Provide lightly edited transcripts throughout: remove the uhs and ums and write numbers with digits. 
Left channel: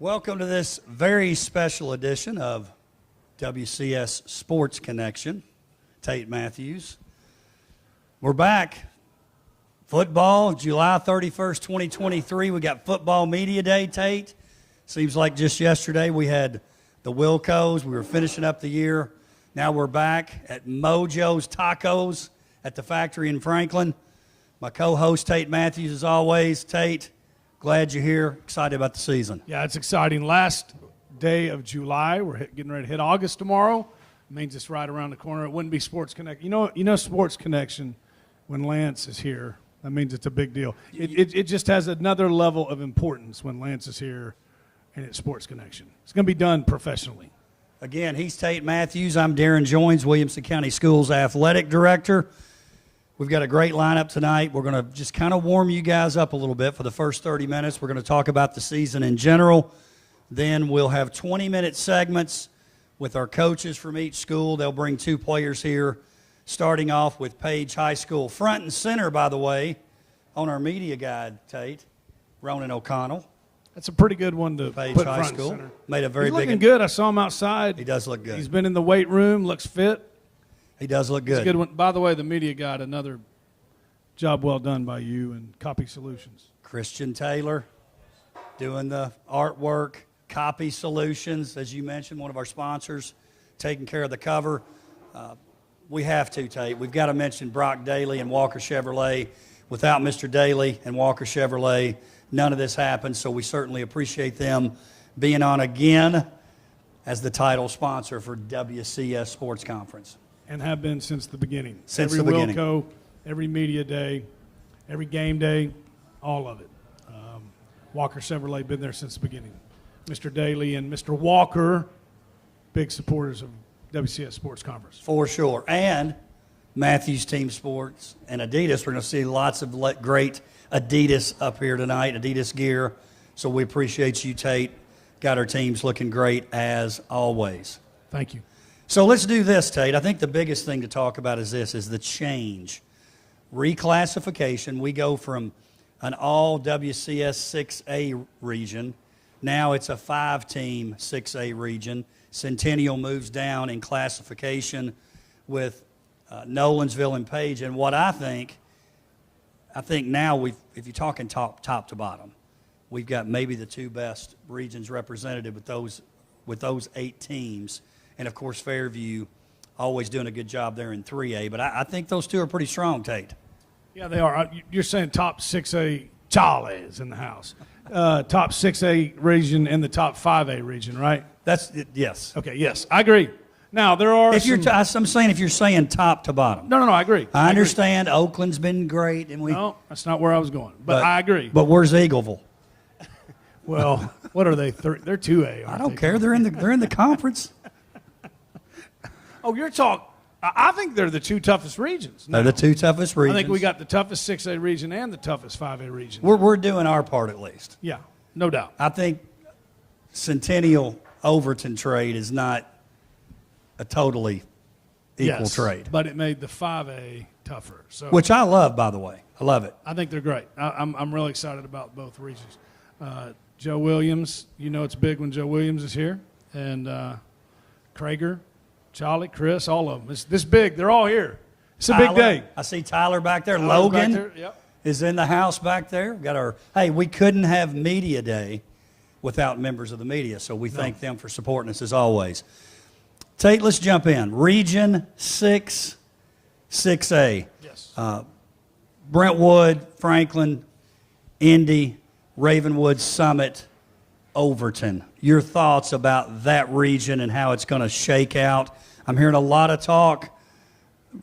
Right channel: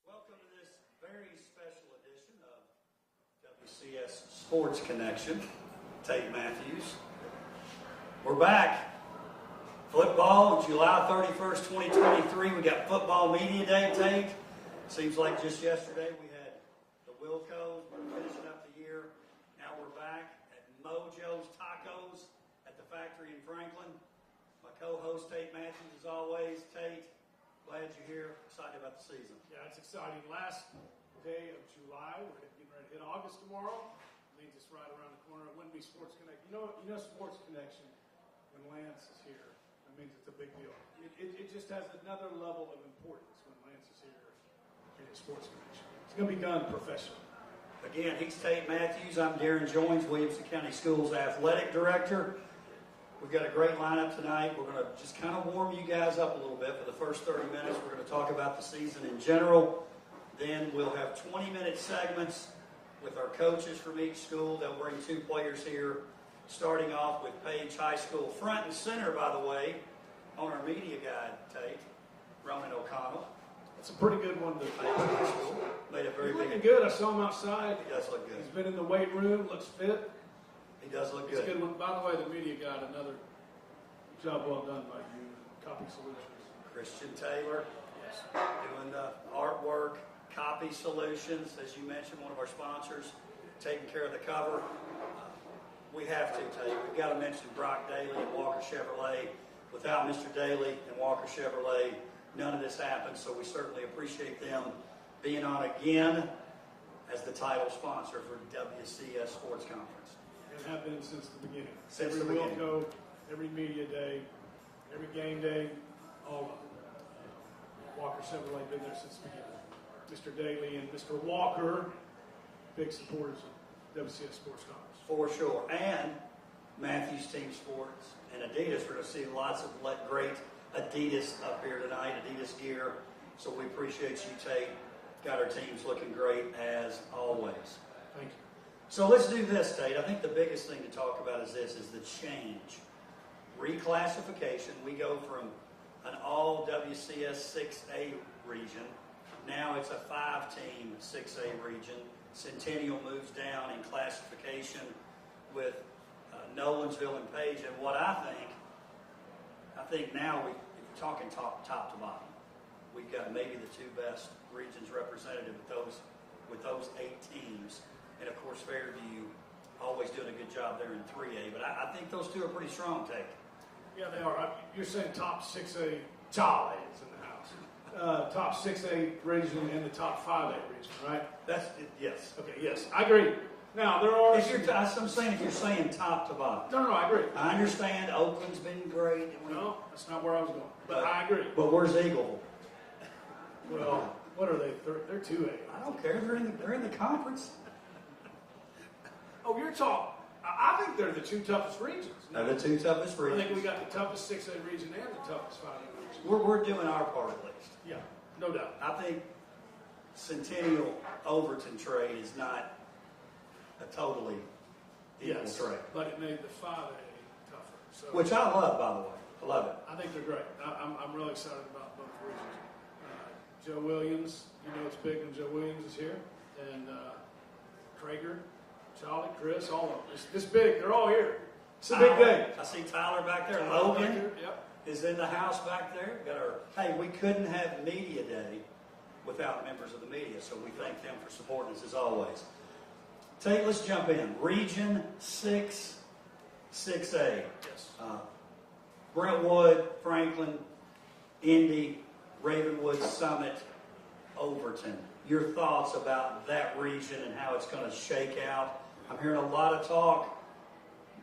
Welcome to this very special edition of WCS Sports Connection. Tate Matthews. We're back. Football, July 31st, 2023. We got Football Media Day, Tate. Seems like just yesterday we had the Wilcos. We were finishing up the year. Now we're back at Mojo's Tacos at the factory in Franklin. My co-host, Tate Matthews, as always. Tate, glad you're here. Excited about the season. Yeah, it's exciting. Last day of July. We're getting ready to hit August tomorrow. It means it's right around the corner. It wouldn't be Sports Connection. You know Sports Connection, when Lance is here, that means it's a big deal. It just has another level of importance when Lance is here and it's Sports Connection. It's going to be done professionally. Again, he's Tate Matthews. I'm Darren Joines, Williamson County Schools Athletic Director. We've got a great lineup tonight. We're going to just kind of warm you guys up a little bit for the first 30 minutes. We're going to talk about the season in general. Then we'll have 20-minute segments with our coaches from each school. They'll bring two players here, starting off with Paige High School. Front and center, by the way, on our media guide, Tate, Ronan O'Connell. That's a pretty good one to Paige put High front School. center. Made a very He's big. looking good. I saw him outside. He does look good. He's been in the weight room, looks fit. He does look good. It's a good one. By the way, the media guide, another job well done by you and Copy Solutions. Christian Taylor doing the artwork. Copy Solutions, as you mentioned, one of our sponsors, taking care of the cover. We have to, Tate. We've got to mention Brock Daly and Walker Chevrolet. Without Mr. Daly and Walker Chevrolet, none of this happens, so we certainly appreciate them being on again as the title sponsor for WCS Sports Conference. And have been since the beginning. Since every the beginning. Wilco, every media day, every game day, all of it. Walker Chevrolet been there since the beginning. Mr. Daly and Mr. Walker, big supporters of WCS Sports Conference. For sure. And Matthews Team Sports and Adidas. We're going to see lots of great Adidas up here tonight, Adidas gear. So we appreciate you, Tate. Got our teams looking great as always. Thank you. So let's do this, Tate. I think the biggest thing to talk about is the change. Reclassification. We go from an all WCS 6A region. Now it's a 5-team 6A region. Centennial moves down in classification with Nolensville and Paige. And what I think now if you're talking top to bottom, we've got maybe the two best regions represented with those 8 teams. And, of course, Fairview always doing a good job there in 3A. But I think those two are pretty strong, Tate. Yeah, they are. You're saying top 6A Charlie's in the house. Top 6A region and the top 5A region, right? Yes. Okay, yes. I agree. Now, there are I'm saying if you're saying top to bottom. No, I agree. I understand Oakland's been great. And No, that's not where I was going. But I agree. But where's Eagleville? Well, what are they? They're 2A. I don't care. They're in the conference. Oh, you're talking. I think they're the two toughest regions. They're the two toughest regions. I think we got the toughest 6A region and the toughest 5A region. We're doing our part at least. Yeah, no doubt. I think Centennial Overton trade is not a totally equal trade. But it made the 5A tougher. So which I love, by the way. I love it. I think they're great. I'm really excited about both regions. Joe Williams, it's big when Joe Williams is here. And Krager, Charlie, Chris, all of them. This big. They're all here. It's a big day. I see Tyler back there. Tyler's Logan back there. Yep. is in the house back there. We couldn't have Media Day without members of the media, so we thank them for supporting us as always. Tate, let's jump in. Region 6, 6A. Yes. Brentwood, Franklin, Indy, Ravenwood, Summit, Overton. Your thoughts about that region and how it's going to shake out? I'm hearing a lot of talk,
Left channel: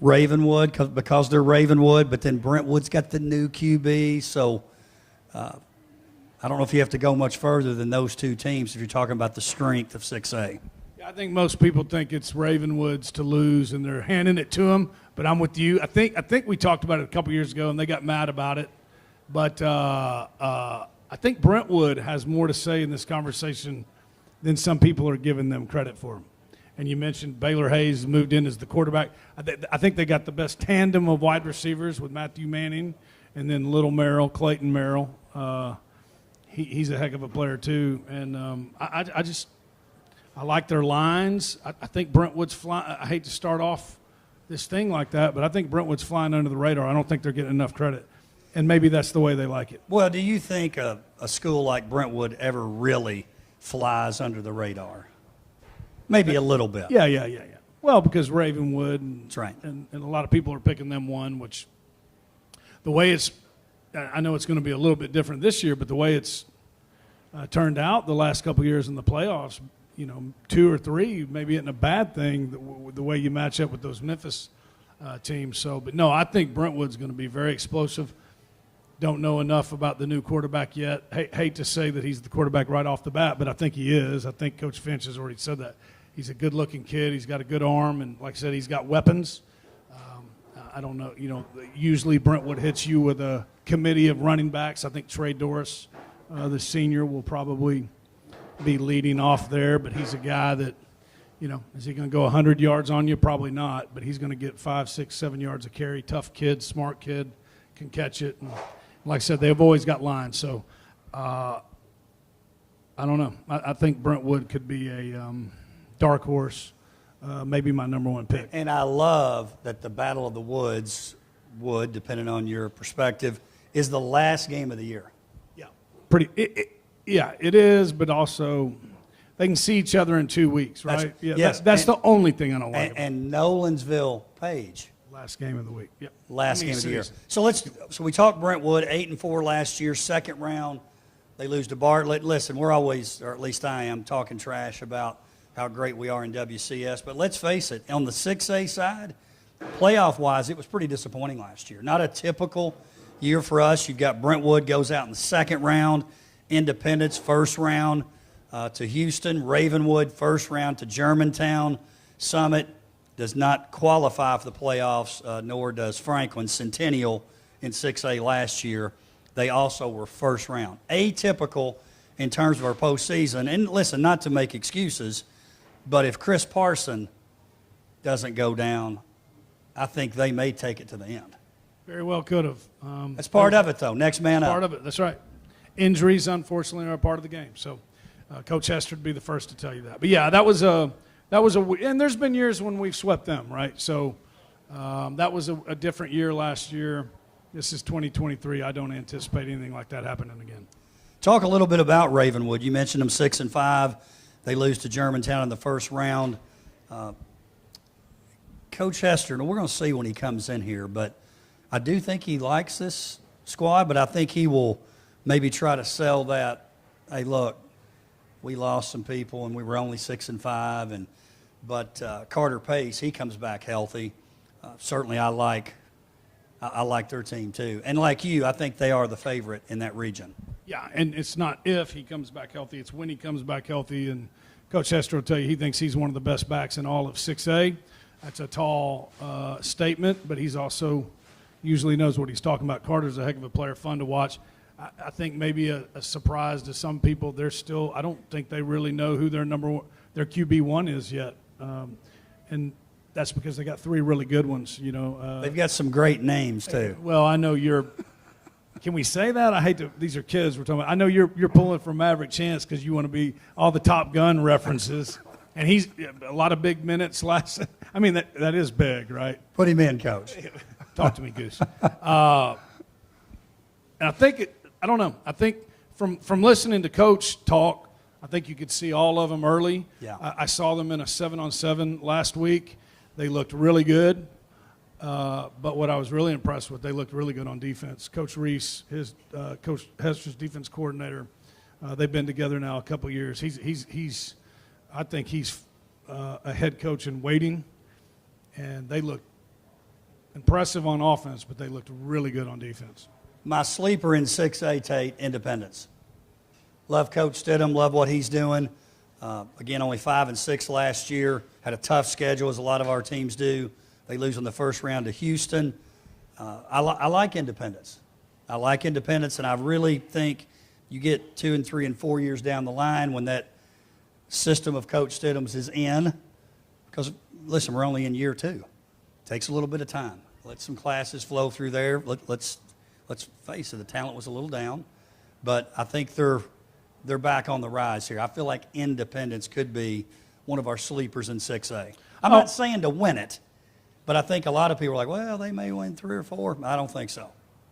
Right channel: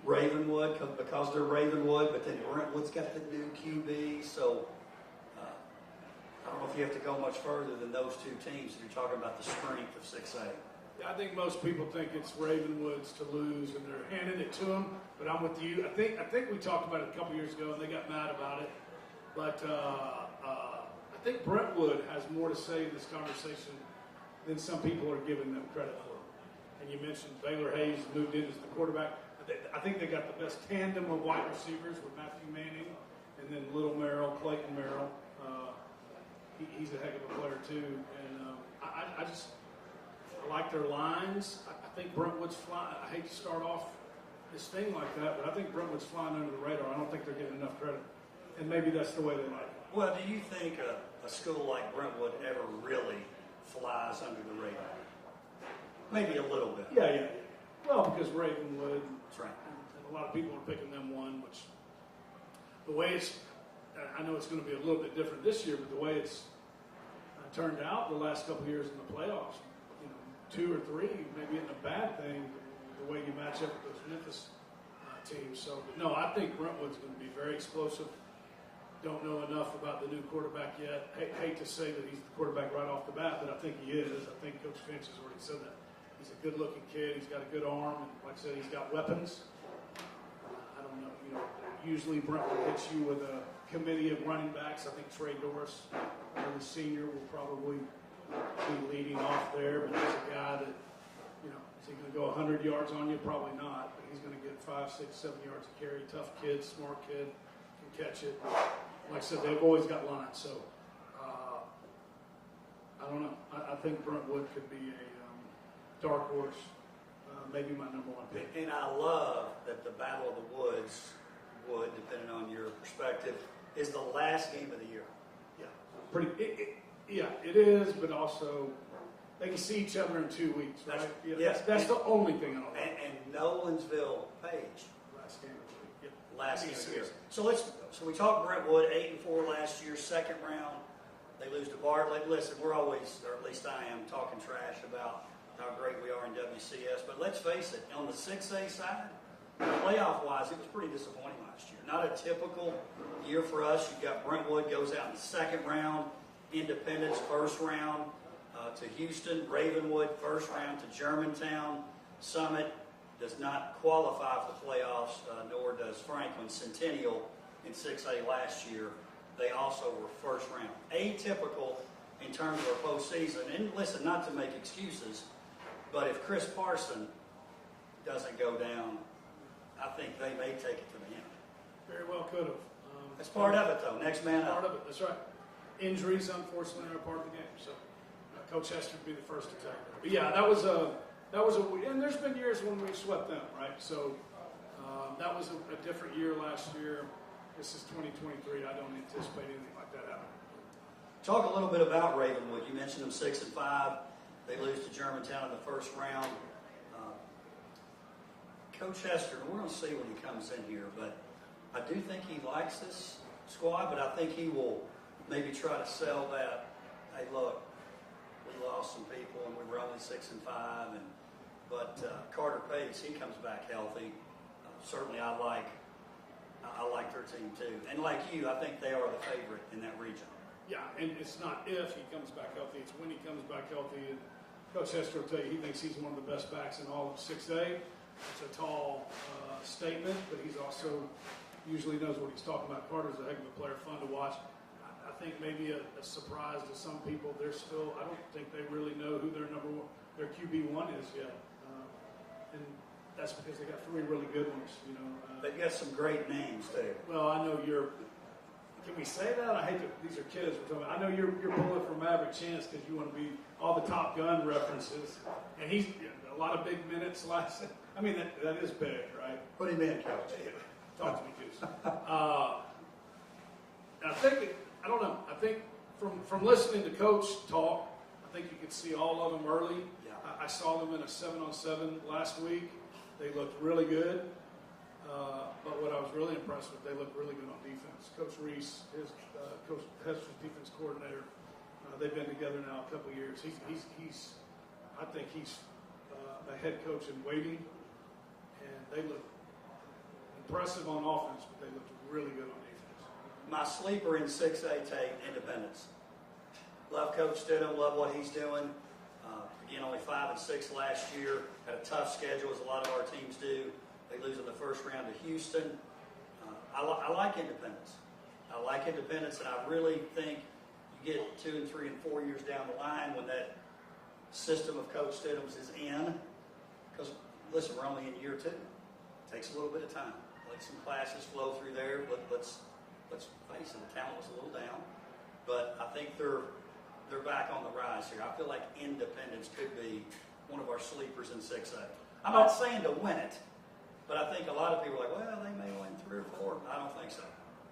Ravenwood, because they're Ravenwood, but then Brentwood's got the new QB, so I don't know if you have to go much further than those two teams if you're talking about the strength of 6A. I think most people think it's Ravenwood's to lose, and they're handing it to them. But I'm with you. I think we talked about it a couple years ago, and they got mad about it. But I think Brentwood has more to say in this conversation than some people are giving them credit for. And you mentioned Baylor Hayes moved in as the quarterback. I think they got the best tandem of wide receivers with Matthew Manning and then Little Merrill, Clayton Merrill. he's a heck of a player too. And I like their lines. I think Brentwood's flying. I hate to start off this thing like that, but I think Brentwood's flying under the radar. I don't think they're getting enough credit. And maybe that's the way they like it. Well, do you think a school like Brentwood ever really flies under the radar? Maybe a little bit. Yeah. Well, because Ravenwood That's right. and a lot of people are picking them one, which the way it's, I know it's going to be a little bit different this year, but the way it's turned out the last couple of years in the playoffs, 2 or 3 maybe isn't a bad thing, the way you match up with those Memphis teams. So, but no, I think Brentwood's going to be very explosive. Don't know enough about the new quarterback yet. Hate to say that he's the quarterback right off the bat, but I think he is. I think Coach Finch has already said that. He's a good-looking kid. He's got a good arm, and like I said, he's got weapons. I don't know. Usually Brentwood hits you with a committee of running backs. I think Trey Doris, the senior, will probably be leading off there, but he's a guy that, is he going to go 100 yards on you? Probably not, but he's going to get 5, 6, 7 yards a carry. Tough kid, smart kid, can catch it. And like I said, they've always got lines. So I don't know. I think Brentwood could be a dark horse, maybe my number 1 pick. And I love that the Battle of the Woods would, depending on your perspective, is the last game of the year. Yeah. It is, but also they can see each other in 2 weeks, right? Yes. That's the only thing I don't like. And Nolensville, Paige. Last game of the week. Yep. Last game of the year. So we talked Brentwood 8-4 last year, second round. They lose to Bartlett. Listen, we're always, or at least I am, talking trash about how great we are in WCS. But let's face it, on the 6A side, playoff-wise, it was pretty disappointing last year. Not a typical year for us. You've got Brentwood goes out in the second round, Independence first round to Houston, Ravenwood first round to Germantown, Summit does not qualify for the playoffs, nor does Franklin. Centennial in 6A last year, they also were first round. Atypical in terms of our postseason. And listen, not to make excuses, but if Chris Parson doesn't go down, I think they may take it to the end. Very well could have. That's part of it, though. Next man up. Part of it. That's right. Injuries, unfortunately, are a part of the game. So Coach Hester would be the first to tell you that. But, yeah, that was a and there's been years when we've swept them, right? So that was a different year last year. This is 2023. I don't anticipate anything like that happening again. Talk a little bit about Ravenwood. You mentioned them 6-5. They lose to Germantown in the first round. Coach Hester, and we're going to see when he comes in here, but I do think he likes this squad, but I think he will maybe try to sell that, hey, look, we lost some people and we were only 6-5, but Carter Pace, he comes back healthy. Certainly I like their team too. And like you, I think they are the favorite in that region. Yeah, and it's not if he comes back healthy, it's when he comes back healthy. And Coach Hester will tell you he thinks he's one of the best backs in all of 6A. That's a tall statement, but he's also usually knows what he's talking about. Carter's a heck of a player, fun to watch. I think maybe a surprise to some people. I don't think they really know who their QB1 is yet. And that's because they got 3 really good ones, They've got some great names too. Well, I know can we say that? I hate to, these are kids we're talking about. I know you're pulling for Maverick Chance because you want to be all the Top Gun references. And he's a lot of big minutes last. I mean, that is big, right? Put him in, Coach. Talk to me, Goose. And I think, I don't know. I think from listening to Coach talk, I think you could see all of them early. Yeah. I saw them in a 7-on-7 last week. They looked really good. But what I was really impressed with, they looked really good on defense. Coach Reese, Coach Hester's defense coordinator, they've been together now a couple years. I think he's a head coach in waiting, and they look impressive on offense, but they looked really good on defense. My sleeper in 6A, Tate, Independence. Love Coach Stidham, love what he's doing. Again, only 5-6 last year. Had a tough schedule, as a lot of our teams do. They lose in the first round to Houston. I like Independence. I like Independence, and I really think you get 2 and 3 and 4 years down the line when that system of Coach Stidham's is in. Because, listen, we're only in year 2. Takes a little bit of time. Let some classes flow through there. Let's face it, the talent was a little down. but I think they're back on the rise here. I feel like Independence could be one of our sleepers in 6A. I'm not saying to win it, but I think a lot of people are like, well, they may win 3 or 4. I don't think so.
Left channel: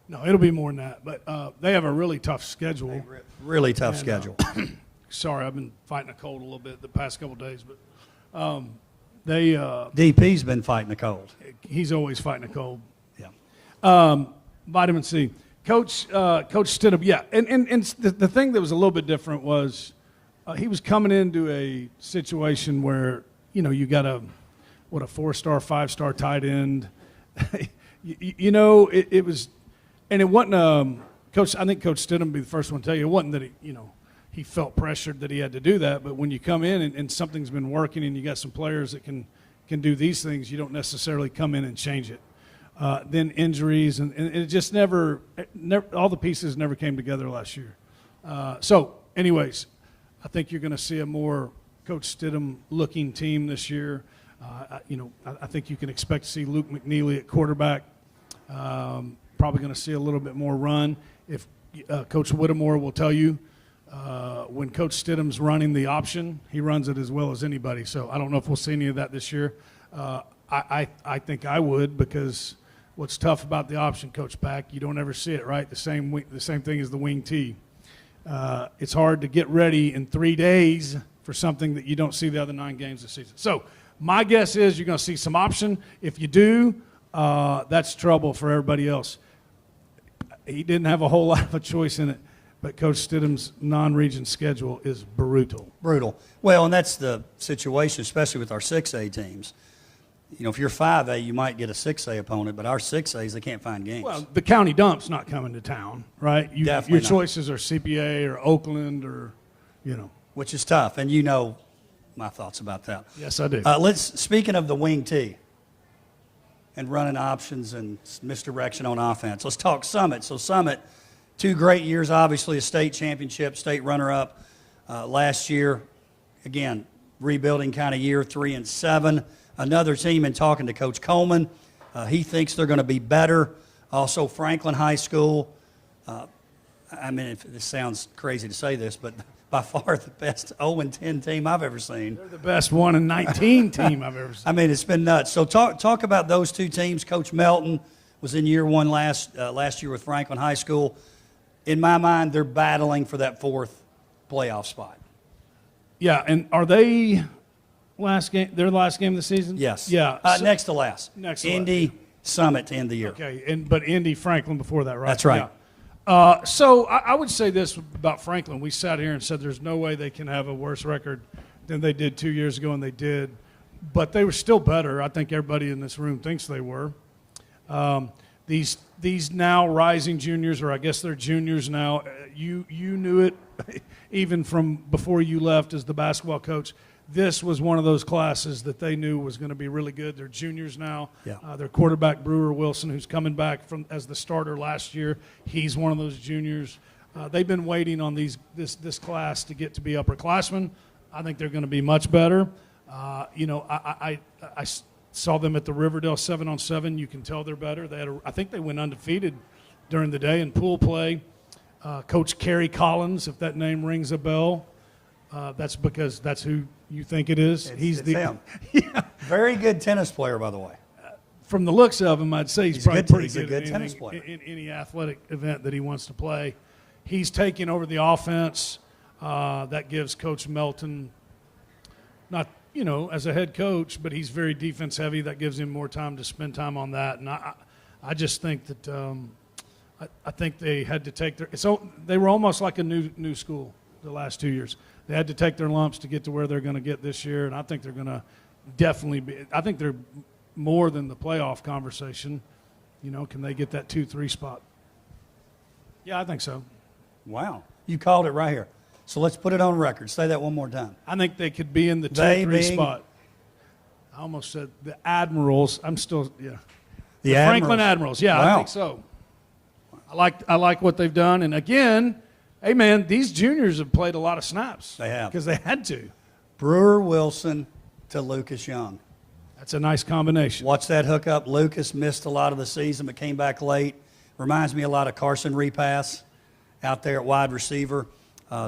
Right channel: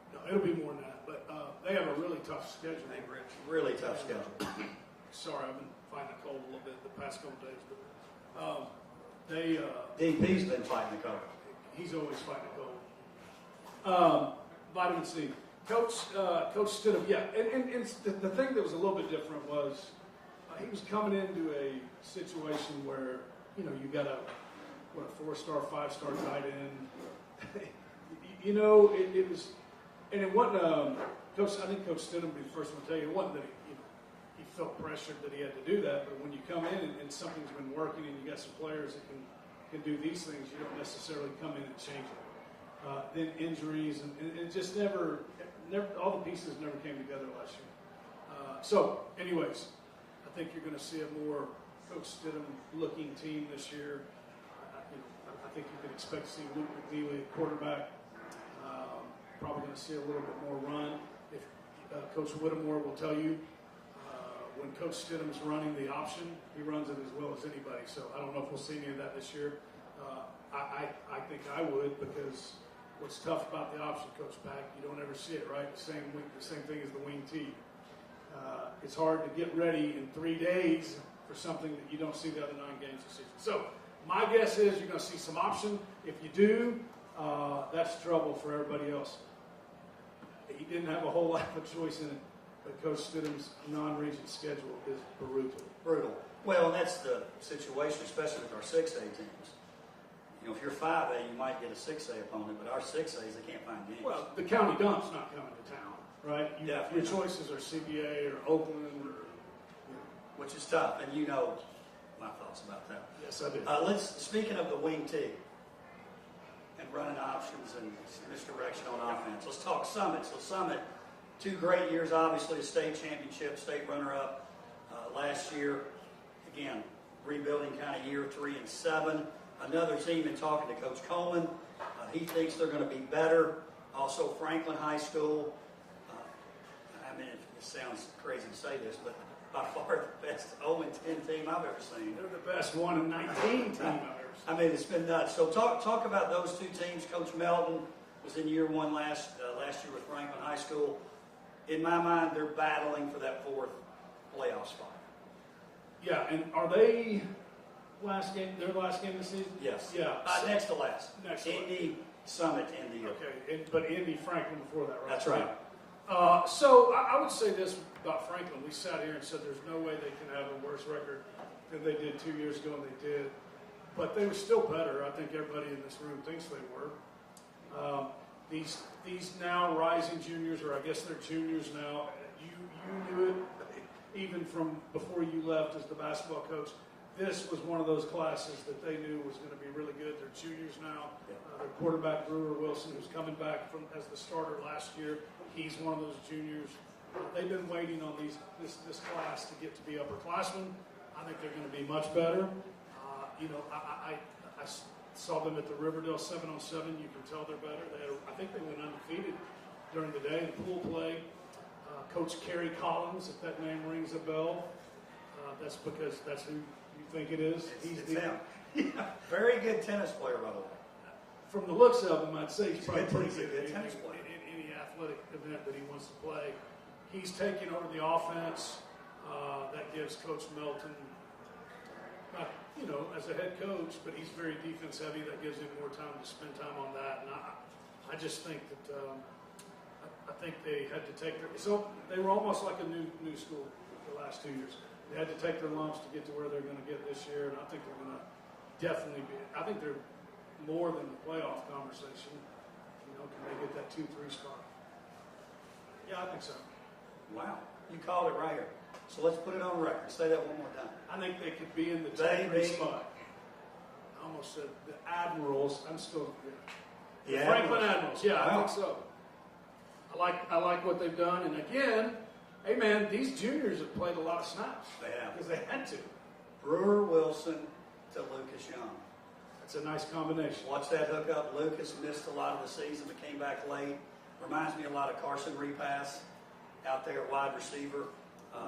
No, it'll be more than that. But they have a really tough schedule. Really tough schedule. Sorry, I've been fighting a cold a little bit the past couple of days, but DP's been fighting the cold. he's always fighting a cold. Yeah. Vitamin C. Coach Stidham, yeah. And the thing that was a little bit different was he was coming into a situation where, you got a 4-star, 5-star tight end. It was, and it wasn't, Coach, I think Coach Stidham would be the first one to tell you, it wasn't that he felt pressured that he had to do that, but when you come in and something's been working and you got some players that can do these things, you don't necessarily come in and change it. Then injuries, and it just never, all the pieces never came together last year. So, anyways, I think you're going to see a more Coach Stidham-looking team this year. I think you can expect to see Luke McNeely at quarterback. Probably going to see a little bit more run. If Coach Whittemore will tell you, when Coach Stidham's running the option, he runs it as well as anybody. So I don't know if we'll see any of that this year. I think I would, because what's tough about the option, Coach Pack, you don't ever see it, right? The same thing as the wing T. It's hard to get ready in 3 days for something that you don't see the other 9 games this season. So my guess is you're going to see some option. If you do, that's trouble for everybody else. He didn't have a whole lot of a choice in it, but Coach Stidham's non-region schedule is brutal. Brutal. Well, and that's the situation, especially with our 6A teams. If you're 5A, you might get a 6A opponent, but our 6As, they can't find games. Well, the county dump's not coming to town, right? Definitely your not. Choices are CPA or Oakland or, Which is tough, and my thoughts about that. Yes, I do. Speaking of the wing T and running options and misdirection on offense, let's talk Summit. So Summit, 2 great years, obviously a state championship, state runner-up last year. Again, rebuilding kind of year, 3-7. Another team, and talking to Coach Coleman, he thinks they're going to be better. Also, Franklin High School. This sounds crazy to say this, but by far the best 0-10 team I've ever seen. They're the best 1-19 team I've ever seen. It's been nuts. So talk about those 2 teams. Coach Melton was in year 1 last year with Franklin High School. In my mind, they're battling for that 4th playoff spot. Yeah, and are they their last game of the season? Yes. Yeah. Next to last. Indy Summit to end the year. Okay, but Indy Franklin before that, right? That's right. Yeah. So I would say this about Franklin. We sat here and said there's no way they can have a worse record than they did 2 years ago, and they did. But they were still better. I think everybody in this room thinks they were. These now rising juniors, or I guess they're juniors now, you knew it even from before you left as the basketball coach. This was one of those classes that they knew was going to be really good. They're juniors now. Yeah. Their quarterback, Brewer Wilson, who's coming back as the starter last year, he's one of those juniors. They've been waiting on this class to get to be upperclassmen. I think they're going to be much better. I saw them at the Riverdale 7-on-7. You can tell they're better. I think they went undefeated during the day in pool play. Coach Kerry Collins, if that name rings a bell, that's because that's who you think it is. He's him. Yeah. Very good tennis player, by the way. From the looks of him, I'd say he's probably pretty good. He's a good tennis player. In any athletic event that he wants to play. He's taking over the offense. That gives Coach Melton, not as a head coach, but he's very defense heavy. That gives him more time to spend time on that. And I just think that I think they had to take they were almost like a new school the last 2 years. They had to take their lumps to get to where they're going to get this year, and I think they're going to definitely be. I think they're more than the playoff conversation. Can they get that 2-3 spot? Yeah, I think so. Wow. You called it right here. So let's put it on record. Say that one more time. I think they could be in the 2-3 spot. I almost said the Admirals. I'm still, yeah. The Franklin Admirals. Yeah, wow. I think so. I like what they've done. And again, hey, man, these juniors have played a lot of snaps. They have. Because they had to. Brewer Wilson to Lucas Young. That's a nice combination. Watch that hookup. Lucas missed a lot of the season but came back late. Reminds me a lot of Carson Repass. out there at wide receiver.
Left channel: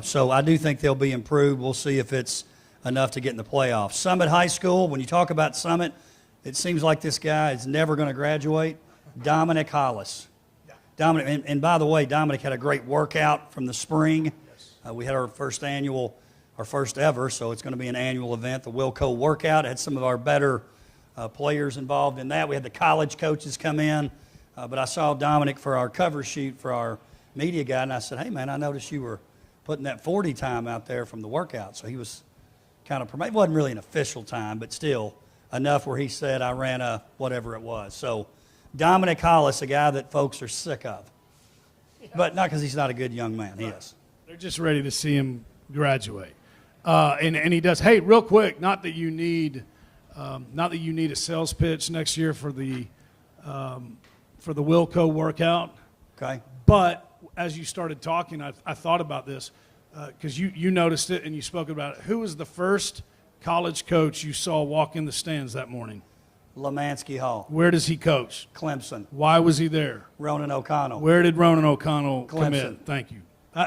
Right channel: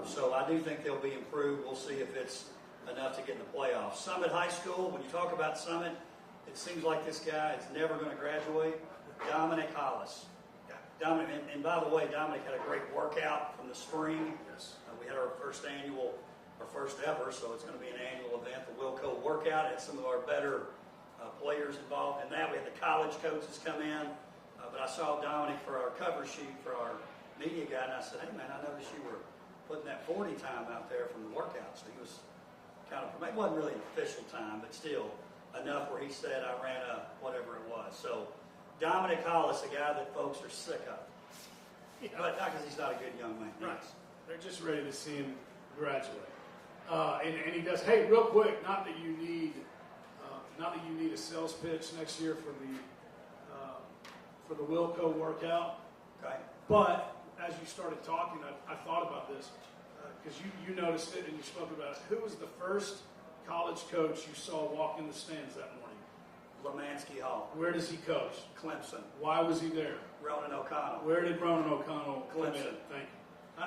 So I do think they'll be improved. We'll see if it's enough to get in the playoffs. Summit High School, when you talk about Summit, it seems like this guy is never going to graduate. Dominic Hollis. Dominic, and by the way, Dominic had a great workout from the spring. We had our first ever, so it's going to be an annual event, the Wilco workout. It had some of our better players involved in that. We had the college coaches come in, but I saw Dominic for our cover sheet for our media guy, and I said, hey, man, I noticed you were putting that 40 time out there from the workout. So he was kind of, it wasn't really an official time, but still enough where he said I ran a whatever it was. So Dominic Hollis, a guy that folks are sick of, but not because he's not a good young man. He is. They're just ready to see him graduate. And he does. Hey, real quick, not that you need a sales pitch next year for the Wilco workout. Okay. But as you started talking, I thought about this because you noticed it and you spoke about it. Who was the first college coach you saw walk in the stands that morning? Lemansky Hall. Where does he coach? Clemson. Why was he there? Ronan O'Connell. Where did Ronan O'Connell Clemson. commit? Thank you.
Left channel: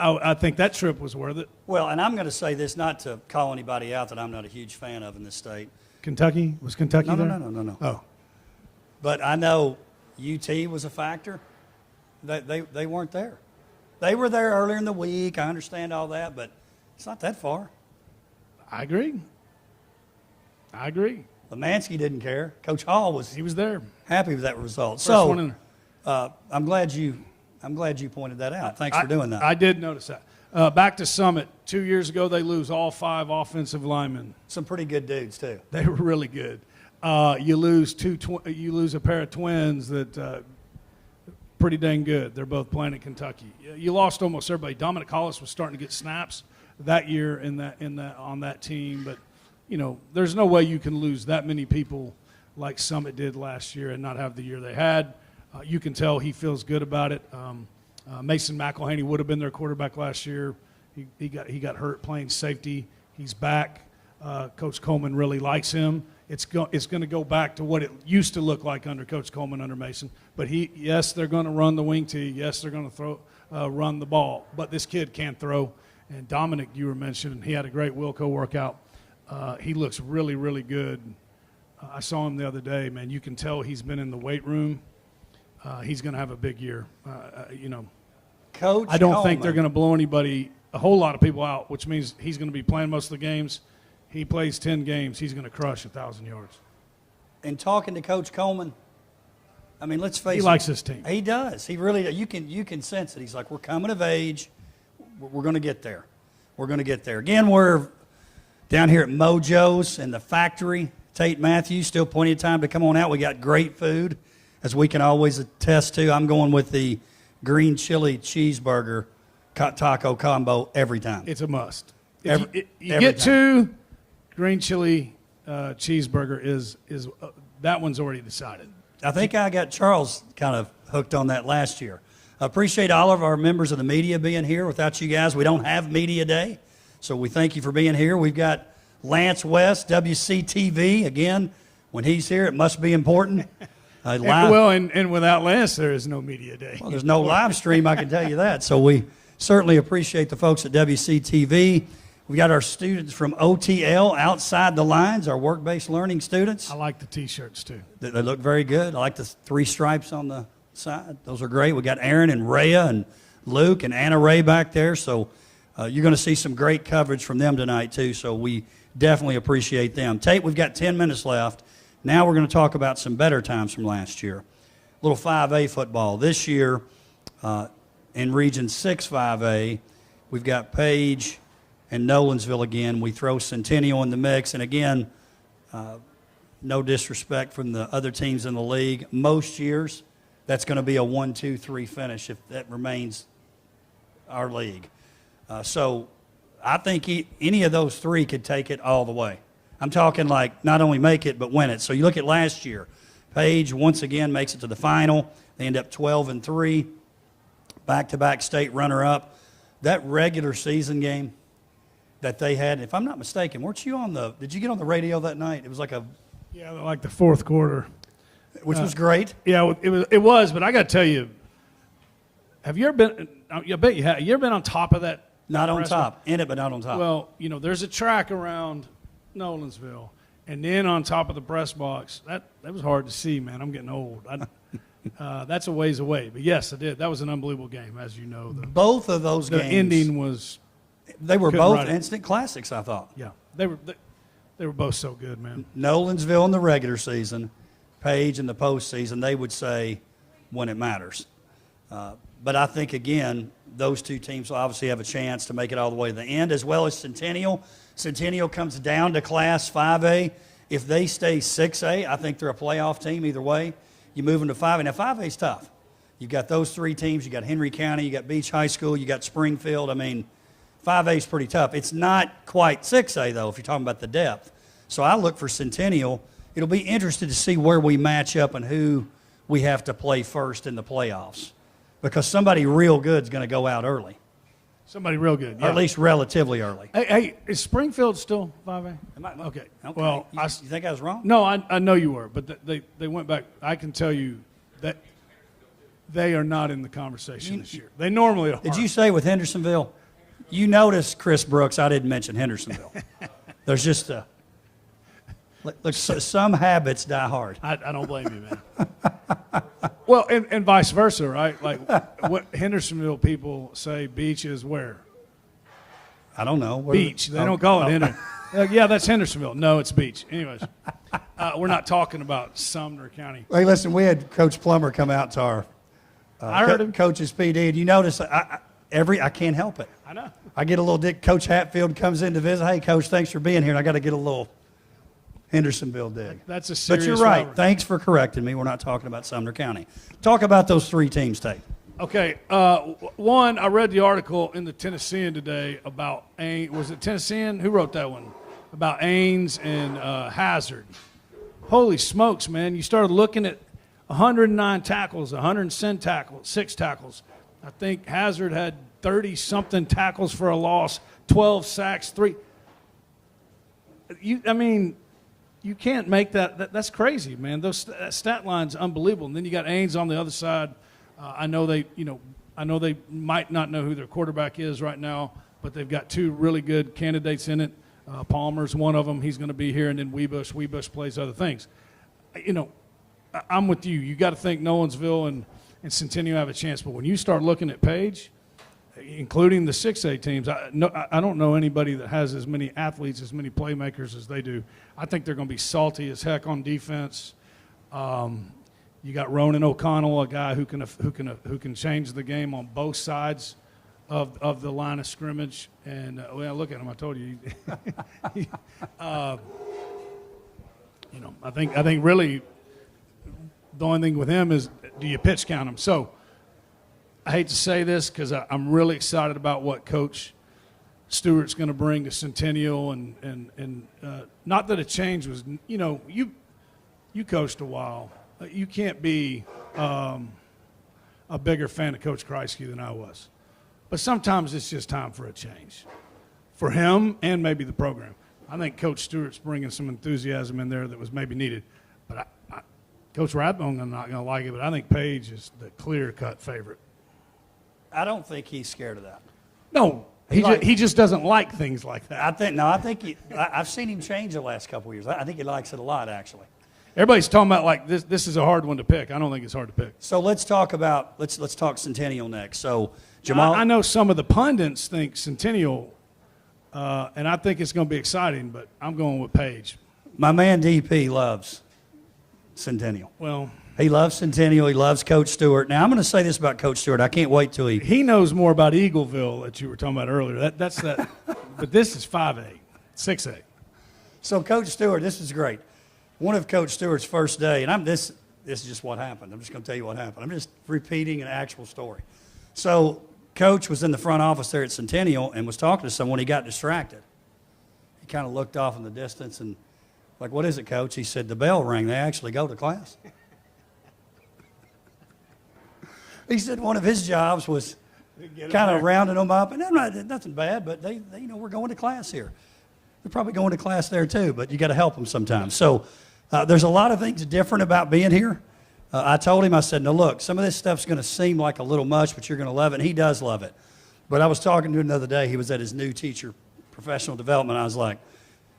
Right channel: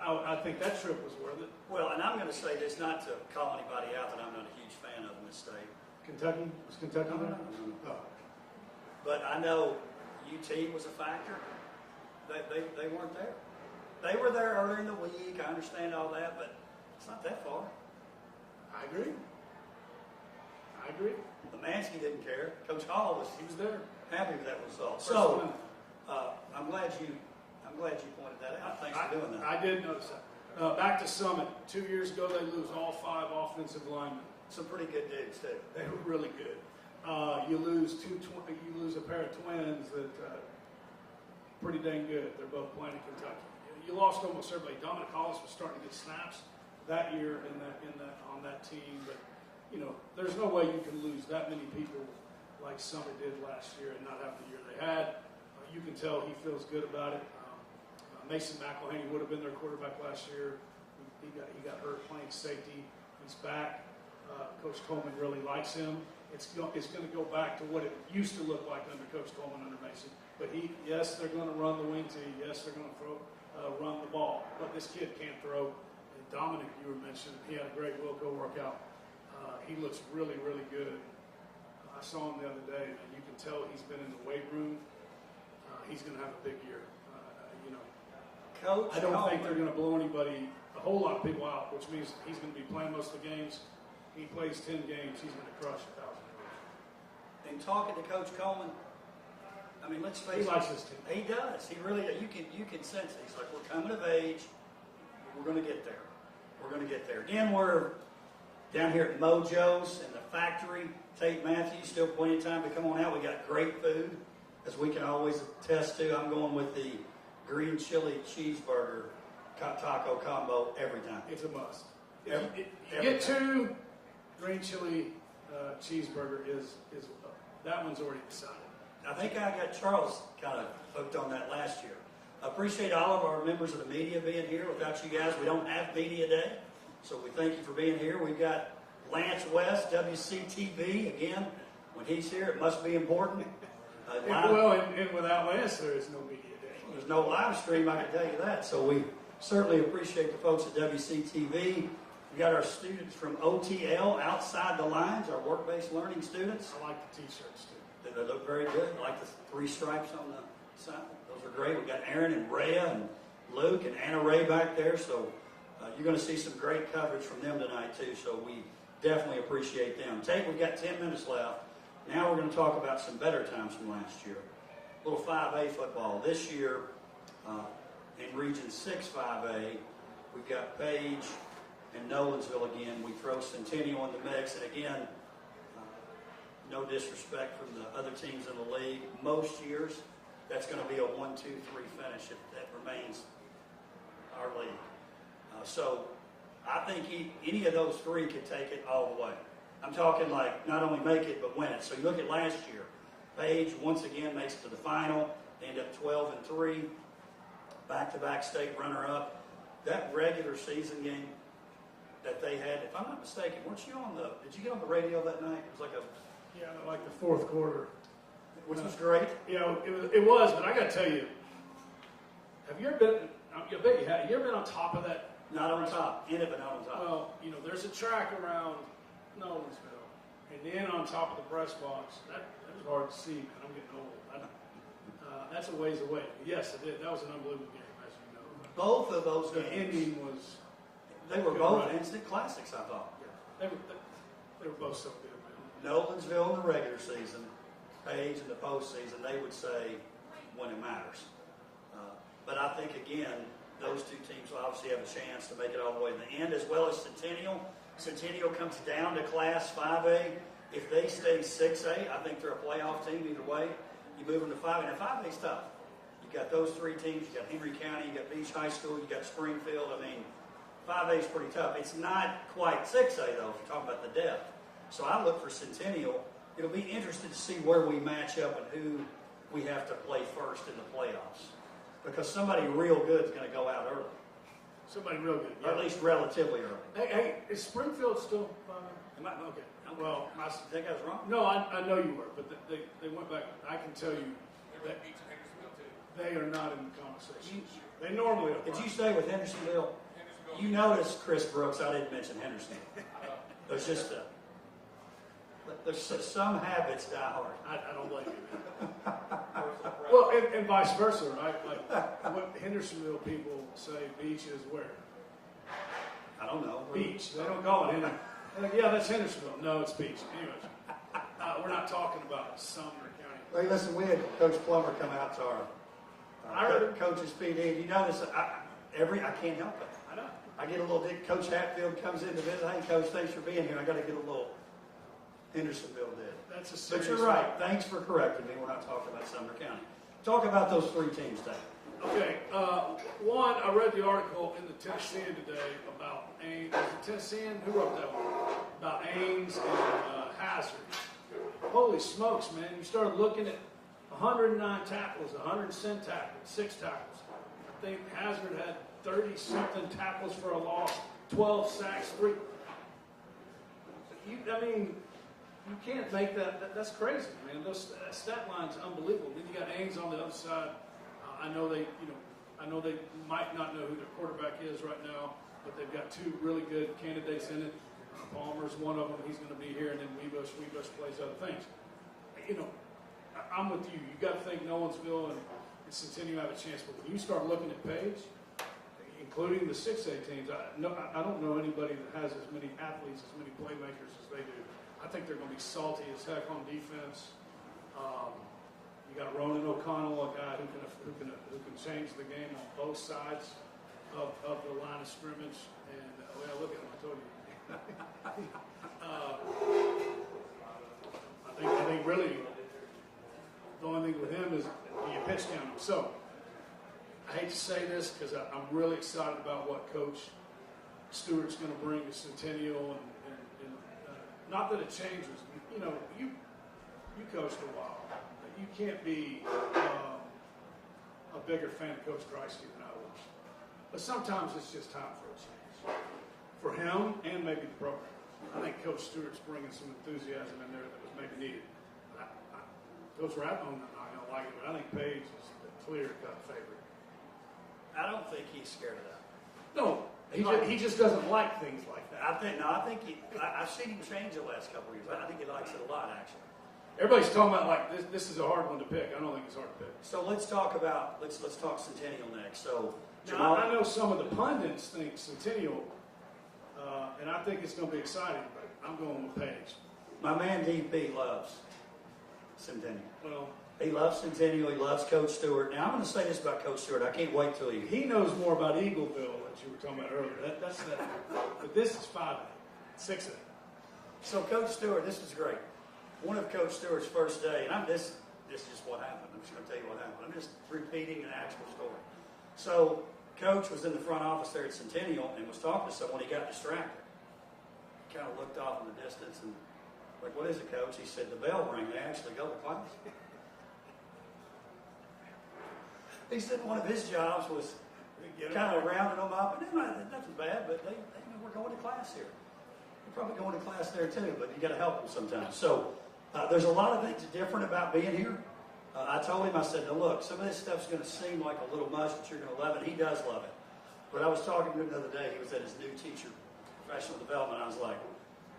I think that trip was worth it. Well, and I'm going to say this not to call anybody out that I'm not a huge fan of in this state. Kentucky? Was Kentucky there? No. Oh. But I know UT was a factor. They weren't there. They were there earlier in the week. I understand all that, but it's not that far. I agree. Lemansky didn't care. Coach Hall was there. happy with that result. First one in. I'm glad you pointed that out. Thanks for doing that. I did notice that. Back to Summit. 2 years ago, they lose all 5 offensive linemen. Some pretty good dudes too. They were really good. You lose a pair of twins that pretty dang good. They're both playing in Kentucky. You lost almost everybody. Dominic Hollis was starting to get snaps that year on that team, but there's no way you can lose that many people like Summit did last year and not have the year they had. You can tell he feels good about it. Mason McElhaney would have been their quarterback last year. He got hurt playing safety. He's back. Coach Coleman really likes him. It's going to go back to what it used to look like under Coach Coleman, under Mason. But yes, they're going to run the wing tee. Yes, they're going to run the ball. But this kid can't throw. And Dominic, you were mentioning, he had a great Wilco workout. He looks really, really good. I saw him the other day, man. You can tell he's been in the weight room. He's going to have a big year. Coach I don't think Coleman. they're going to blow a whole lot of people out, which means he's going to be playing most of the games. He plays 10 games. He's going to crush 1,000 yards. And talking to Coach Coleman, I mean, let's face it. He likes his team. He does. He really. You can sense it. He's like, we're coming of age. We're going to get there. We're going to get there. Again, we're down here at Mojo's in the factory. Tate Matthews, still plenty of time to come on out. We got great food, as we can always attest to. I'm going with the green chili cheeseburger taco combo every time. It's a must. Every You get time. 2 green chili cheeseburger is that one's already decided. I think I got Charles kind of hooked on that last year. I appreciate all of our members of the media being here. Without you guys, we don't have Media Day. So we thank you for being here. We've got Lance West, WCTV. Again, when he's here, it must be important. Live. And without Lance, there is no media day. Well, there's no live stream, I can tell you that. So we certainly appreciate the folks at WCTV. We got our students from OTL, Outside the Lines, our work-based learning students. I like the T-shirts, too. They look very good. I like the 3 stripes on the side. Those are great. We got Aaron and Rhea and Luke and Anna Ray back there. So you're going to see some great coverage from them tonight, too. So we definitely appreciate them. Tate, we've got 10 minutes left. Now we're going to talk about some better times from last year. Little 5A football. This year, in Region 6 5A, we've got Paige and Nolensville again. We throw Centennial in the mix. And again, no disrespect from the other teams in the league. Most years, that's going to be a 1-2-3 finish if that remains our league. So I think any of those 3 could take it all the way. I'm talking like not only make it, but win it. So you look at last year. Paige, once again, makes it to the final. They end up 12-3, back-to-back state runner-up. That regular season game that they had, if I'm not mistaken, weren't you did you get on the radio that night? It was like like the fourth quarter. Which was great. Yeah, it was, but I got to tell you, have you ever been, I bet you have. You ever been on top of that? Not on restaurant? top. In it, but not on top. Well, there's a track around Nolensville, and then on top of the press box. That was hard to see, man. I'm getting old. That's a ways away. But yes, I did. That was an unbelievable game, as you know. Both of those The games. ending was. They were couldn't both run it. instant classics, I thought. Yeah, they were both so good, man. Nolensville in the regular season, Paige in the postseason, they would say when it matters. But I think, again, those two teams will obviously have a chance to make it all the way to the end, as well as Centennial. Centennial comes down to Class 5A. If they stay 6A, I think they're a playoff team either way. You move them to 5A. Now, 5A is tough. You've got those three teams. You got Henry County. You got Paige High School. You got Springfield. I mean, 5A is pretty tough. It's not quite 6A, though, if you're talking about the depth. So I look for Centennial. It'll be interesting to see where we match up and who we have to play first in the playoffs, because somebody real good is going to go out early, Somebody real good. or Yeah. at least relatively early. Hey, is Springfield still 5A? Okay. Well, you think I was wrong? no, I know you were, but they went back. I can tell you that they are not in the conversation this year. They normally are. Did you say with Hendersonville? You notice, Chris Brooks, I didn't mention Hendersonville. There's just look, some habits die hard. I don't blame you, man. Well, and vice versa, right? Like what Hendersonville people say beach is where? I don't know. Beach. They don't call it Henderson. Like, yeah, that's Hendersonville. No, it's beach. Anyways, we're not talking about Sumner County. Hey, listen, we had Coach Plummer come out to our I heard him. coach's PD. And you notice I can't help it. I know. I get a little dig. Coach Hatfield comes in to visit. Hey, Coach, thanks for being here. And I got to get a little Hendersonville dig. That's a serious But you're right. rivalry. Thanks for correcting me. We're not talking about Sumner County. Talk about those three teams, Tate. Okay, one, I read the article in the Tennessean today about Ains. Was it Tennessean? Who wrote that one? About Ains and Hazard. Holy smokes, man. You started looking at 109 tackles, 106 tackles. I think Hazard had 30-something tackles for a loss, 12 sacks, 3. You can't make that. That's crazy, man. That stat line's unbelievable. And then you got Ains on the other side. I know they might not know who their quarterback is right now, but they've got two really good candidates in it. Palmer's one of them. He's going to be here, and then Weebush. Weebush plays other things. I'm with you. You got to think Nolensville and Centennial have a chance. But when you start looking at Paige, including the 6A teams, I don't know anybody that has as many athletes, as many playmakers as they do. I think they're going to be salty as heck on defense. You got Ronan O'Connell, a guy who can change the game on both sides of the line of scrimmage. And well, look at him. I told you. I think really the only thing with him is, do you pitch count him? So I hate to say this because I'm really excited about what Coach Stewart's going to bring to Centennial, and not that a change was, you coached a while. You can't be a bigger fan of Coach Kreisky than I was. But sometimes it's just time for a change for him and maybe the program. I think Coach Stewart's bringing some enthusiasm in there that was maybe needed. But Coach Rathbone, I'm not going to like it, but I think Paige is the clear-cut favorite. I don't think he's scared of that. No, he just doesn't like things like that. I've seen him change the last couple of years. I think he likes it a lot, actually. Everybody's talking about like this is a hard one to pick. I don't think it's hard to pick. So let's talk Centennial next. So Jamal, I know some of the pundits think Centennial, and I think it's going to be exciting, but I'm going with Paige. my man DP loves Centennial. Well, He loves Centennial. He loves Coach Stewart. Now I'm going to say this about Coach Stewart. I can't wait till he knows more about Eagleville that you were talking about earlier. That's that. But this is 5A, 6A. So Coach Stewart, this is great. One of Coach Stewart's first day, and this is just what happened. I'm just going to tell you what happened. I'm just repeating an actual story. So Coach was in the front office there at Centennial and was talking to someone. He got distracted. He kind of looked off in the distance and like, what is it, Coach? He said, the bell rang. They actually go to class. He said one of his jobs was kind of rounding them up. And nothing bad, but they we're going to class here. You're probably going to class there too, but you got to help them sometimes. So there's a lot of things different about being here. I told him, I said, no, look, some of this stuff's going to seem like a little much, but you're going to love it. And he does love it. But I was talking to him the other day. He was at his new teacher, professional development. I was like,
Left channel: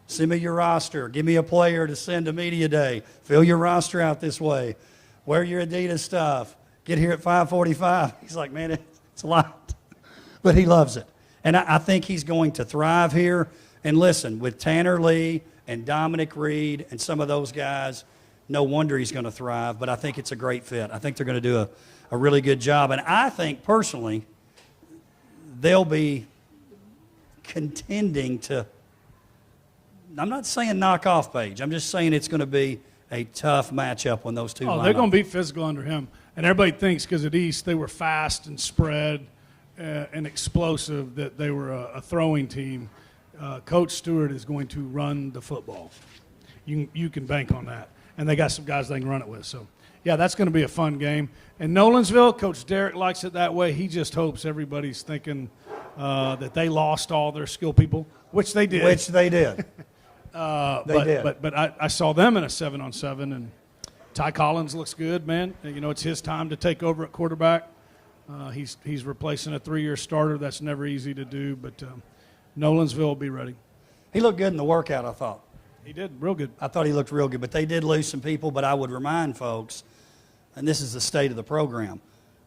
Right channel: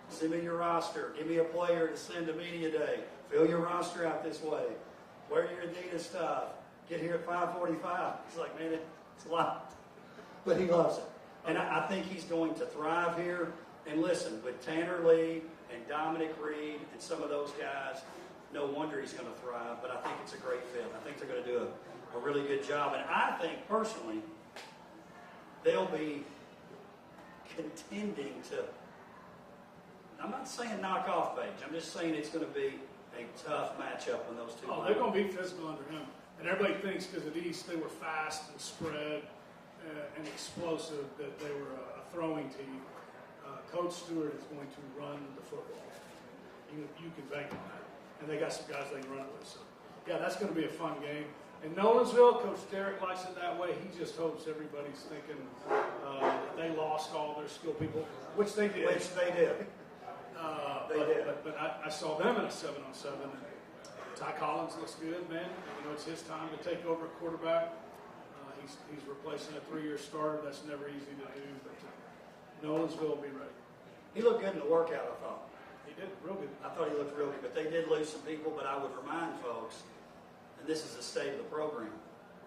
send me your roster. Give me a player to send to media day. Fill your roster out this way. Wear your Adidas stuff. Get here at 5:45. He's like, man, it's a lot. But he loves it. And I think he's going to thrive here. And listen, with Tanner Lee and Dominic Reed and some of those guys, no wonder he's going to thrive. But I think it's a great fit. I think they're going to do a really good job. And I think, personally, they'll be contending to, I'm not saying knock off Paige. I'm just saying it's going to be a tough matchup when those two line they're up. going to be physical under him. And everybody thinks because at East they were fast and spread and explosive that they were a throwing team. Coach Stewart is going to run the football. You can bank on that. And they got some guys they can run it with. So, yeah, that's going to be a fun game. And Nolensville, Coach Derek likes it that way. He just hopes everybody's thinking that they lost all their skill people, which they did. Which they did. But I saw them in a 7-on-7, and Ty Collins looks good, man. You know, it's his time to take over at quarterback. He's replacing a 3-year starter. That's never easy to do, but Nolensville will be ready. He looked good in the workout, I thought. He did, real good. I thought he looked real good, but they did lose some people. But I would remind folks, and this is the state of the program,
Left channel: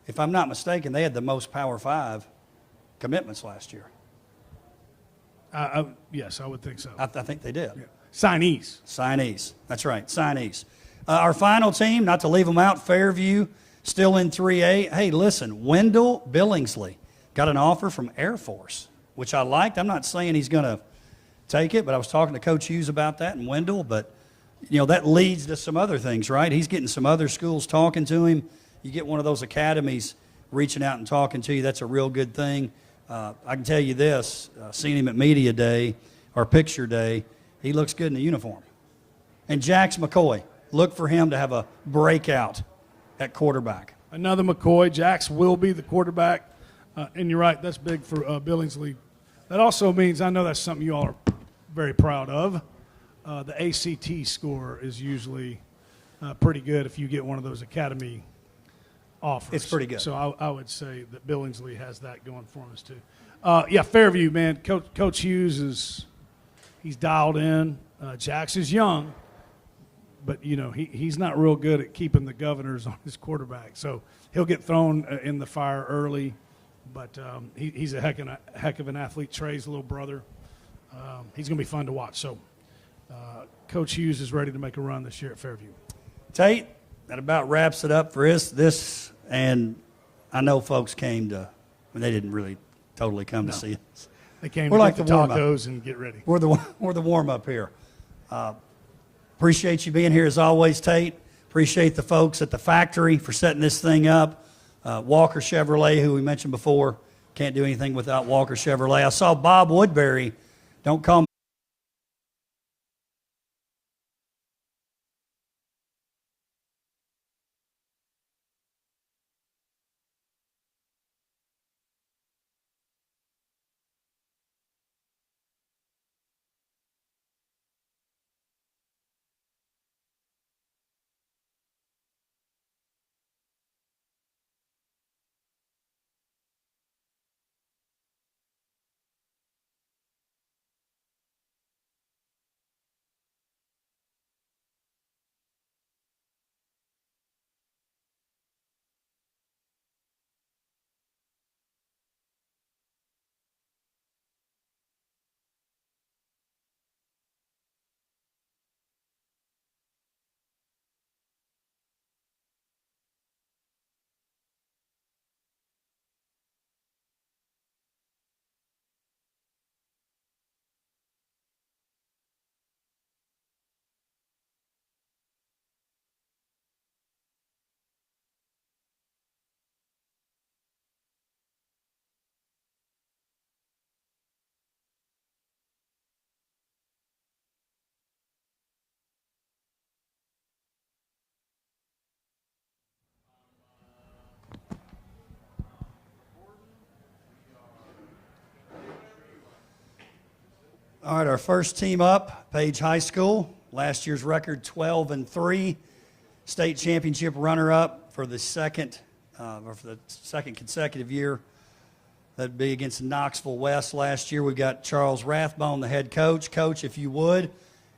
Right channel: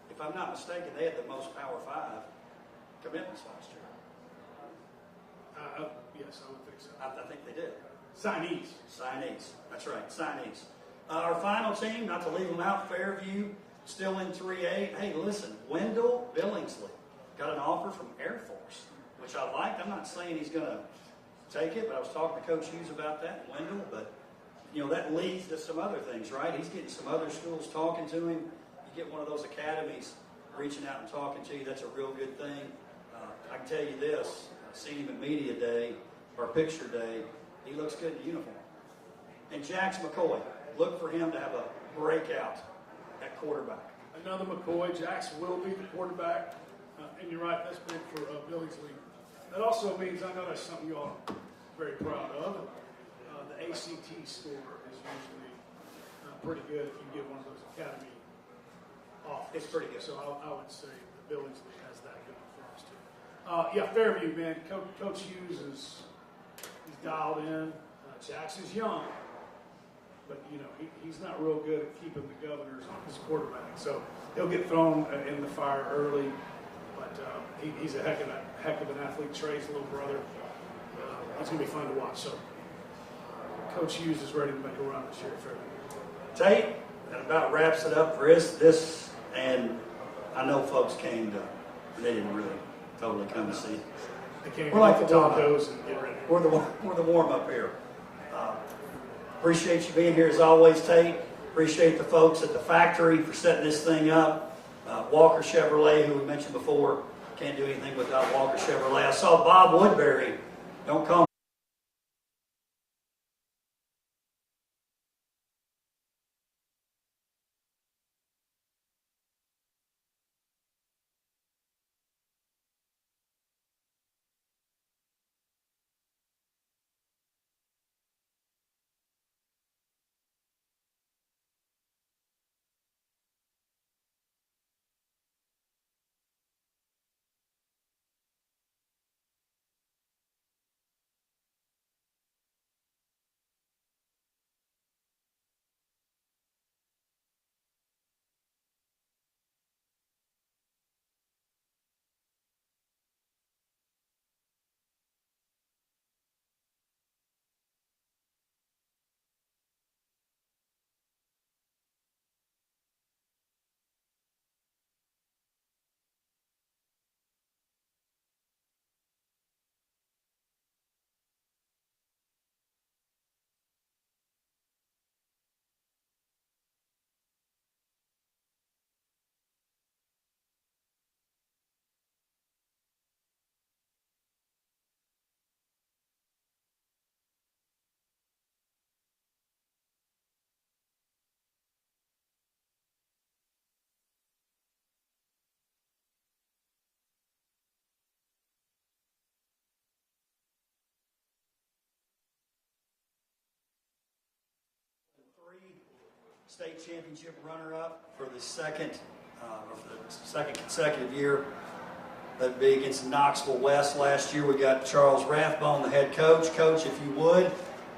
if I'm not mistaken, they had the most Power 5 commitments last year. Yes, I would think so. I think they did. Yeah. Signees. Signees. That's right, signees. Our final team, not to leave them out, Fairview, still in 3A. Hey, listen, Wendell Billingsley got an offer from Air Force, which I liked. I'm not saying he's going to take it, but I was talking to Coach Hughes about that and Wendell. But, you know, that leads to some other things, right? He's getting some other schools talking to him. You get one of those academies reaching out and talking to you, that's a real good thing. I can tell you this, seeing him at media day or picture day, he looks good in the uniform. And Jax McCoy, look for him to have a breakout at quarterback. Another McCoy. Jax will be the quarterback. And you're right, that's big for Billingsley. That also means, I know that's something you all are very proud of, the ACT score is usually pretty good if you get one of those academy offers. It's pretty good. So I would say that Billingsley has that going for us too. Yeah, Fairview, man. Coach Hughes he's dialed in. Jax is young, but you know he's not real good at keeping the governors on his quarterback. So he'll get thrown in the fire early. But he's a heck of an athlete. Trey's little brother. He's going to be fun to watch. So Coach Hughes is ready to make a run this year at Fairview. Tate, that about wraps it up for this. And I know folks came to, they didn't really totally come to see us. They came We're to like get the the warm-up. tacos and get ready. We're the warm-up here. Appreciate you being here as always, Tate. Appreciate the folks at the factory for setting this thing up. Walker Chevrolet, who we mentioned before, can't do anything without Walker Chevrolet. I saw Bob Woodbury. Don't call me. All right, our first team up, Paige High School. Last year's record 12-3. state championship runner-up for the second consecutive year. That'd be against Knoxville West last year. We've got Charles Rathbone, the head coach. Coach, if you would,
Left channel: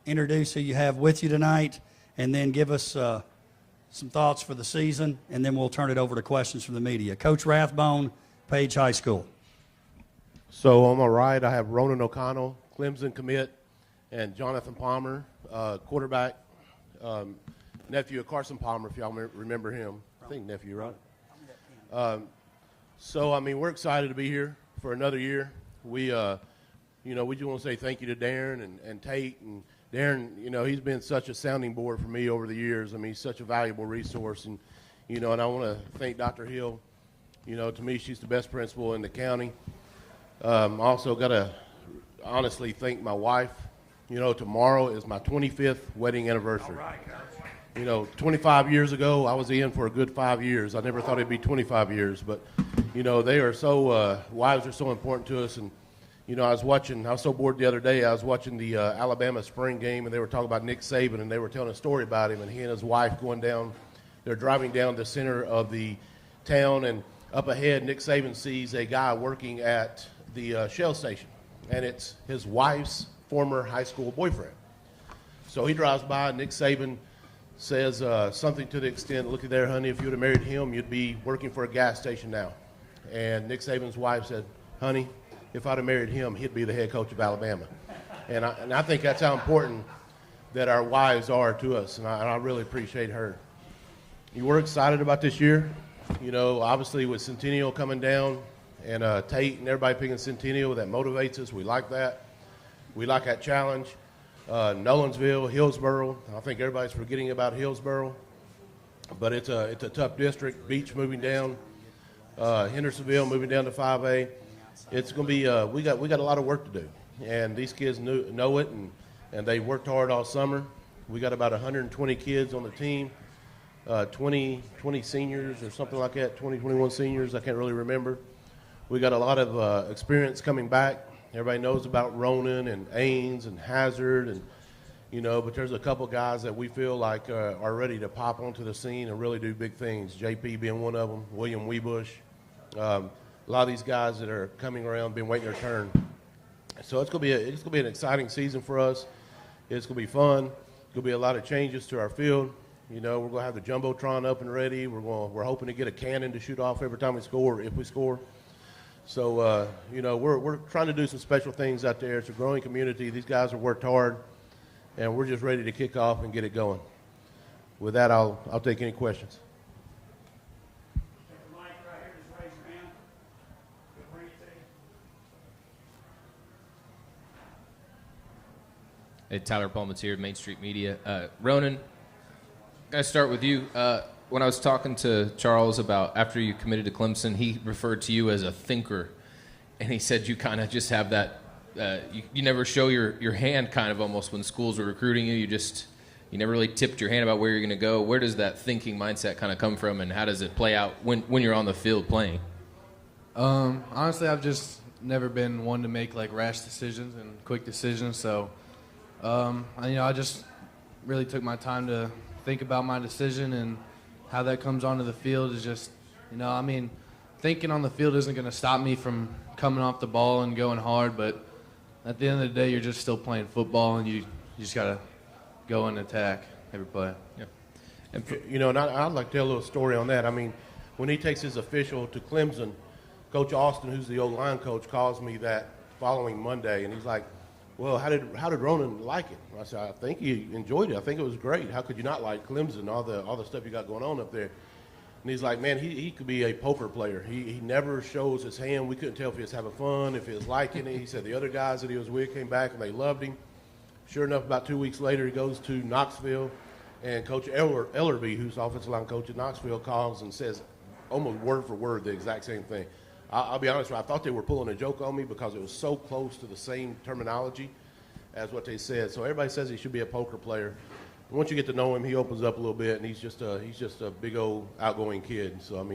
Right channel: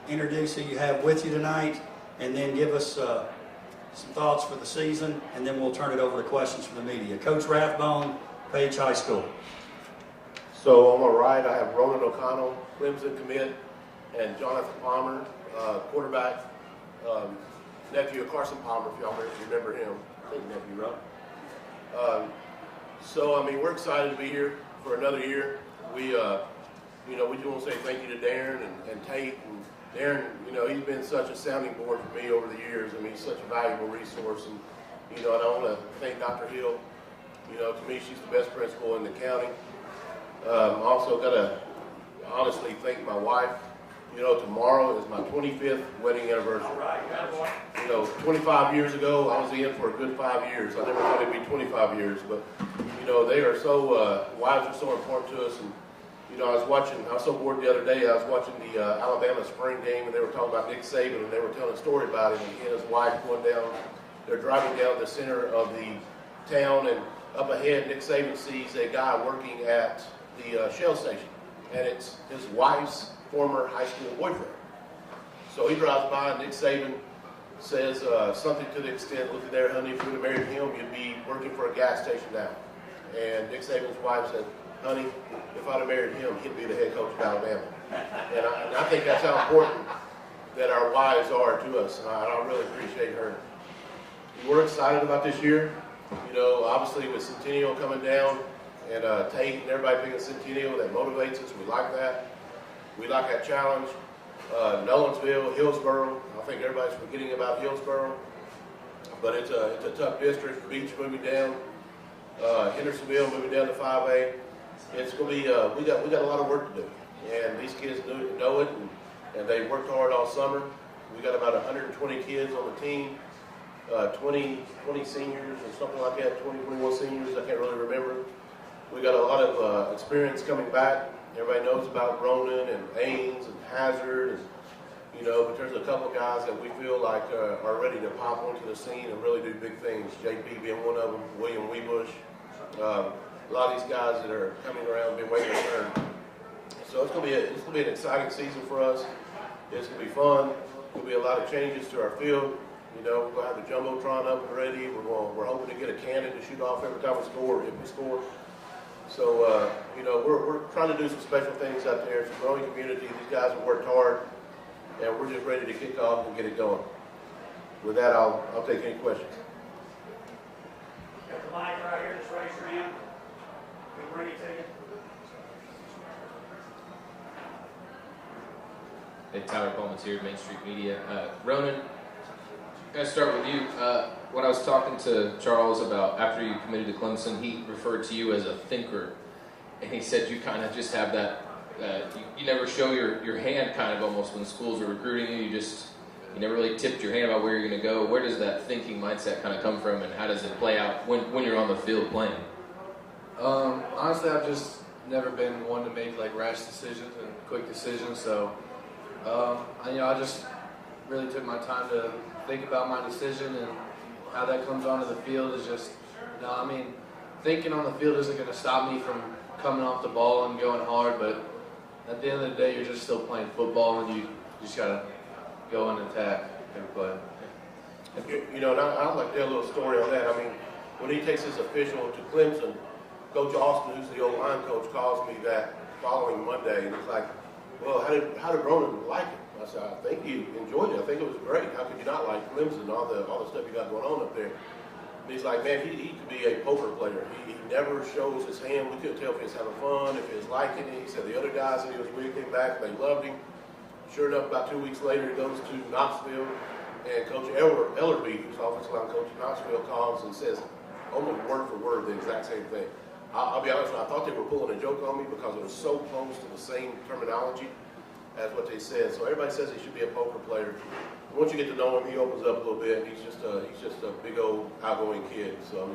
introduce who you have with you tonight, and then give us some thoughts for the season, and then we'll turn it over to questions from the media. Coach Rathbone, Paige High School. So on my right, I have Ronan O'Connell, Clemson commit, and Jonathan Palmer, quarterback, nephew of Carson Palmer, if y'all remember him. I think nephew, right? So, I mean, we're excited to be here for another year. We just want to say thank you to Darren and Tate. And Darren, he's been such a sounding board for me over the years. I mean, he's such a valuable resource. And, and I want to thank Dr. Hill. To me, she's the best principal in the county. Also got to honestly thank my wife. Tomorrow is my 25th wedding anniversary. 25 years ago, I was in for a good 5 years. I never thought it'd be 25 years, but they are so wives are so important to us. And I was so bored the other day. I was watching the Alabama spring game, and they were talking about Nick Saban, and they were telling a story about him. And he and his wife they're driving down the center of the town, and up ahead, Nick Saban sees a guy working at the Shell station, and it's his wife's former high school boyfriend. So he drives by, Nick Saban says something to the extent, "Look at there, honey, if you would have married him, you'd be working for a gas station now." And Nick Saban's wife said, "Honey, if I'd have married him, he'd be the head coach of Alabama." And I think that's how important that our wives are to us, and I really appreciate her. We're excited about this year. Obviously with Centennial coming down and Tate and everybody picking Centennial, that motivates us. We like that. We like that challenge. Nolensville, Hillsboro. I think everybody's forgetting about Hillsboro, but it's a tough district. Beach moving down, Hendersonville moving down to 5A. It's going to be we got a lot of work to do, and these kids know it, and they worked hard all summer. We got about 120 kids on the team, 20 seniors or something like that, 21 seniors. I can't really remember. We got a lot of experience coming back. Everybody knows about Ronan and Ains and Hazard, and but there's a couple of guys that we feel like are ready to pop onto the scene and really do big things. JP being one of them, William Weebush. A lot of these guys that are coming around, been waiting their turn. So it's gonna be an exciting season for us. It's gonna be fun. There'll be a lot of changes to our field. We're gonna have the jumbotron up and ready. We're hoping to get a cannon to shoot off every time we score, if we score. So, we're trying to do some special things out there. It's a growing community. These guys have worked hard, and we're just ready to kick off and get it going. With that, I'll take any questions. Got the mic right here. Just raise your hand. We'll bring it to you. Hey, Tyler Palmatier, Main Street Media. Ronan, I'm going to start with you. When I was talking to Charles about after you committed to Clemson, he referred to you as a thinker, and he said you kind of just have that, you never show your hand kind of almost when schools are recruiting you. You never really tipped your hand about where you're going to go. Where does that thinking mindset kind of come from, and how does it play out when you're on the field playing? Honestly, I've just never been one to make like rash decisions and quick decisions, so I just really took my time to think about my decision, and how that comes onto the field is just, thinking on the field isn't going to stop me from coming off the ball and going hard, but at the end of the day, you're just still playing football, and you just got to go and attack every play. Yeah. And I'd like to tell a little story on that. When he takes his official to Clemson, Coach Austin, who's the old line coach, calls me that following Monday, and he's like, "Well, how did Ronan like it?" I said, "I think he enjoyed it. I think it was great. How could you not like Clemson, all the stuff you got going on up there?" And he's like, "Man, he could be a poker player. He never shows his hand. We couldn't tell if he was having fun, if he was liking it." He said the other guys that he was with came back and they loved him. Sure enough, about 2 weeks later, he goes to Knoxville, and Coach Ellerby, who's offensive line coach at Knoxville, calls and says almost word for word the exact same thing. I'll be honest with you, I thought they were pulling a joke on me because it was so close to the same terminology as what they said. So everybody says he should be a poker player. And once you get to know him, he opens up a little bit, and he's just a big old outgoing kid. So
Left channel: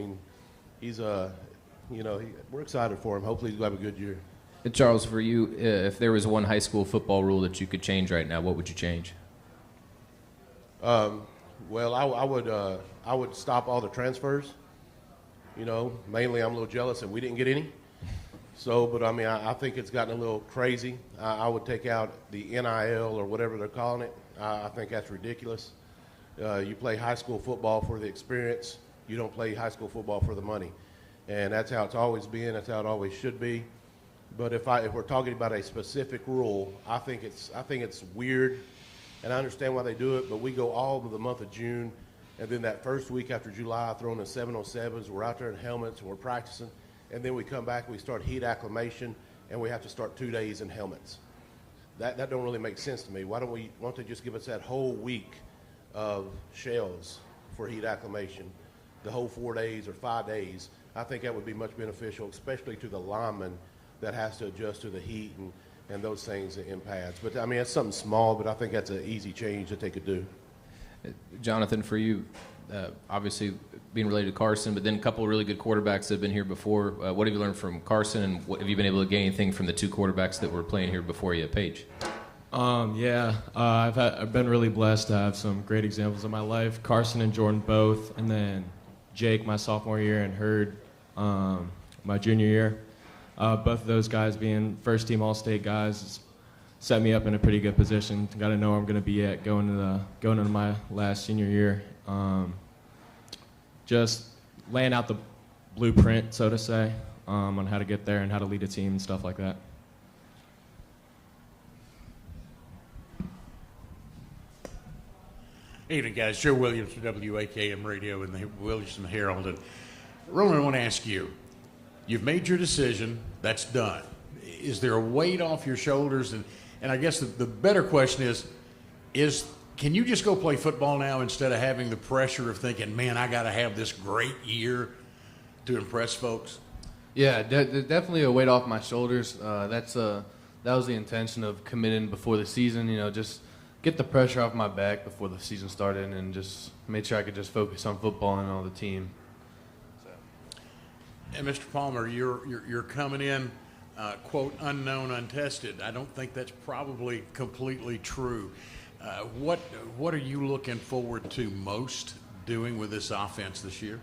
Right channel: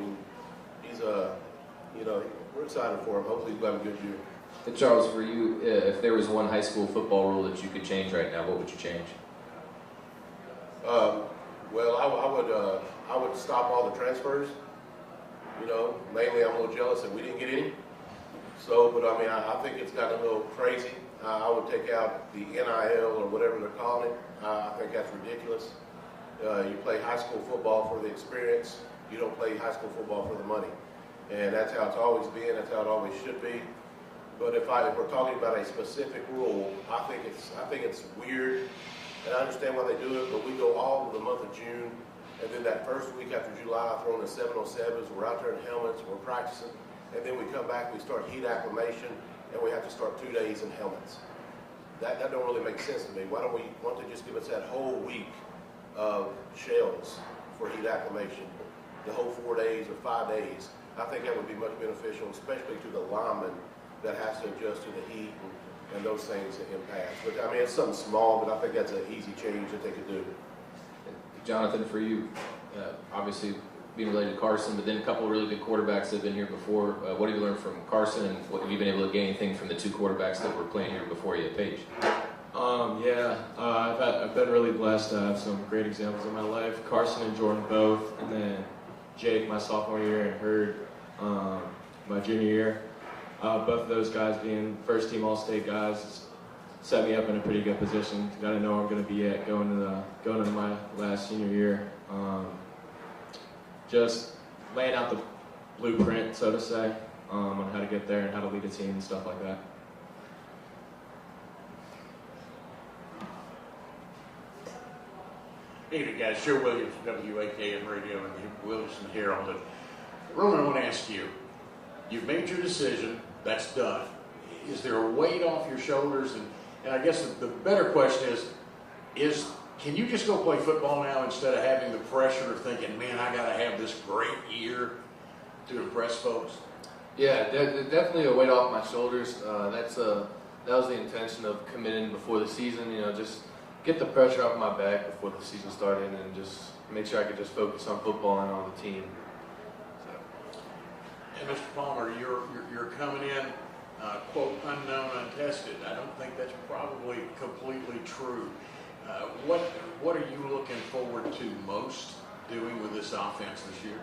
he's we're excited for him. Hopefully he's going to have a good year. And Charles, for you, if there was one high school football rule that you could change right now, what would you change? Well, I would stop all the transfers. You know, mainly I'm a little jealous that we didn't get any. So, but I mean, I think it's gotten a little crazy. I would take out the NIL or whatever they're calling it. I think that's ridiculous. You play high school football for the experience. You don't play high school football for the money. And that's how it's always been. That's how it always should be. But if we're talking about a specific rule, I think it's weird. And I understand why they do it, but we go all of the month of June, and then that first week after July, I throw in the 707s, we're out there in helmets, and we're practicing, and then we come back, we start heat acclimation, and we have to start 2 days in helmets. That don't really make sense to me. Why don't they just give us that whole week of shells for heat acclimation, the whole 4 days or 5 days? I think that would be much beneficial, especially to the lineman that has to adjust to the heat and those things in pads. But I mean, it's something small, but I think that's an easy change that they could do. Jonathan, for you, obviously being related to Carson, but then a couple of really good quarterbacks that have been here before. What have you learned from Carson, and what, have you been able to gain anything from the two quarterbacks that were playing here before you at Paige? I've been really blessed to have some great examples in my life. Carson and Jordan both, and then Jake my sophomore year and Hurd my junior year. Both of those guys being first team All-State guys set me up in a pretty good position. Got to know where I'm going to be at going into my last senior year. Just laying out the blueprint, so to say, on how to get there and how to lead a team and stuff like that. Hey, evening, guys. Joe Williams from WAKM Radio and the Williamson Herald. And Ronan, I want to ask you, you've made your decision. That's done. Is there a weight off your shoulders? And I guess the better question is can you just go play football now instead of having the pressure of thinking, man, I got to have this great year to impress folks? Yeah, definitely a weight off my shoulders. That was the intention of committing before the season. You know, just get the pressure off my back before the season started, and just make sure I could just focus on football and on the team. And Mr. Palmer, you're coming in, quote, unknown, untested. I don't think that's probably completely true. What are you looking forward to most doing with this offense this year?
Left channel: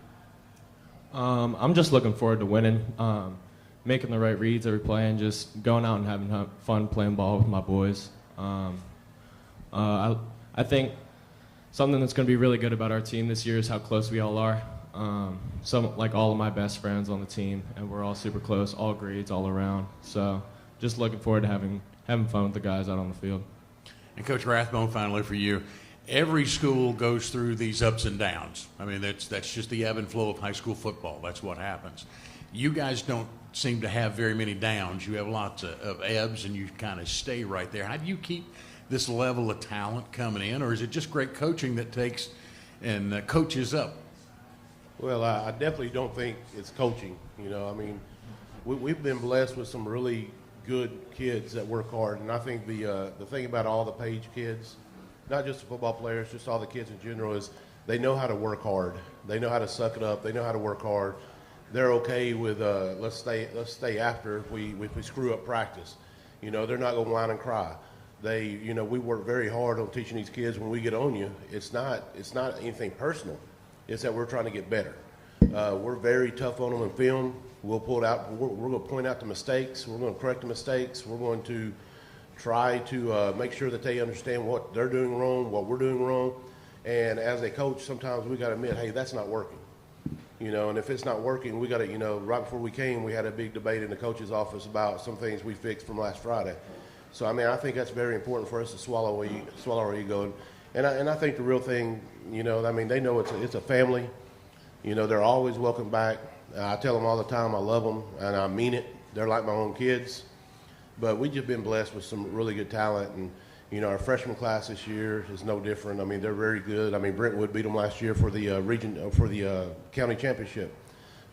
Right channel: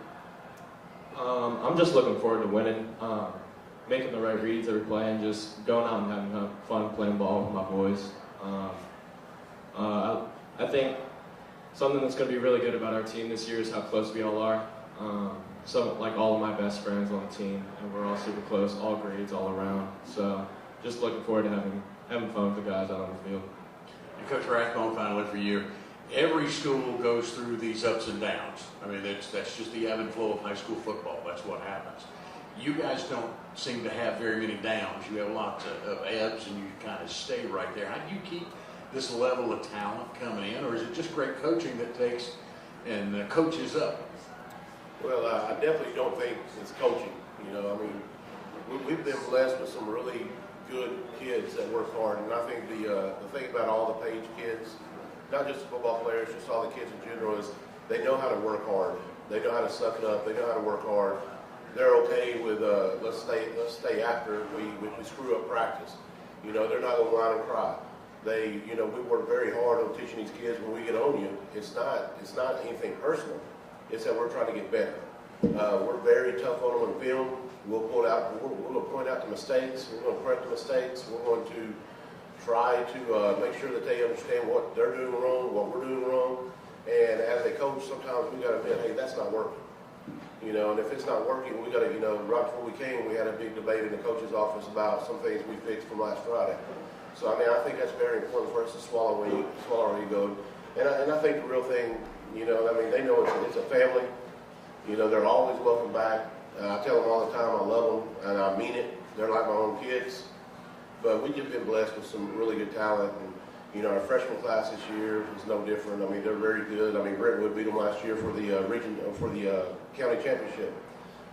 I'm just looking forward to winning, making the right reads every play, and just going out and having fun playing ball with my boys. I think something that's going to be really good about our team this year is how close we all are. Like all of my best friends on the team, and we're all super close, all grades, all around. So just looking forward to having fun with the guys out on the field. And Coach Rathbone, finally for you, every school goes through these ups and downs. I mean, that's just the ebb and flow of high school football. That's what happens. You guys don't seem to have very many downs. You have lots of ebbs, and you kind of stay right there. How do you keep this level of talent coming in, or is it just great coaching that takes and coaches up? Well, I definitely don't think it's coaching. You know, I mean, we've been blessed with some really good kids that work hard, and I think the thing about all the Paige kids, not just the football players, just all the kids in general, is they know how to work hard. They know how to suck it up. They know how to work hard. They're okay with let's stay after if we screw up practice. You know, they're not going to whine and cry. We work very hard on teaching these kids when we get on you. It's not anything personal. It's that we're trying to get better. We're very tough on them in film. We'll pull it out. We're going to point out the mistakes. We're going to correct the mistakes. We're going to try to make sure that they understand what they're doing wrong, what we're doing wrong. And as a coach, sometimes we got to admit, hey, that's not working. You know, and if it's not working, we got to, right before we came, we had a big debate in the coach's office about some things we fixed from last Friday. So, I mean, I think that's very important for us to swallow our ego. And I think the real thing, I mean, they know it's a family. They're always welcome back. I tell them all the time I love them, and I mean it. They're like my own kids. But we've just been blessed with some really good talent. And, our freshman class this year is no different. I mean, they're very good. I mean, Brentwood beat them last year for the county championship.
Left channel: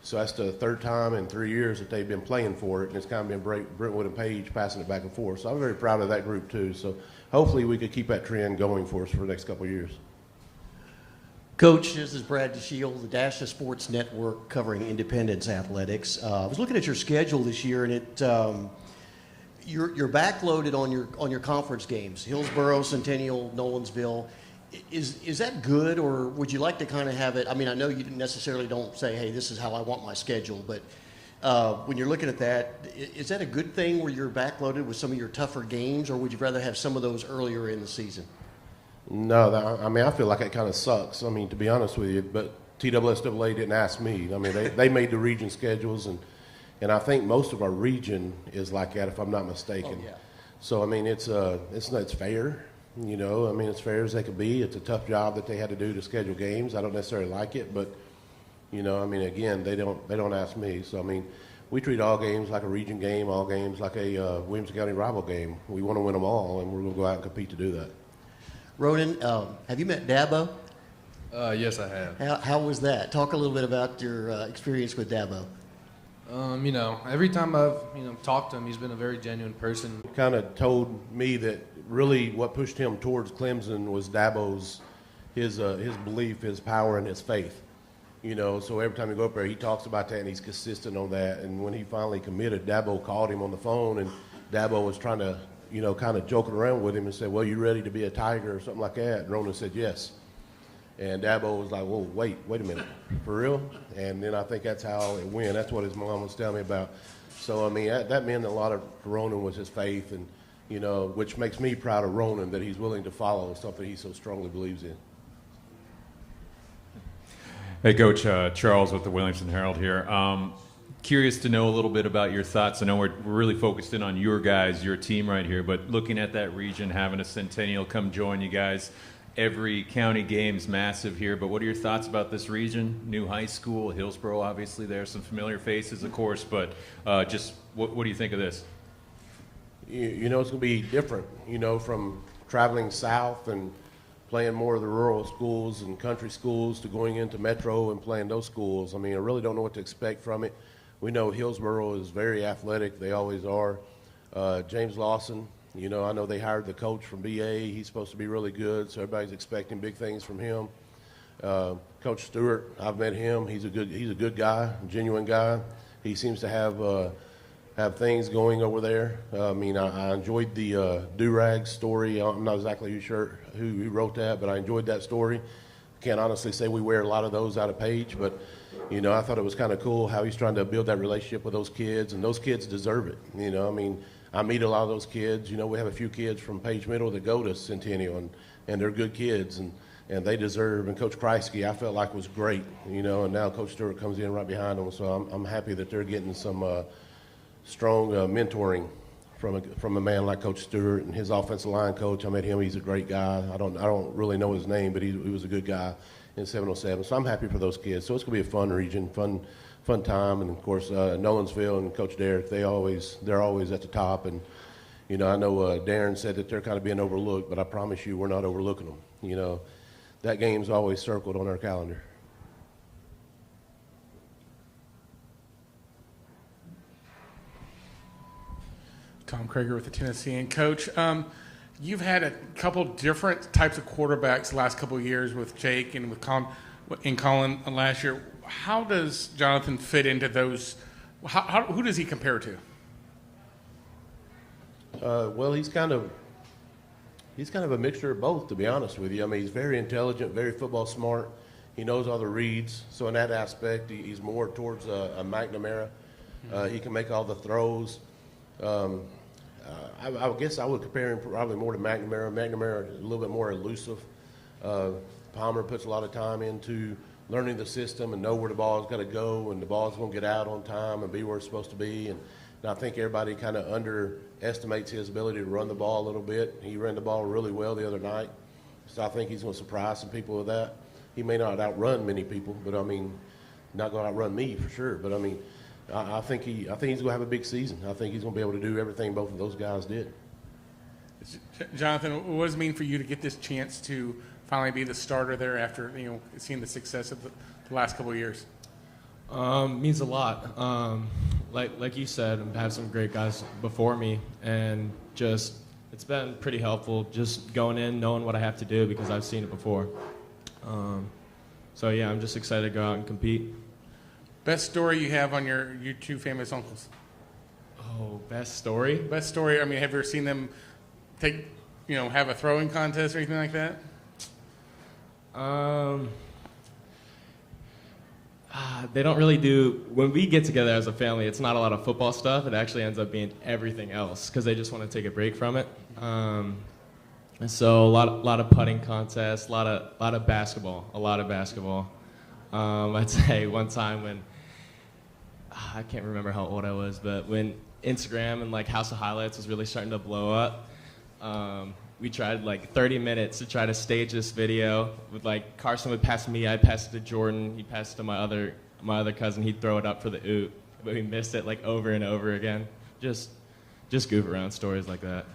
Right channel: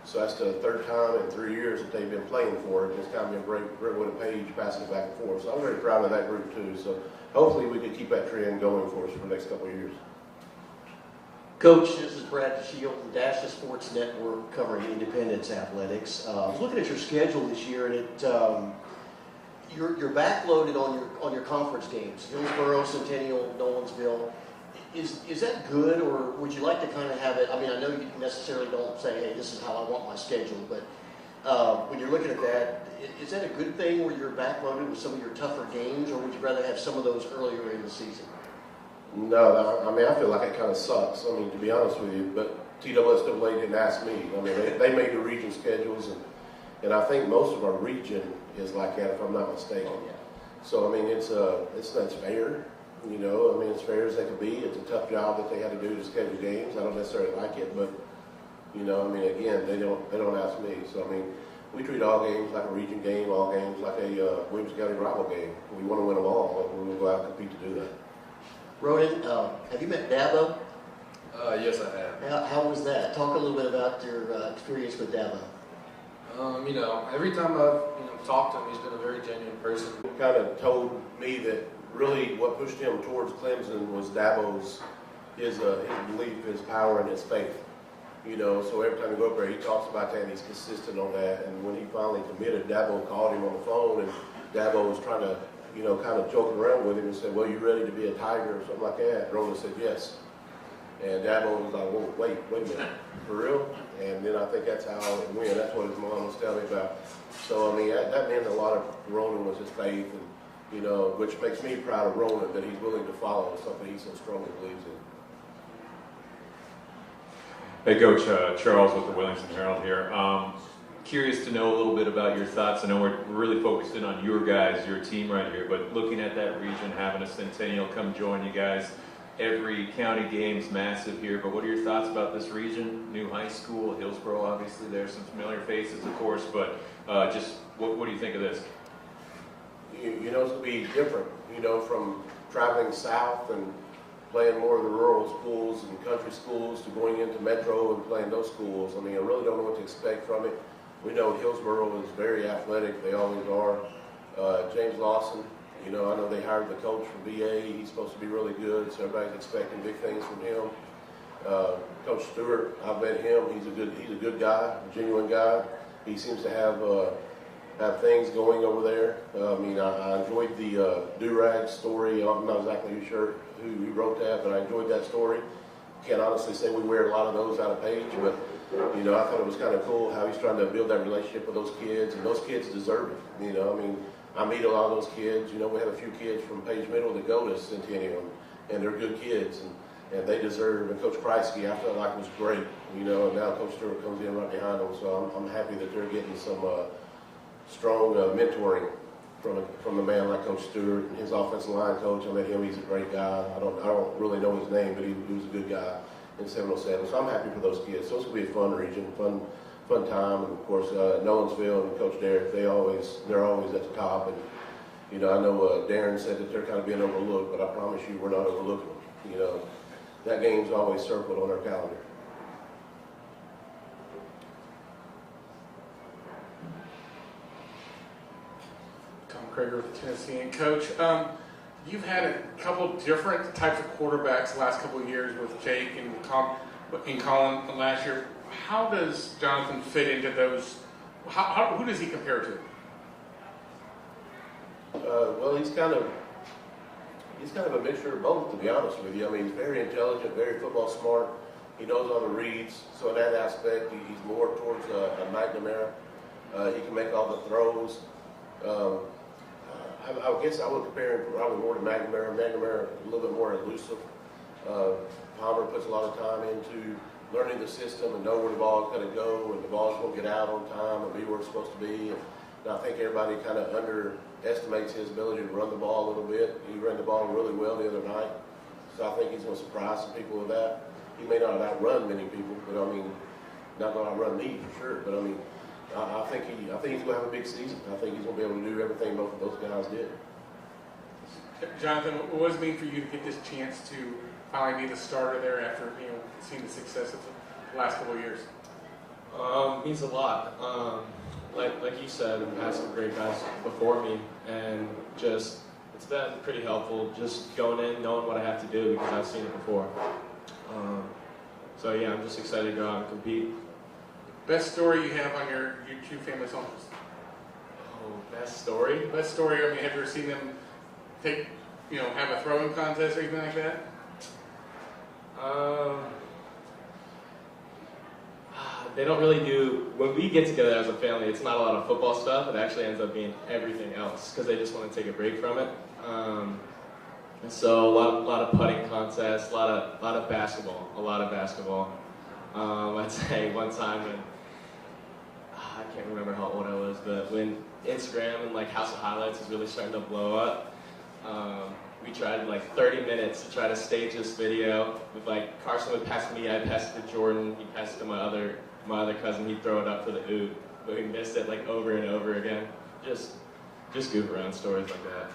So that's the third time in 3 years that they've been playing for it. And it's kind of been Brentwood and Paige passing it back and forth. So I'm very proud of that group, too. So hopefully we could keep that trend going for us for the next couple of years. Coach, this is Brad DeShield, the Dasha Sports Network covering Independence Athletics. I was looking at your schedule this year, and you're backloaded on your conference games: Hillsborough, Centennial, Nolensville. Is that good, or would you like to kind of have it? I mean, I know you necessarily don't say, hey, this is how I want my schedule, but when you're looking at that, is that a good thing where you're backloaded with some of your tougher games, or would you rather have some of those earlier in the season? No, I mean, I feel like it kind of sucks. I mean, to be honest with you, but TSSAA didn't ask me. I mean, they made the region schedules, and I think most of our region is like that, if I'm not mistaken. Oh, yeah. So I mean, it's fair. You know, I mean, as fair as they can be. It's a tough job that they had to do to schedule games. I don't necessarily like it, but you know, I mean, again, they don't ask me. So I mean, we treat all games like a region game, all games like a Williamson County rival game. We want to win them all, and we're going to go out and compete to do that. Ronan, have you met Dabo? Yes, I have. How was that? Talk a little bit about your experience with Dabo. You know, every time I've talked to him, he's been a very genuine person. Kind of told me that really what pushed him towards Clemson was Dabo's his belief, his power, and his faith. You know, so every time you go up there, he talks about that, and he's consistent on that. And when he finally committed, Dabo called him on the phone, and Dabo was trying to, you know, kind of joking around with him and said, well, you ready to be a Tiger or something like that? And Ronan said, yes. And Dabo was like, whoa, wait a minute, for real? And then I think that's how it went. That's what his mom was telling me about. So, I mean, that meant a lot of Ronan was his faith, and, you know, which makes me proud of Ronan that he's willing to follow something he so strongly believes in. Hey, Coach, Charles with the Williamson Herald here. Curious to know a little bit about your thoughts. I know we're really focused in on your guys, your team right here, but looking at that region, having a Centennial come join you guys, every county game's massive here, but what are your thoughts about this region? New high school, Hillsborough, obviously there's some familiar faces, of course, but just what do you think of this? You know, it's going to be different, you know, from traveling south and playing more of the rural schools and country schools to going into Metro and playing those schools. I mean, I really don't know what to expect from it. We know Hillsborough is very athletic. They always are. James Lawson, you know, I know they hired the coach from VA. He's supposed to be really good, so everybody's expecting big things from him. Coach Stewart, I've met him. He's a good guy, a genuine guy. He seems to have things going over there. I mean, I enjoyed the do-rag story. I'm not exactly sure who wrote that, but I enjoyed that story. Can't honestly say we wear a lot of those out of Paige, but you know, I thought it was kind of cool how he's trying to build that relationship with those kids, and those kids deserve it. You know, I mean, I meet a lot of those kids. You know, we have a few kids from Paige Middle that go to Centennial, and they're good kids, and they deserve. And Coach Kreisky, I felt like was great. You know, and now Coach Stewart comes in right behind them, so I'm happy that they're getting some strong mentoring from a man like Coach Stewart and his offensive line coach. I met him; he's a great guy. I don't really know his name, but he was a good guy in 707. So I'm happy for those kids. So it's gonna be a fun region, fun time, and of course Nolensville and Coach Derek. They're always at the top. And you know, I know Darren said that they're kind of being overlooked, but I promise you, we're not overlooking them. You know, that game's always circled on our calendar. Tom Krager with the Tennessean. Coach, you've had a couple different types of quarterbacks the last couple of years with Jake and with Colin last year. How does Jonathan fit into those? Who does he compare to? Well, he's kind of a mixture of both, to be honest with you. I mean, he's very intelligent, very football smart. He knows all the reads. So in that aspect, he's more towards a McNamara. He can make all the throws. I guess I would compare him probably more to McNamara. McNamara a little bit more elusive. Palmer puts a lot of time into learning the system and know where the ball's got to go and the ball's going to get out on time and be where it's supposed to be. And I think everybody kind of underestimates his ability to run the ball a little bit. He ran the ball really well the other night, so I think he's going to surprise some people with that. He may not outrun many people, but I mean, not going to outrun me for sure. But I mean, I think he's going to have a big season. I think he's going to be able to do everything both of those guys did. Jonathan, what does it mean for you to get this chance to finally be the starter there after seeing the success of the last couple of years? Means a lot. Like you said, I've had some great guys before me, and just it's been pretty helpful just going in, knowing what I have to do because I've seen it before. So yeah, I'm just excited to go out and compete. Best story you have on your two famous uncles? Oh, best story? Best story. I mean, have you ever seen them have a throwing contest or anything like that? They don't really do, when we get together as a family, it's not a lot of football stuff. It actually ends up being everything else because they just want to take a break from it. And so a lot of putting contests, a lot of basketball. I'd say one time when, I can't remember how old I was, but when Instagram and like House of Highlights was really starting to blow up, we tried like 30 minutes to try to stage this video with like Carson would pass me, I'd pass it to Jordan, he passed it to my other cousin, he'd throw it up for the oop, but we missed it like over and over again. Just goof around stories like that.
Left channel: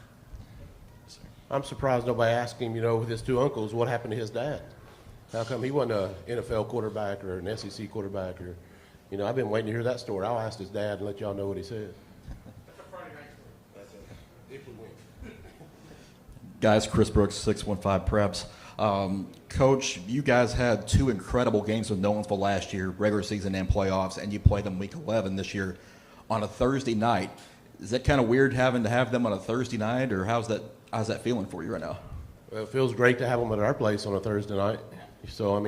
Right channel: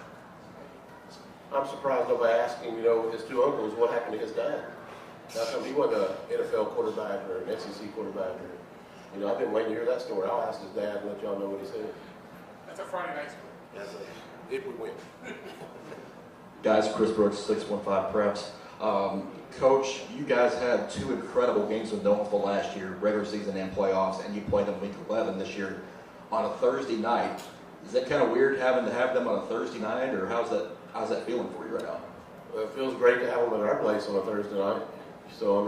I'm surprised nobody asked him, with his two uncles, what happened to his dad? How come he wasn't an NFL quarterback or an SEC quarterback? Or, I've been waiting to hear that story. I'll ask his dad and let y'all know what he said. That's a Friday night school. If we win. Guys, Chris Brooks, 615 Preps. Coach, you guys had two incredible games with Nolensville last year, regular season and playoffs, and you played them week 11 this year on a Thursday night. Is that kind of weird having to have them on a Thursday night, or how's that feeling for you right now? Well, it feels great to have them at our place on a Thursday night. So,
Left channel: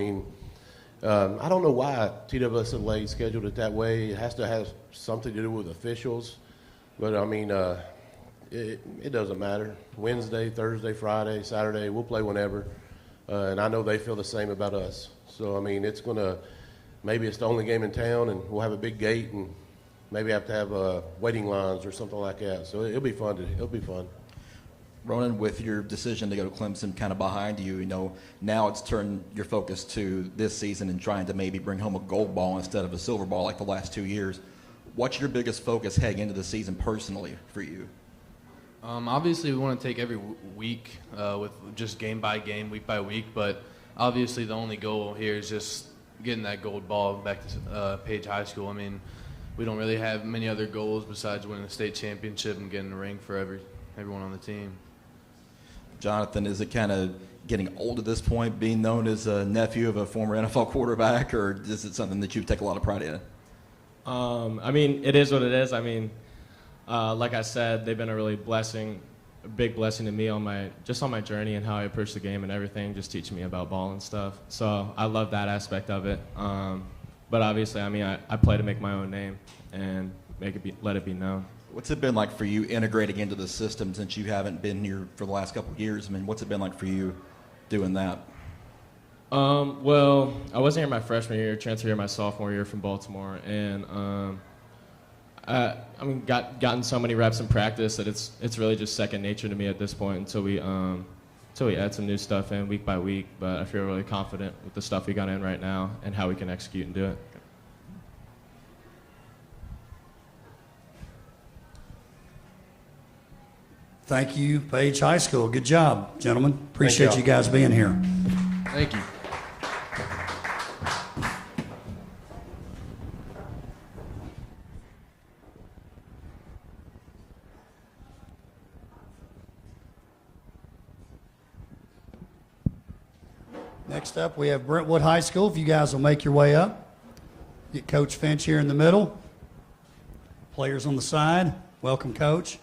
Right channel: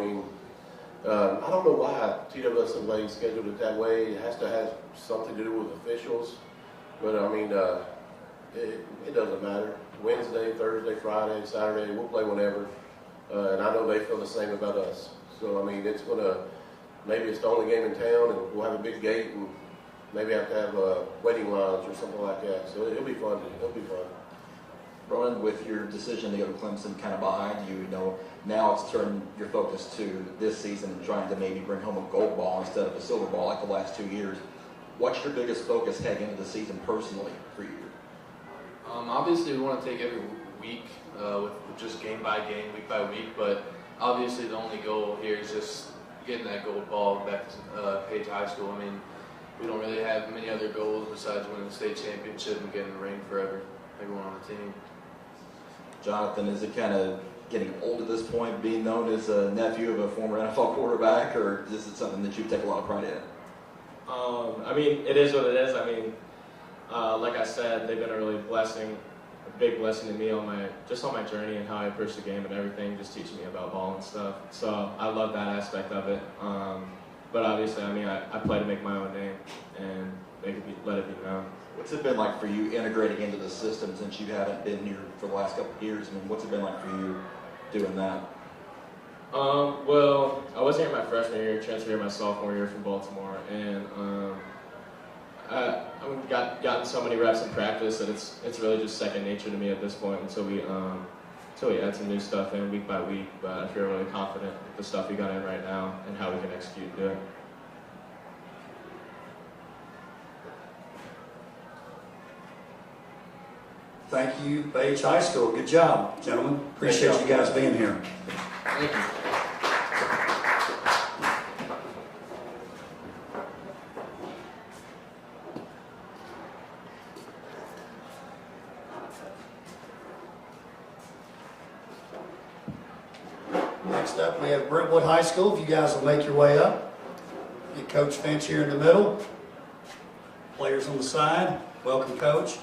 I don't know why TWSLA scheduled it that way. It has to have something to do with officials. But, it doesn't matter. Wednesday, Thursday, Friday, Saturday, we'll play whenever. And I know they feel the same about us. So, maybe it's the only game in town, and we'll have a big gate, and maybe have to have waiting lines or something like that. So it'll be fun. It'll be fun. Ronan, with your decision to go to Clemson kind of behind you, now it's turned your focus to this season and trying to maybe bring home a gold ball instead of a silver ball like the last 2 years. What's your biggest focus heading into the season personally for you? Obviously, we want to take every week with just game by game, week by week, but obviously the only goal here is just getting that gold ball back to Paige High School. We don't really have many other goals besides winning a state championship and getting a ring for everyone on the team. Jonathan, is it kind of getting old at this point, being known as a nephew of a former NFL quarterback, or is it something that you take a lot of pride in? It is what it is. Like I said, they've been a big blessing to me on my journey and how I approach the game and everything, just teaching me about ball and stuff. So I love that aspect of it. But obviously, I play to make my own name and let it be known. What's it been like for you integrating into the system since you haven't been here for the last couple of years? What's it been like for you doing that? Well, I wasn't here my freshman year, transferred here my sophomore year from Baltimore, and I've gotten so many reps in practice that it's really just second nature to me at this point until we add some new stuff in week by week. But I feel really confident with the stuff we got in right now and how we can execute and do it. Thank you, Paige High School. Good job, gentlemen. Appreciate you guys being here. Thank you. Next up, we have Brentwood High School. If you guys will make your way up. Get Coach Finch here in the middle. Players on the side. Welcome, Coach.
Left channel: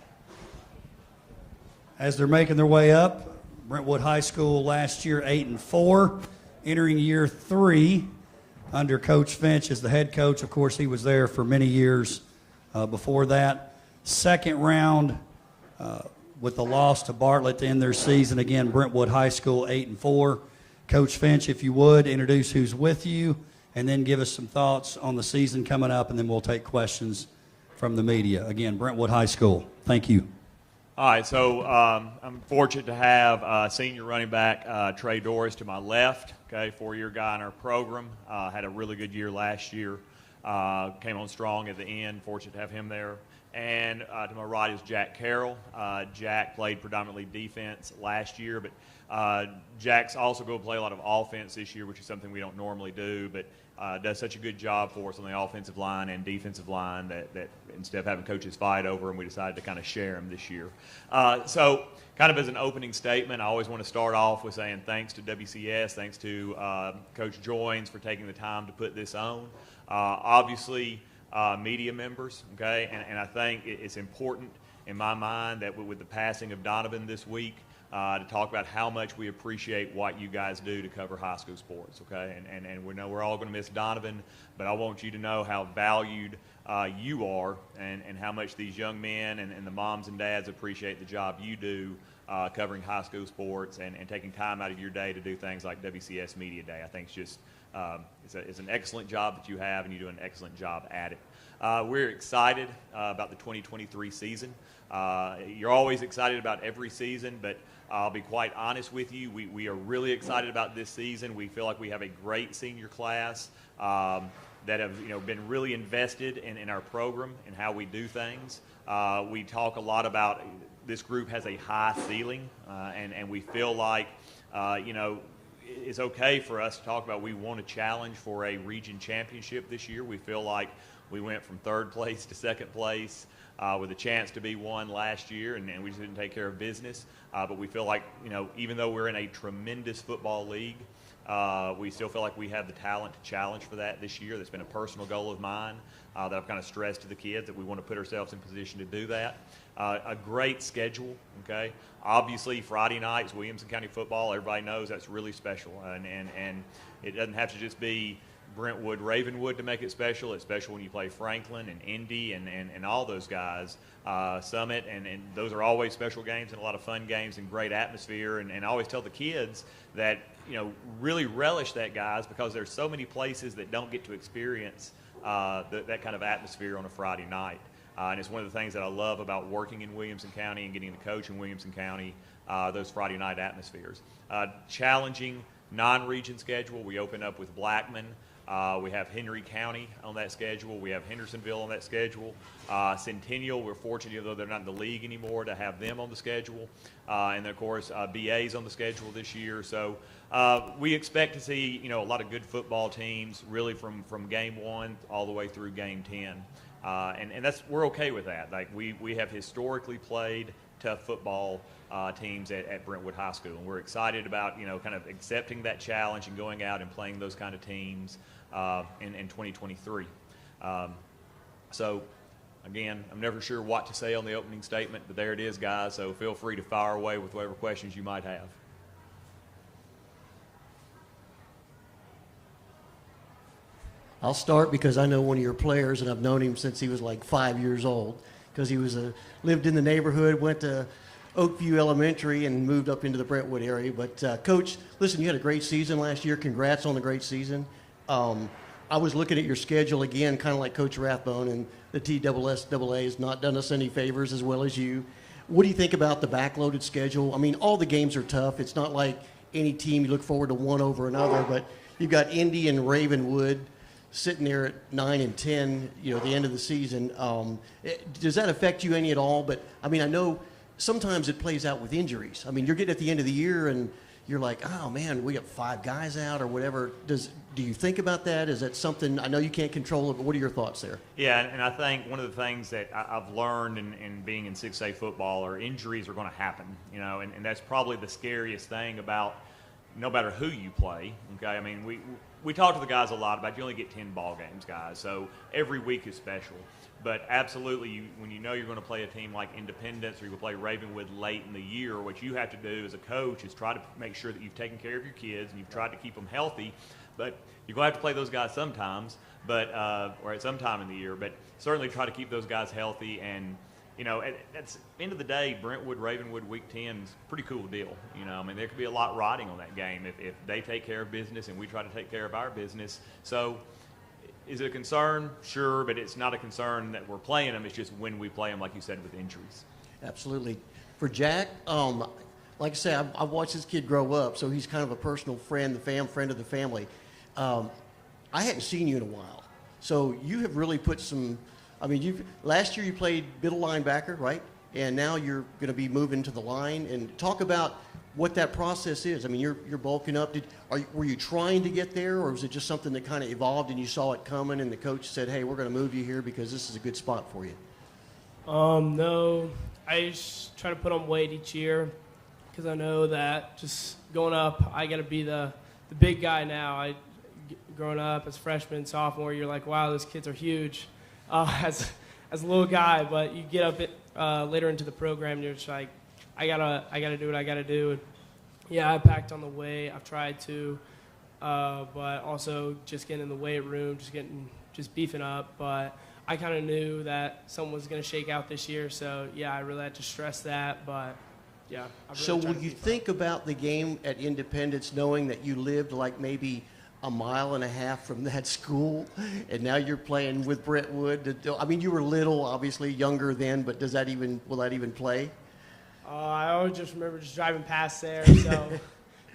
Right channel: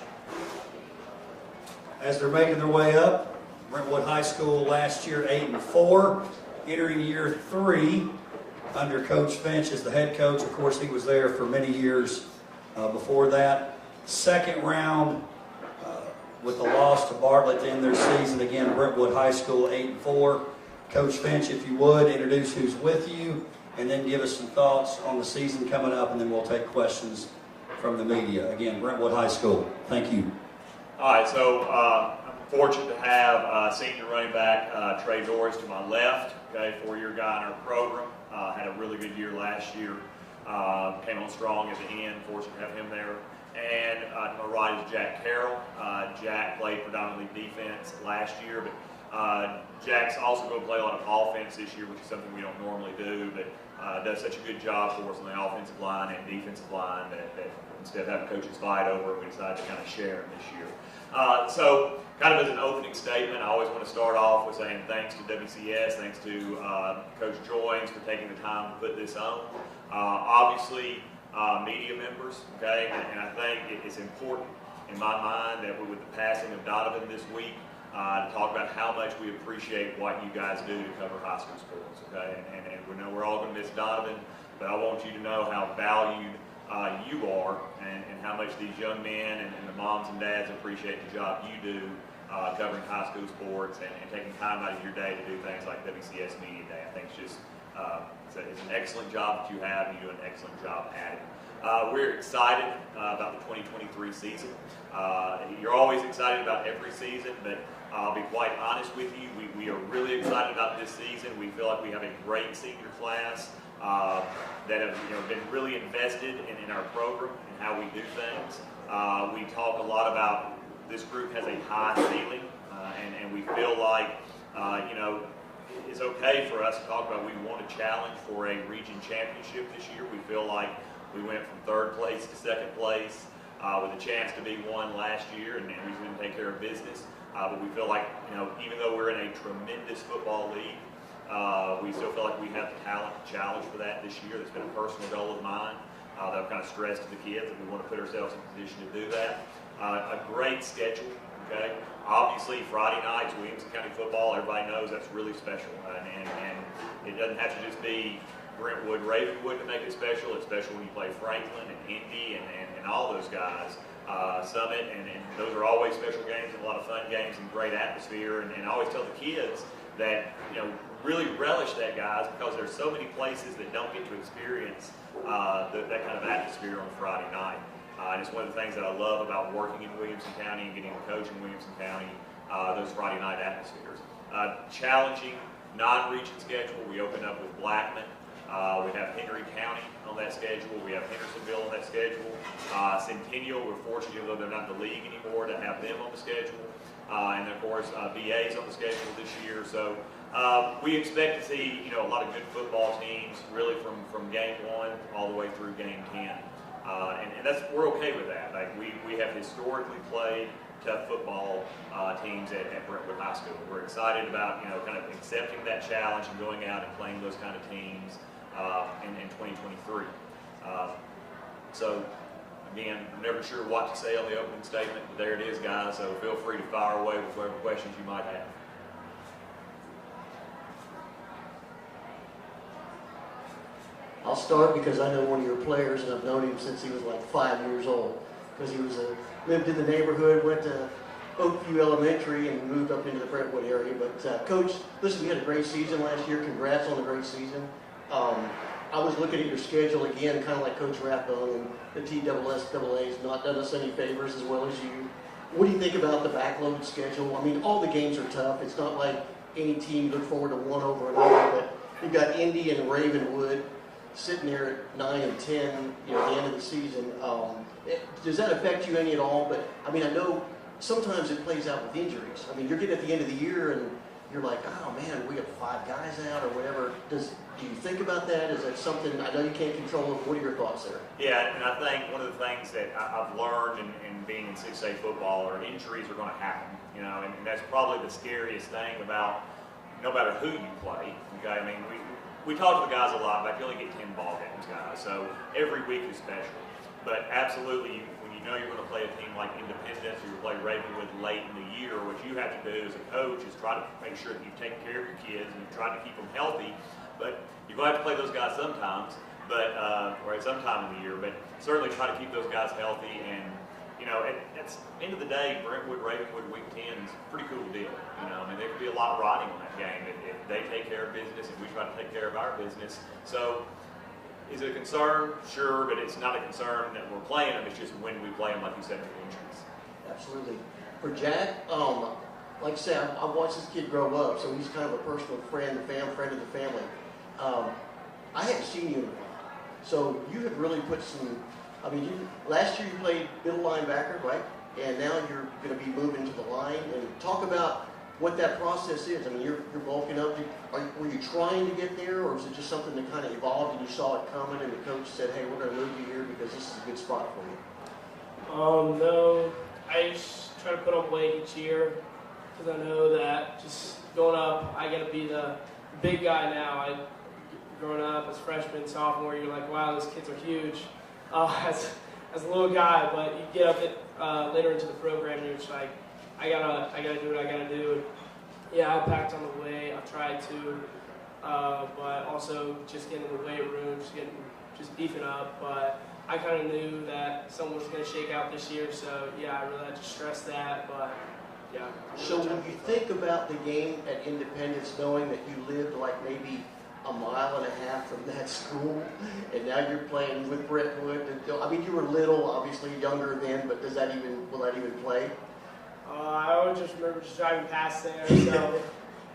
As they're making their way up, Brentwood High School last year 8-4, entering year 3 under Coach Finch as the head coach. Of course, he was there for many years before that. Second round with the loss to Bartlett to end their season. Again, Brentwood High School 8-4. Coach Finch, if you would, introduce who's with you and then give us some thoughts on the season coming up, and then we'll take questions from the media. Again, Brentwood High School. Thank you. All right, so I'm fortunate to have senior running back Trey Doris to my left, okay, 4-year guy in our program. Had a really good year last year. Came on strong at the end, fortunate to have him there. And to my right is Jack Carroll. Jack played predominantly defense last year, but Jack's also going to play a lot of offense this year, which is something we don't normally do, but does such a good job for us on the offensive line and defensive line that instead of having coaches fight over them, we decided to kind of share them this year. So kind of as an opening statement, I always want to start off with saying thanks to WCS, thanks to Coach Joins for taking the time to put this on. Obviously, media members, okay, and I think it's important in my mind that with the passing of Donovan this week, to talk about how much we appreciate what you guys do to cover high school sports, okay? And we know we're all going to miss Donovan, but I want you to know how valued you are and how much these young men and the moms and dads appreciate the job you do covering high school sports and taking time out of your day to do things like WCS Media Day. I think it's just it's an excellent job that you have, and you do an excellent job at it. We're excited about the 2023 season. You're always excited about every season, but I'll be quite honest with you. We are really excited about this season. We feel like we have a great senior class that have been really invested in our program and how we do things. We talk a lot about this group has a high ceiling, and we feel like it's okay for us to talk about we want to challenge for a region championship this year. We feel like we went from third place to second place with a chance to be one last year, and we just didn't take care of business. But we feel like, even though we're in a tremendous football league, we still feel like we have the talent to challenge for that this year. That's been a personal goal of mine that I've kind of stressed to the kids that we want to put ourselves in position to do that. A great schedule, okay? Obviously, Friday nights, Williamson County football, everybody knows that's really special. And it doesn't have to just be Brentwood, Ravenwood to make it special. It's special when you play Franklin and Indy and all those guys, Summit, and those are always special games and a lot of fun games and great atmosphere. And I always tell the kids that, really relish that, guys, because there's so many places that don't get to experience that kind of atmosphere on a Friday night. And it's one of the things that I love about working in Williamson County and getting to coach in Williamson County, those Friday night atmospheres. Challenging non-region schedule. We open up with Blackman. We have Henry County on that schedule. We have Hendersonville on that schedule. Centennial, we're fortunate, though they're not in the league anymore, to have them on the schedule. And of course, VA's on the schedule this year. So we expect to see, a lot of good football teams, really from game 1 all the way through game 10. And we're okay with that. Like we have historically played tough football teams at Brentwood High School. And we're excited about kind of accepting that challenge and going out and playing those kind of teams in 2023. So again, I'm never sure what to say on the opening statement, but there it is, guys. So feel free to fire away with whatever questions you might have. I'll start because I know one of your players, and I've known him since he was like 5 years old, because he lived in the neighborhood, went to Oakview Elementary, and moved up into the Brentwood area. But Coach, listen, you had a great season last year. Congrats on the great season. I was looking at your schedule again, kind of like Coach Rathbone, and the TSSAA's not done us any favors as well as you. What do you think about the backloaded schedule? I mean, all the games are tough. It's not like any team you look forward to one over another, but you've got Indy and Ravenwood sitting there at 9 and 10, at the end of the season. Does that affect you any at all? But I mean, I know sometimes it plays out with injuries. I mean, you're getting at the end of the year and you're like, oh man, we got 5 guys out or whatever. Do you think about that? Is that something, I know you can't control it, but what are your thoughts there? Yeah, and I think one of the things that I've learned in being in 6A football are injuries are going to happen, and that's probably the scariest thing about no matter who you play. Okay, I mean, we talk to the guys a lot, but you only get 10 ball games, guys. So every week is special. But absolutely, when you know you're going to play a team like Independence or you play Ravenwood late in the year, what you have to do as a coach is try to make sure that you've taken care of your kids and you've tried to keep them healthy. But you're going to have to play those guys sometimes, or at some time in the year. But certainly try to keep those guys healthy. And at the end of the day, Brentwood, Ravenwood, Week 10 is a pretty cool deal. I mean, there could be a lot riding on that game if they take care of business and we try to take care of our business. So, is it a concern? Sure, but it's not a concern that we're playing them. It's just when we play them, like you said, with injuries. Absolutely. For Jack, like I said, I've watched this kid grow up, so he's kind of a personal friend, friend of the family. I hadn't seen you in a while, so you have really put some. I mean, last year you played middle linebacker, right? And now you're going to be moving to the line. And talk about what that process is. I mean, you're bulking up. Were you trying to get there, or was it just something that kind of evolved and you saw it coming and the coach said, hey, we're going to move you here because this is a good spot for you? No, I just try to put on weight each year because I know that just going up, I got to be the big guy now. Growing up as freshman, sophomore, you're like, wow, those kids are huge as a little guy, but you get up later into the program, you're just like, I gotta do what I gotta do. And, yeah, I packed on the weight. I tried to, but also just getting in the weight room, just beefing up. But I kind of knew that something was going to shake out this year, so yeah, I really had to stress that. But yeah. So when you think about the game at Independence, knowing that you lived like maybe a mile and a half from that school, and now you're playing with Brentwood. I mean, you were little, obviously younger then, but will that even play? I always just remember just driving past there, so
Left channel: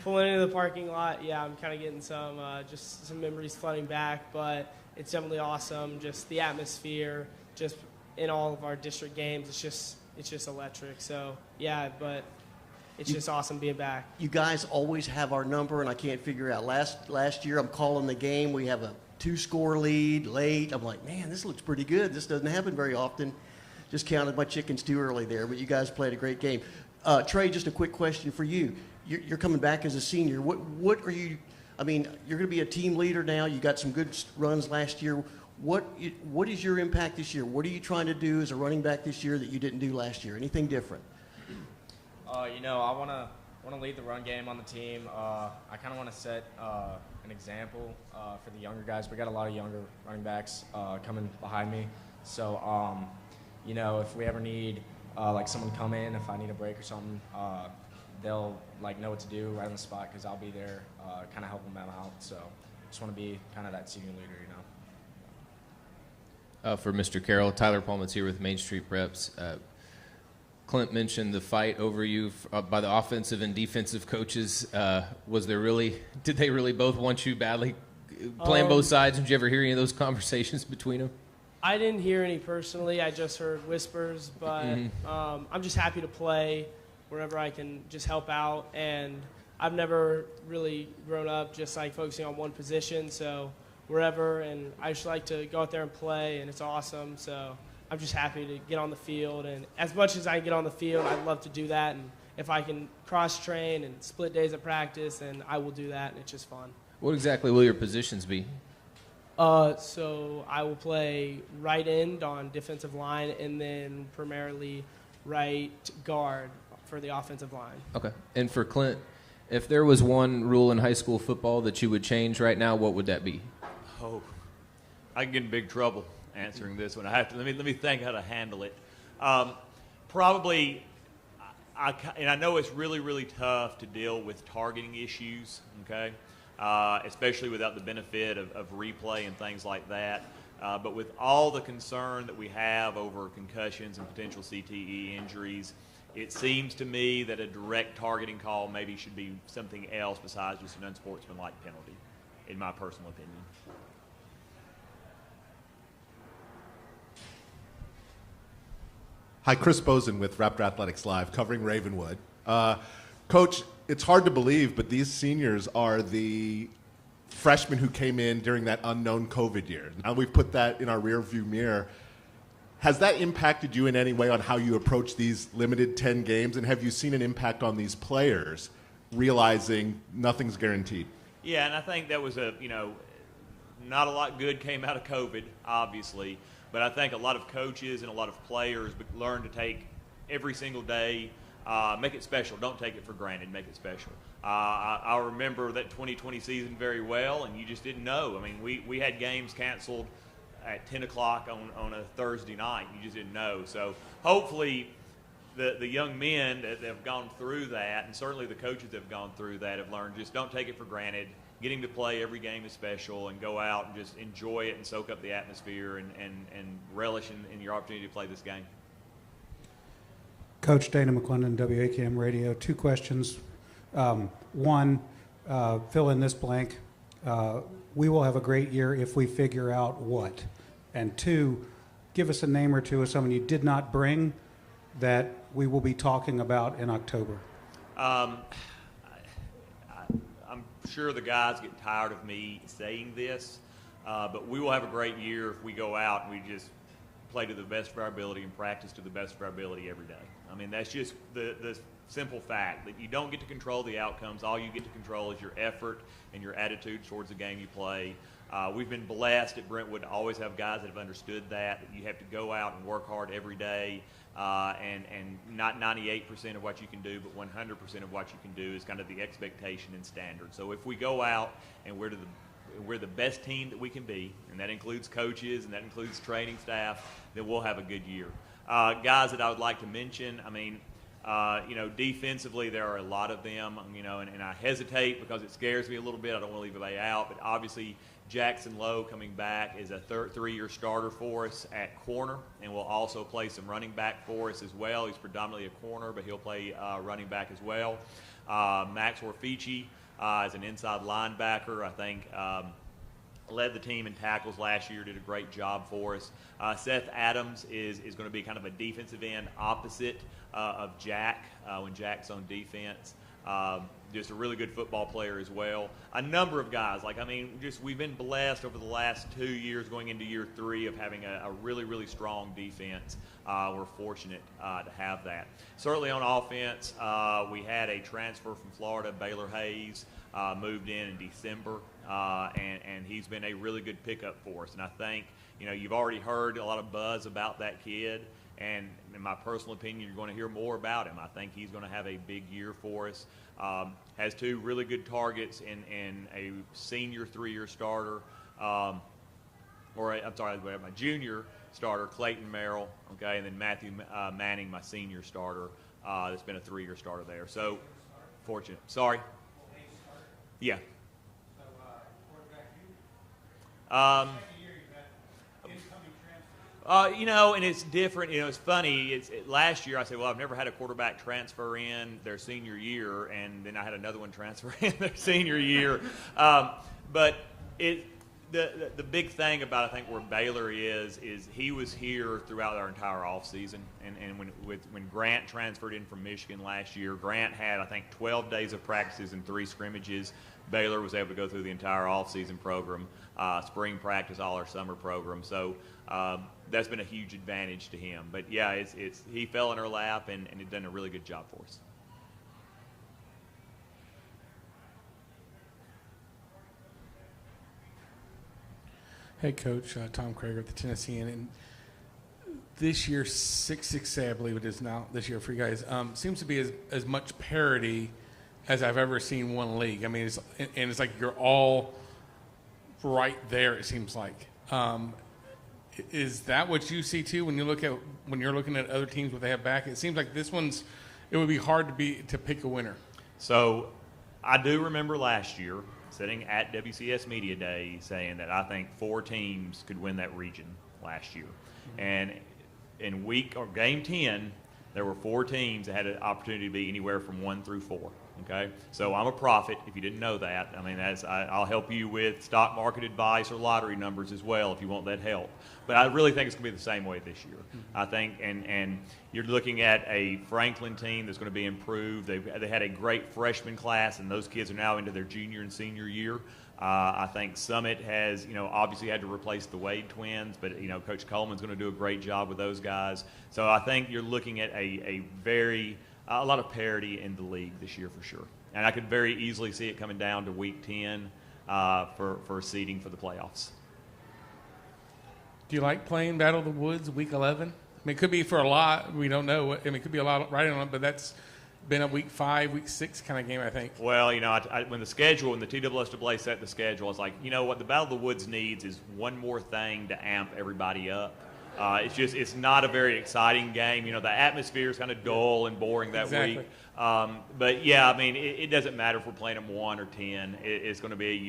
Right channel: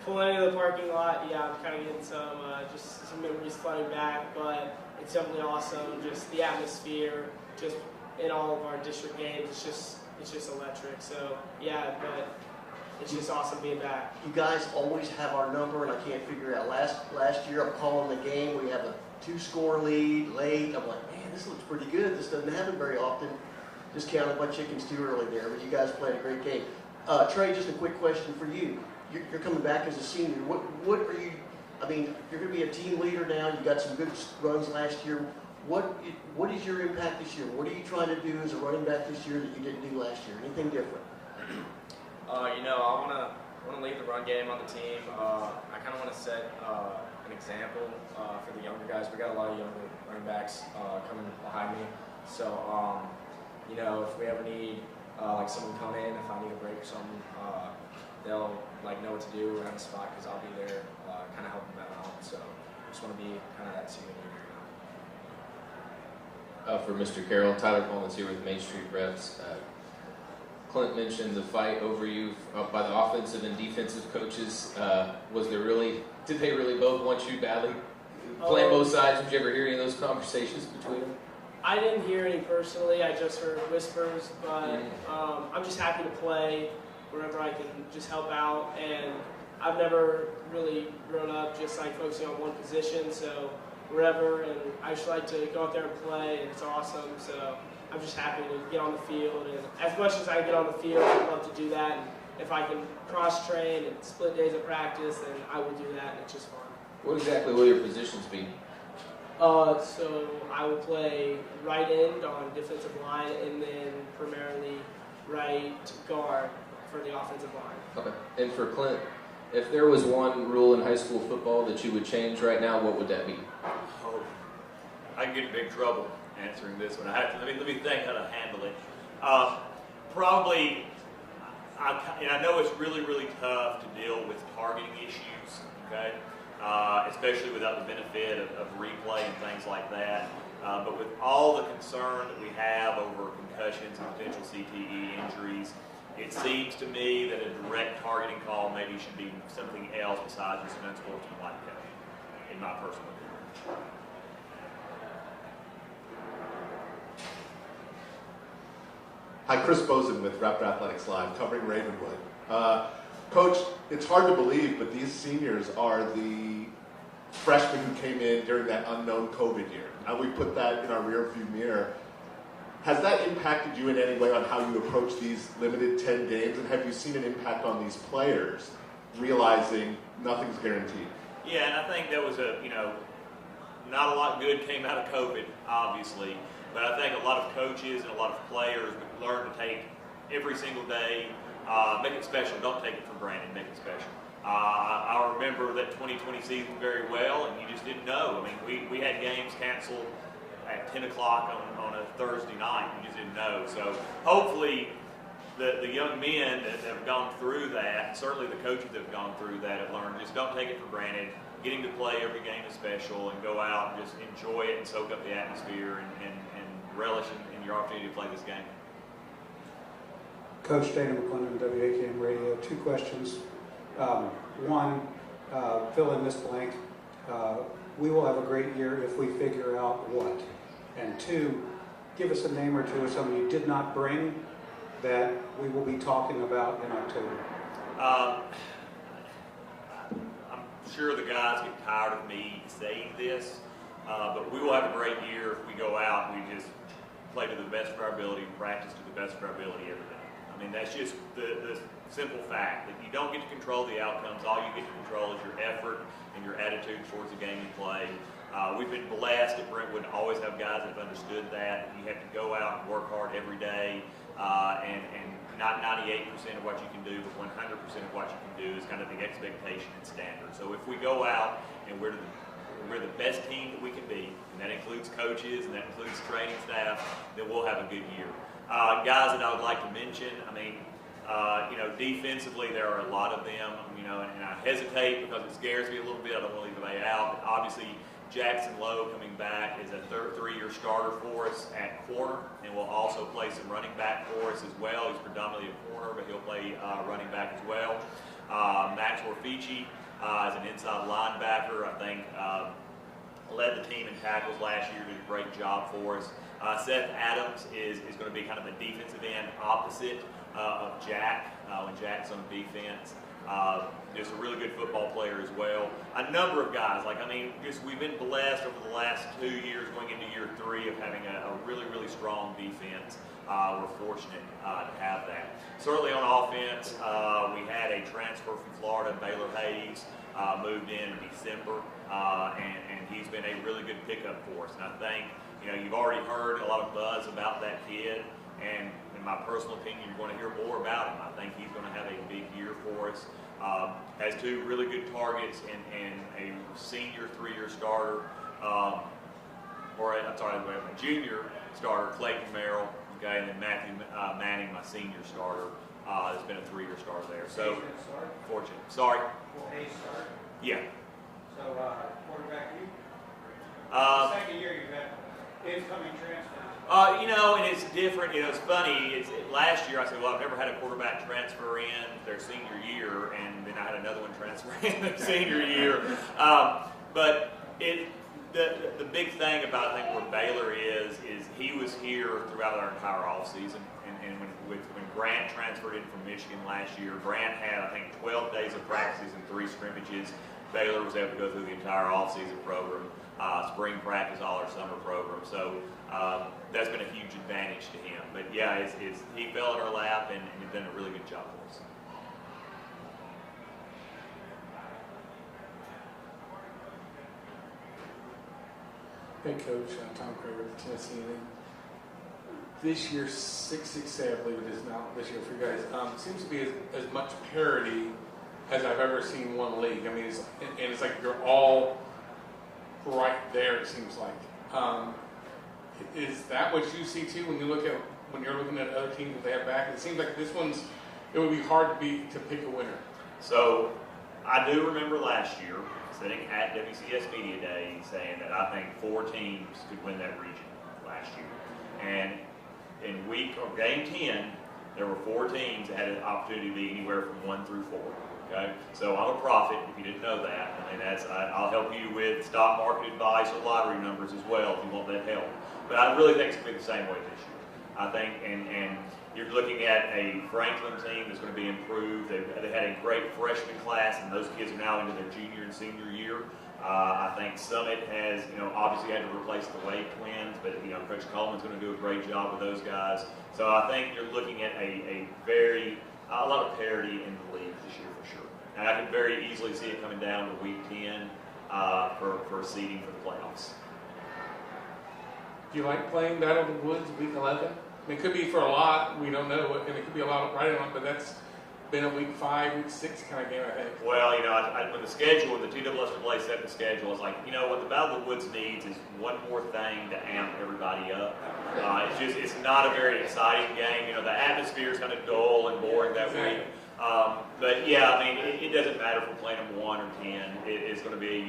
pulling into the parking lot. Yeah, I'm kind of getting some memories flooding back, but it's definitely awesome. Just the atmosphere, just in all of our district games, it's just electric. So yeah, but it's just awesome being back. You guys always have our number, and I can't figure out. Last year, I'm calling the game. We have a 2-score lead late. I'm like, man, this looks pretty good. This doesn't happen very often. Just counted my chickens too early there, but you guys played a great game. Trey, just a quick question for you. You're coming back as a senior. What are you? I mean, you're going to be a team leader now. You got some good runs last year. What is your impact this year? What are you trying to do as a running back this year that you didn't do last year? Anything different? I want to lead the run game on the team. I kind of want to set an example for the younger guys. We got a lot of younger running backs coming behind me. So, if we ever need like someone come in, if I need a break or something, they'll know what to do right on the spot because I'll be there, kind of helping them out. So, just want to be kind of that senior leader. For Mr. Carroll, Tyler Pullman's here with Main Street Preps. Clint mentioned the fight over you by the offensive and defensive coaches. Did they really both want you badly playing both sides? Did you ever hear any of those conversations between them? I didn't hear any personally. I just heard whispers, but I'm just happy to play wherever I can just help out. And I've never really grown up just focusing on one position, so wherever. And I just like to go out there and play, and it's awesome. So I'm just happy to get on the field. And as much as I get on the field, I'd love to do that. And if I can cross-train and split days of practice, then I will do that, and it's just fun. What exactly will your positions be? So I will play right end on defensive line and then primarily right guard for the offensive line. Okay. And for Clint, if there was one rule in high school football that you would change right now, what would that be? Oh, I get in big trouble answering this one. Let me think how to handle it. Probably, I know it's really, really tough to deal with targeting issues, okay? Especially without the benefit of replay and things like that. But with all the concern that we have over concussions and potential CTE injuries, it seems to me that a direct targeting call maybe should be something else besides just an unsportsmanlike penalty, in my personal opinion. Hi, Chris Bozen with Raptor Athletics Live, covering Ravenwood. Coach, it's hard to believe, but these seniors are the freshmen who came in during that unknown COVID year. Now we've put that in our rearview mirror. Has that impacted you in any way on how you approach these limited 10 games, and have you seen an impact on these players realizing nothing's guaranteed? Yeah, and I think that was not a lot good came out of COVID, obviously, but I think a lot of coaches and a lot of players learned to take every single day, make it special. Don't take it for granted. Make it special. I remember that 2020 season very well, and you just didn't know. I mean, we had games canceled at 10 o'clock on a Thursday night. You just didn't know. So hopefully the young men that have gone through that, and certainly the coaches that have gone through that, have learned just don't take it for granted. Getting to play every game is special, and go out and just enjoy it and soak up the atmosphere and relish in your opportunity to play this game. Coach Dana McClendon, WAKM Radio. 2 questions. One, fill in this blank. We will have a great year if we figure out what. And 2, give us a name or two of someone you did not bring that we will be talking about in October. I'm sure the guys get tired of me saying this, but we will have a great year if we go out and we just play to the best of our ability and practice to the best of our ability every day. I mean, that's just the simple fact that you don't get to control the outcomes. All you get to control is your effort and your attitude towards the game you play. We've been blessed at Brentwood to always have guys that have understood that. You have to go out and work hard every day and not 98% of what you can do, but 100% of what you can do is kind of the expectation and standard. So if we go out and we're the best team that we can be, and that includes coaches and that includes training staff, then we'll have a good year. Guys that I would like to mention, defensively there are a lot of them, and I hesitate because it scares me a little bit. I don't want to leave anybody out, but obviously Jackson Lowe coming back is a three-year starter for us at corner, and will also play some running back for us as well. He's predominantly a corner, but he'll play running back as well. Max Orfici is an inside linebacker. I think led the team in tackles last year, did a great job for us. Seth Adams is going to be kind of a defensive end opposite of Jack when Jack's on defense. Just a really good football player as well. A number of guys, we've been blessed over the last 2 years going into year 3 of having a really, really strong defense. We're fortunate to have that. Certainly on offense, we had a transfer from Florida, Baylor Hayes, moved in December, and he's been a really good pickup for us. And I think, you've already heard a lot of buzz about that kid, and in my personal opinion, you're going to hear more about him. I think he's going to have a big year for us. Has 2 really good targets and a senior 3-year starter, a junior starter, Clayton Merrill, okay, and then Matthew Manning, my senior starter, that's been a 3-year starter there. So, fortunate. Sorry. Yeah. So, quarterback you? Second year you've had incoming transfers. And it's different. It's funny. Last year I said, well, I've never had a quarterback transfer in their senior year, and then I had another one transfer in their senior year. But the big thing about, I think, where Baylor is he was here throughout our entire off season, and when Grant transferred in from Michigan last year, Grant had, I think, 12 days of practices and 3 scrimmages. Baylor was able to go through the entire off-season program, spring practice, all our summer program. So that's been a huge advantage to him. But yeah, he fell in our lap and has done a really good job for us. Hey, Coach, Tom Craig with the Tennessean. And this year, 6-6A, I believe it is now, this year for you guys, seems to be as much parity as I've ever seen one league. I mean, it's like you're all right there, it seems like. Is that what you see too when you're looking at other teams that they have back? It seems like it would be hard to pick a winner. So I do remember last year sitting at WCS Media Day saying that I think 4 teams could win that region last year. And in game 10, there were 4 teams that had an opportunity to be anywhere from 1 through 4. Okay, so I'm a prophet. If you didn't know that, I mean, I'll help you with stock market advice or lottery numbers as well if you want that help. But I really think it's going to be the same way this year. I think, and you're looking at a Franklin team that's going to be improved. They had a great freshman class, and those kids are now into their junior and senior year. I think Summit has, obviously had to replace the Wade twins, but Coach Coleman's going to do a great job with those guys. So I think you're looking at a lot of parity in the league this year for sure. And I could very easily see it coming down to week 10 for seeding for the playoffs. Do you like playing Battle of the Woods week 11? I mean, it could be for a lot. We don't know. And it could be a lot right on it, but that's been a week 5, week 6 kind of game, I think. Well, when the TSSAA set the schedule, it's like, what the Battle of the Woods needs is one more thing to amp everybody up. It's not a very exciting game. The atmosphere is kind of dull and boring that week. But yeah, I mean, it doesn't matter if we're playing them 1 or 10. It's going to be a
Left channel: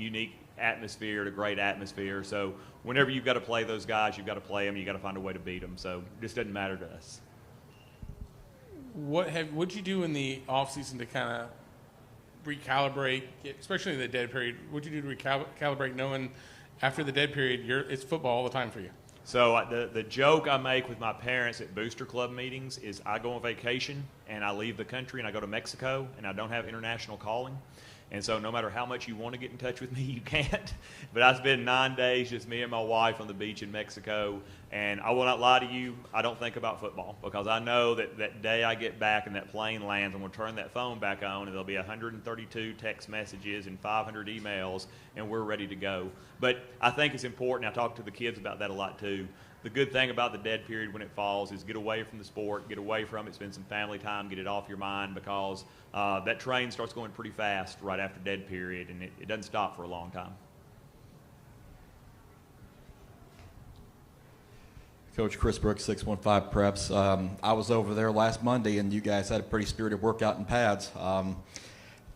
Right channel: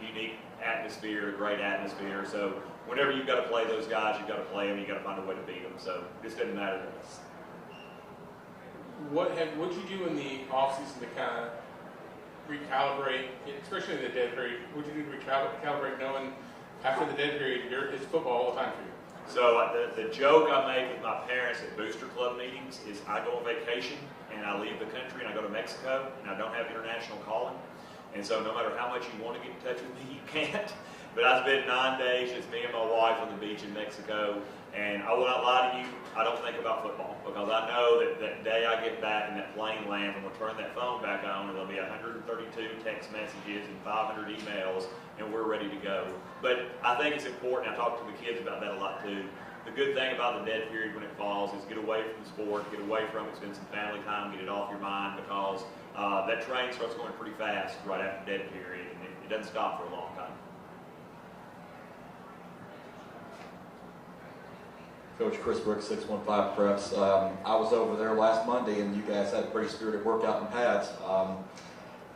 unique atmosphere, a great atmosphere. So whenever you've got to play those guys, you've got to play them. You've got to find a way to beat them. So it just doesn't matter to us. What'd you do in the offseason to kind of recalibrate, especially in the dead period? What'd you do to recalibrate knowing after the dead period, it's football all the time for you? So the joke I make with my parents at Booster Club meetings is I go on vacation and I leave the country and I go to Mexico and I don't have international calling. And so no matter how much you want to get in touch with me, you can't. But I spend 9 days just me and my wife on the beach in Mexico. And I will not lie to you, I don't think about football because I know that day I get back and that plane lands, I'm going to turn that phone back on and there'll be 132 text messages and 500 emails and we're ready to go. But I think it's important, I talk to the kids about that a lot too, the good thing about the dead period when it falls is get away from the sport, get away from it, spend some family time, get it off your mind, because that train starts going pretty fast right after dead period, and it doesn't stop for a long time. Coach Chris Brooks, 615 Preps. I was over there last Monday, and you guys had a pretty spirited workout in pads.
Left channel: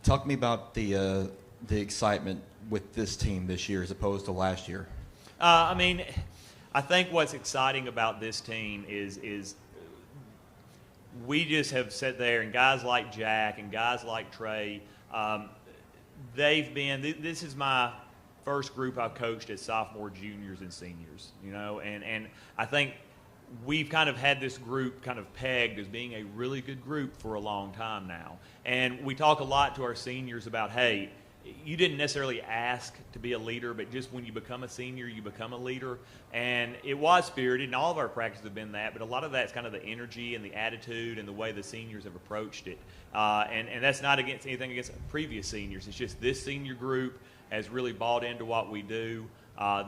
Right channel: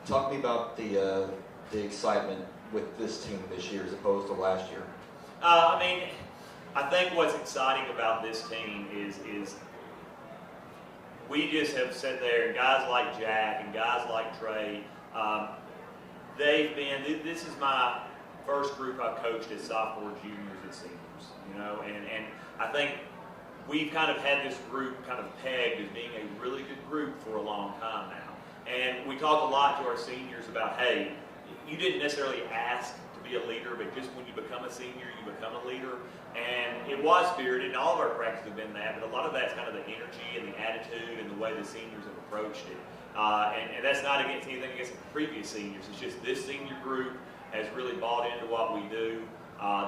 Talk to me about the excitement with this team this year as opposed to last year. I mean, I think what's exciting about this team is we just have sat there, and guys like Jack and guys like Trey, they've been, this is my first group I coached as sophomore, juniors, and seniors, you know, and I think we've kind of had this group kind of pegged as being a really good group for a long time now. And we talk a lot to our seniors about, hey, you didn't necessarily ask to be a leader, but just when you become a senior, you become a leader. And it was spirited, and all of our practices have been that, but a lot of that's kind of the energy and the attitude and the way the seniors have approached it. And that's not against anything against previous seniors. It's just this senior group has really bought into what we do.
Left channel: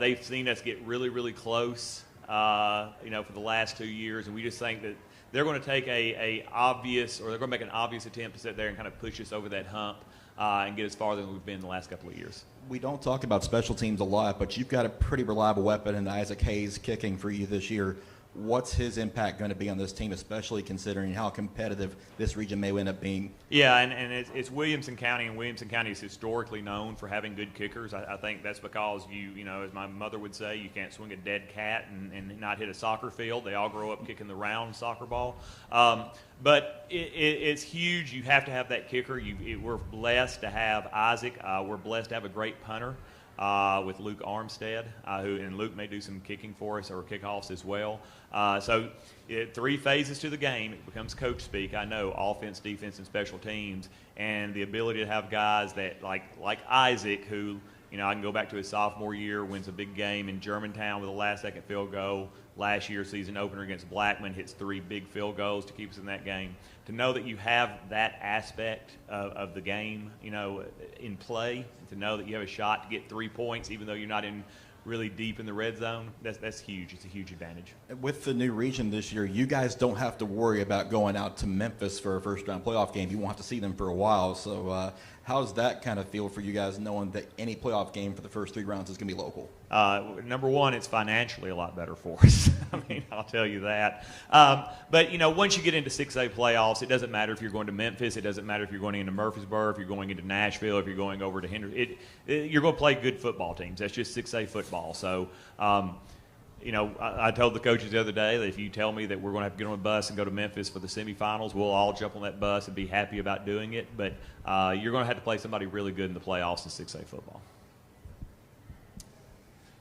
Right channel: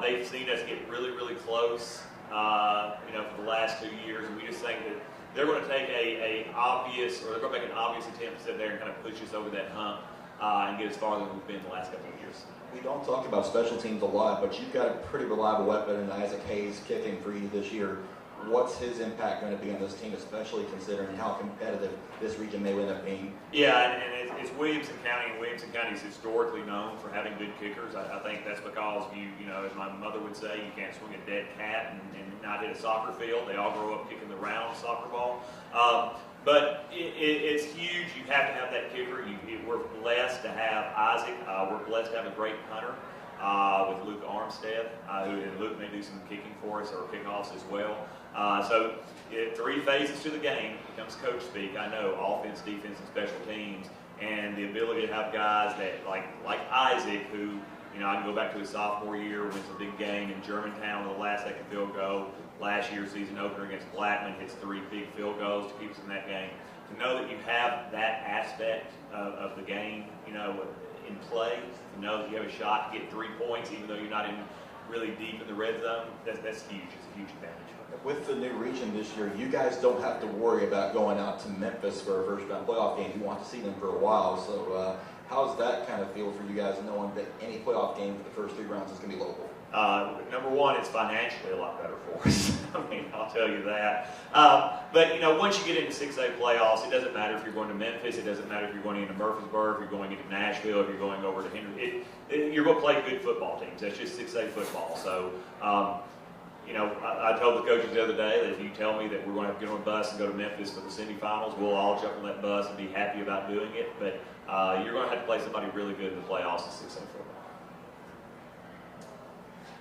They've seen us get really, really close, you know, for the last 2 years, and we just think that they're going to take they're going to make an obvious attempt to sit there and kind of push us over that hump and get as far as we've been the last couple of years. We don't talk about special teams a lot, but you've got a pretty reliable weapon in Isaac Hayes kicking for you this year. What's his impact going to be on this team, especially considering how competitive this region may end up being? Yeah, and it's Williamson County, and Williamson County is historically known for having good kickers. I think that's because you know, as my mother would say, you can't swing a dead cat and not hit a soccer field. They all grow up kicking the round soccer ball. But it's huge. You have to have that kicker. We're blessed to have Isaac. We're blessed to have a great punter with Luke Armstead, and Luke may do some kicking for us or kickoffs as well. So 3 phases to the game. It becomes coach speak. I know offense, defense, and special teams, and the ability to have guys that like Isaac, who, you know, I can go back to his sophomore year, wins a big game in Germantown with a last-second field goal. Last year's season opener against Blackman, hits 3 big field goals to keep us in that game. To know that you have that aspect of the game, you know, in play, to know that you have a shot to get 3 points even though you're not in really deep in the red zone, that's huge. It's a huge advantage. With the new region this year, you guys don't have to worry about going out to Memphis for a first-round playoff game. You won't have to see them for a while. So how does that kind of feel for you guys, knowing that any playoff game for the first 3 rounds is going to be local? Number one, it's financially a lot better for us. I mean, I'll tell you that. But, you know, once you get into 6A playoffs, it doesn't matter if you're going to Memphis. It doesn't matter if you're going into Murfreesboro, if you're going into Nashville, if you're going over to Henry. You're going to play good football teams. That's just 6A football. So, you know, I told the coaches the other day that if you tell me that we're going to have to get on a bus and go to Memphis for the semifinals, we'll all jump on that bus and be happy about doing it. But you're going to have to play somebody really good in the playoffs in 6A football.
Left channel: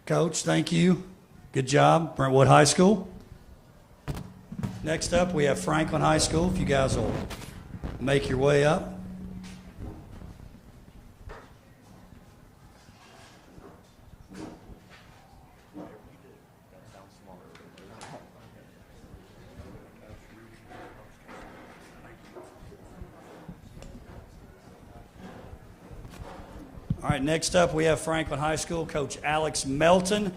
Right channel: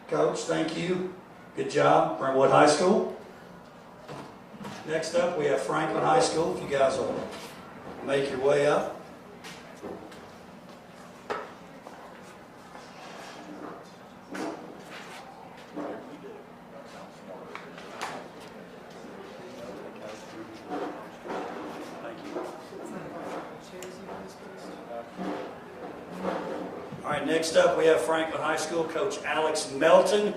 Coach, thank you. Good job, Brentwood High School. Next up, we have Franklin High School. If you guys will make your way up. All right, next up we have Franklin High School. Coach Alex Melton,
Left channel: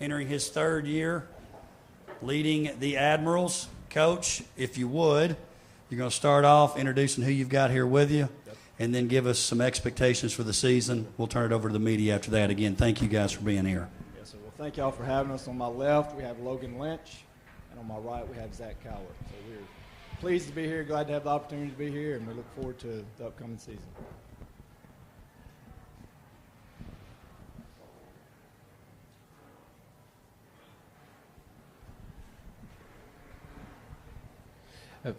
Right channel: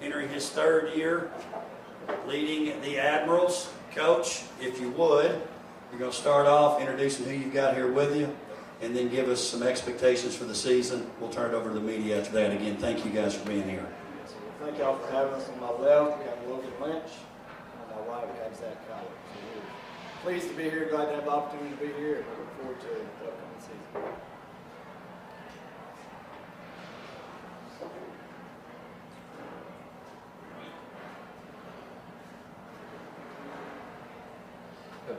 entering his 3rd year, leading the Admirals. Coach, if you would, you're going to start off introducing who you've got here with you, and then give us some expectations for the season. We'll turn it over to the media after that. Again, thank you guys for being here. Thank y'all for having us. On my left, we have Logan Lynch. On my right, we have Zach Cowler. So we're pleased to be here, glad to have the opportunity to be here, and we look forward to the upcoming season.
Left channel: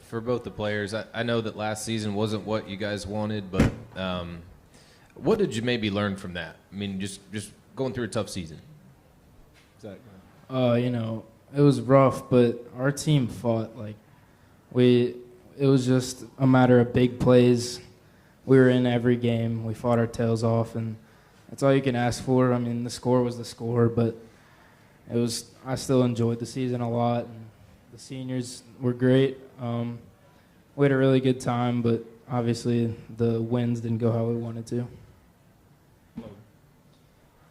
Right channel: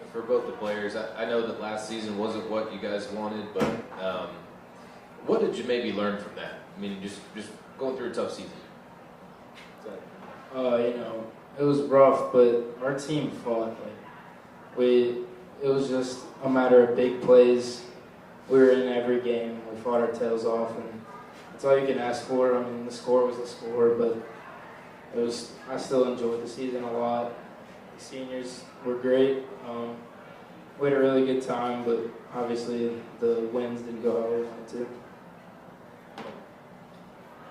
For both the players, I know that last season wasn't what you guys wanted, but what did you maybe learn from that? I mean, just going through a tough season. You know, it was rough, but our team fought. It was just a matter of big plays. We were in every game. We fought our tails off, and that's all you can ask for. I mean, the score was the score, but I still enjoyed the season a lot. The seniors were great. We had a really good time, but obviously the wins didn't go how we wanted to.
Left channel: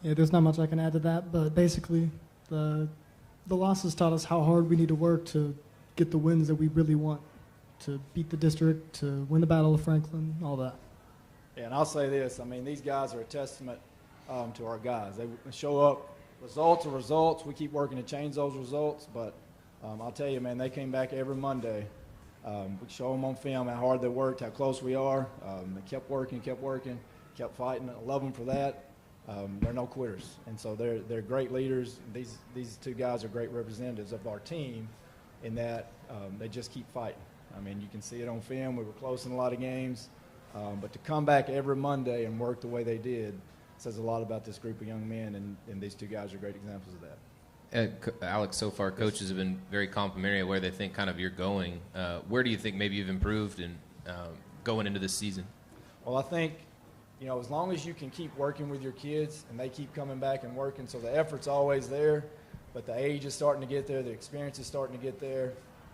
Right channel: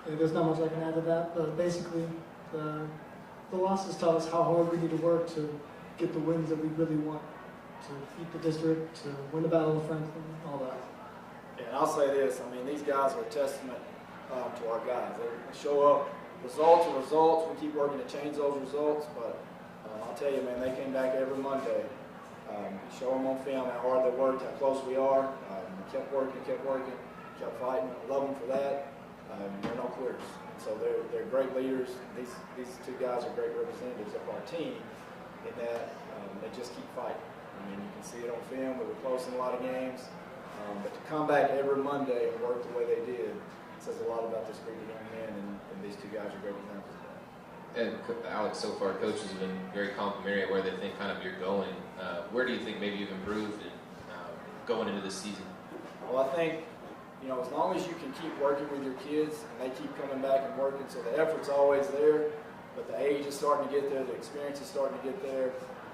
Yeah, there's not much I can add to that, but basically the the losses taught us how hard we need to work to get the wins that we really want, to beat the district, to win the Battle of Franklin, all that. Yeah, and I'll say this. I mean, these guys are a testament to our guys. They show up. Results are results. We keep working to change those results, but I'll tell you, man, they came back every Monday. We show them on film how hard they worked, how close we are. Kept working, kept fighting. I love them for that. They're no quitters, and so they're great leaders. These two guys are great representatives of our team in that they just keep fighting. I mean, you can see it on film. We were close in a lot of games, but to come back every Monday and work the way they did says a lot about this group of young men, and these two guys are great examples of that. And Alex, so far coaches have been very complimentary of where they think kind of you're going. Where do you think maybe you've improved in going into this season? Well, I think, you know, as long as you can keep working with your kids and they keep coming back and working, so the effort's always there, but the age is starting to get there, the experience is starting to get there.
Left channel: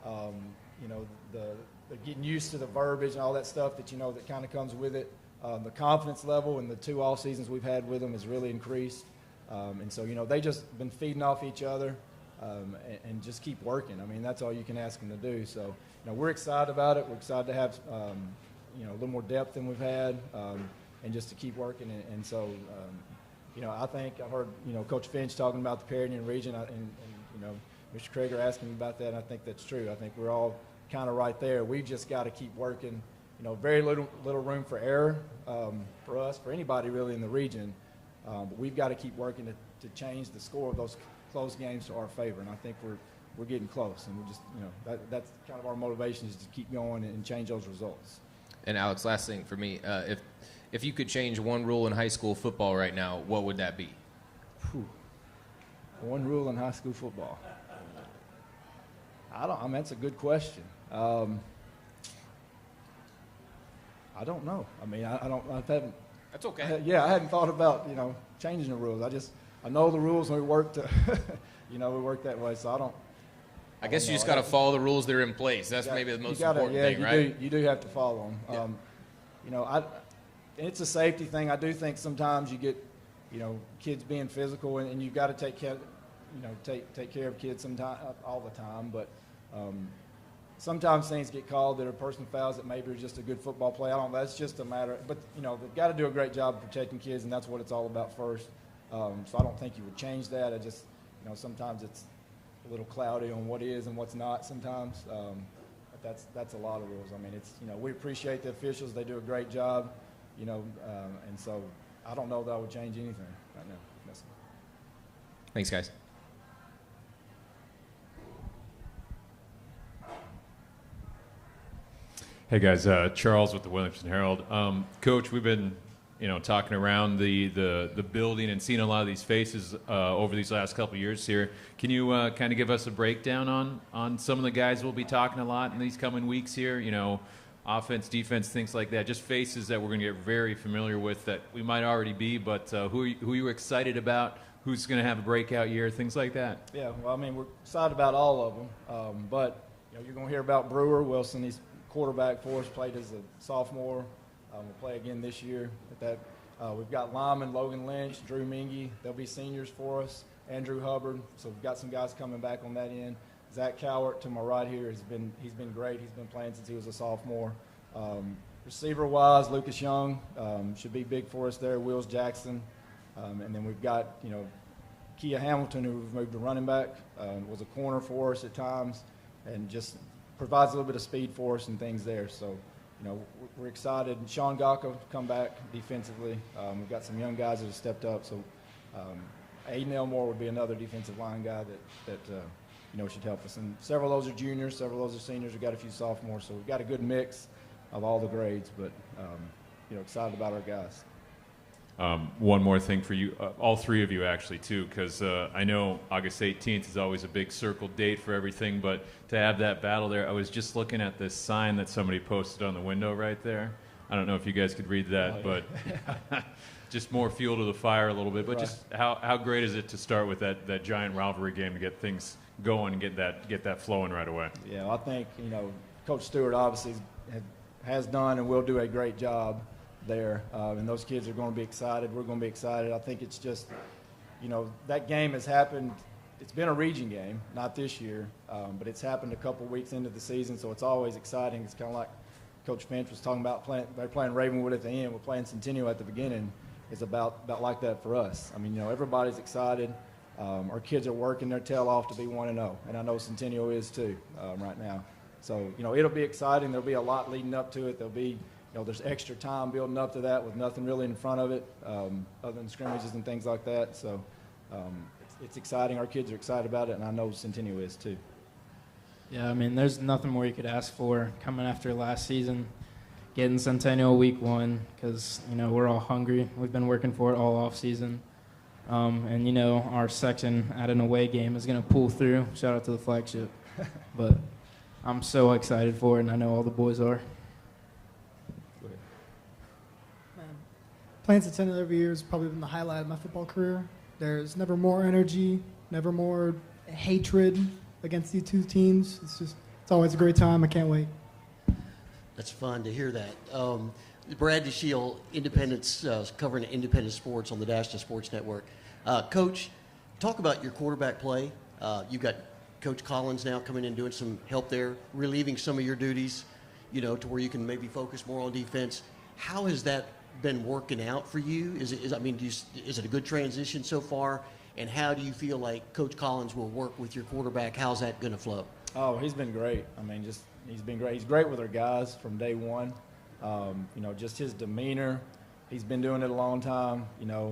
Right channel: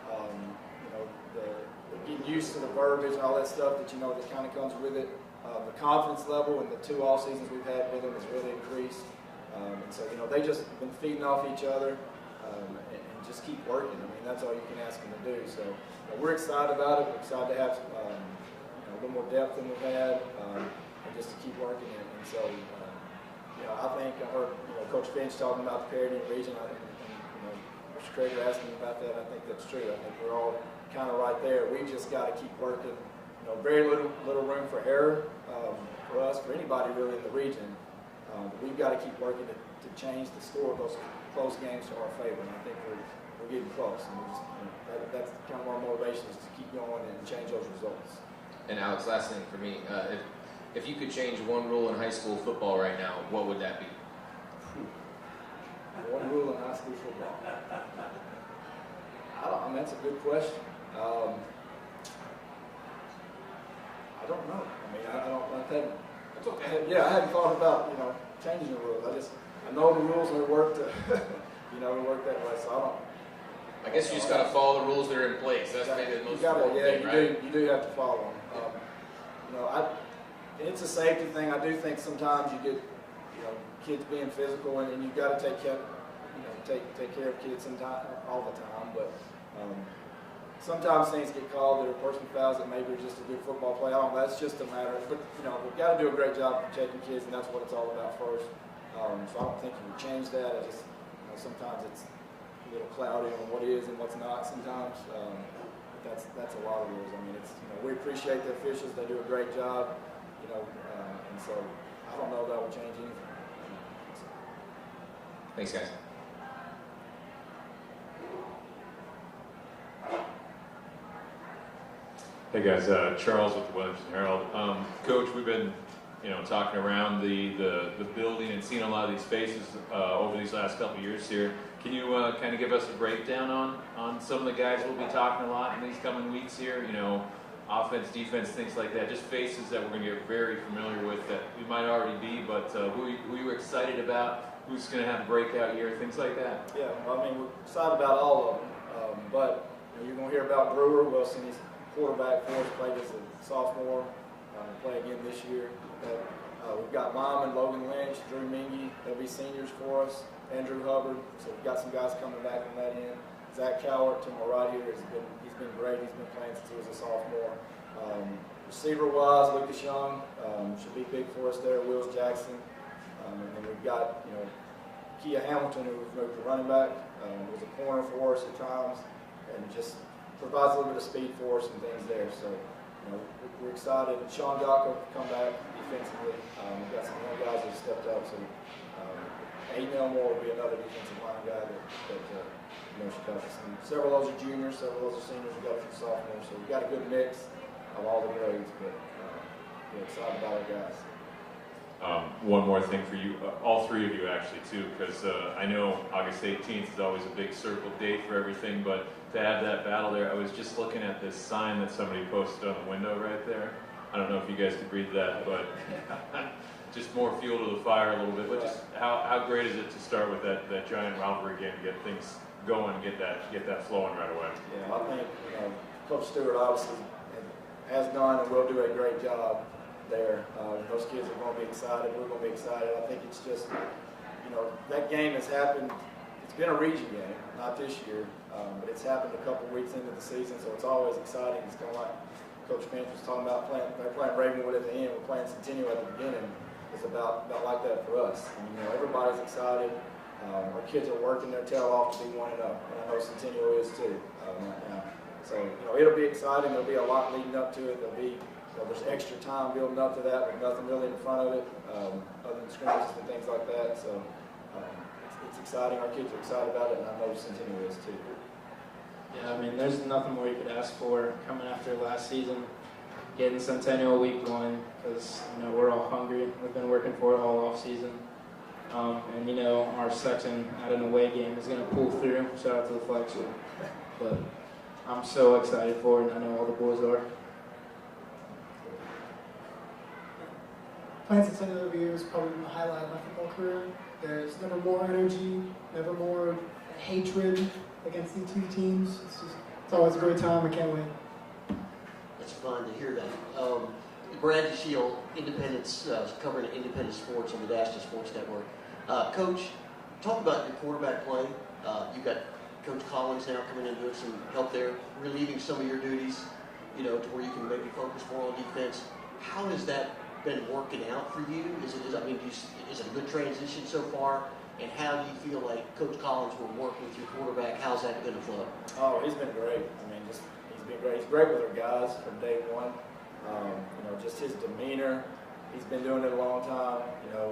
You know, they're getting used to the verbiage and all that stuff that, you know, that kind of comes with it. The confidence level in the 2 all seasons we've had with them has really increased. And so, you know, they just been feeding off each other and just keep working. I mean, that's all you can ask them to do. So, you know, we're excited about it. We're excited to have, you know, a little more depth than we've had and just to keep working it. And so, you know, I think I heard, you know, Coach Finch talking about the parity in the region, and you know, Mr. Krager asking about that. I think that's true. I think we're all kind of right there. We just got to keep working. You know, very little room for error for us, for anybody really in the region. We've got to keep working to change the score of those close games to our favor, and I think we're getting close. And we just, you know, that's kind of our motivation is to keep going and change those results. And Alex, last thing for me, if you could change one rule in high school football right now, what would that be? One rule in high school football. I mean, that's a good question. I don't know. I mean, I don't. That's okay. I hadn't thought about, you know, changing the rules. I know the rules and we work to, you know, we work that way. So I don't. I guess you just got to follow the rules that are in place. That's maybe the most important thing, right? You do have to follow them. You know, it's a safety thing. I do think sometimes you get, you know, kids being physical, and you got to take care of kids sometimes, all the time. But sometimes things get called that are personal fouls that maybe are just a good football play. That's just a matter. But you know, we've got to do a great job of protecting kids, and that's what it's all about first. So I don't think you would change that. I just, you know, sometimes it's a little cloudy on what is and what's not. Sometimes that's a lot of rules. I mean, it's, you know, we appreciate the officials; they do a great job. You know, and so I don't know that I would change anything. Thanks, guys. Hey guys, Charles with the Williamson Herald. Coach, we've been, you know, talking around the building and seeing a lot of these faces over these last couple of years here. Can you kind of give us a breakdown on some of the guys we'll be talking a lot in these coming weeks here? You know, offense, defense, things like that. Just faces that we're going to get very familiar with that we might already be, but who are you excited about? Who's going to have a breakout year? Things like that. Yeah, well, I mean, we're excited about all of them, but you know, you're going to hear about Brewer. Wilson, he's quarterback for us, played as a sophomore. Will play again this year. We've got Lyman, Logan Lynch, Drew Mingy. They'll be seniors for us. Andrew Hubbard. So we've got some guys coming back on that end. Zach Cowart to my right here he's been great. He's been playing since he was a sophomore. Receiver wise, Lucas Young should be big for us there. Wills Jackson, and then we've got, you know, Kia Hamilton, who we've moved to running back. Was a corner for us at times, and just provides a little bit of speed for us and things there. So, you know, we're excited. And Sean Gacko come back defensively. We've got some young guys that have stepped up. So, Aiden Elmore will be another defensive line guy that you know, should help us. And several of those are juniors, several of those are seniors. We've got a few sophomores. So we've got a good mix of all the grades. But you know, excited about our guys. One more thing for you, all three of you actually too, because I know August 18th is always a big circle date for everything, but to have that battle there, I was just looking at this sign that somebody posted on the window right there. I don't know if you guys could read that, but just more fuel to the fire a little bit. But just how great is it to start with that giant rivalry game to get things going and get that flowing right away? Yeah, I think, you know, Coach Stewart obviously has done and will do a great job there, and those kids are going to be excited. We're going to be excited. I think it's just, you know, that game has happened it's been a region game, not this year, but it's happened a couple weeks into the season, so it's always exciting. It's kind of like Coach Finch was talking about. They're playing Ravenwood at the end. We're playing Centennial at the beginning. It's about like that for us. I mean, everybody's excited. Our kids are working their tail off to be 1-0, and I know Centennial is too right now. So it'll be exciting. There'll be a lot leading up to it. There'll be there's extra time building up to that with nothing really in front of it, other than scrimmages and things like that. So it's exciting. Our kids are excited about it, and I know Centennial is too. Yeah, I mean, there's nothing more you could ask for coming after last season, getting Centennial week 1, because we're all hungry. We've been working for it all off season, and our section at an away game is going to pull through. Shout out to the flagship, but I'm so excited for it, and I know all the boys are. Playing Centennial every year has probably been the highlight of my football career. There's never more energy, never more hatred against these two teams. It's always a great time. I can't wait. That's fun to hear that. Bradley Shield, Independence, covering independent sports on the Dash to Sports Network. Coach, talk about your quarterback play. You've got Coach Collins now coming in and doing some help there, relieving some of your duties, to where you can maybe focus more on defense. How has that been working out for you? Is it a good transition so far? And how do you feel like Coach Collins will work with your quarterback? How's that going to flow? Oh, he's been great. I mean, he's been great. He's great with our guys from day one. Just his demeanor. He's been doing it a long time.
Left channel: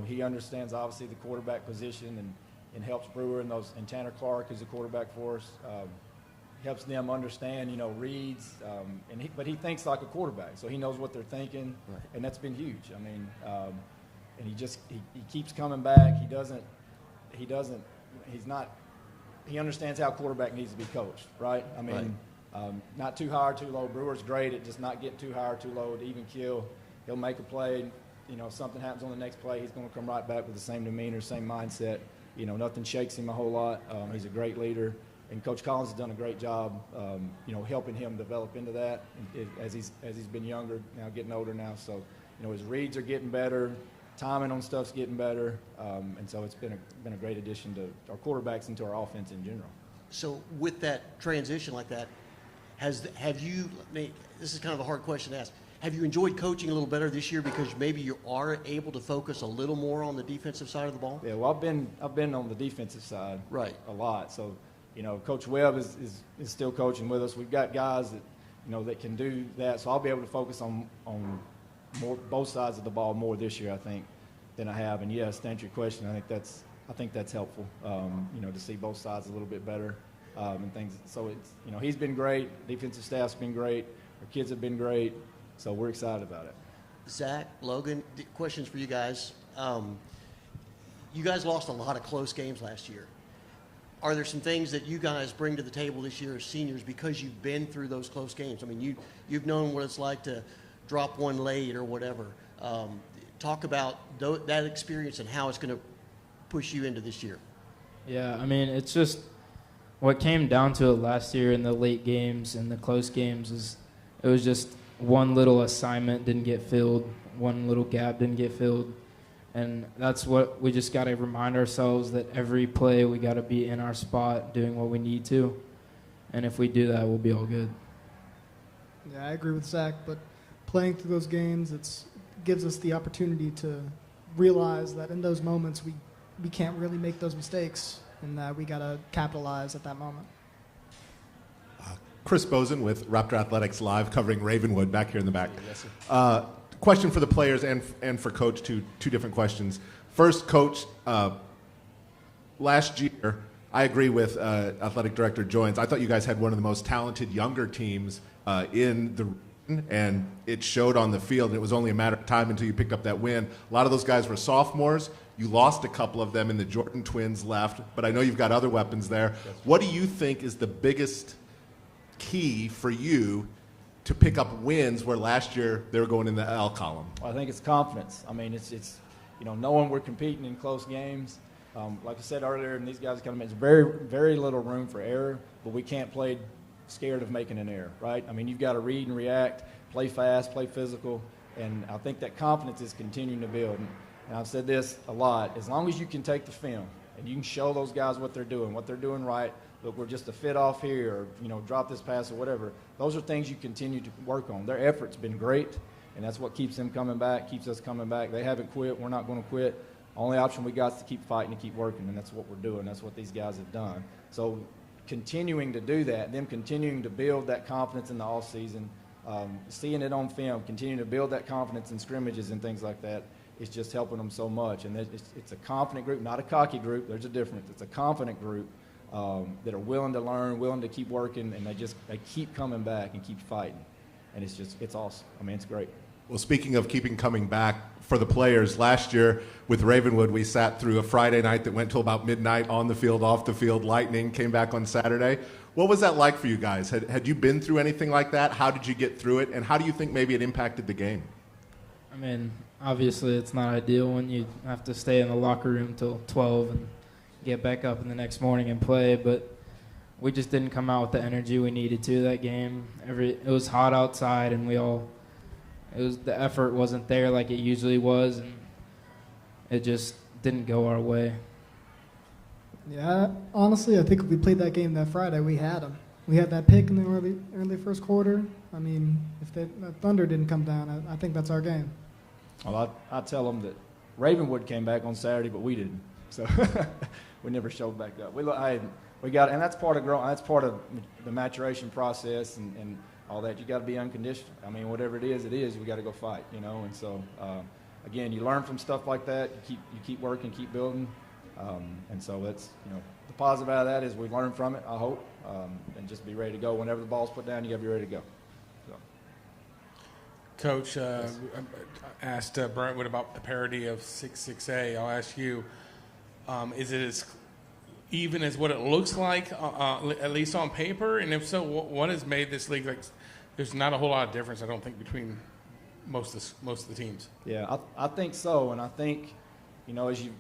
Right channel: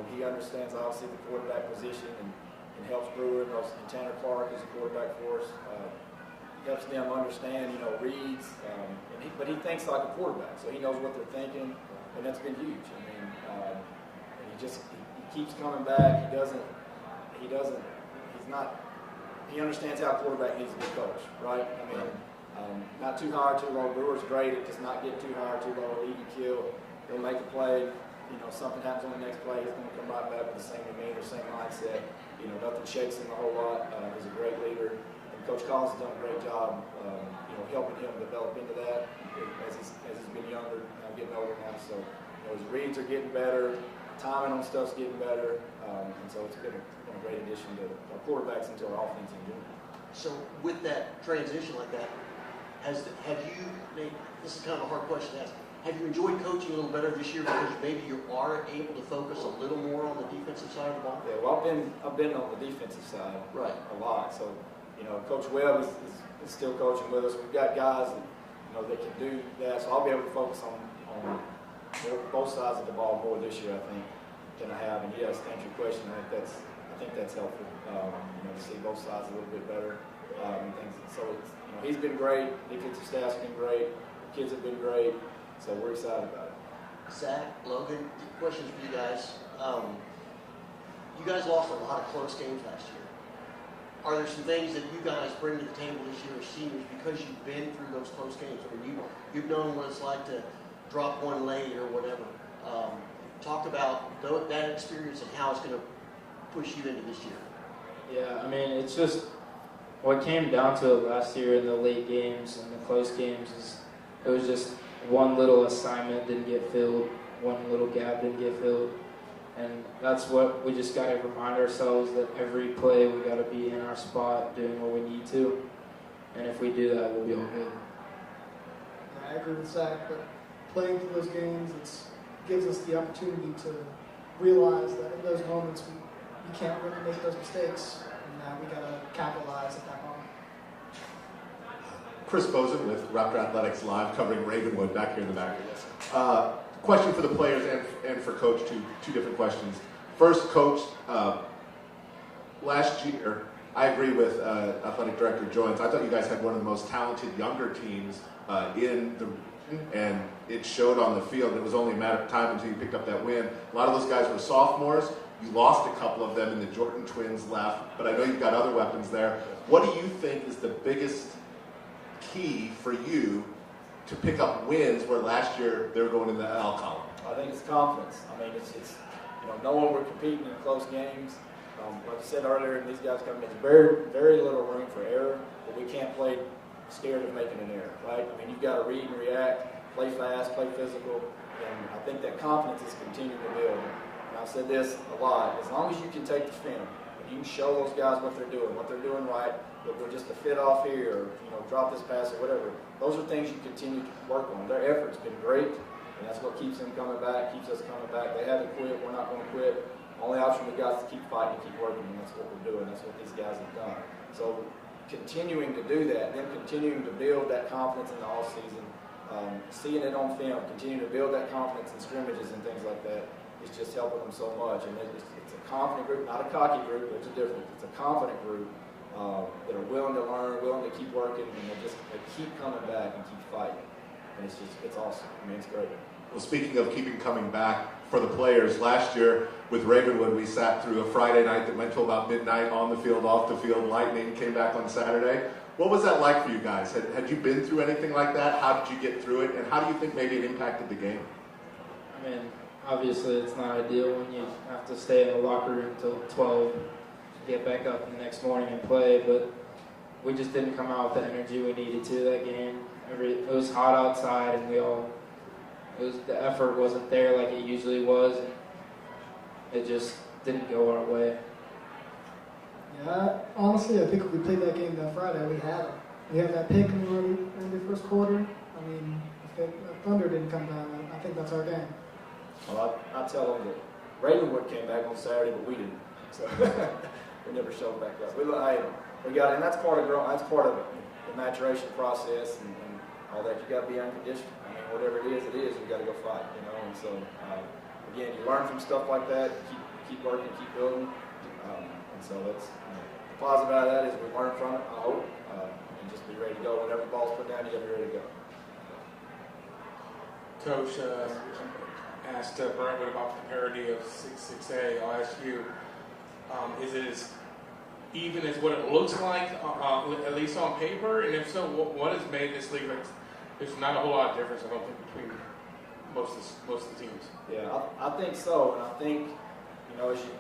He understands obviously the quarterback position and helps Brewer and Tanner Clark is a quarterback for us. He helps them understand, reads, but he thinks like a quarterback, so he knows what they're thinking, and that's been huge. I mean, and he keeps coming back. He understands how quarterback needs to be coached, right? I mean, not too high or too low. Brewer's great at just not get too high or too low, at even kill. He'll make a play. Something happens on the next play, he's going to come right back with the same demeanor, same mindset. Nothing shakes him a whole lot. He's a great leader. And Coach Collins has done a great job, helping him develop into that as he's been younger, getting older now. So, his reads are getting better, timing on stuff's getting better, and so it's been a great addition to our quarterbacks and to our offense in general. So, with that transition like that, have you? This is kind of a hard question to ask. Have you enjoyed coaching a little better this year because maybe you are able to focus a little more on the defensive side of the ball? Yeah, well, I've been on the defensive side a lot. So, Coach Webb is still coaching with us. We've got guys that that can do that. So I'll be able to focus on both sides of the ball more this year, I think, than I have. And yes, to answer your question, I think that's helpful. To see both sides a little bit better and things. So it's, he's been great. Defensive staff's been great. The kids have been great. So we're excited about it. Zach, Logan, questions for you guys. You guys lost a lot of close games last year. Are there some things that you guys bring to the table this year as seniors because you've been through those close games? I mean, you've known what it's like to drop one late or whatever. Talk about that experience and how it's going to push you into this year. Yeah, I mean, it's just what came down to it last year in the late games and the close games is it was just one little assignment didn't get filled, one little gap didn't get filled. And that's what we just got to remind ourselves that every play we got to be in our spot doing what we need to. And if we do that, we'll be all good. Yeah, I agree with Zach, but playing through those games, it gives us the opportunity to realize that in those moments we can't really make those mistakes and that we got to capitalize at that moment. Chris Bozen with Raptor Athletics Live, covering Ravenwood back here in the back. Question for the players and for Coach, two different questions. First, Coach, last year, I agree with Athletic Director Joynes. I thought you guys had one of the most talented younger teams in the region, and it showed on the field, and it was only a matter of time until you picked up that win. A lot of those guys were sophomores. You lost a couple of them, and the Jordan twins left, but I know you've got other weapons there. What do you think is the biggest key for you to pick up wins where last year they were going in the L column? I think it's confidence. I mean, it's knowing we're competing in close games. Like I said earlier, and these guys come in, it's very, very little room for error, but we can't play scared of making an error, right? I mean, you've got to read and react, play fast, play physical, and I think that confidence is continuing to build. And I've said this a lot, as long as you can take the film, and you can show those guys what they're doing right. But we're just a fit off here, or drop this pass or whatever. Those are things you continue to work on. Their effort's been great, and that's what keeps them coming back, keeps us coming back. They haven't quit. We're not going to quit. Only option we got is to keep fighting and keep working, and that's what we're doing. That's what these guys have done. So continuing to do that, and then continuing to build that confidence in the off season, seeing it on film, continuing to build that confidence in scrimmages and things like that, is just helping them so much. And it's a confident group, not a cocky group. There's a difference. It's a confident group that are willing to learn, willing to keep working, and they keep coming back and keep fighting. And it's awesome. I mean, it's great. Well, speaking of keeping coming back, for the players, last year with Ravenwood, we sat through a Friday night that went till about midnight, on the field, off the field, lightning, came back on Saturday. What was that like for you guys? Had you been through anything like that? How did you get through it? And how do you think maybe it impacted the game? I mean, obviously it's not ideal when you have to stay in the locker room till 12 and get back up in the next morning and play, but we just didn't come out with the energy we needed to that game. It was hot outside, and the effort wasn't there like it usually was, and it just didn't go our way. Yeah, honestly, I think if we played that game that Friday, we had them. We had that pick in the early first quarter. I mean, if the Thunder didn't come down, I think that's our game. Well, I tell them that Ravenwood came back on Saturday, but we didn't. So we never showed back up. We got, and that's part of the maturation process and all that. You got to be unconditional. I mean, whatever it is. We got to go fight, And so, again, you learn from stuff like that. You keep working, keep building, and so that's the positive out of that is we've learned from it. I hope, and just be ready to go whenever the ball's put down. You got to be ready to go. Coach asked Brentwood about the parity of 6A. I'll ask you: is it as even as what it looks like, at least on paper? And if so, what has made this league like? There's not a whole lot of difference, I don't think, between most of the teams. Yeah, I think so, and I think as you've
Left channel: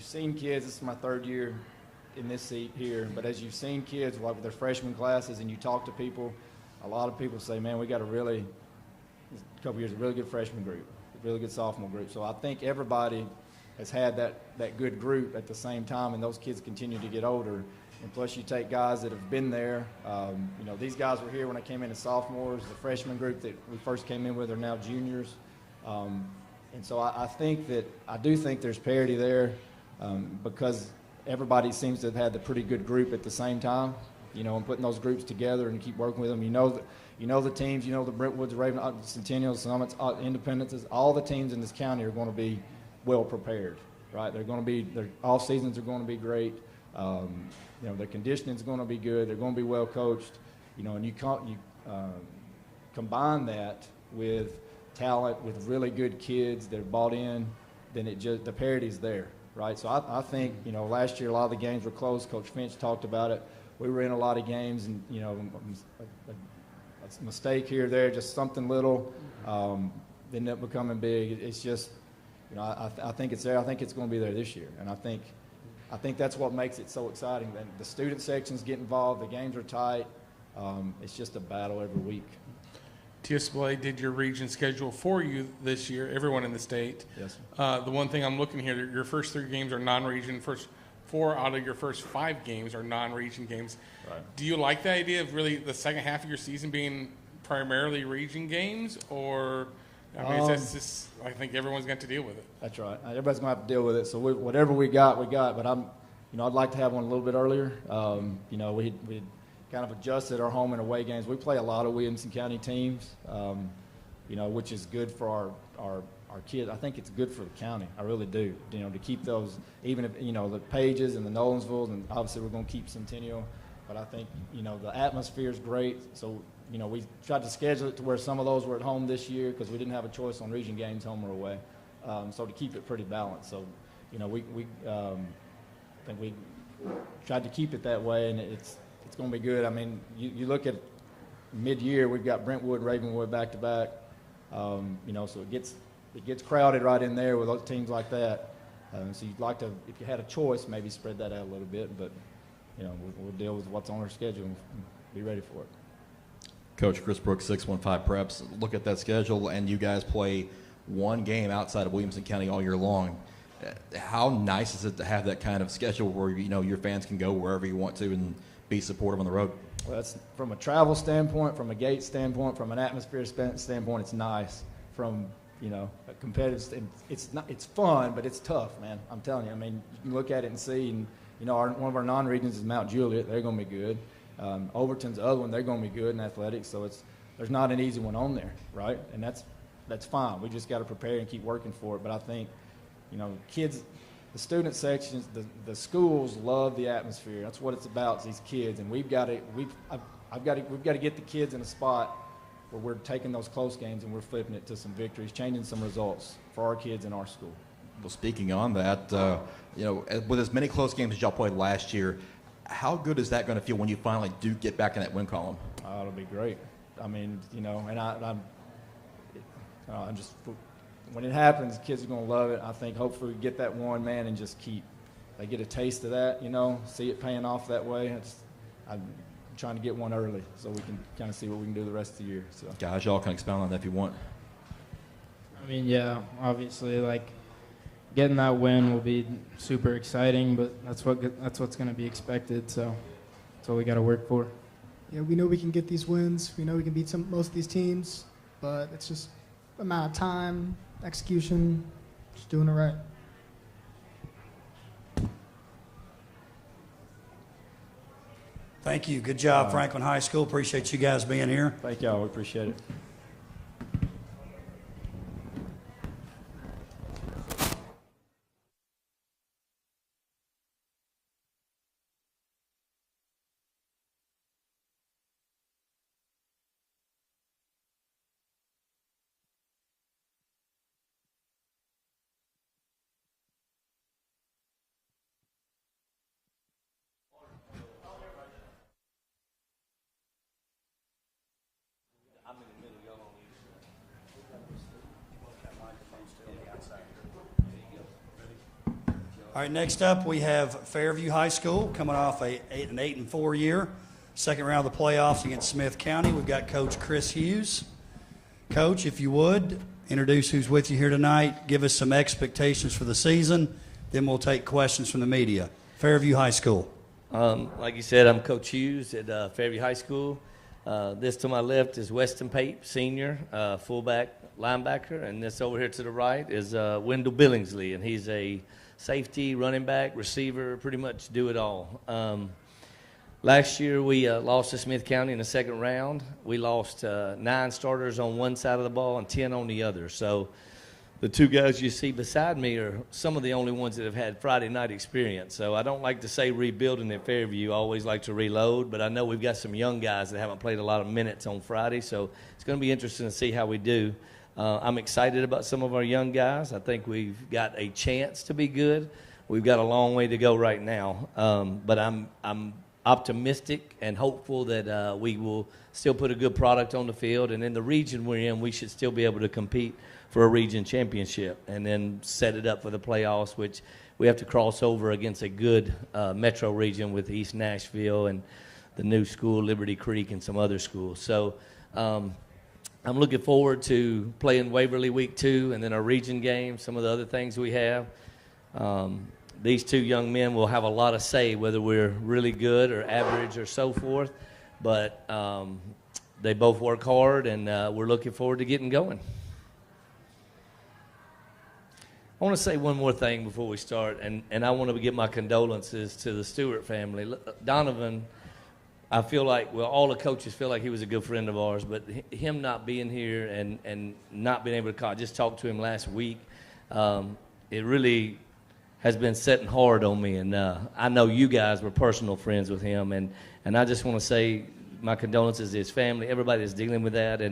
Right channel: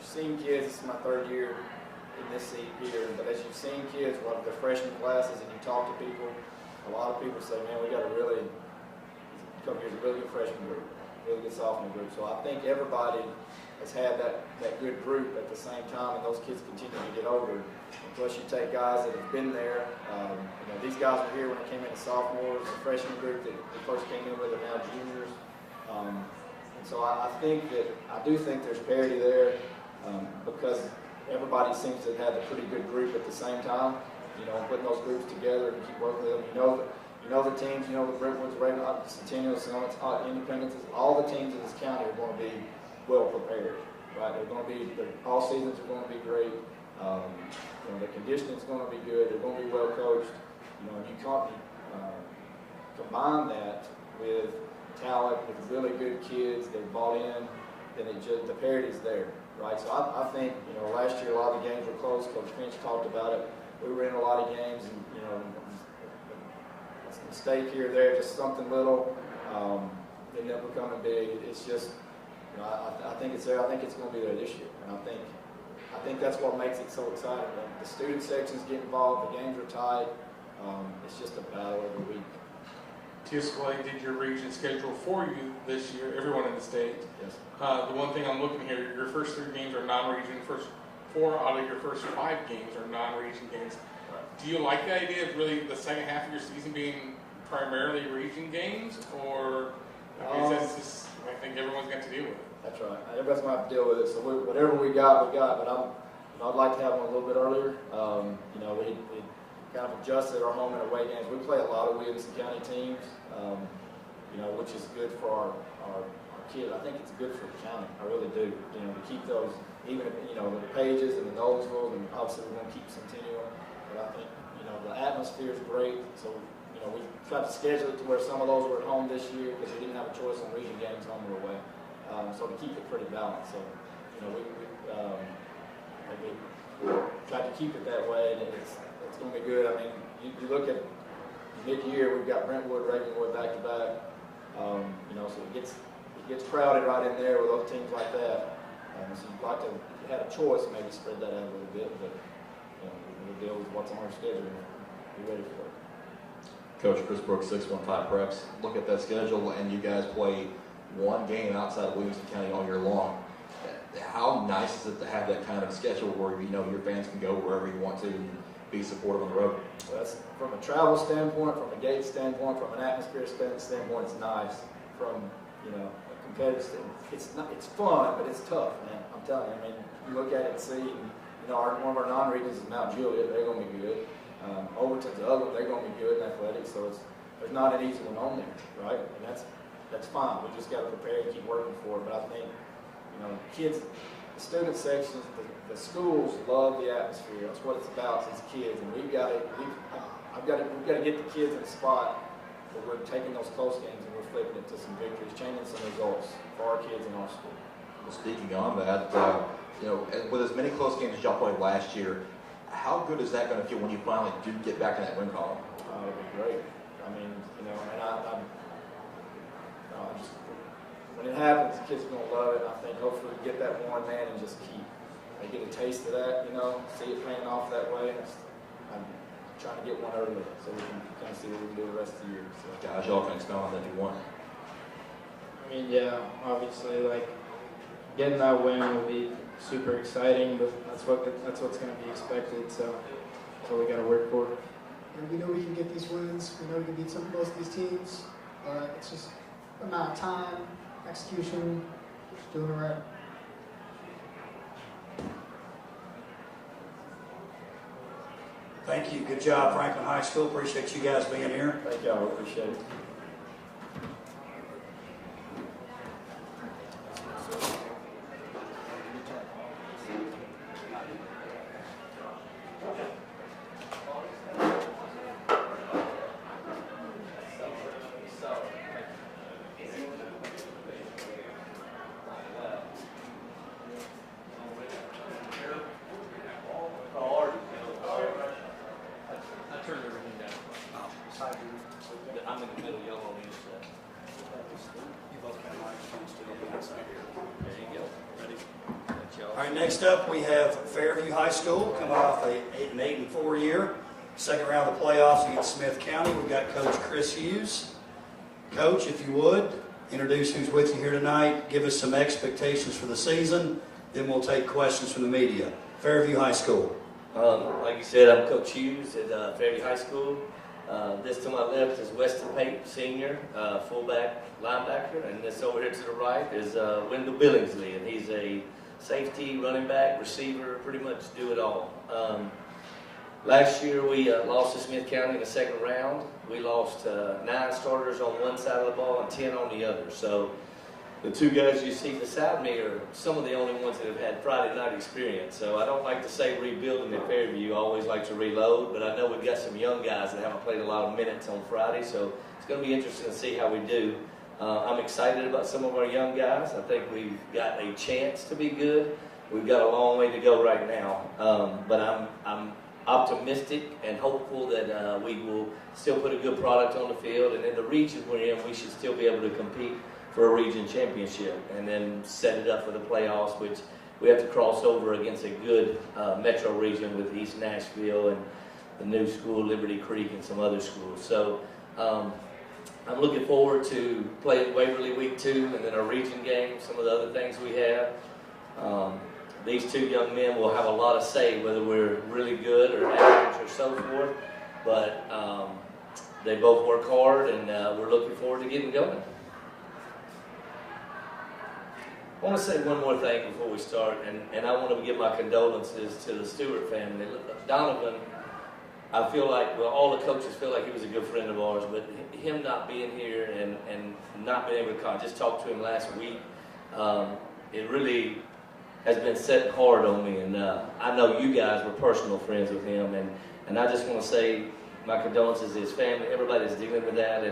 seen kids. This is my third year in this seat here, but as you've seen kids, a lot of their freshman classes, and you talk to people, a lot of people say, "Man, we got a really good freshman group, really good sophomore group." So I think everybody has had that good group at the same time, and those kids continue to get older. And plus, you take guys that have been there. These guys were here when I came in as sophomores. The freshman group that we first came in with are now juniors. And so I do think there's parity there because everybody seems to have had a pretty good group at the same time. Putting those groups together and keep working with them. The teams. The Brentwoods, the Centennial, Summits, Independences. All the teams in this county are going to be well prepared, right? Their all seasons are going to be great. Their conditioning is going to be good. They're going to be well coached. And you combine that with talent, with really good kids that are bought in, then the parity's there, right? So I think last year a lot of the games were close. Coach Finch talked about it. We were in a lot of games, and a mistake here or there, just something little, they end up becoming big. It's just. I think it's there. I think it's going to be there this year, and I think that's what makes it so exciting. The student sections get involved. The games are tight. It's just a battle every week. TSY did your region schedule for you this year. Everyone in the state. Yes. The one thing I'm looking here, your first 3 games are non-region. First 4 out of your first 5 games are non-region games. Right. Do you like the idea of really the second half of your season being primarily region games, or? I mean, I think everyone's got to deal with it. That's right. Everybody's going to have to deal with it. So whatever we got, we got. But I'd like to have them a little bit earlier. We kind of adjusted our home and away games. We play a lot of Williamson County teams, which is good for our kids. I think it's good for the county. I really do. To keep those, even if, the Paiges and the Nolensvilles, and obviously we're going to keep Centennial. But I think, the atmosphere is great. So, we tried to schedule it to where some of those were at home this year because we didn't have a choice on region games, home or away. So to keep it pretty balanced. So, we tried to keep it that way, and it's going to be good. I mean, you look at mid-year, we've got Brentwood, Ravenwood back to back. So it gets crowded right in there with other teams like that. So you'd like to, if you had a choice, maybe spread that out a little bit. But we'll deal with what's on our schedule and be ready for it. Coach Chris Brooks, 615 Preps. Look at that schedule, and you guys play one game outside of Williamson County all year long. how nice is it to have that kind of schedule where your fans can go wherever you want to and be supportive on the road? Well, that's from a travel standpoint, from a gate standpoint, from an atmosphere standpoint. It's nice. From a competitive standpoint, it's fun, but it's tough, man. I'm telling you. I mean, you look at it and see, and one of our non-regions is Mount Juliet. They're going to be good. Overton's the other one. They're going to be good in athletics. So there's not an easy one on there, right? And that's fine. We just got to prepare and keep working for it. But I think kids, the student sections, the schools love the atmosphere. That's what it's about, is these kids, and we've got to get the kids in a spot where we're taking those close games and we're flipping it to some victories, changing some results for our kids in our school. Well, speaking on that, with as many close games as y'all played last year, how good is that going to feel when you finally do get back in that win column? It'll be great. I mean, and I just, when it happens, the kids are going to love it. I think hopefully we get that one, man, and just they get a taste of that, see it paying off that way. I'm trying to get one early so we can kind of see what we can do the rest of the year. So. Guys, y'all can expound on that if you want. I mean, yeah, obviously, getting that win will be super exciting, but that's what's going to be expected. So that's what we got to work for. Yeah, we know we can get these wins. We know we can beat most of these teams, but it's just amount of time, execution, just doing it right. Thank you. Good job, Franklin High School. Appreciate you guys being here. Thank y'all. Appreciate it. All right, next up we have Fairview High School coming off an 8-4 year. Second round of the playoffs against Smith County. We've got Coach Chris Hughes. Coach, if you would, introduce who's with you here tonight. Give us some expectations for the season. Then we'll take questions from the media. Fairview High School. Like you said, I'm Coach Hughes at Fairview High School. This to my left is Weston Pate, senior, fullback, linebacker. And this over here to the right is Wendell Billingsley, and he's a safety, running back, receiver, pretty much do it all. Last year we lost to Smith County in the second round. We lost 9 starters on one side of the ball and 10 on the other. So the 2 guys you see beside me are some of the only ones that have had Friday night experience. So I don't like to say rebuilding at Fairview. I always like to reload, but I know we've got some young guys that haven't played a lot of minutes on Friday, so it's going to be interesting to see how we do. I'm excited about some of our young guys. I think we've got a chance to be good. We've got a long way to go right now, but I'm optimistic and hopeful that we will still put a good product on the field, and in the region we're in, we should still be able to compete for a region championship and then set it up for the playoffs, which we have to cross over against a good metro region with East Nashville and the new school, Liberty Creek, and some other schools. So I'm looking forward to playing Waverly week 2 and then our region game, some of the other things we have. These 2 young men will have a lot of say whether we're really good or average or so forth, but they both work hard, and we're looking forward to getting going. I want to say one more thing before we start, and I want to give my condolences to the Stewart family. Donovan, I feel like, well, all the coaches feel like he was a good friend of ours, but him not being here and not being able to call, just talk to him last week, it really has been setting hard on me, and I know you guys were personal friends with him, and I just want to say my condolences to his family. Everybody's dealing with that,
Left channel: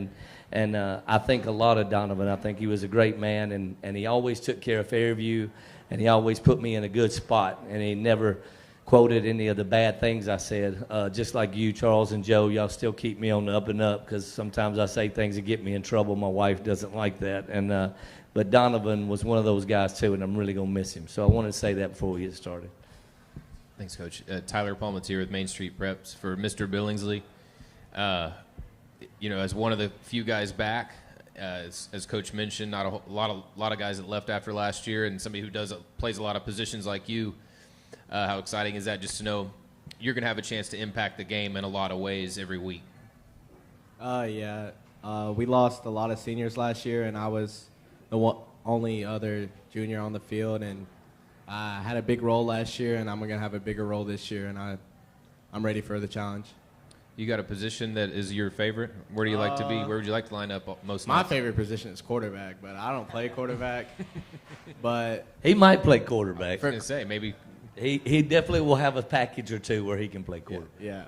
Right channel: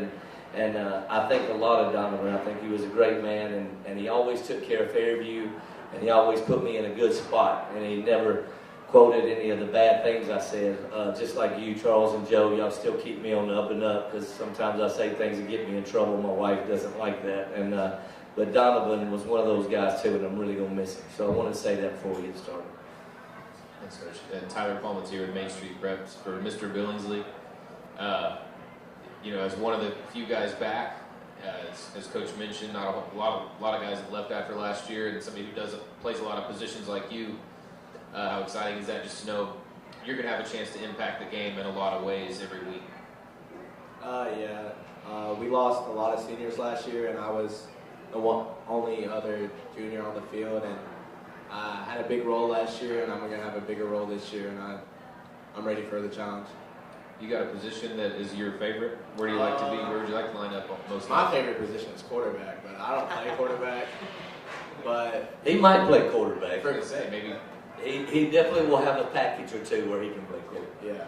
and I think a lot of Donovan. I think he was a great man, and he always took care of Fairview, and he always put me in a good spot, and he never quoted any of the bad things I said. Just like you, Charles and Joe, y'all still keep me on the up and up, because sometimes I say things that get me in trouble. My wife doesn't like that, and but Donovan was one of those guys too, and I'm really going to miss him. So I wanted to say that before we get started. Thanks, Coach. Tyler Palmatier with Main Street Preps for Mr. Billingsley. As one of the few guys back As Coach mentioned, not a lot of guys that left after last year, and somebody who plays a lot of positions like you. How exciting is that just to know you're going to have a chance to impact the game in a lot of ways every week? We lost a lot of seniors last year, and I was the only other junior on the field, and I had a big role last year, and I'm going to have a bigger role this year, and I'm ready for the challenge. You got a position that is your favorite? Where do you like to be? Where would you like to line up most? My favorite position is quarterback, but I don't play quarterback. But he might play quarterback. I was going to say, maybe. He definitely will have a package or two where he can play quarterback. Yeah.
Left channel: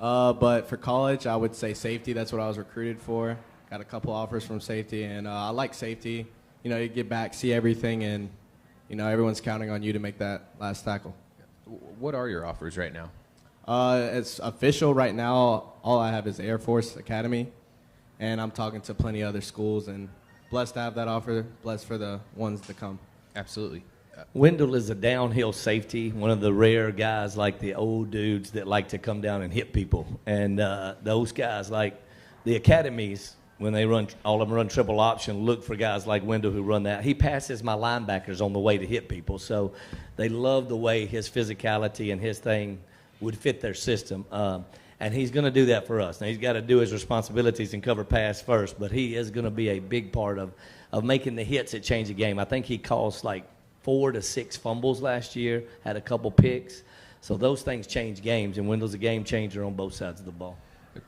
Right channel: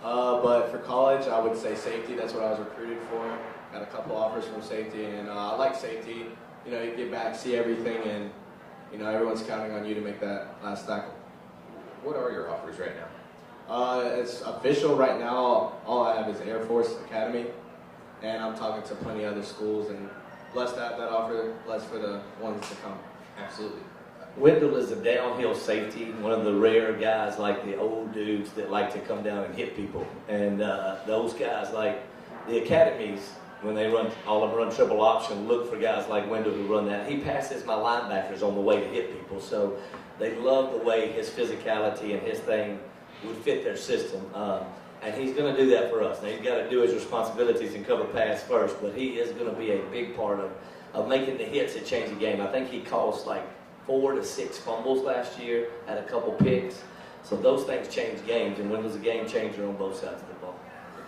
But for college, I would say safety. That's what I was recruited for. Got a couple offers from safety, and I like safety. You know, you get back, see everything, and, you know, everyone's counting on you to make that last tackle. What are your offers right now? It's official right now. All I have is Air Force Academy, and I'm talking to plenty of other schools, and blessed to have that offer, blessed for the ones to come. Absolutely. Wendell is a downhill safety, one of the rare guys like the old dudes that like to come down and hit people. And those guys, like the academies, when they all of them run triple option, look for guys like Wendell who run that. He passes my linebackers on the way to hit people. So they love the way his physicality and his thing would fit their system. And he's going to do that for us. Now, he's got to do his responsibilities and cover pass first, but he is going to be a big part of making the hits that change the game. I think he caused like 4 to 6 fumbles last year, had a couple picks. So those things change games, and Wendell's a game changer on both sides of the ball.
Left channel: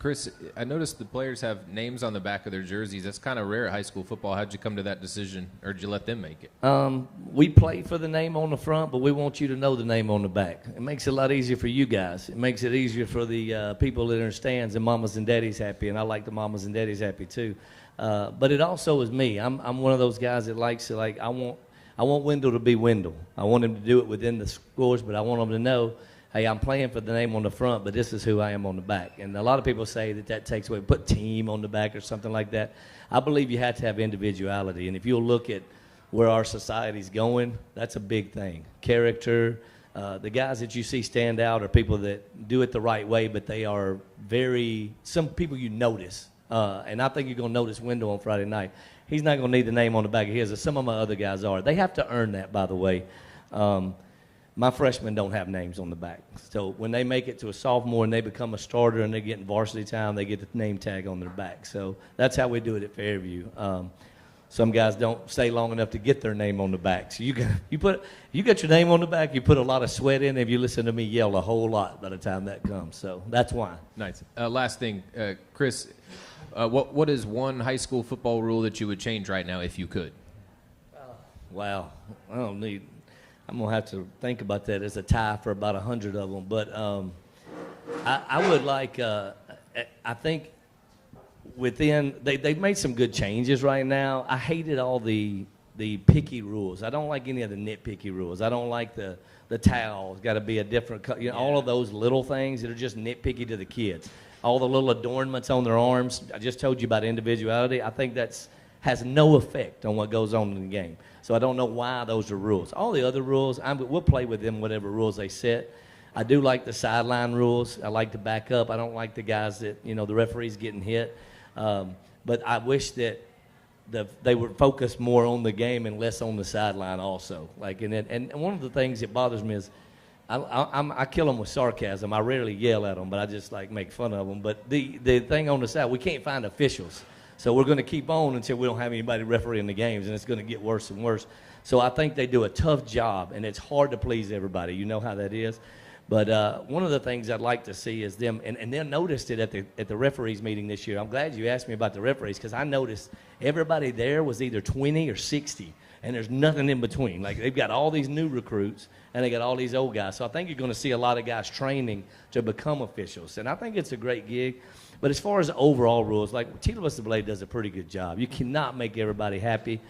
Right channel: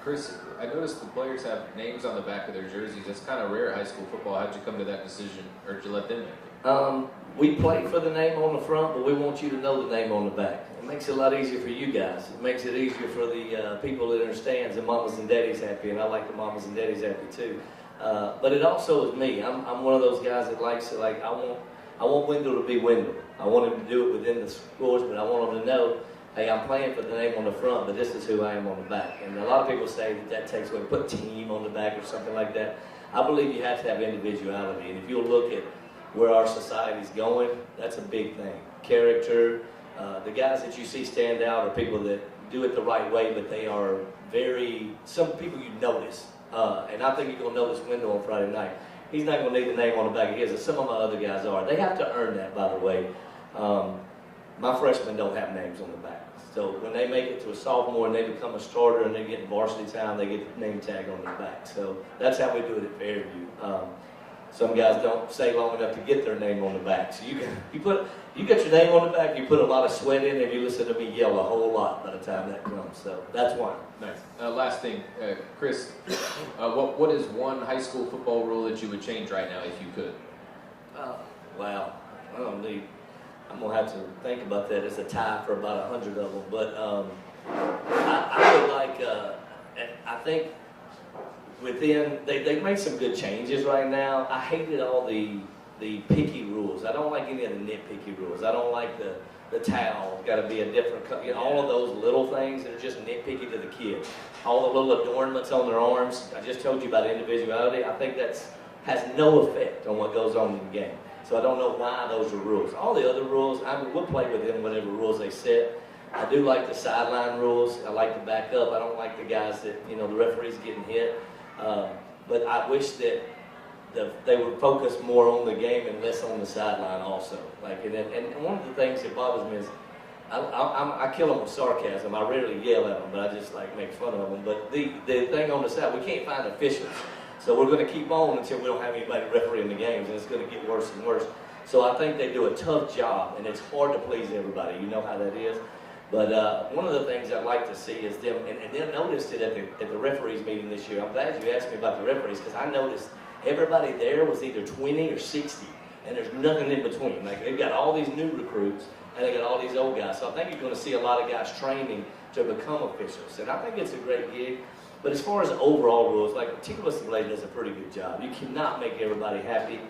Chris, I noticed the players have names on the back of their jerseys. That's kind of rare at high school football. How'd you come to that decision, or did you let them make it? We play for the name on the front, but we want you to know the name on the back. It makes it a lot easier for you guys. It makes it easier for the people that are in stands, and mamas and daddies happy, and I like the mamas and daddies happy too. But it also is me. I'm one of those guys that likes to, like, I want Wendell to be Wendell. I want him to do it within the scores, but I want him to know, hey, I'm playing for the name on the front, but this is who I am on the back. And a lot of people say that takes away, put team on the back or something like that. I believe you have to have individuality. And if you'll look at where our society's going, that's a big thing. Character, the guys that you see stand out are people that do it the right way, but they are some people you notice. And I think you're going to notice Wendell on Friday night. He's not going to need the name on the back of his, as some of my other guys are. They have to earn that, by the way. My freshmen don't have names on the back. So when they make it to a sophomore and they become a starter and they get varsity time, they get the name tag on their back. So that's how we do it at Fairview. Some guys don't stay long enough to get their name on the back. So you get your name on the back, you put a lot of sweat in, and you listen to me yell a whole lot by the time that comes. So that's why. Nice. Last thing, Chris, what is one high school football rule that you would change right now if you could? Wow. I'm going to have to think about that. It's a tie for about 100 of them. But I would like, I think they've made some good changes right now. I hated all the picky rules. I don't like any of the nitpicky rules. I don't like the towel. Got to be a different color. You know, all of those little things that are just nitpicky to the kids. All the little adornments on their arms. I just told you about individuality. I think has no effect on what goes on in the game. So I don't know why those are rules. All the other rules, we'll play with them, whatever rules they set. I do like the sideline rules. I like to back up. I don't like the guys that, the referees getting hit. But I wish that they would focus more on the game and less on the sideline also. And one of the things that bothers me is I kill them with sarcasm. I rarely yell at them, but I just make fun of them. But the thing on the side, we can't find officials. So we're going to keep on until we don't have anybody refereeing the games, and it's going to get worse and worse. So I think they do a tough job, and it's hard to please everybody. You know how that is. But one of the things I'd like to see is them, and they noticed it at the referees meeting this year. I'm glad you asked me about the referees, because I noticed everybody there was either 20 or 60, and there's nothing in between. They've got all these new recruits, and they got all these old guys. So I think you're going to see a lot of guys training to become officials, and I think it's a great gig. But as far as the overall rules, TWSAA does a pretty good job. You cannot make everybody happy.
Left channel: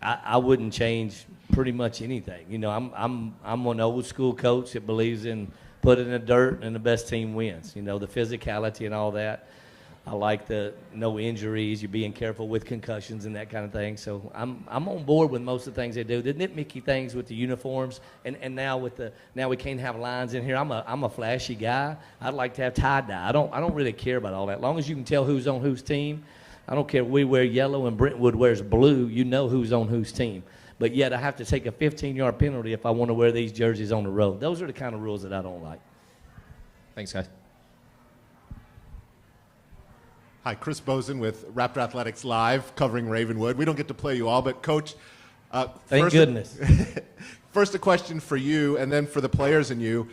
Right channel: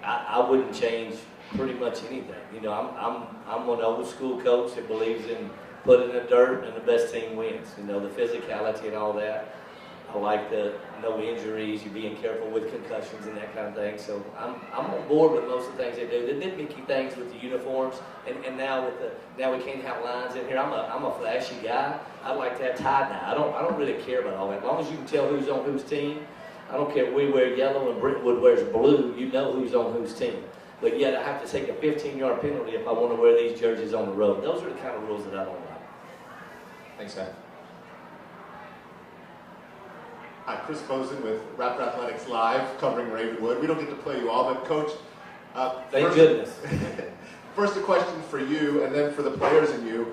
I wouldn't change pretty much anything. I'm one old school coach that believes in putting in the dirt and the best team wins. The physicality and all that. I like the no injuries, you being careful with concussions and that kind of thing. So I'm on board with most of the things they do. The nitpicky things with the uniforms, and now we can't have lines in here. I'm a flashy guy. I like to have tie dye. I don't really care about all that. As long as you can tell who's on whose team, I don't care if we wear yellow and Brentwood wears blue, you know who's on whose team. But yet I have to take a 15-yard penalty if I want to wear these jerseys on the road. Those are the kind of rules that I don't like. Thanks, guys. Hi, Chris Bozen with Raptor Athletics Live, covering Ravenwood. We don't get to play you all, but Coach, Thank goodness. First, a question for you, and then for the players and you.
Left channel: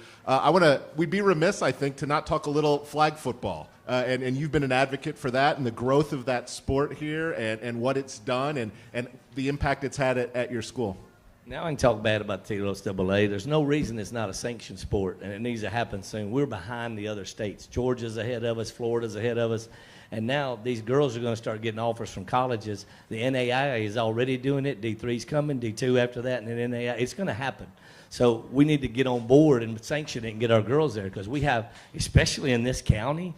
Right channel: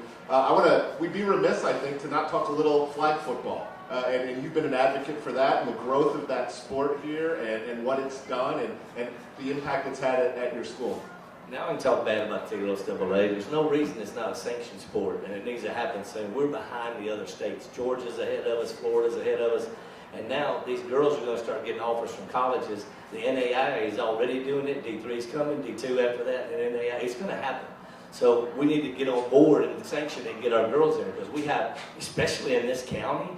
We'd be remiss, I think, to not talk a little flag football. And you've been an advocate for that and the growth of that sport here and what it's done and the impact it's had at your school. Now I can talk bad about the TLSAA. There's no reason it's not a sanctioned sport, and it needs to happen soon. We're behind the other states. Georgia's ahead of us. Florida's ahead of us. And now these girls are going to start getting offers from colleges. The NAIA is already doing it. D3's coming, D2 after that, and then NAIA. It's going to happen. So we need to get on board and sanction it and get our girls there, because we have, especially in this county,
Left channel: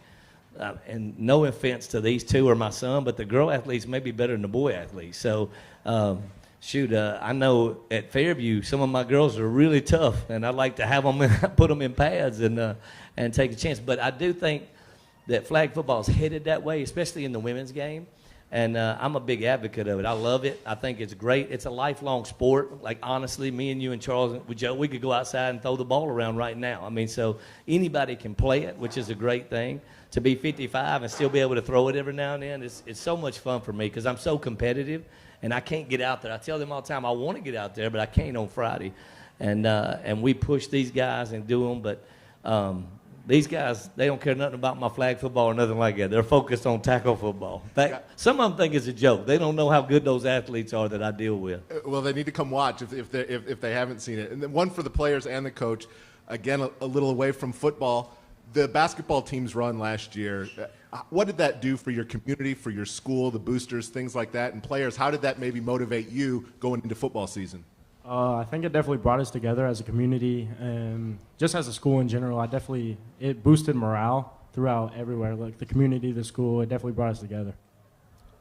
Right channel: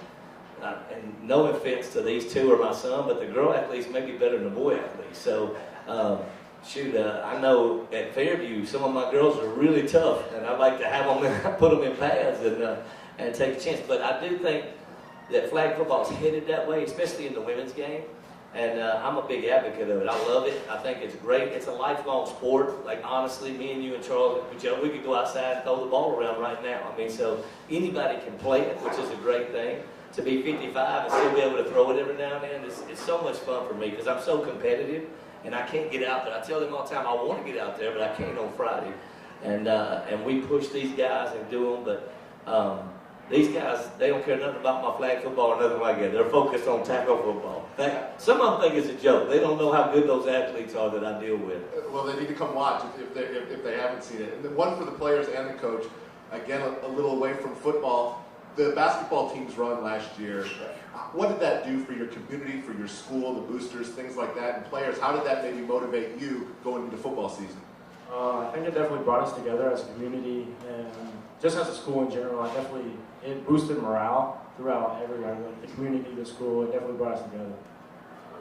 and no offense to these two or my son, but the girl athletes may be better than the boy athletes. So, I know at Fairview some of my girls are really tough, and I'd like to have them put them in pads and take a chance. But I do think that flag football is headed that way, especially in the women's game. And I'm a big advocate of it. I love it. I think it's great. It's a lifelong sport. Like, honestly, me and you and Charles, we could go outside and throw the ball around right now. I mean, so anybody can play it, which is a great thing. To be 55 and still be able to throw it every now and then, it's so much fun for me because I'm so competitive and I can't get out there. I tell them all the time I want to get out there, but I can't on Friday. And we push these guys and do them, but these guys, they don't care nothing about my flag football or nothing like that. They're focused on tackle football. Some of them think it's a joke. They don't know how good those athletes are that I deal with. Well, they need to come watch if they haven't seen it. And then one for the players and the coach, again, a little away from football. The basketball teams run last year. What did that do for your community, for your school, the boosters, things like that? And players, how did that maybe motivate you going into football season? I think it definitely brought us together as a community and just as a school in general. It boosted morale throughout everywhere, like the community, the school. It definitely brought us together.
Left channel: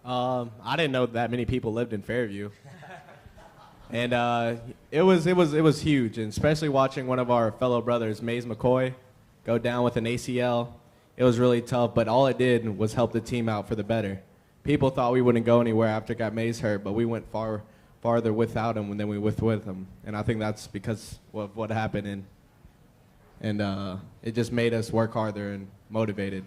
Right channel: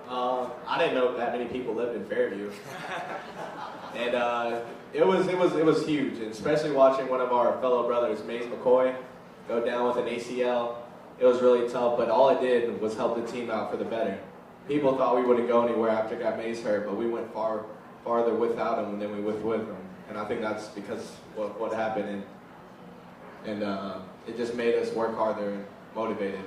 I didn't know that many people lived in Fairview, and it was huge, and especially watching one of our fellow brothers, Maze McCoy, go down with an ACL. It was really tough, but all it did was help the team out for the better. People thought we wouldn't go anywhere after got Maze hurt, but we went farther without him than we with him, and I think that's because of what happened, and it just made us work harder and motivated.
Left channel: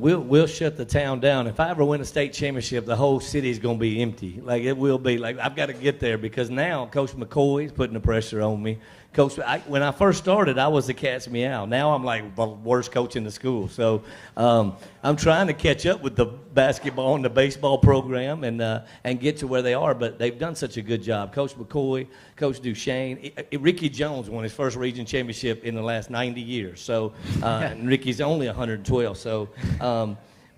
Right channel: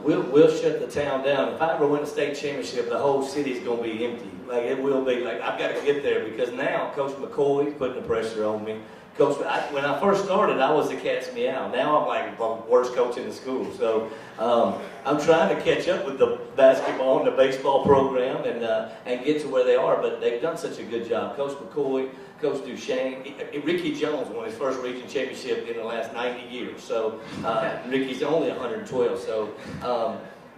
We'll shut the town down. If I ever win a state championship, the whole city's going to be empty. Like, it will be. Like, I've got to get there because now Coach McCoy's putting the pressure on me. Coach, when I first started, I was the cat's meow. Now I'm like the worst coach in the school. So I'm trying to catch up with the basketball and the baseball program and get to where they are. But they've done such a good job. Coach McCoy, Coach Duchesne, Ricky Jones won his first region championship in the last 90 years. So Ricky's only 112. So,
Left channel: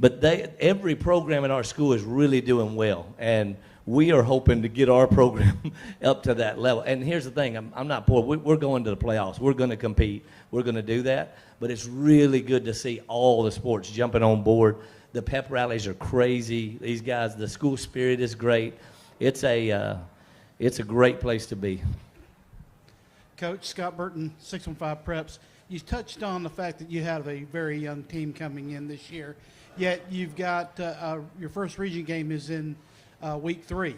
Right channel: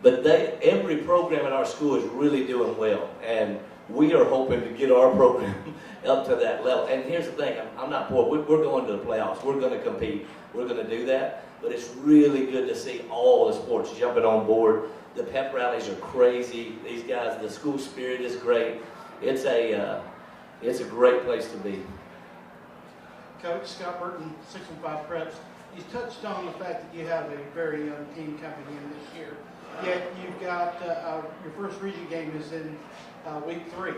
but every program in our school is really doing well. And we are hoping to get our program up to that level. And here's the thing, I'm not poor. We're going to the playoffs. We're going to compete. We're going to do that. But it's really good to see all the sports jumping on board. The pep rallies are crazy. These guys, the school spirit is great. It's a great place to be. Coach Scott Burton, 615 Preps. You touched on the fact that you have a very young team coming in this year. Yet you've got your first region game is in week 3.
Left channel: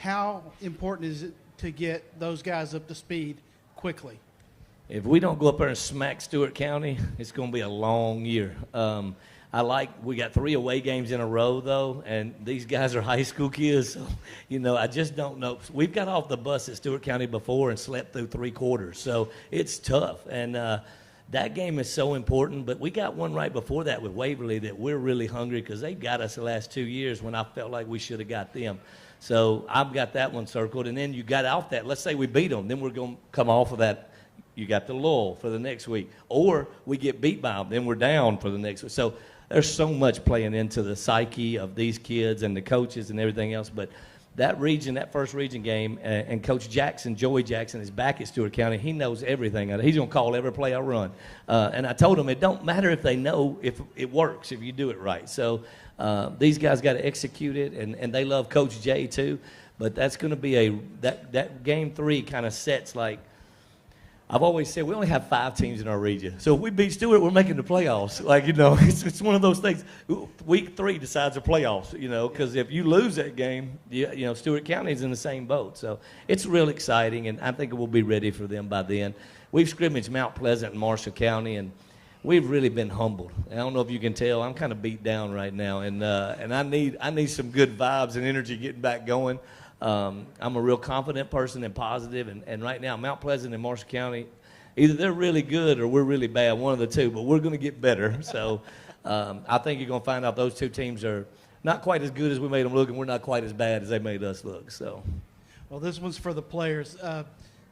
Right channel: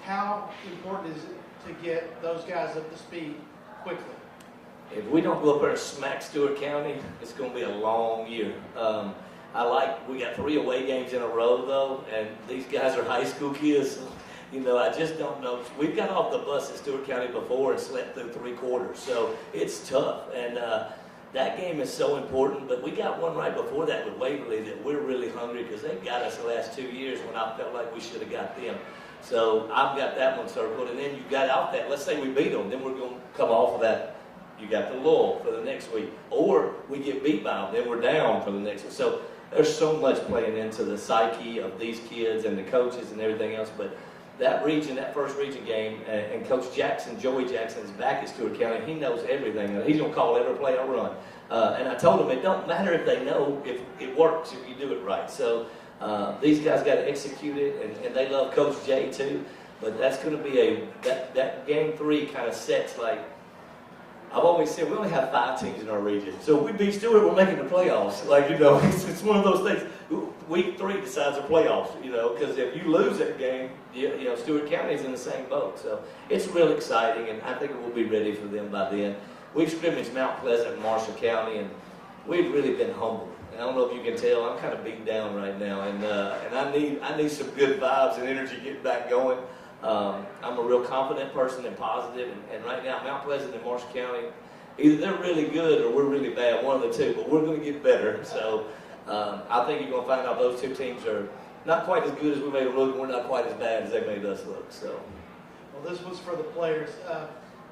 How important is it to get those guys up to speed quickly? If we don't go up there and smack Stewart County, it's going to be a long year. We got 3 away games in a row, though, and these guys are high school kids. So, I just don't know. We've got off the bus at Stewart County before and slept through 3 quarters, so it's tough. And that game is so important, but we got one right before that with Waverly that we're really hungry because they've got us the last 2 years when I felt like we should have got them. So I've got that one circled, and then you got off that. Let's say we beat them, then we're going to come off of that. You got the lull for the next week. Or we get beat by them, then we're down for the next one. So there's so much playing into the psyche of these kids and the coaches and everything else. But that first region game, and Coach Jackson, Joey Jackson, is back at Stewart County. He knows everything. He's going to call every play I run. And I told him it don't matter if they know if it works, if you do it right. So these guys got to execute it, and they love Coach Jay too. But that's going to be that game 3 kind of sets like I've always said we only have 5 teams in our region. So if we beat Stewart, we're making the playoffs. Like, you know, it's one of those things. Week 3 decides the playoffs, you know, because if you lose that game, you know, Stewart County is in the same boat. So it's real exciting, and I think we'll be ready for them by then. We've scrimmaged Mount Pleasant and Marshall County, and we've really been humbled. And I don't know if you can tell, I'm kind of beat down right now, and I need some good vibes and energy getting back going. I'm a real confident person and positive, and right now Mount Pleasant and Marshall County, either they're really good or we're really bad, one of the two, but we're going to get better. So I think you're going to find out those 2 teams are not quite as good as we made them look, and we're not quite as bad as they made us look. So, well, this one's for the players.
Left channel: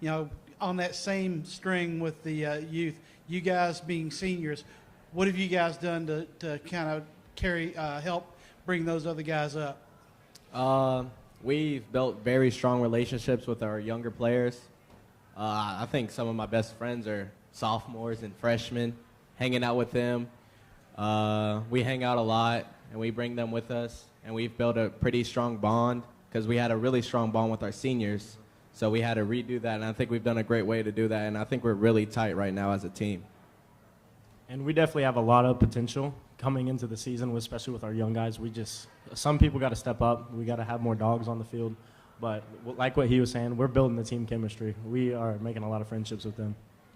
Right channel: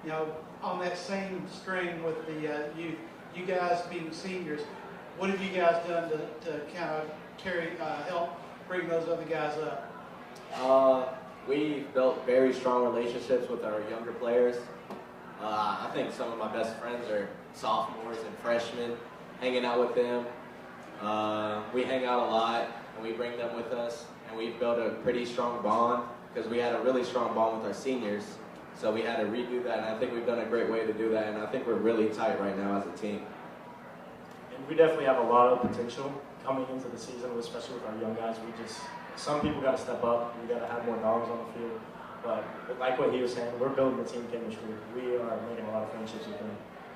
You know, on that same string with the youth, you guys being seniors, what have you guys done to kind of help bring those other guys up? We've built very strong relationships with our younger players. I think some of my best friends are sophomores and freshmen, hanging out with them. We hang out a lot, and we bring them with us, and we've built a pretty strong bond because we had a really strong bond with our seniors. So we had to redo that, and I think we've done a great way to do that, and I think we're really tight right now as a team. And we definitely have a lot of potential coming into the season, especially with our young guys. Some people got to step up. We got to have more dogs on the field. But like what he was saying, we're building the team chemistry. We are making a lot of friendships with them.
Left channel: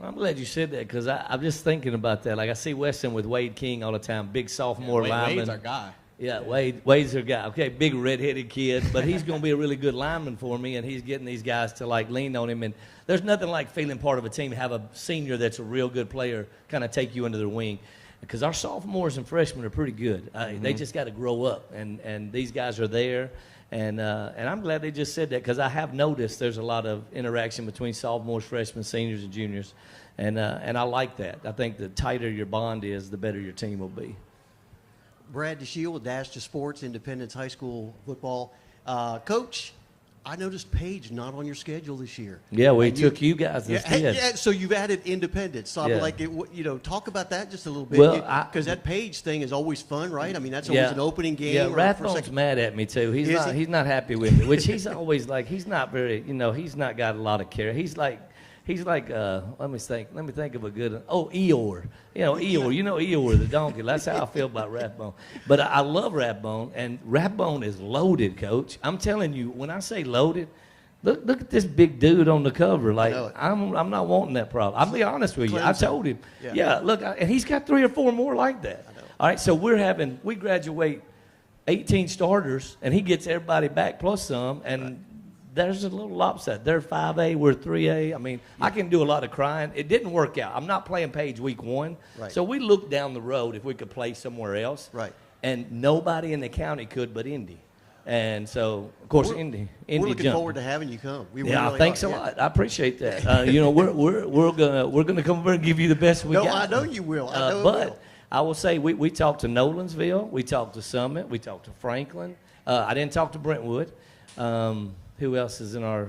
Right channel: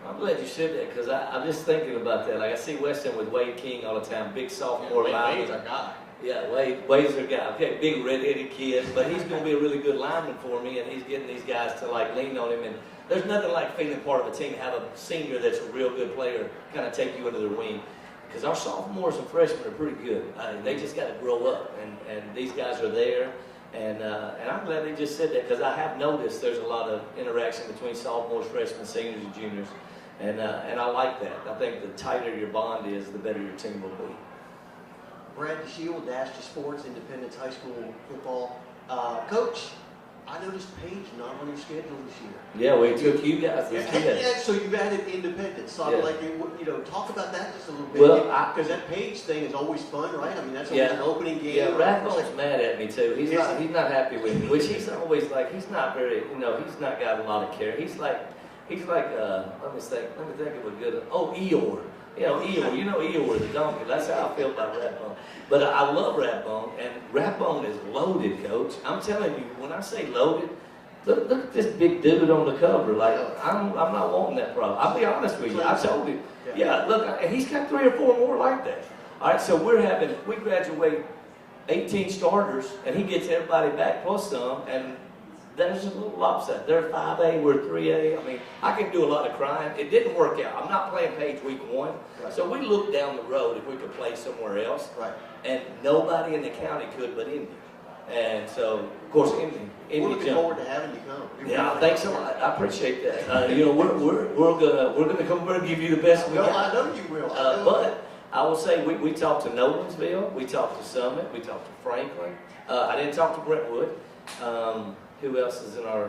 I'm glad you said that because I'm just thinking about that. Like I see Weston with Wade King all the time, big sophomore lineman. Wade's our guy. Yeah, Wade's our guy. Okay, big red-headed kid, but he's going to be a really good lineman for me, and he's getting these guys to like lean on him. And there's nothing like feeling part of a team, have a senior that's a real good player, kind of take you under their wing. Because our sophomores and freshmen are pretty good. They just got to grow up, and these guys are there. And I'm glad they just said that because I have noticed there's a lot of interaction between sophomores, freshmen, seniors, and juniors. And I like that. I think the tighter your bond is, the better your team will be. Brad DeShield, Dash to Sports, Independence High School football. Coach, I noticed Paige not on your schedule this year. Yeah, we took you guys instead. Yeah, so you've added Independence. So Yeah. like, talk about that just a little bit. Well, because that Paige thing is always fun, right? I mean, that's always an opening game. Yeah, Rathbone's mad at me too. He's not happy with me, which he's always like. He's not very, he's not got a lot of care. He's like, let me think of a good. Eeyore. Eeyore the donkey. That's how I feel about Rathbone. But I love Rathbone, and Rathbone is loaded, Coach. I'm telling you, when I say loaded, look at this big dude on the cover. Like, I'm not wanting that problem. I'll be honest with you. I told him. Yeah, look, and he's got 3 or 4 more like that. All right, so we graduate 18 starters, and he gets everybody back plus some, and there's a little upset. They're 5A, we're 3A. I mean, I can do a lot of crying. It didn't work out. I'm not playing Paige week 1. Right. So we looked down the road if we could play somewhere else. Right. And nobody in the county could but Indy. And so, of course, Indy we're looking jumped. forward to having you come. Thanks a lot. I appreciate that. We're gonna come over and give you the best we got. I know you will. But I will say we talked to Nolensville, we talked to Summit, we talked to Franklin. I didn't talk to Brentwood. Who else is in our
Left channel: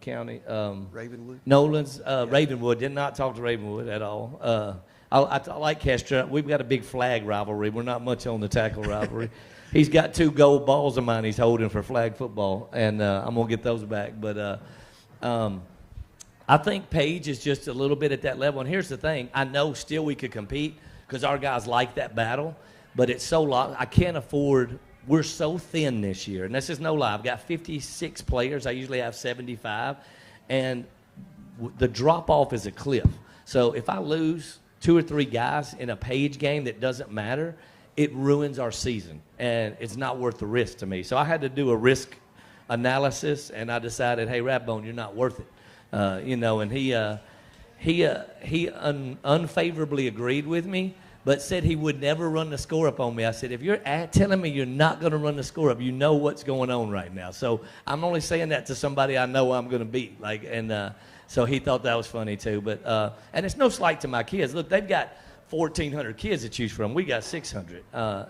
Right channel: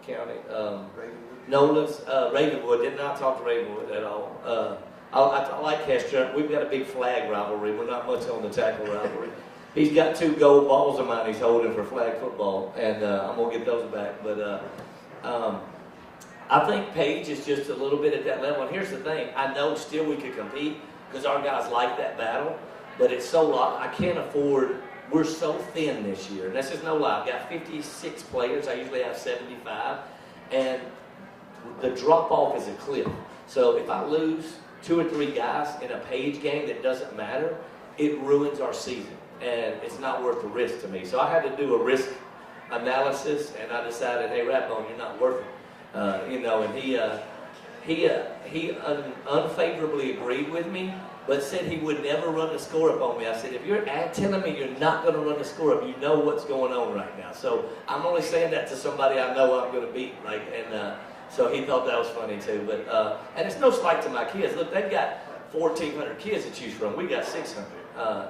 county? Ravenwood. Ravenwood. Did not talk to Ravenwood at all. I like Castro. We've got a big flag rivalry. We're not much on the tackle rivalry. He's got 2 gold balls of mine he's holding for flag football, and I'm going to get those back. But I think Paige is just a little bit at that level. And here's the thing. I know still we could compete because our guys like that battle, but it's so long. I can't afford. We're so thin this year, and that's just no lie. I've got 56 players. I usually have 75, and the drop-off is a cliff. So if I lose 2 or 3 guys in a Paige game that doesn't matter, it ruins our season, and it's not worth the risk to me. So I had to do a risk analysis, and I decided, hey, Rathbone, you're not worth it. And he unfavorably agreed with me, but said he would never run the score up on me. I said, if you're telling me you're not going to run the score up, you know what's going on right now. So I'm only saying that to somebody I know I'm going to beat, right? And so he thought that was funny too. But and it's no slight to my kids. Look, they've got 1,400 kids to choose from. We got 600,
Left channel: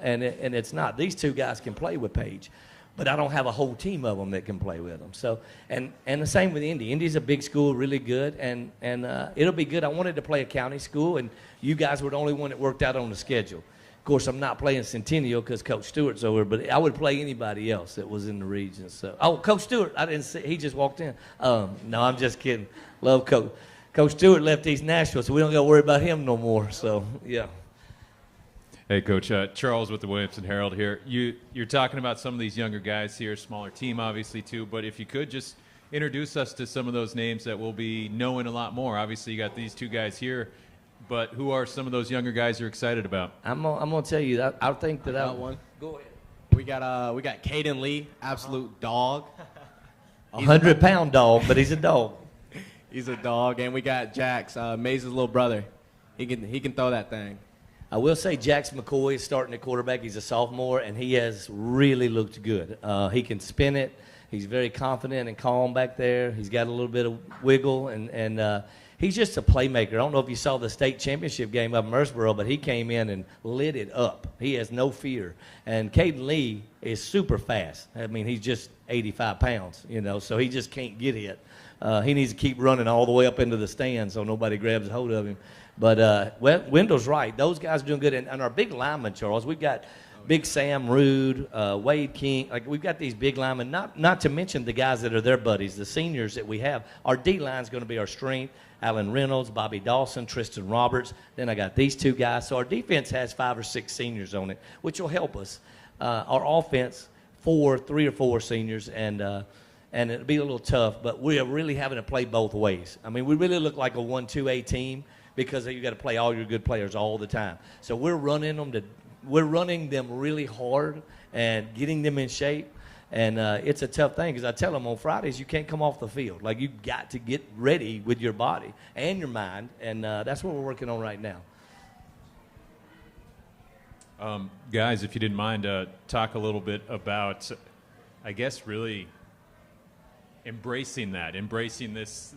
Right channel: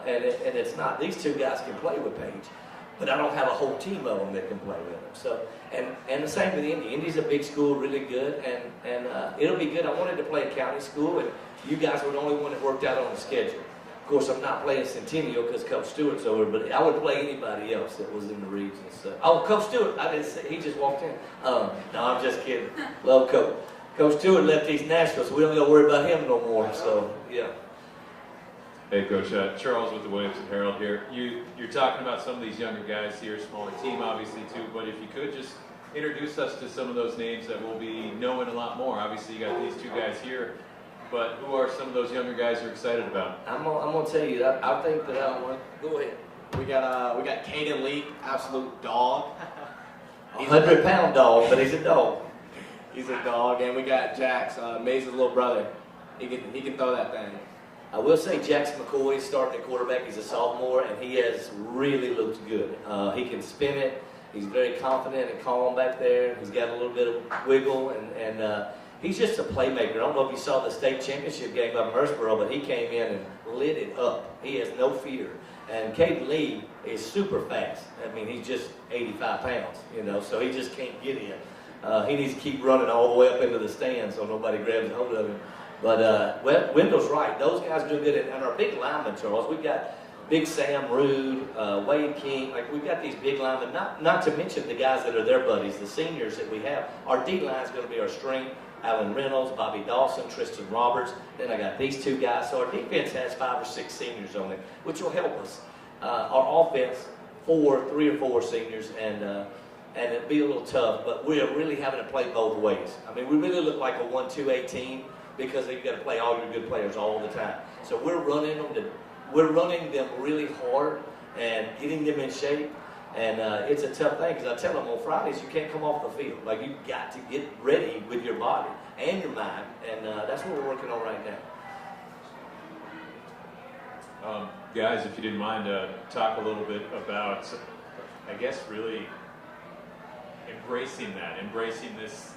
and it's not. These 2 guys can play with Paige, but I don't have a whole team of them that can play with them. So and the same with Indy. Indy's a big school, really good, and it'll be good. I wanted to play a county school, and you guys were the only one that worked out on the schedule. Of course, I'm not playing Centennial because Coach Stewart's over, but I would play anybody else that was in the region. So, Coach Stewart, I didn't see, he just walked in. No, I'm just kidding. Love Coach. Coach Stewart left East Nashville, so we don't got to worry about him no more. So, yeah. Hey, Coach. Charles with the Williamson Herald here. You're talking about some of these younger guys here, smaller team obviously too, but if you could just introduce us to some of those names that we'll be knowing a lot more. Obviously, you got these two guys here, but who are some of those younger guys you're excited about? I'm gonna tell you that I think that I one. Go ahead. We got Caden Lee, absolute dog. 100-pound dog, but he's a dog. He's a dog, and we got Jax, Maze's little brother. He can throw that thing. I will say Jax McCoy is starting at quarterback. He's a sophomore, and he has really looked good. He can spin it. He's very confident and calm back there. He's got a little bit of wiggle, and he's just a playmaker. I don't know if you saw the state championship game up in Murfreesboro, but he came in and lit it up. He has no fear. And Caden Lee is super fast. I mean, he's just 85 pounds, so he just can't get it. He needs to keep running all the way up into the stands so nobody grabs hold of him. But Wendell's right. Those guys are doing good. And our big linemen, Charles, we've got Big Sam Rude, Wade King. Like, we've got these big linemen, not to mention the guys that are their buddies, the seniors that we have. Our D-line is going to be our strength. Alan Reynolds, Bobby Dawson, Tristan Roberts. Then I got these two guys. So our defense has 5 or 6 seniors on it, which will help us. Our offense, 3 or 4 seniors, and it'd be a little tough, but we're really having to play both ways. I mean, we really look like a 1-2-A team because you got to play all your good players all the time. So we're running them really hard and getting them in shape. And it's a tough thing because I tell them on Fridays you can't come off the field. Like, you've got to get ready with your body and your mind, and that's what we're working on right now. Guys, if you didn't mind, talk a little bit about, I guess, really embracing this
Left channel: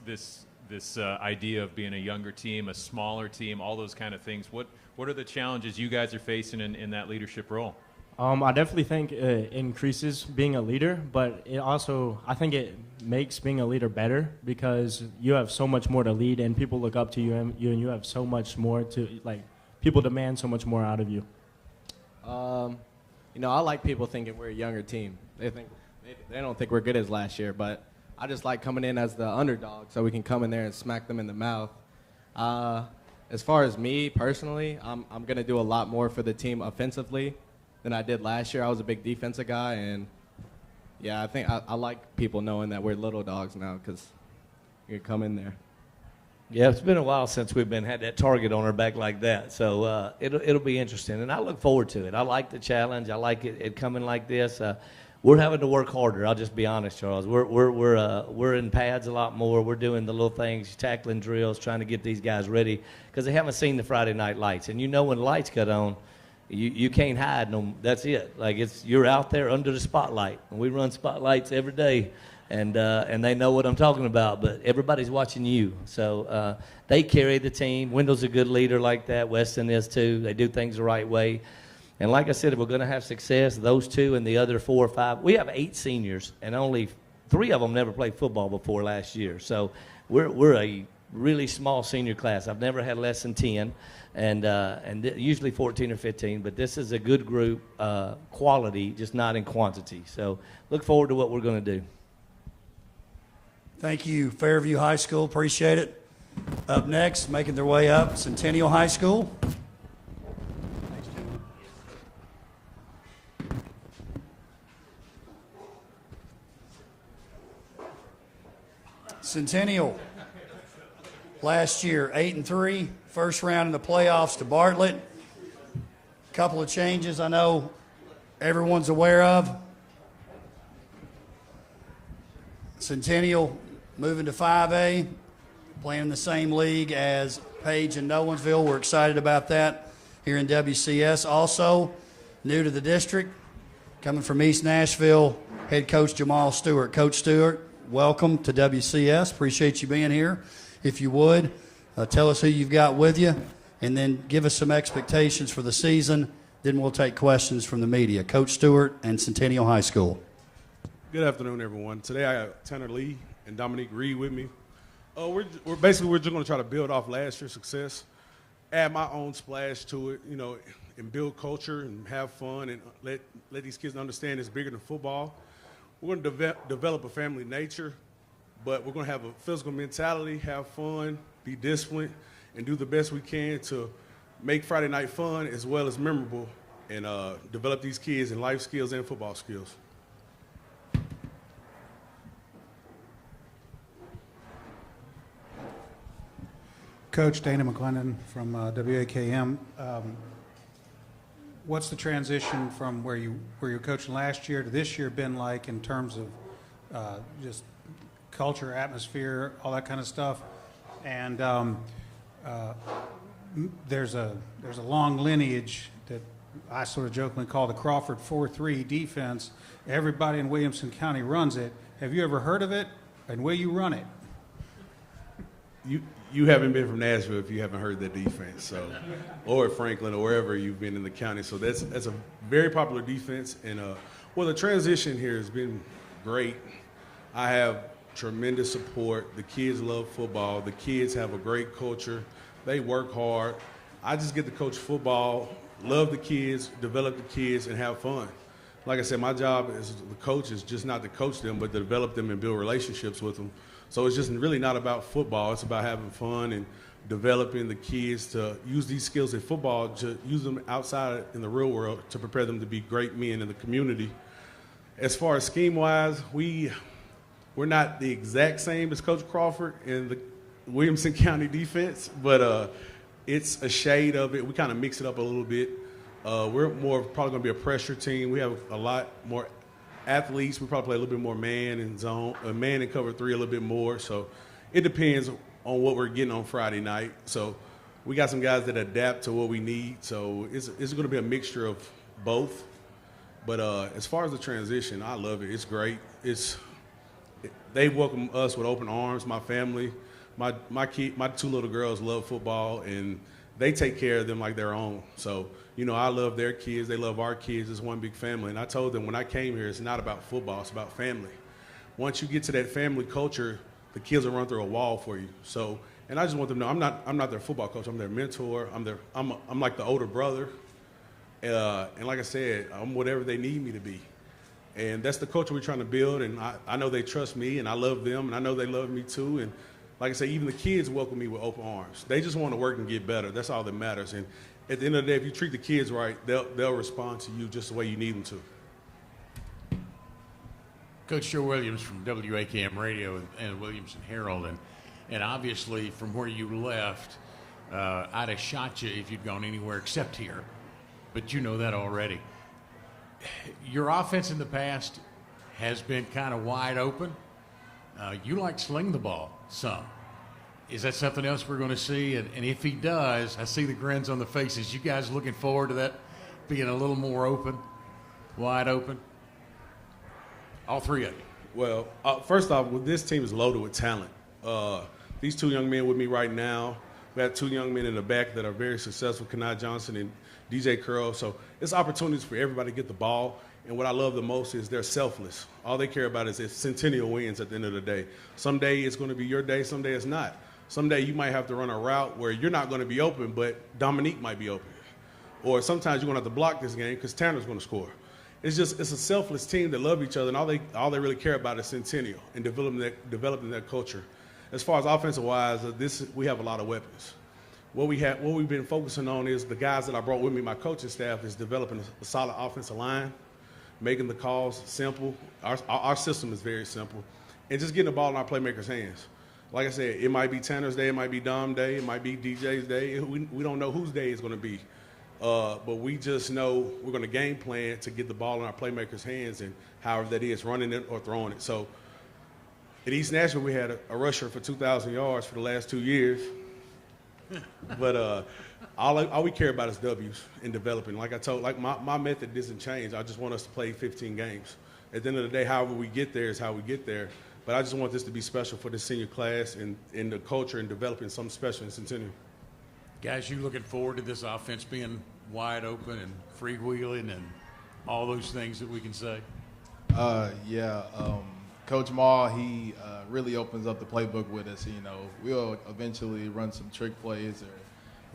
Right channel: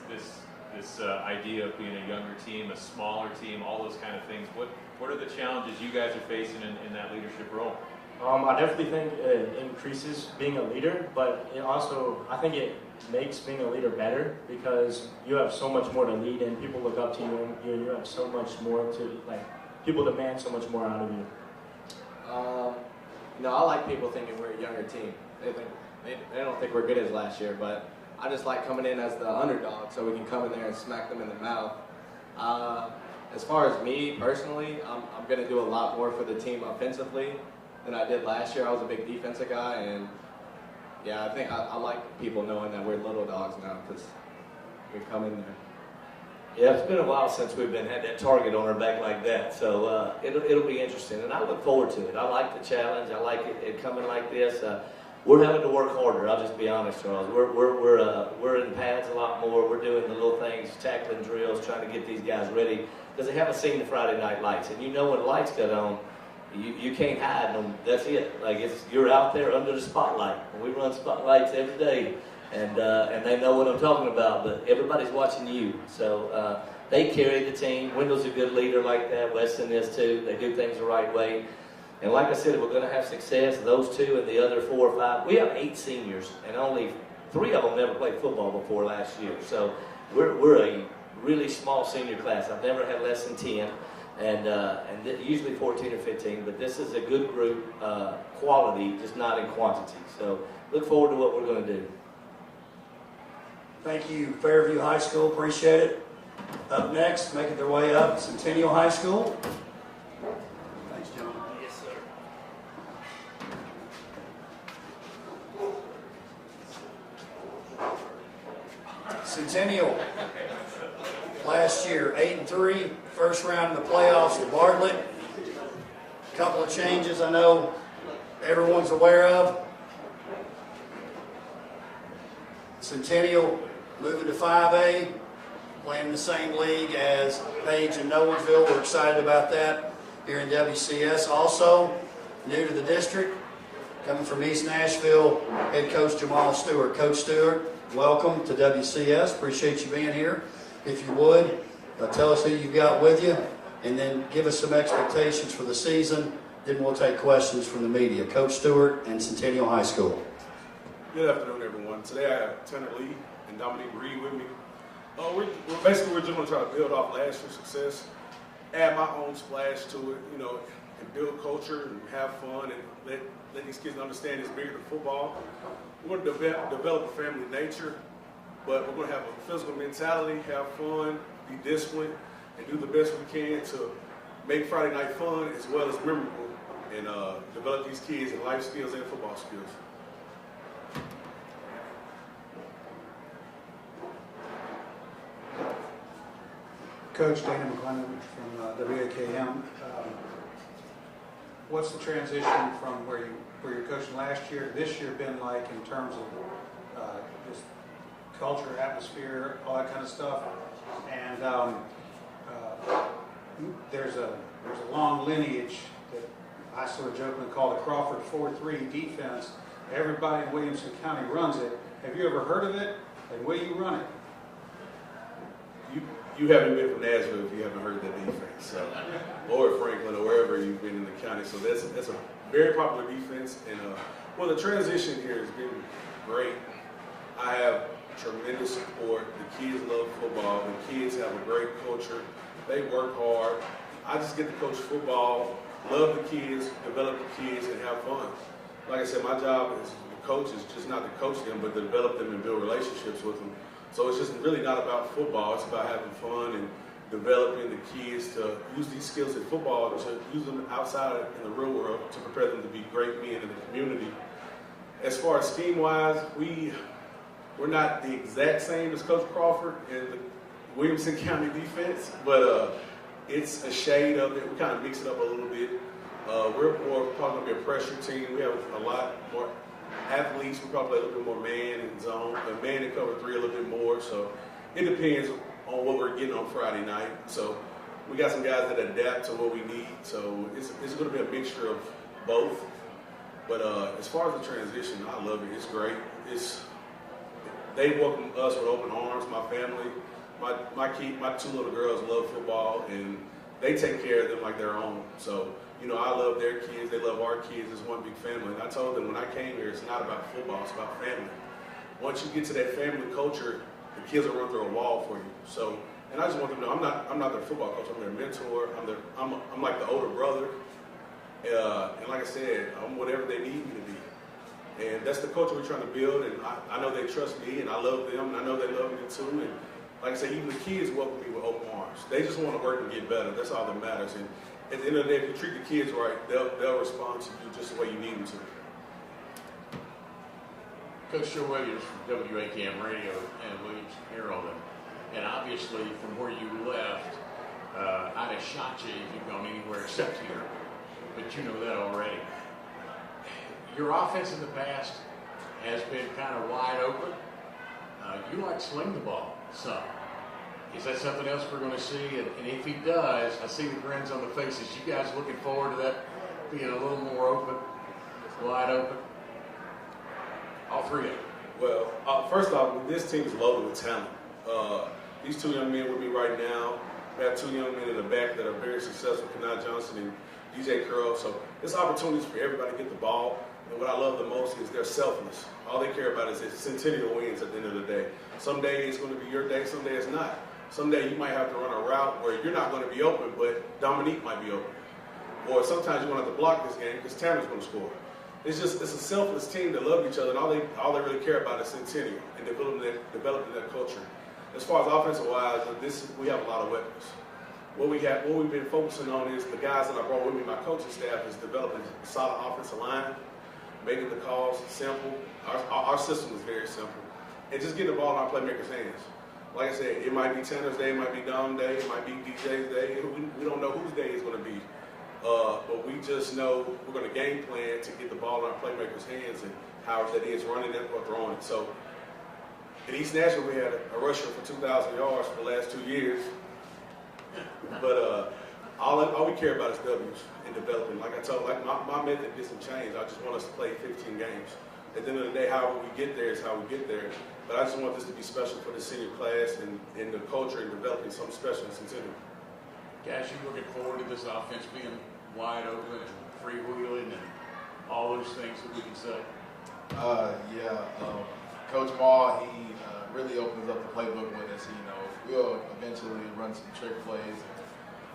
idea of being a younger team, a smaller team, all those kind of things. What are the challenges you guys are facing in that leadership role? I definitely think it increases being a leader, but I think it makes being a leader better because you have so much more to lead and people look up to you and you have so much more to, people demand so much more out of you. I like people thinking we're a younger team. They don't think we're good as last year, but I just like coming in as the underdog so we can come in there and smack them in the mouth. As far as me personally, I'm going to do a lot more for the team offensively than I did last year. I was a big defensive guy, and yeah, I think I like people knowing that we're little dogs now because you can come in there. Yeah, it's been a while since we've had that target on our back like that, so it'll be interesting, and I look forward to it. I like the challenge. I like it coming like this. We're having to work harder. I'll just be honest, Charles. We're in pads a lot more. We're doing the little things, tackling drills, trying to get these guys ready because they haven't seen the Friday night lights, and when the lights cut on, you can't hide them. That's it. You're out there under the spotlight. We run spotlights every day, and they know what I'm talking about. But everybody's watching you, so they carry the team. Wendell's a good leader like that. Weston is too. They do things the right way. And like I said, we're going to have success. Those 2 and the other 4 or 5. We have 8 seniors, and only 3 of them never played football before last year. So we're a really small senior class. I've never had less than 10. And usually 14 or 15, but this is a good group, quality, just not in quantity. So look forward to what we're going to do. Thank you, Fairview High School. Appreciate it. Up next, making their way up, Centennial High School. Thanks, John. Yes, sir. Centennial. Last year, 8-3, first round in the playoffs to Bartlett. Couple of changes I know everyone's aware of. Centennial moving to 5A, playing the same league as Paige and Nolensville. We're excited about that here in WCS. Also, new to the district, coming from East Nashville, head coach Jamal Stewart. Coach Stewart, welcome to WCS. Appreciate you being here. If you would, tell us who you've got with you, and then give us some expectations for the season. Then we'll take questions from the media. Coach Stewart and Centennial High School. Good afternoon, everyone. Today I got Tanner Lee and Dominique Reed with me. We're just going to try to build off last year's success, add my own splash to it, and build culture and have fun and let these kids understand it's bigger than football. We're going to develop a family nature. But we're going to have a physical mentality, have fun, be disciplined, and do the best we can to make Friday night fun as well as memorable, and develop these kids in life skills and football skills. Coach Dana McClendon from WAKM. What's the transition from where you were coaching last year to this year been like in terms of just culture, atmosphere, all that kind of stuff? And there's a long lineage that I sort of jokingly call the Crawford 4-3 defense. Everybody in Williamson County runs it. Have you ever heard of it? And will you run it? You haven't been from Nashville if you haven't heard that defense, so, or Franklin, or wherever you've been in the county. So that's a very popular defense, and well, the transition here has been great. I have tremendous support. The kids love football. The kids have a great culture. They work hard. I just get to coach football, love the kids, develop the kids, and have fun. Like I said, my job as the coach is just not to coach them, but to develop them and build relationships with them. So it's just really not about football. It's about having fun and developing the kids to use these skills in football, to use them outside in the real world to prepare them to be great men in the community. As far as scheme-wise, we're not the exact same as Coach Crawford in the Williamson County defense, but it's a shade of it. We kind of mix it up a little bit. We're probably going to be a pressure team. We have a lot more athletes. We probably play a little bit more man and zone, man and cover 3 a little bit more. So it depends on what we're getting on Friday night. So we got some guys that adapt to what we need. So it's going to be a mixture of both. But as far as the transition, I love it. It's great. They welcome us with open arms. My family, my 2 little girls love football, and they take care of them like their own. So, I love their kids. They love our kids. It's one big family. And I told them when I came here, it's not about football. It's about family. Once you get to that family culture, the kids will run through a wall for you. So, and I just want them to know I'm not their football coach. I'm their mentor. I'm like the older brother. And like I said, I'm whatever they need me to be. And that's the culture we're trying to build. And I know they trust me, and I love them, and I know they love me too. And like I say, even the kids welcome me with open arms. They just want to work and get better. That's all that matters. And at the end of the day, if you treat the kids right, they'll respond to you just the way you need them to. Coach Joe Williams from WAKM Radio and Williamson Herald, and obviously from where you left, I'd have shot you if you'd gone anywhere except here, but you know that already. Your offense in the past has been kind of wide open. You like sling the ball some. Is that something else we're going to see? And if he does, I see the grins on the faces. You guys looking forward to that being a little more open, wide open? All 3 of them. Well, first off, this team is loaded with talent. These 2 young men with me right now. We got 2 young men in the back that are very successful, Kenai Johnson and DJ Curl. So it's opportunities for everybody to get the ball. And what I love the most is they're selfless. All they care about is that Centennial wins at the end of the day. Some day it's going to be your day, some day it's not. Someday you might have to run a route where you're not going to be open, but Dominique might be open. Or sometimes you're going to have to block this game because Tanner's going to score. It's a selfless team that love each other, and all they really care about is Centennial and developing that culture. As far as offensive-wise, we have a lot of weapons. What we've been focusing on is the guys that I brought with me, my coaching staff, is developing a solid offensive line, making the calls simple. Our system is very simple, and just getting the ball in our playmakers' hands. Like I said, it might be Tanner's day, it might be Dom's day, it might be DJ's day. We don't know whose day it's going to be. But we just know we're going to game plan to get the ball in our playmakers' hands, and however that is, running it or throwing it. So at East Nashville, we had a rusher for 2,000 yards for the last 2 years. But all we care about is W's and developing. Like I told, my method doesn't change. I just want us to play 15 games. At the end of the day, however we get there is how we get there. But I just want this to be special for the senior class and the culture and developing something special in Centennial. Guys, you looking forward to this offense being wide open and freewheeling and all those things that we can say? Coach Maul, he really opens up the playbook with us. We'll eventually run some trick plays.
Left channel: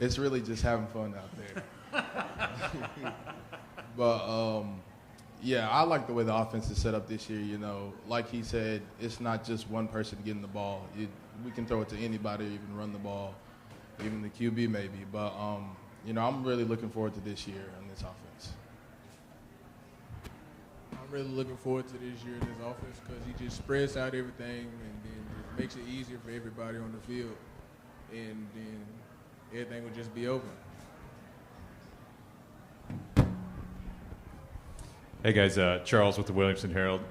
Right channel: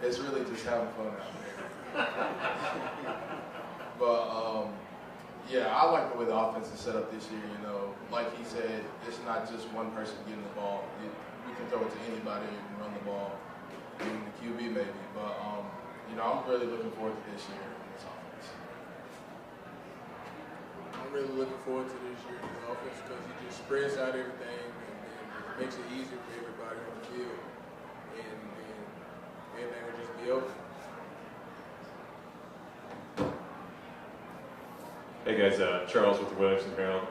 It's really just having fun out there. But I like the way the offense is set up this year. Like he said, it's not just one person getting the ball. we can throw it to anybody. You can run the ball, even the QB maybe. But I'm really looking forward to this year in this offense. I'm really looking forward to this year in this offense because he just spreads out everything and then just makes it easier for everybody on the field, and everything will just be open. Hey guys, Charles with the Williamson Herald.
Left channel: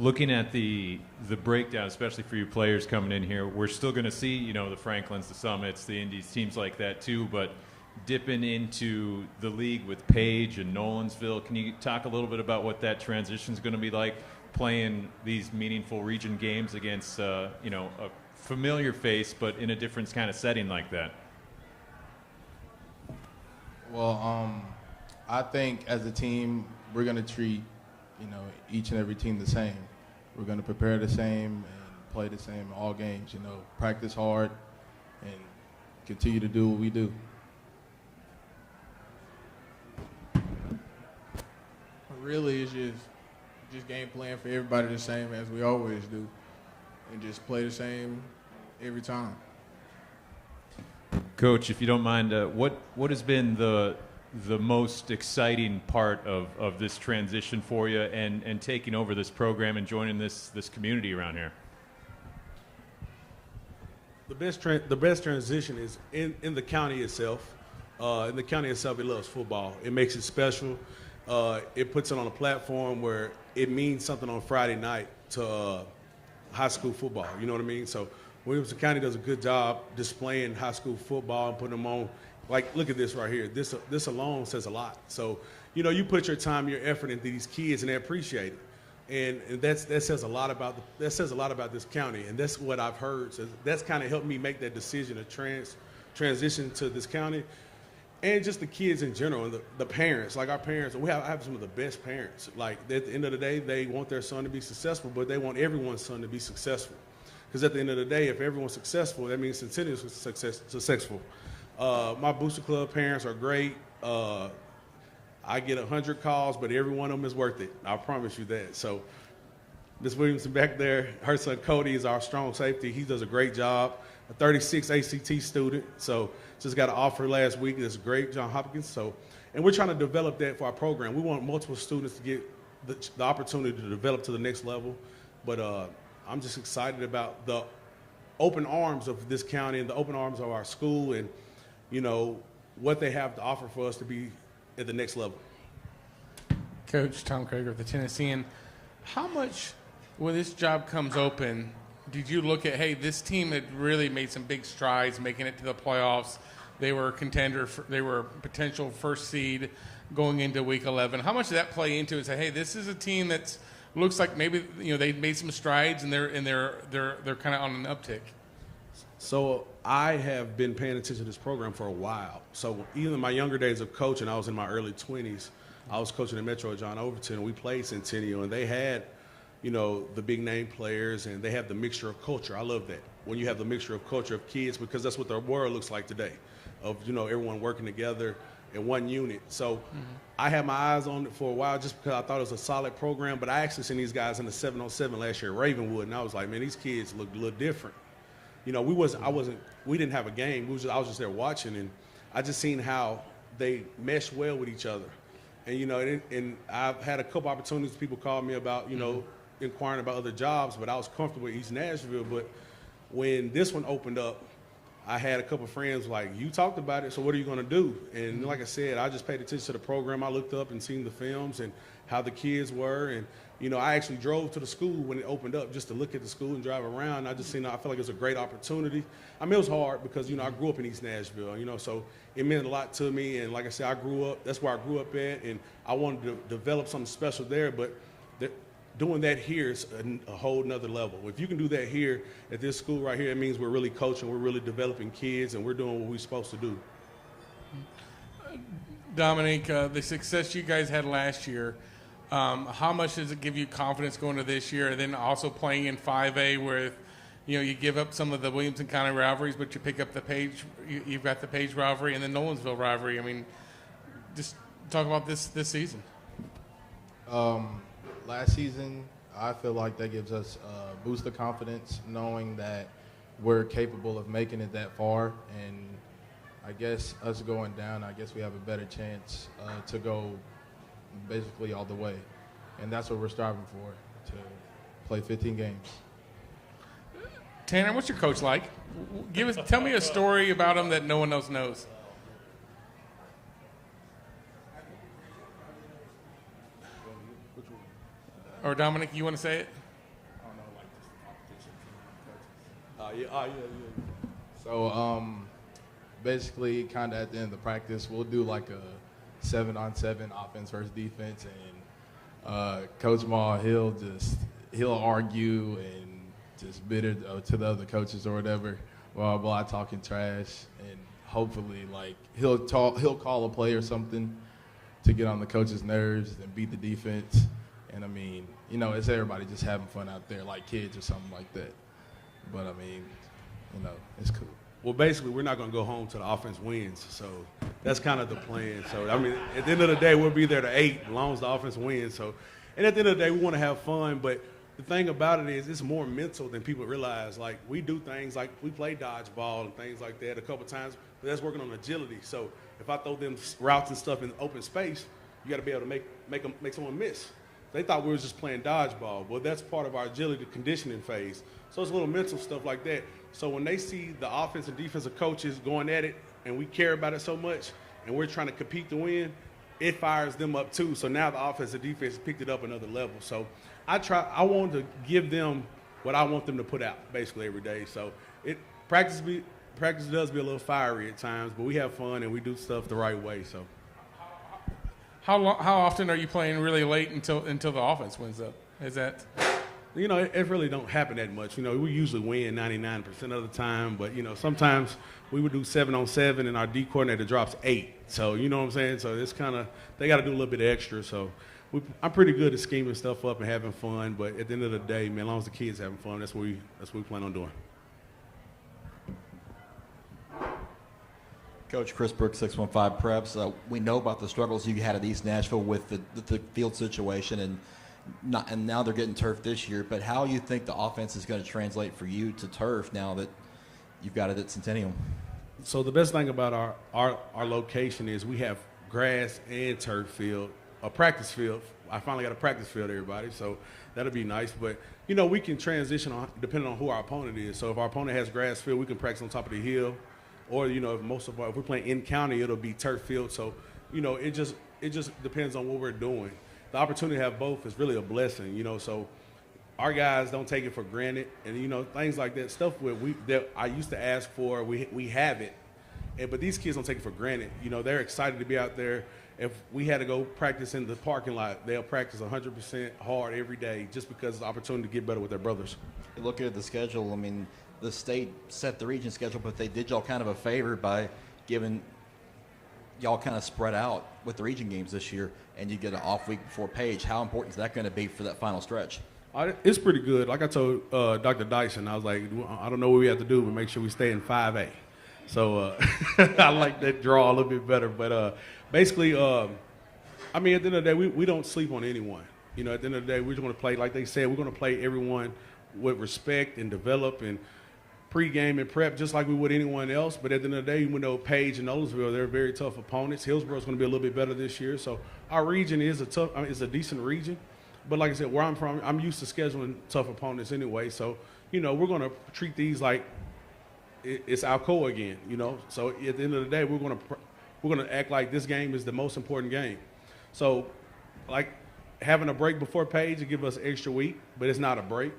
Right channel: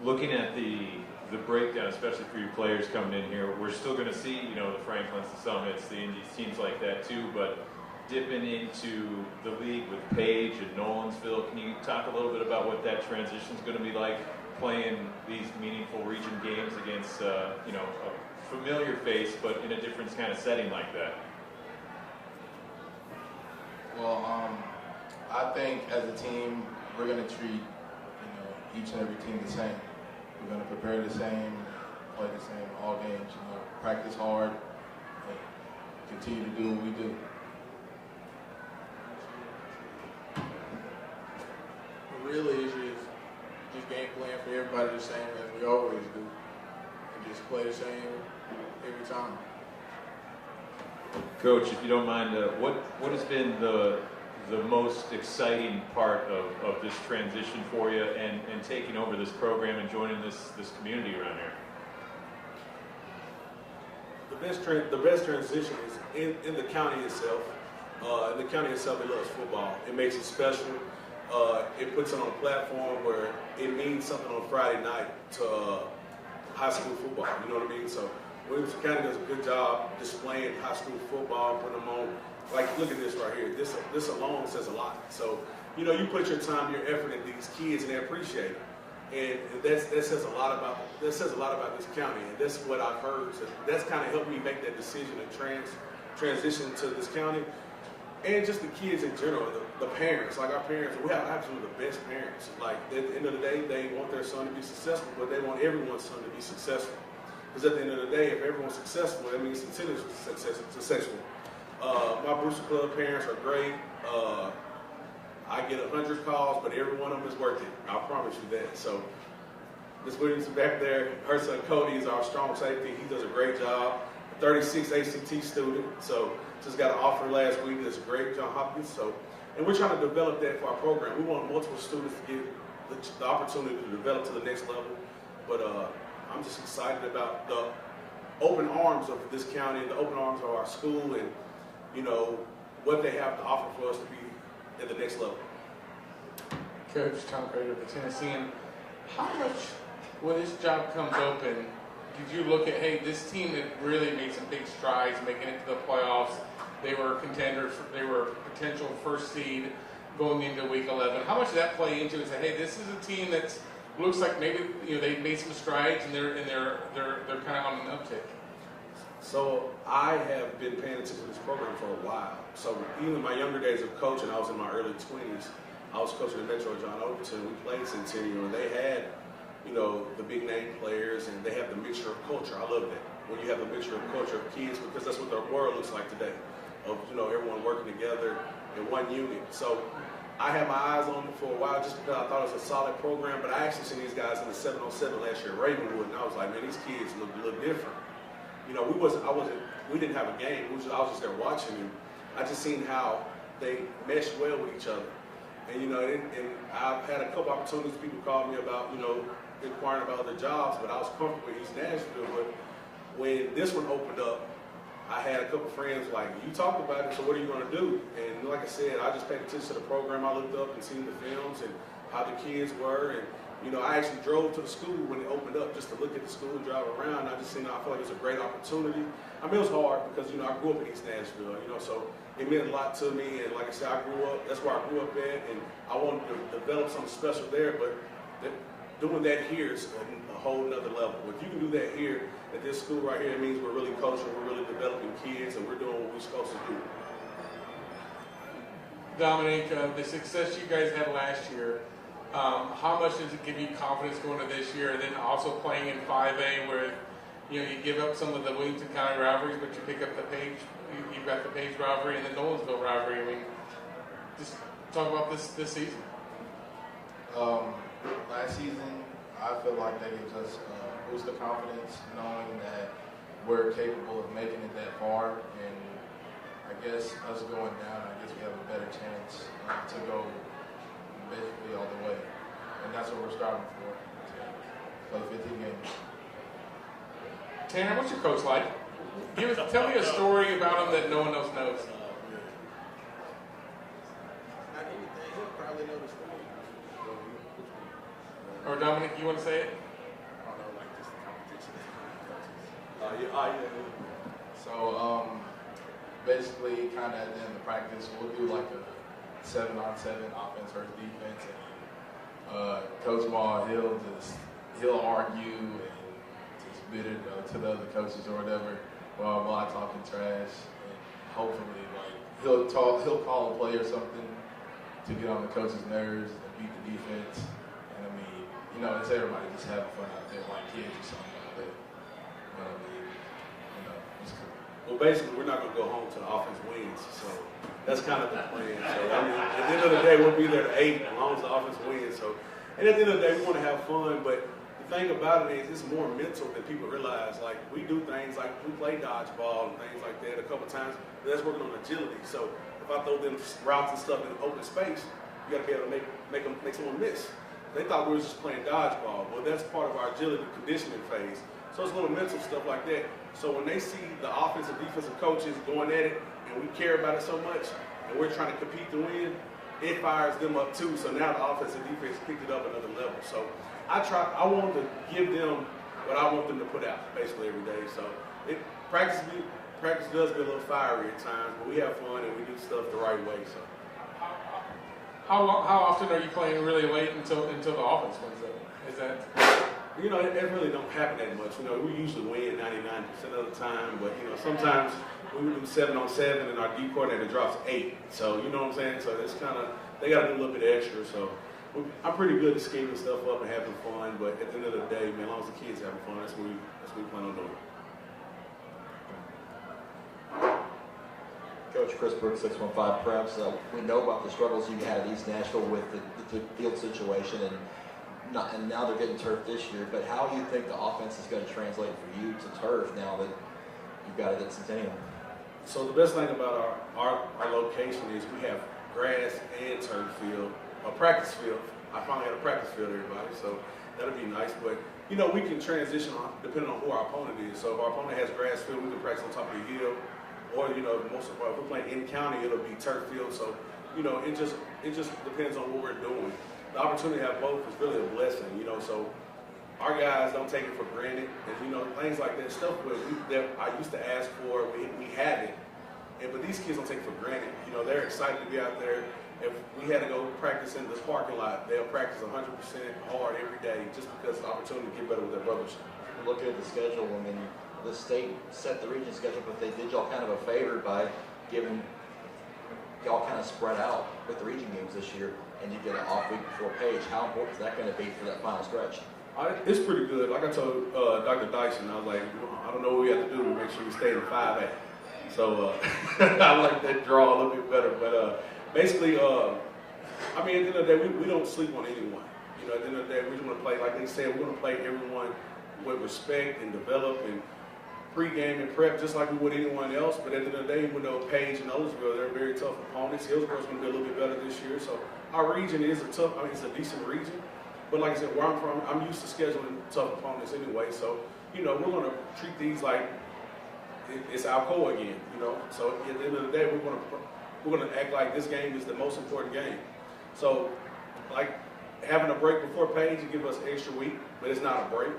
Looking at the breakdown, especially for your players coming in here, we're still going to see, the Franklins, the Summits, the Indies, teams like that too, but dipping into the league with Paige and Nolensville, can you talk a little bit about what that transition is going to be like, playing these meaningful region games against, a familiar face, but in a different kind of setting like that? Well, I think as a team, we're going to treat, each and every team the same. We're going to prepare the same, and play the same in all games. Practice hard, and continue to do what we do. Really, it's just game plan for everybody the same as we always do, and just play the same every time. Coach, if you don't mind, what has been the most exciting part of this transition for you and taking over this program and joining this community around here? The best transition is in the county itself. In the county itself, it loves football. It makes it special. It puts it on a platform where it means something on Friday night to high school football. You know what I mean? So Williamson County does a good job displaying high school football and putting them on. Like, look at this right here. This alone says a lot. So, you put your time, your effort into these kids, and they appreciate it. And that says a lot about this county. And that's what I've heard. So that's kind of helped me make that decision to transition to this county, and just the kids in general, and the parents. Like our parents, I have some of the best parents. Like at the end of the day, they want their son to be successful, but they want everyone's son to be successful. Because at the end of the day, if everyone's successful, that means Centennial is successful. My Booster Club parents are great. I get 100 calls, but every one of them is worth it. I promise you that. So Ms. Williamson back there, her son Cody is our strong safety. He does a great job. A 36 ACT student. So just got an offer last week. That's great, John Hopkins. So, and we're trying to develop that for our program. We want multiple students to get the opportunity to develop to the next level. But I'm just excited about the open arms of this county and the open arms of our school, and what they have to offer for us to be at the next level. Coach Tom Krager of the Tennessean, how much, when this job comes open, did you look at, hey, this team that really made some big strides making it to the playoffs, they were contenders, they were a potential first seed going into week 11. How much did that play into it? Say, hey, this is a team that looks like maybe they made some strides and they're kind of on an uptick. So I have been paying attention to this program for a while. So even in my younger days of coaching, I was in my early 20s. I was coaching at Metro John Overton. We played Centennial, and they had, the big name players, and they have the mixture of culture. I love that. When you have the mixture of culture of kids, because that's what the world looks like today, of everyone working together in one unit. So I had my eyes on it for a while just because I thought it was a solid program. But I actually seen these guys in the 707 last year at Ravenwood, and I was like, man, these kids look different. We didn't have a game. I was just there watching, and I just seen how they meshed well with each other. And and I've had a couple opportunities. People called me about inquiring about other jobs, but I was comfortable with East Nashville. But when this one opened up, I had a couple of friends like, you talked about it, so what are you going to do? And like I said, I just paid attention to the program. I looked up and seen the films and how the kids were, and I actually drove to the school when it opened up just to look at the school and drive around. I feel like it was a great opportunity. I mean, it was hard because, I grew up in East Nashville, so it meant a lot to me. And like I said, that's where I grew up at, and I wanted to develop something special there. But doing that here is a whole nother level. If you can do that here at this school right here, it means we're really coaching, we're really developing kids, and we're doing what we're supposed to do. Dominique, the success you guys had last year, how much does it give you confidence going to this year, and then also playing in 5A where you give up some of the Williamson County rivalries, but you pick up the Paige, you've got the Paige rivalry and the Nolensville rivalry. I mean, just talk about this season. Last season, I feel like that gives us a boost of confidence, knowing that we're capable of making it that far. And I guess us going down, I guess we have a better chance to go basically all the way. And that's what we're striving for, to play 15 games. Tanner, what's your coach like? Tell me a story about him that no one else knows. Or Dominic, you want to say it? So basically, kind of at the end of the practice, we'll do like a 7-on-7 offense versus defense, and Coach Maul, he'll argue and just bitter to the other coaches or whatever while I talking trash, and hopefully like he'll call a play or something to get on the coach's nerves and beat the defense. And I mean, you know, it's everybody just having fun out there like kids or something like that. But I mean, you know, it's cool. Well, basically, we're not going to go home till the offense wins. So that's kind of the plan. So, I mean, at the end of the day, we'll be there to 8 as long as the offense wins. So, and at the end of the day, we want to have fun. But the thing about it is it's more mental than people realize. Like, we do things like we play dodgeball and things like that a couple times. But that's working on agility. So if I throw them routes and stuff in open space, you got to be able to make someone miss. They thought we were just playing dodgeball. Well, that's part of our agility conditioning phase. So it's little mental stuff like that. So when they see the offensive, defensive coaches going at it, and we care about it so much, and we're trying to compete to win, it fires them up too. So now the offensive defense picked it up another level. So I want to give them what I want them to put out basically every day. So practice does be a little fiery at times, but we have fun and we do stuff the right way. So how often are you playing really late until the offense wins up? Is that? You know, it really don't happen that much. You know, we usually win 99% of the time, but, you know, sometimes we would do 7-on-7 and our D coordinator drops 8. So, you know what I'm saying? So it's kind of, they got to do a little bit extra. So I'm pretty good at scheming stuff up and having fun, but at the end of the day, man, as long as the kids having fun, that's what we plan on doing. Coach Chris Brooks, 615 Preps. We know about the struggles you had at East Nashville with the field situation, and now they're getting turf this year. But how do you think the offense is going to translate for you to turf now that you've got it at Centennial? So the best thing about our location is we have grass and turf field, a practice field. I finally got a practice field, everybody, so that'll be nice. But, you know, we can transition depending on who our opponent is. So if our opponent has grass field, we can practice on top of the hill. Or, you know, if we're playing in county, it'll be turf field. So, you know, it just depends on what we're doing. The opportunity to have both is really a blessing, you know. So our guys don't take it for granted, and, you know, things like that, stuff that I used to ask for, we have it. But these kids don't take it for granted. You know, they're excited to be out there. If we had to go practice in the parking lot, they'll practice 100% hard every day just because of the opportunity to get better with their brothers. Looking at the schedule, I mean, the state set the region schedule, but they did y'all kind of a favor by giving y'all kind of spread out with the region games this year, and you get an off week before Paige. How important is that going to be for that final stretch? It's pretty good. Like I told Dr. Dyson, I was like, I don't know what we have to do, but make sure we stay in 5A. So I like that draw a little bit better. But basically, I mean, at the end of the day, we don't sleep on anyone. You know, at the end of the day, we're just going to play, like they said, we're going to play everyone with respect and develop and pre-game and prep just like we would anyone else. But at the end of the day, even though Paige and Nolensville, they're very tough opponents. Hillsboro's going to be a little bit better this year. So our region is it's a decent region. But like I said, where I'm from, I'm used to scheduling tough opponents anyway. So, you know, we're going to treat these like it's Alcoa again, you know. So at the end of the day, we're going to act like this game is the most important game. So, like, having a break before Paige will give us an extra week, but it's not a break.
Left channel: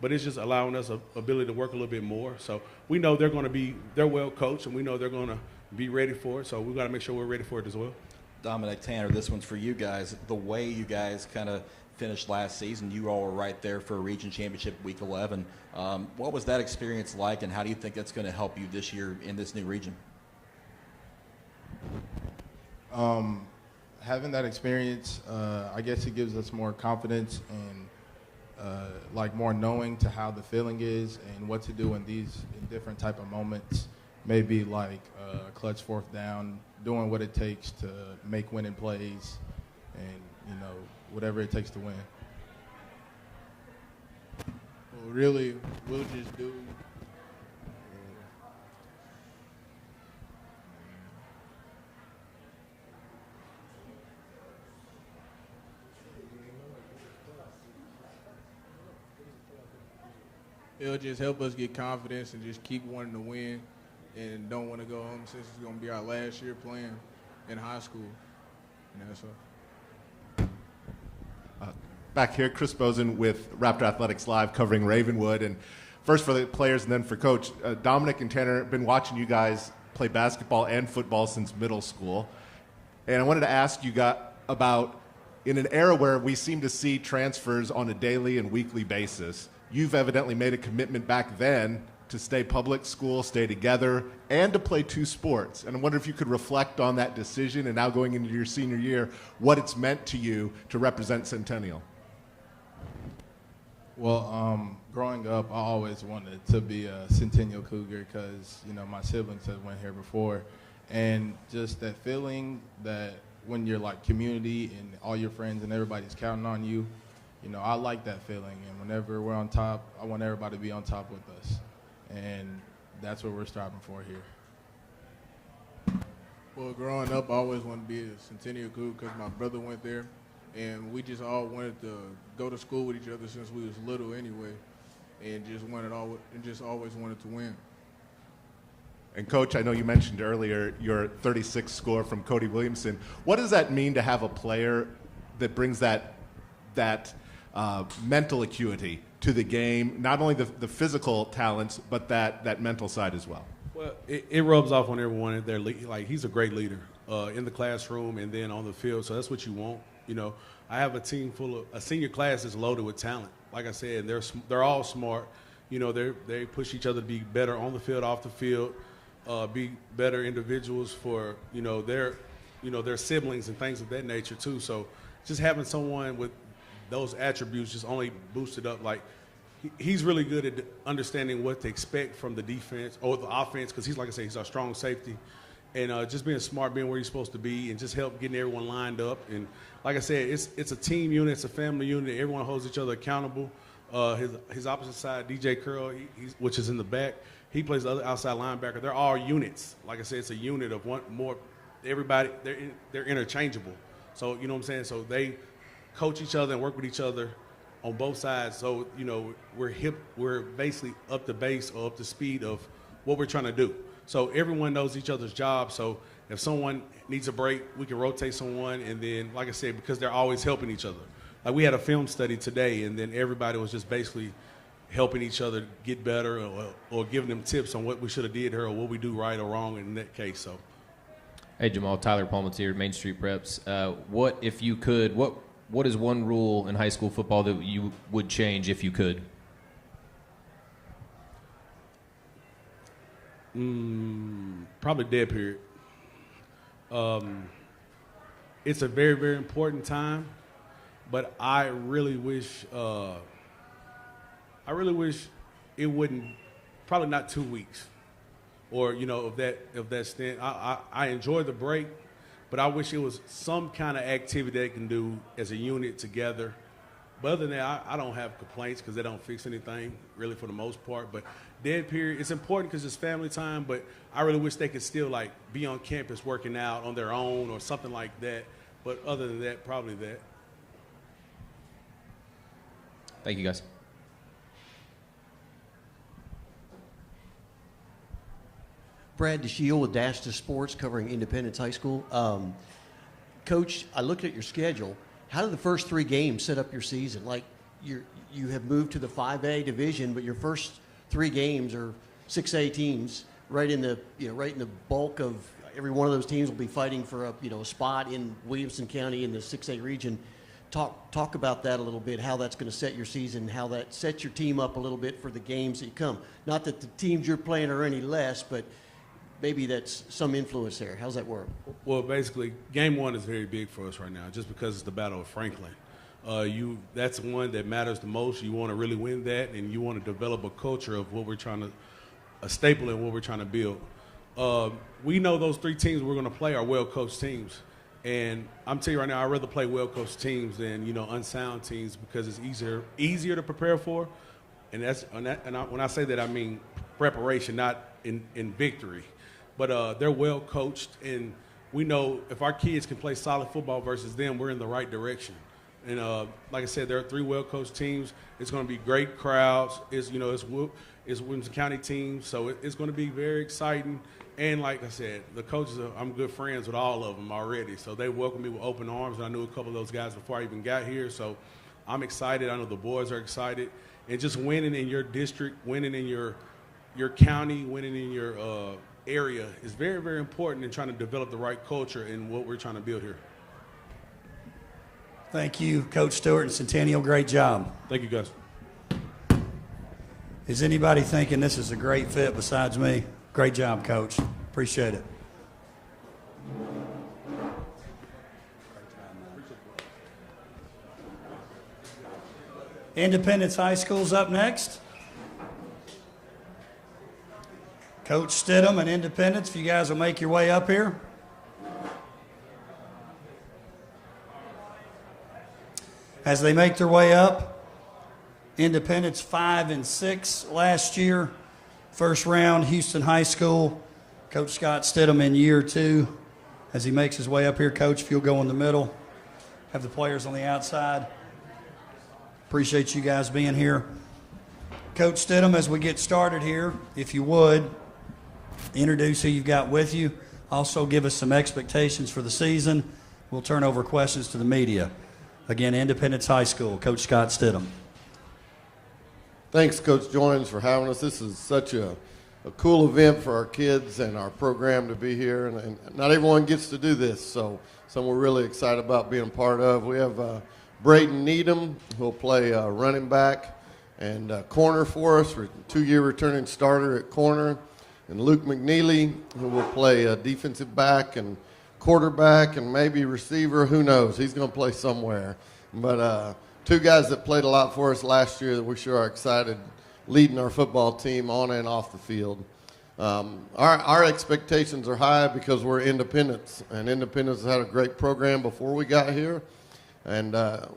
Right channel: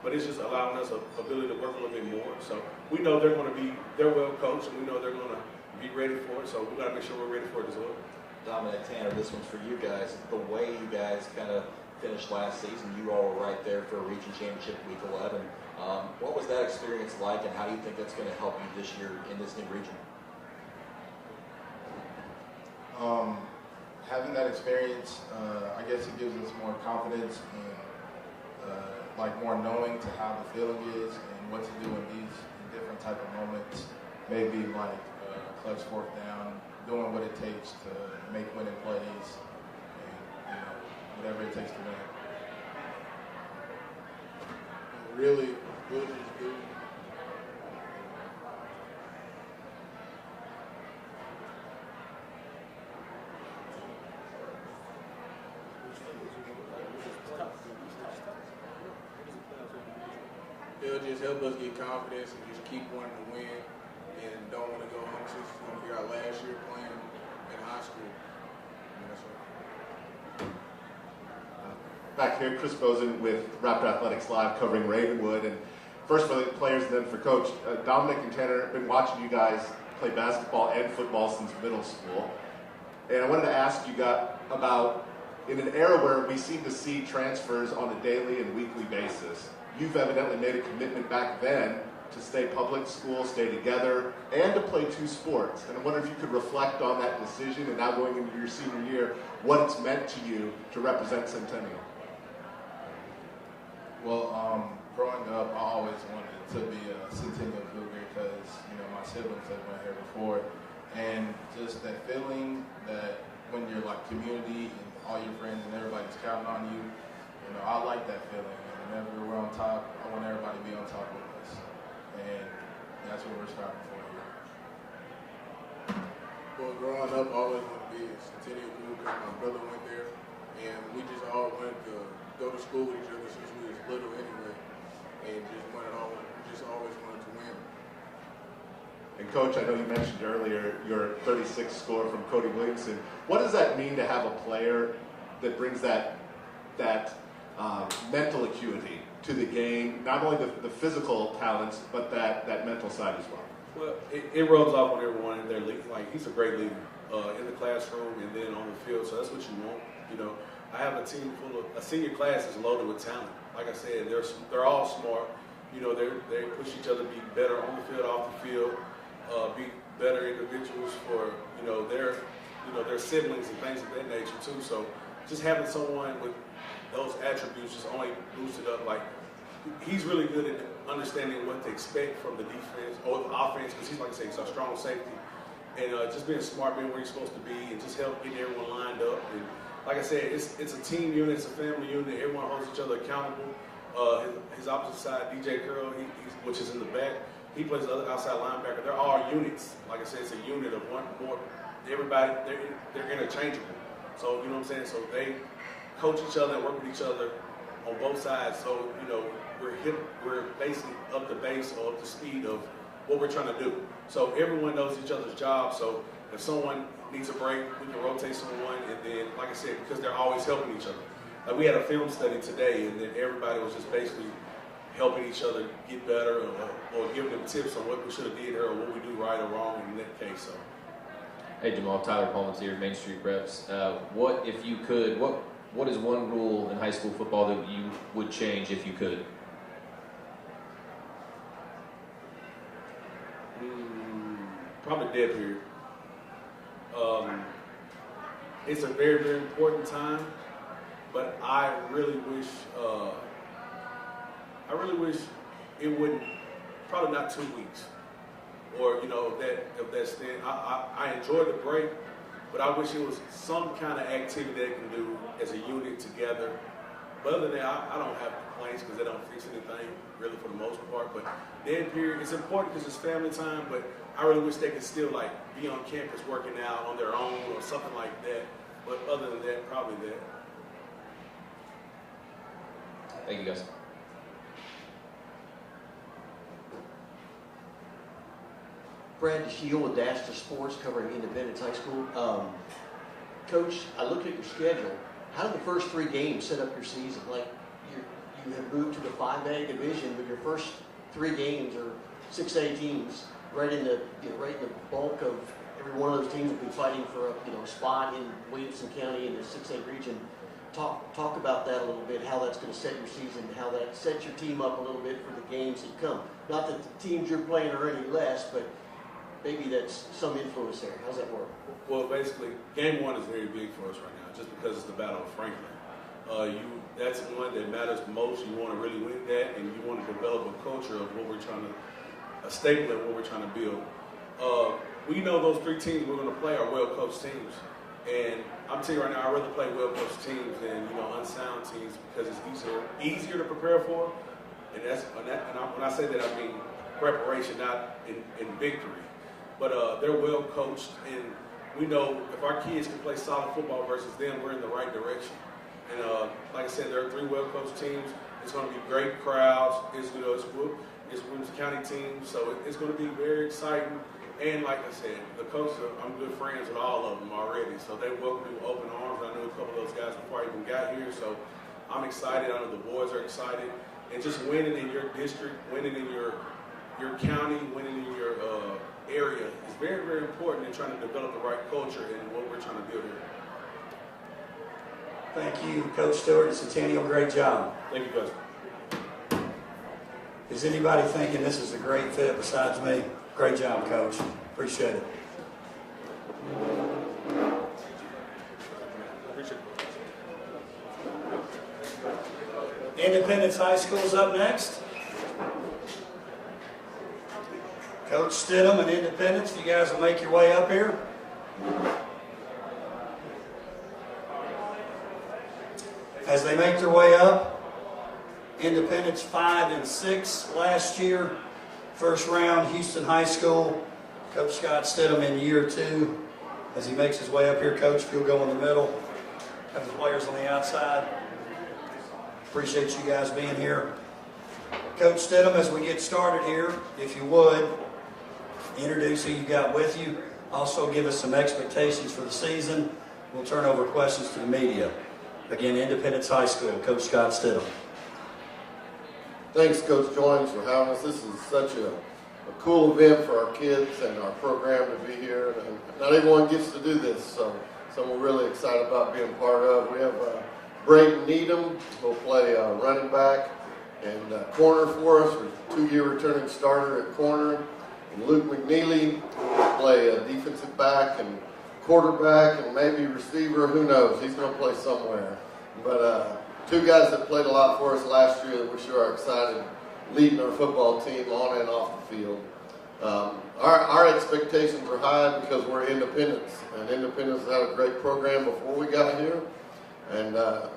But it's just allowing us the ability to work a little bit more. So we know they're well coached, and we know they're going to be ready for it. So we got to make sure we're ready for it as well. Dominic, Tanner, this one's for you guys. The way you guys kind of finished last season, you all were right there for a region championship week 11. What was that experience like, and how do you think that's going to help you this year in this new region? Having that experience, I guess it gives us more confidence and like more knowing to how the feeling is and what to do in these different type of moments. Maybe like clutch fourth down, doing what it takes to make winning plays, and, you know, whatever it takes to win. Really just it'll just help us get confidence and just keep wanting to win and don't want to go home since it's going to be our last year playing in high school. Back here, Chris Bozen with Raptor Athletics Live covering Ravenwood. And first for the players and then for Coach. Dominic and Tanner have been watching you guys play basketball and football since middle school. And I wanted to ask you about, in an era where we seem to see transfers on a daily and weekly basis, you've evidently made a commitment back then to stay public school, stay together, and to play two sports. And I wonder if you could reflect on that decision and now going into your senior year, what it's meant to you to represent Centennial. Well, growing up, I always wanted to be a Centennial Cougar because, my siblings have went here before. And just that feeling that when you're like community and all your friends and everybody's counting on you, I like that feeling. And whenever we're on top, I want everybody to be on top with us. And that's what we're striving for here. Well, growing up, I always wanted to be a Centennial Cougar because my brother went there. And we just all wanted to go to school with each other since we was little anyway. And just always wanted to win. And Coach, I know you mentioned earlier your 36 score from Cody Williamson. What does that mean to have a player that brings that mental acuity to the game, not only the physical talents, but that mental side as well? Well, it rubs off on everyone in there. Like, he's a great leader in the classroom and then on the field, so that's what you want. I have a team a senior class is loaded with talent. Like I said, they're all smart. They push each other to be better on the field, off the field, be better individuals for their siblings and things of that nature too. So just having someone with those attributes just only boosted up. Like, he's really good at understanding what to expect from the defense or the offense because he's, like I said, he's a strong safety. And just being smart, being where he's supposed to be, and just help getting everyone lined up. And like I said, it's a team unit, it's a family unit. Everyone holds each other accountable. His opposite side, DJ Curl, which is in the back, he plays the other outside linebacker. They're all units. Like I said, it's a unit of one more. Everybody, they're interchangeable. So, you know what I'm saying? So they coach each other and work with each other on both sides. So, we're basically up to base or up to speed of what we're trying to do. So everyone knows each other's job. So if someone needs a break, we can rotate someone. And then, like I said, because they're always helping each other. Like, we had a film study today, and then everybody was just basically helping each other get better or giving them tips on what we should have did here or what we do right or wrong in that case. So. Hey, Jamal, Tyler Palmatier, Main Street Preps. What is one rule in high school football that you would change if you could? Probably dead period. It's a very, very important time, but I really wish it wouldn't. Probably not 2 weeks, or of that stint. I enjoy the break, but I wish it was some kind of activity they can do as a unit together. But other than that, I don't have complaints because they don't fix anything really for the most part. But dead period, it's important because it's family time. But I really wish they could still be on campus working out on their own or something like that. But other than that, probably that. Thank you, guys. Brad DeShiel with Dash to Sports covering Independence High School. Coach, I looked at your schedule. How did the first 3 games set up your season? You have moved to the 5A division, but your first 3 games are 6A teams. Right in the bulk of every one of those teams will be fighting for a spot in Williamson County in the 6A region. Talk about that a little bit. How that's going to set your season, how that sets your team up a little bit for the games that come. Not that the teams you're playing are any less, but maybe that's some influence there. How's that work? Well, basically, game 1 is very big for us right now, just because it's the Battle of Franklin. That's the one that matters the most. You want to really win that, and you want to develop a culture of what we're trying to, a staple of what we're trying to build. We know those 3 teams we're going to play are well-coached teams, and I'm telling you right now, I'd rather play well-coached teams than unsound teams because it's easier to prepare for, and when I say that, I mean preparation, not in victory. But they're well-coached, and we know if our kids can play solid football versus them, we're in the right direction. And like I said, there are 3 well-coached teams. It's going to be great crowds. It's Williamson County team, so it's going to be very exciting. And like I said, the coaches, I'm good friends with all of them already, so they welcomed me with open arms. And I knew a couple of those guys before I even got here, so I'm excited. I know the boys are excited. And just winning in your district, winning in your county, winning in your area is very, very important in trying to develop the right culture and what we're trying to build here. Thank you, Coach Stewart and Centennial. Great job. Thank you, guys. Is anybody thinking this is a great fit besides me? Great job, Coach. Appreciate it. Independence High School's up next. Coach Stidham and Independence, if you guys will make your way up here. As they make their way up, Independence 5-6 last year. First round, Houston High School. Coach Scott Stidham in year 2. As he makes his way up here, Coach, if you'll go in the middle. Have the players on the outside. Appreciate you guys being here. Coach Stidham, as we get started here, if you would, introduce who you've got with you. Also give us some expectations for the season. We'll turn over questions to the media. Again, Independence High School, Coach Scott Stidham. Thanks, Coach Joins, for having us. This is such a cool event for our kids and our program to be here. And not everyone gets to do this, so we're really excited about being a part of. We have Braden Needham, who will play running back and corner for us. We're a 2-year returning starter at corner. And Luke McNeely, who will play defensive back and quarterback and maybe receiver. Who knows? He's going to play somewhere. But 2 guys that played a lot for us last year that we sure are excited leading our football team on and off the field. Our expectations are high because we're Independence, and Independence had a great program before we got here, and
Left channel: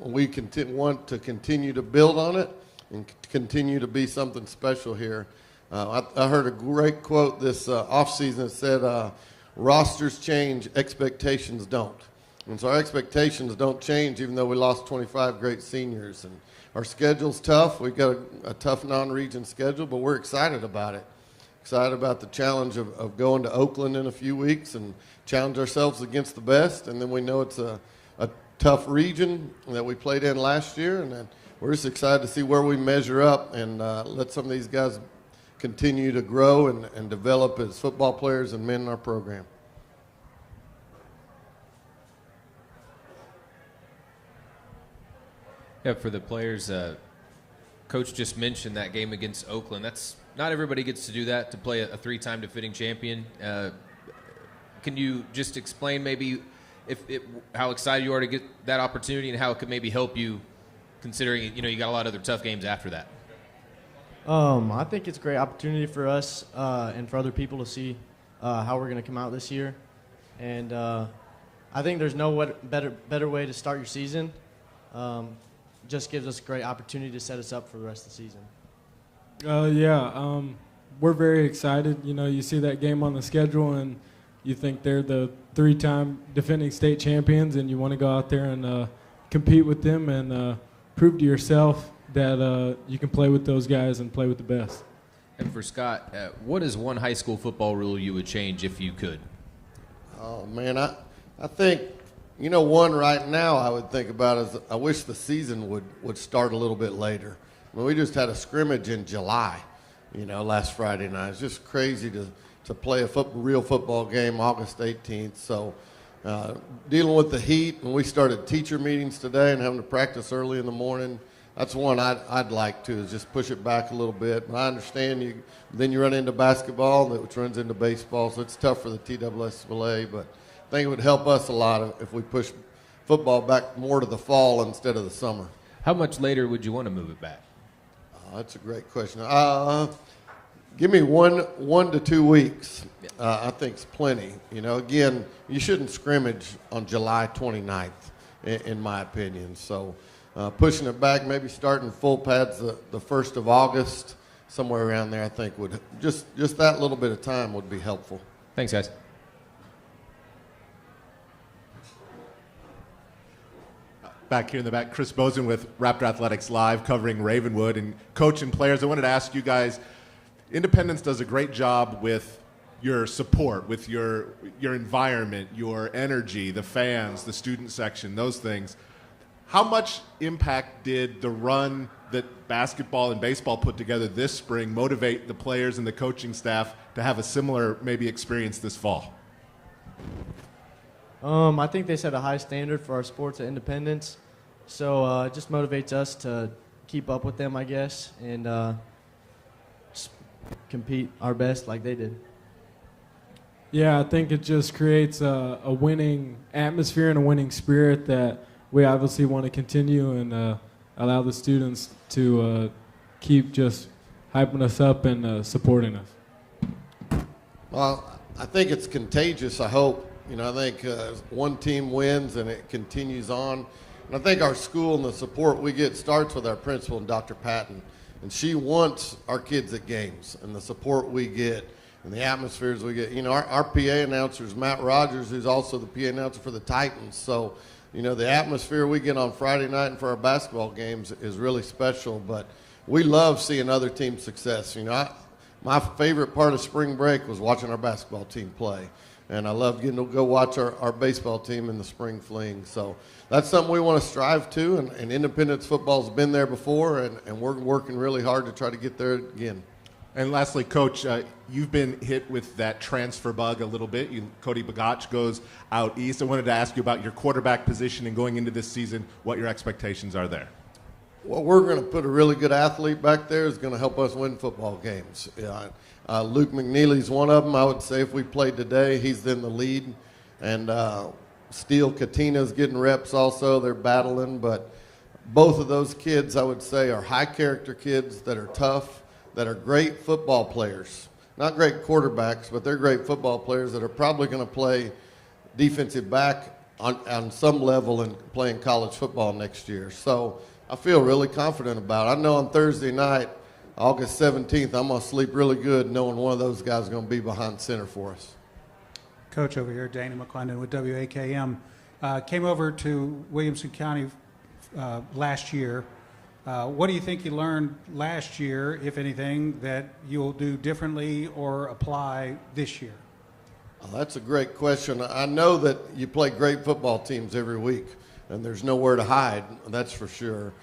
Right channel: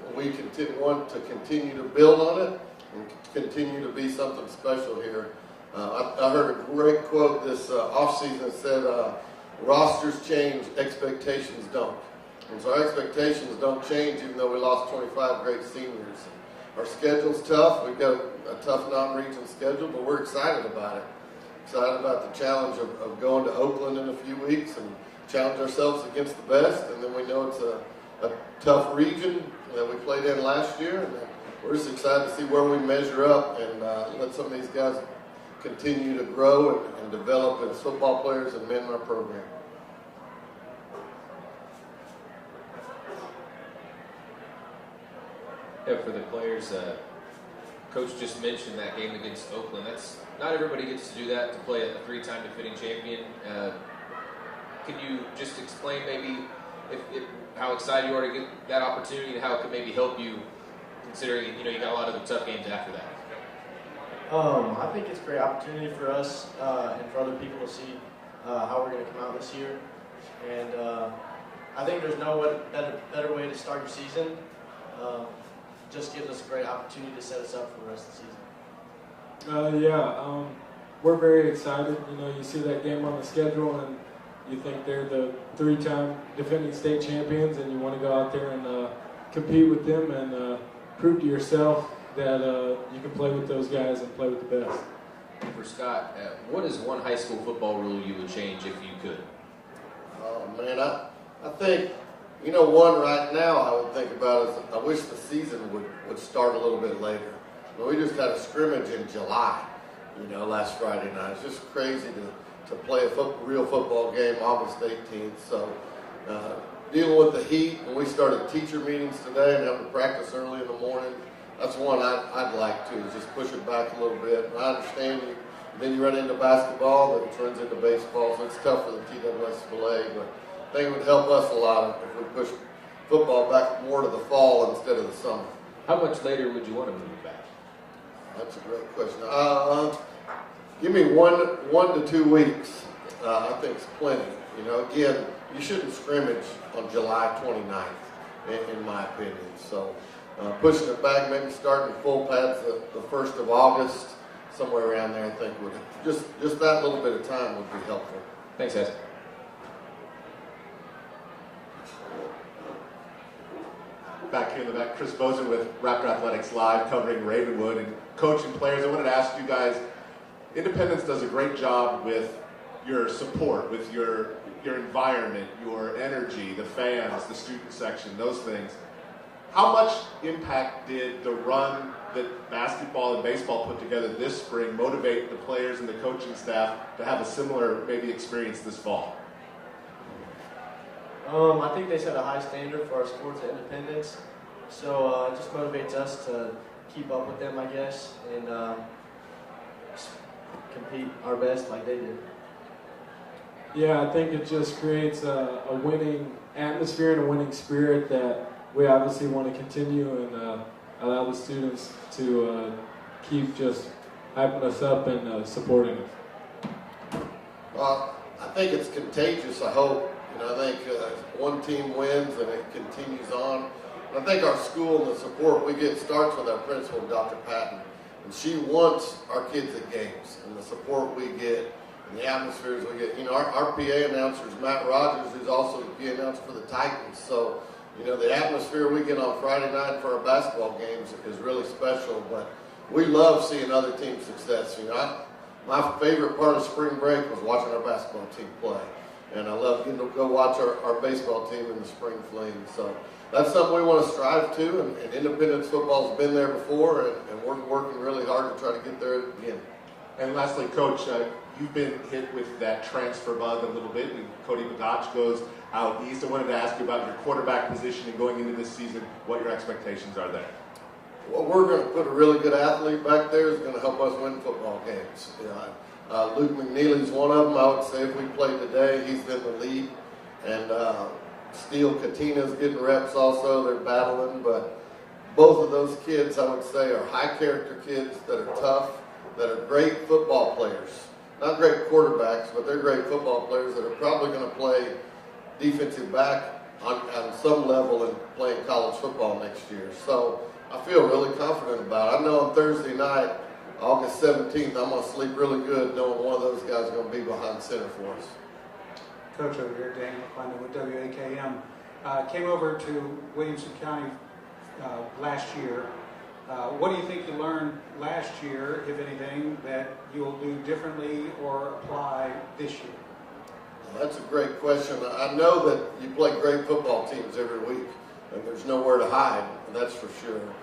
we want to continue to build on it and continue to be something special here. I heard a great quote this offseason that said, rosters change, expectations don't. And so our expectations don't change even though we lost 25 great seniors. And our schedule's tough. We've got a tough non-region schedule, but we're excited about it. Excited about the challenge of going to Oakland in a few weeks and challenge ourselves against the best. And then we know it's a tough region that we played in last year. And we're just excited to see where we measure up and let some of these guys continue to grow and develop as football players and men in our program. Yeah, for the players, Coach just mentioned that game against Oakland. That's not everybody gets to do that, to play a 3-time defending champion. Can you just explain maybe how excited you are to get that opportunity and how it could maybe help you, considering you got a lot of other tough games after that? I think it's a great opportunity for us and for other people to see how we're going to come out this year. And I think there's no better way to start your season. Just gives us a great opportunity to set us up for the rest of the season. We're very excited. You see that game on the schedule and you think they're the 3-time defending state champions and you want to go out there and compete with them and prove to yourself that you can play with those guys and play with the best. And for Scott, what is one high school football rule you would change if you could? Oh, man, I think, one right now I would think about is I wish the season would start a little bit later. We just had a scrimmage in July, last Friday night. It's just crazy to play a real football game August 18th. So dealing with the heat, when we started teacher meetings today and having to practice early in the morning, that's one I'd like to, is just push it back a little bit. And I understand then you run into basketball, which runs into baseball, so it's tough for the TWSBA, but I think it would help us a lot if we push football back more to the fall instead of the summer. How much later would you want to move it back? That's a great question. Give me 1 to 2 weeks. I think it's plenty. Again, you shouldn't scrimmage on July 29th, in my opinion. So pushing it back, maybe starting full pads the 1st of August, somewhere around there, I think would just that little bit of time would be helpful. Thanks, guys. back here in the back. Chris Bozen with Raptor Athletics Live, covering Ravenwood and coaching players. I wanted to ask you guys, Independence does a great job with your support, with your environment, your energy, the fans, the student section, those things. How much impact did the run that basketball and baseball put together this spring motivate the players and the coaching staff to have a similar maybe experience this fall? I think they set a high standard for our sports at Independence, so it just motivates us to keep up with them, I guess, and just compete our best like they did. Yeah, I think it just creates a winning atmosphere and a winning spirit that we obviously want to continue and allow the students to keep just hyping us up and supporting us. Well, I think it's contagious, I hope. You know, I think one team wins and it continues on. And I think our school and the support we get starts with our principal, Dr. Patton. And she wants our kids at games, and the support we get and the atmospheres we get. You know, our PA announcer is Matt Rogers, who's also the PA announcer for the Titans. So, you know, the atmosphere we get on Friday night for our basketball games is really special. But we love seeing other teams' success. You know, my favorite part of spring break was watching our basketball team play. And I love getting to go watch our baseball team in the spring fling. So that's something we want to strive to. And Independence football's been there before, and we're working really hard to try to get there again. And lastly, Coach, you've been hit with that transfer bug a little bit. Cody Bagach goes out east. I wanted to ask you about your quarterback position and going into this season, what your expectations are there. Well, we're going to put a really good athlete back there who's going to help us win football games. Luke McNeely's one of them. I would say if we played today, he's in the lead. And Steele Katina's getting reps also. They're battling. But both of those kids, I would say, are high-character kids that are tough, that are great football players. Not great quarterbacks, but they're great football players that are probably going to play defensive back on some level and playing college football next year. So I feel really confident about it. I know on Thursday night, August 17th, I'm going to sleep really good knowing one of those guys is going to be behind center for us. Coach over here, Danny McClendon with WAKM, came over to Williamson County last year. What do you think you learned last year, if anything, that you'll do differently or apply this year? Well, that's a great question. I know that you play great football teams every week, and there's nowhere to hide, that's for sure.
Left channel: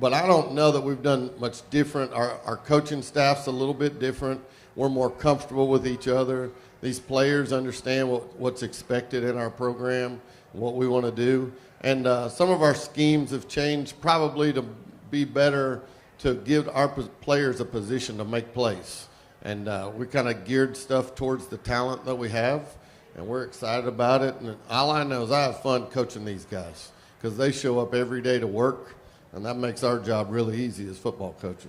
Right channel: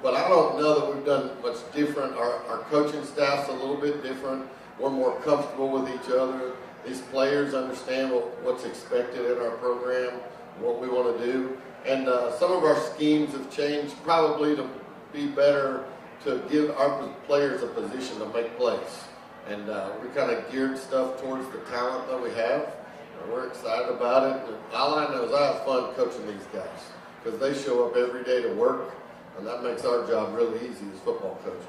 But I don't know that we've done much different. Our coaching staff's a little bit different. We're more comfortable with each other. These players understand what's expected in our program, what we want to do. And some of our schemes have changed probably to be better, to give our players a position to make plays. And we kind of geared stuff towards the talent that we have, and we're excited about it. And all I know is I have fun coaching these guys because they show up every day to work, and that makes our job really easy as football coaches.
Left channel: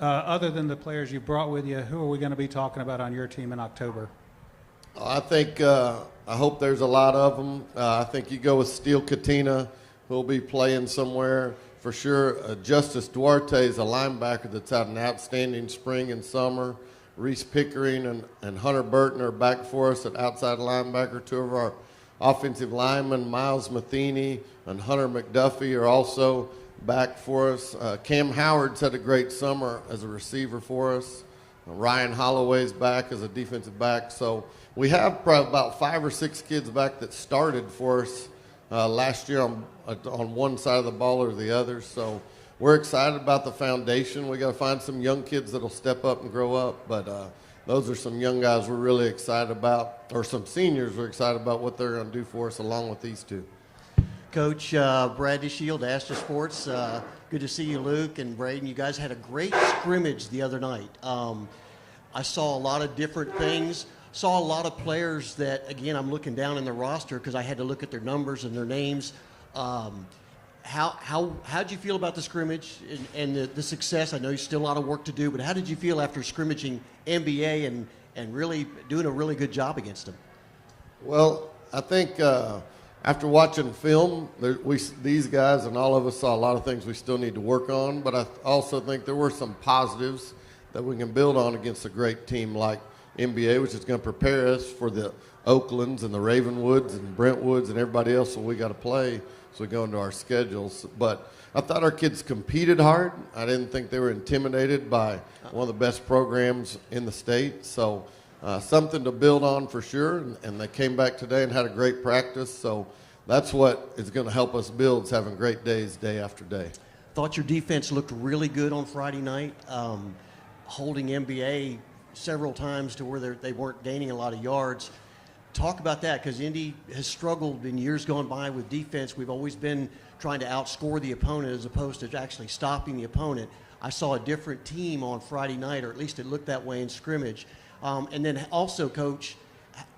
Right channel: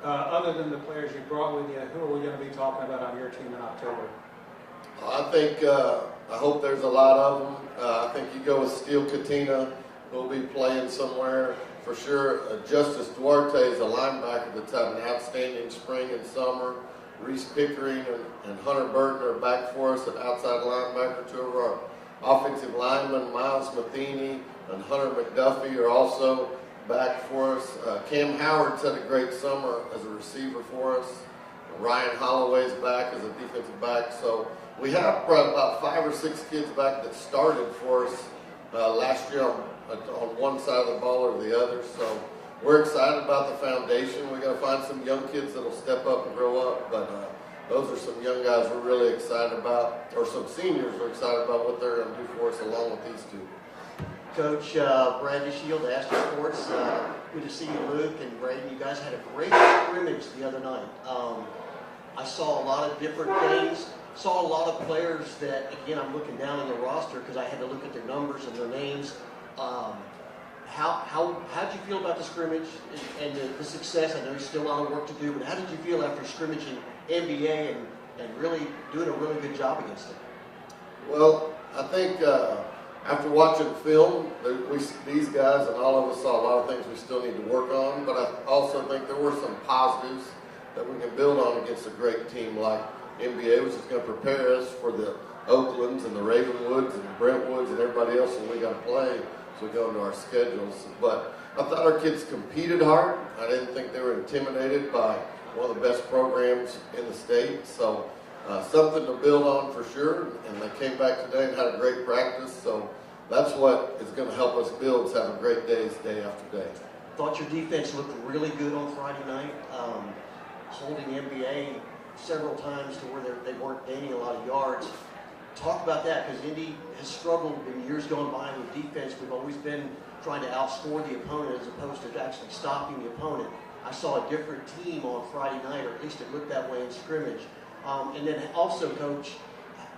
Other than the players you brought with you, who are we going to be talking about on your team in October? I think, I hope there's a lot of them. I think you go with Steele Katina, who'll be playing somewhere for sure. Justice Duarte is a linebacker that's had an outstanding spring and summer. Reese Pickering and Hunter Burton are back for us at outside linebacker. Two of our offensive linemen, Miles Matheny and Hunter McDuffie, are also back for us. Cam Howard's had a great summer as a receiver for us. Ryan Holloway's back as a defensive back. So we have probably about 5 or 6 kids back that started for us last year on one side of the ball or the other. So we're excited about the foundation. We got to find some young kids that'll step up and grow up. But those are some young guys we're really excited about, or some seniors we're excited about what they're going to do for us along with these two. Coach Brandy Shield, Astor Sports. Good to see you, Luke and Braden. You guys had a great scrimmage the other night. I saw a lot of different things. Saw a lot of players that, again, I'm looking down in the roster because I had to look at their numbers and their names. How'd you feel about the scrimmage and the success? I know you still a lot of work to do, but how did you feel after scrimmaging NBA and really doing a really good job against them? Well, I think after watching film, these guys and all of us saw a lot of things we still need to work on, but I also think there were some positives that we can build on against a great team like NBA, which is going to prepare us for the Oaklands and the Ravenwoods and Brentwoods and everybody else that we got to play. as we go into our schedules. But I thought our kids competed hard. I didn't think they were intimidated by one of the best programs in the state. So something to build on for sure. And they came back today and had a great practice. So that's what is going to help us build, is having great days day after day. Thought your defense looked really good on Friday night, holding NBA several times to where they weren't gaining a lot of yards. Talk about that, because Indy has struggled in years gone by with defense. We've always been trying to outscore the opponent as opposed to actually stopping the opponent. I saw a different team on Friday night, or at least it looked that way in scrimmage. And then also, Coach,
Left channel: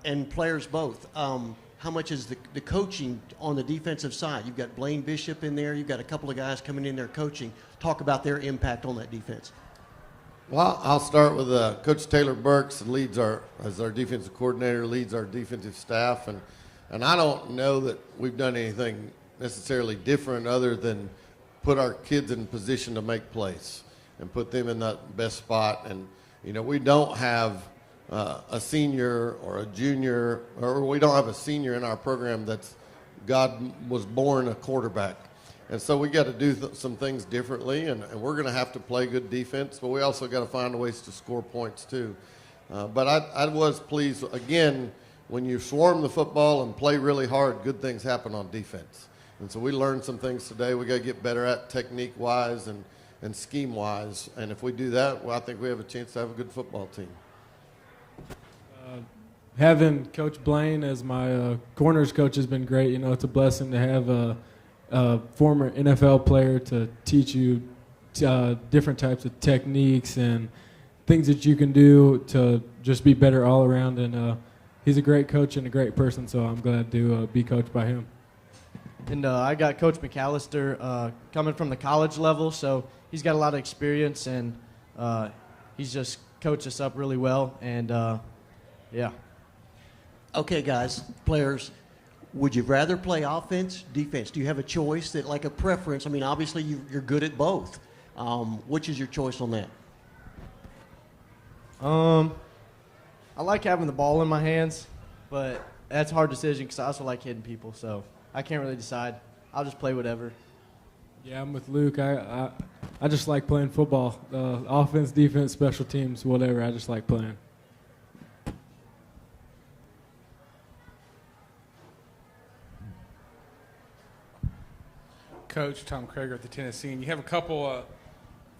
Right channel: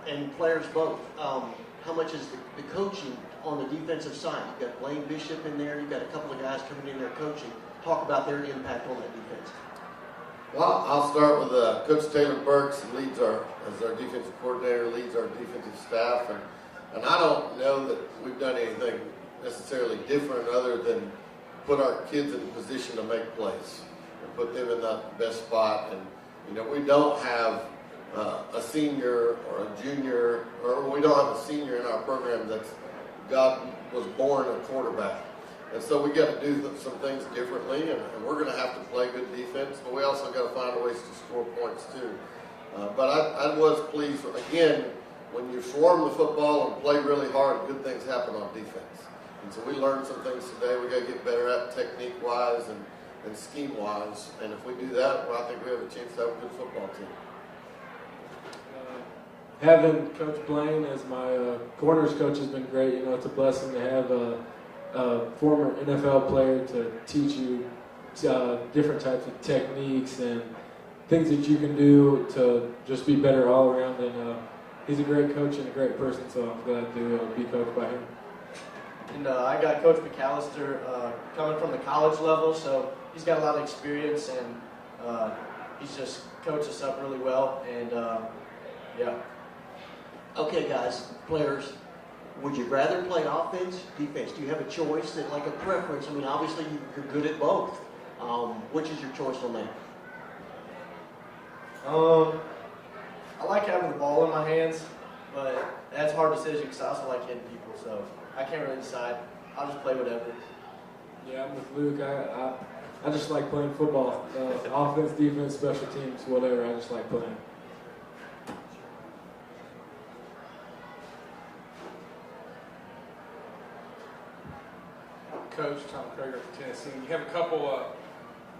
and players both, how much is the coaching on the defensive side? You've got Blaine Bishop in there. You've got a couple of guys coming in there coaching. Talk about their impact on that defense. Well, I'll start with Coach Taylor Burks, as our defensive coordinator, leads our defensive staff. And I don't know that we've done anything necessarily different other than put our kids in a position to make plays and put them in that best spot. And, you know, we don't have a senior or a junior, or we don't have a senior in our program that's God was born a quarterback. And so we got to do some things differently, and we're going to have to play good defense, but we also got to find ways to score points too. But I was pleased, again, when you swarm the football and play really hard, good things happen on defense. And so we learned some things today we got to get better at technique-wise and scheme-wise. And if we do that, well, I think we have a chance to have a good football team. Having Coach Blaine as my corners coach has been great. You know, it's a blessing to have a former NFL player to teach you different types of techniques and things that you can do to just be better all around. And he's a great coach and a great person, so I'm glad to be coached by him. And I got Coach McAllister coming from the college level, so he's got a lot of experience, and he's just coached us up really well. And yeah. Okay, guys, players, would you rather play offense, defense? Do you have a choice, that like a preference? I mean, obviously you're good at both. Which is your choice on that? I like having the ball in my hands, but that's a hard decision because I also like hitting people, so I can't really decide. I'll just play whatever. Yeah, I'm with Luke. I just like playing football. Offense, defense, special teams, whatever. I just like playing. Coach Tom Krager at the Tennessee. And you have a couple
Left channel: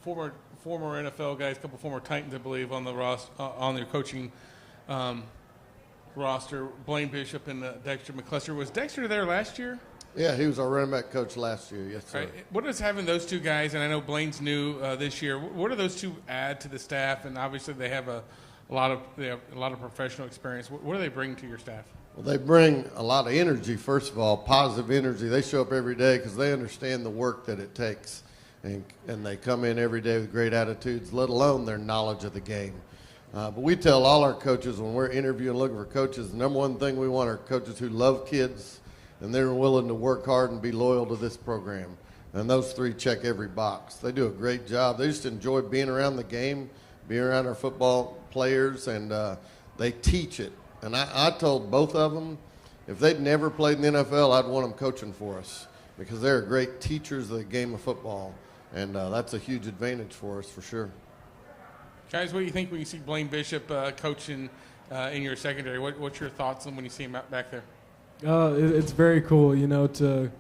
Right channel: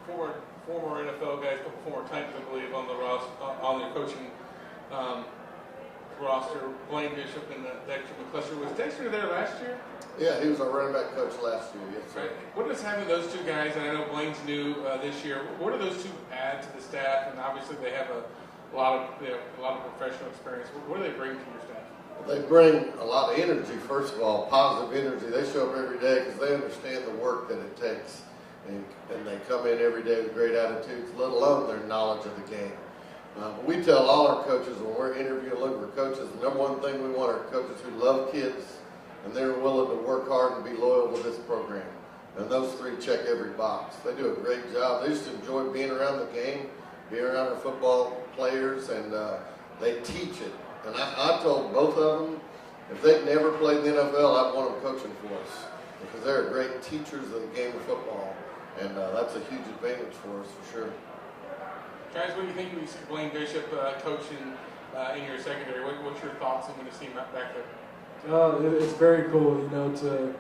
former NFL guys, a couple former Titans, I believe, on the on their coaching roster. Blaine Bishop and Dexter McCluster. Was Dexter there last year? Yeah, he was our running back coach last year. Yes, sir. Right. What is having those two guys, and I know Blaine's new this year, what do those two add to the staff? And obviously they have a lot of professional experience. What do they bring to your staff? They bring a lot of energy, first of all, positive energy. They show up every day because they understand the work that it takes. And they come in every day with great attitudes, let alone their knowledge of the game. But we tell all our coaches when we're interviewing and looking for coaches, the number one thing we want are coaches who love kids and they're willing to work hard and be loyal to this program. And those three check every box. They do a great job. They just enjoy being around the game, being around our football players, and they teach it. And I told both of them, if they'd never played in the NFL, I'd want them coaching for us because they're great teachers of the game of football. And that's a huge advantage for us for sure. Guys, what do you think when you see Blaine Bishop coaching in your secondary? What's your thoughts on when you see him back there? It's very cool, you know, to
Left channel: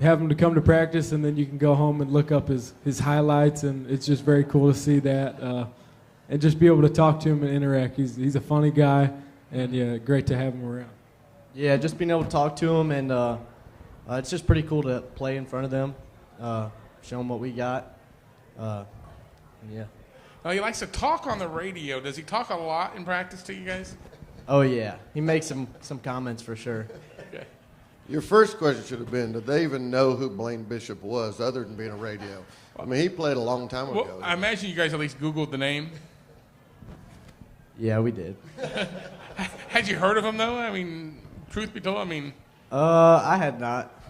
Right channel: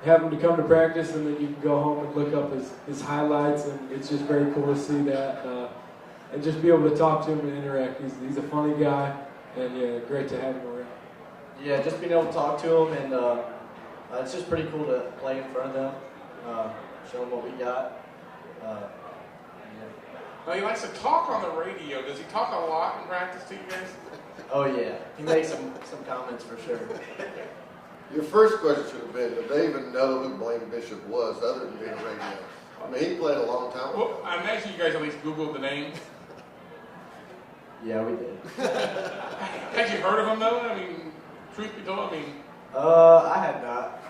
have him to come to practice and then you can go home and look up his highlights, and it's just very cool to see that and just be able to talk to him and interact. He's a funny guy, and yeah, great to have him around. Yeah, just being able to talk to him, and it's just pretty cool to play in front of them, show them what we got. Yeah. Well, he likes to talk on the radio. Does he talk a lot in practice to you guys? Oh, yeah. He makes some comments for sure. Your first question should have been, did they even know who Blaine Bishop was other than being a radio? I mean, he played a long time ago. Well, I imagine you guys at least Googled the name. Yeah, we did. Had you heard of him, though? I mean, truth be told, I mean... I had not.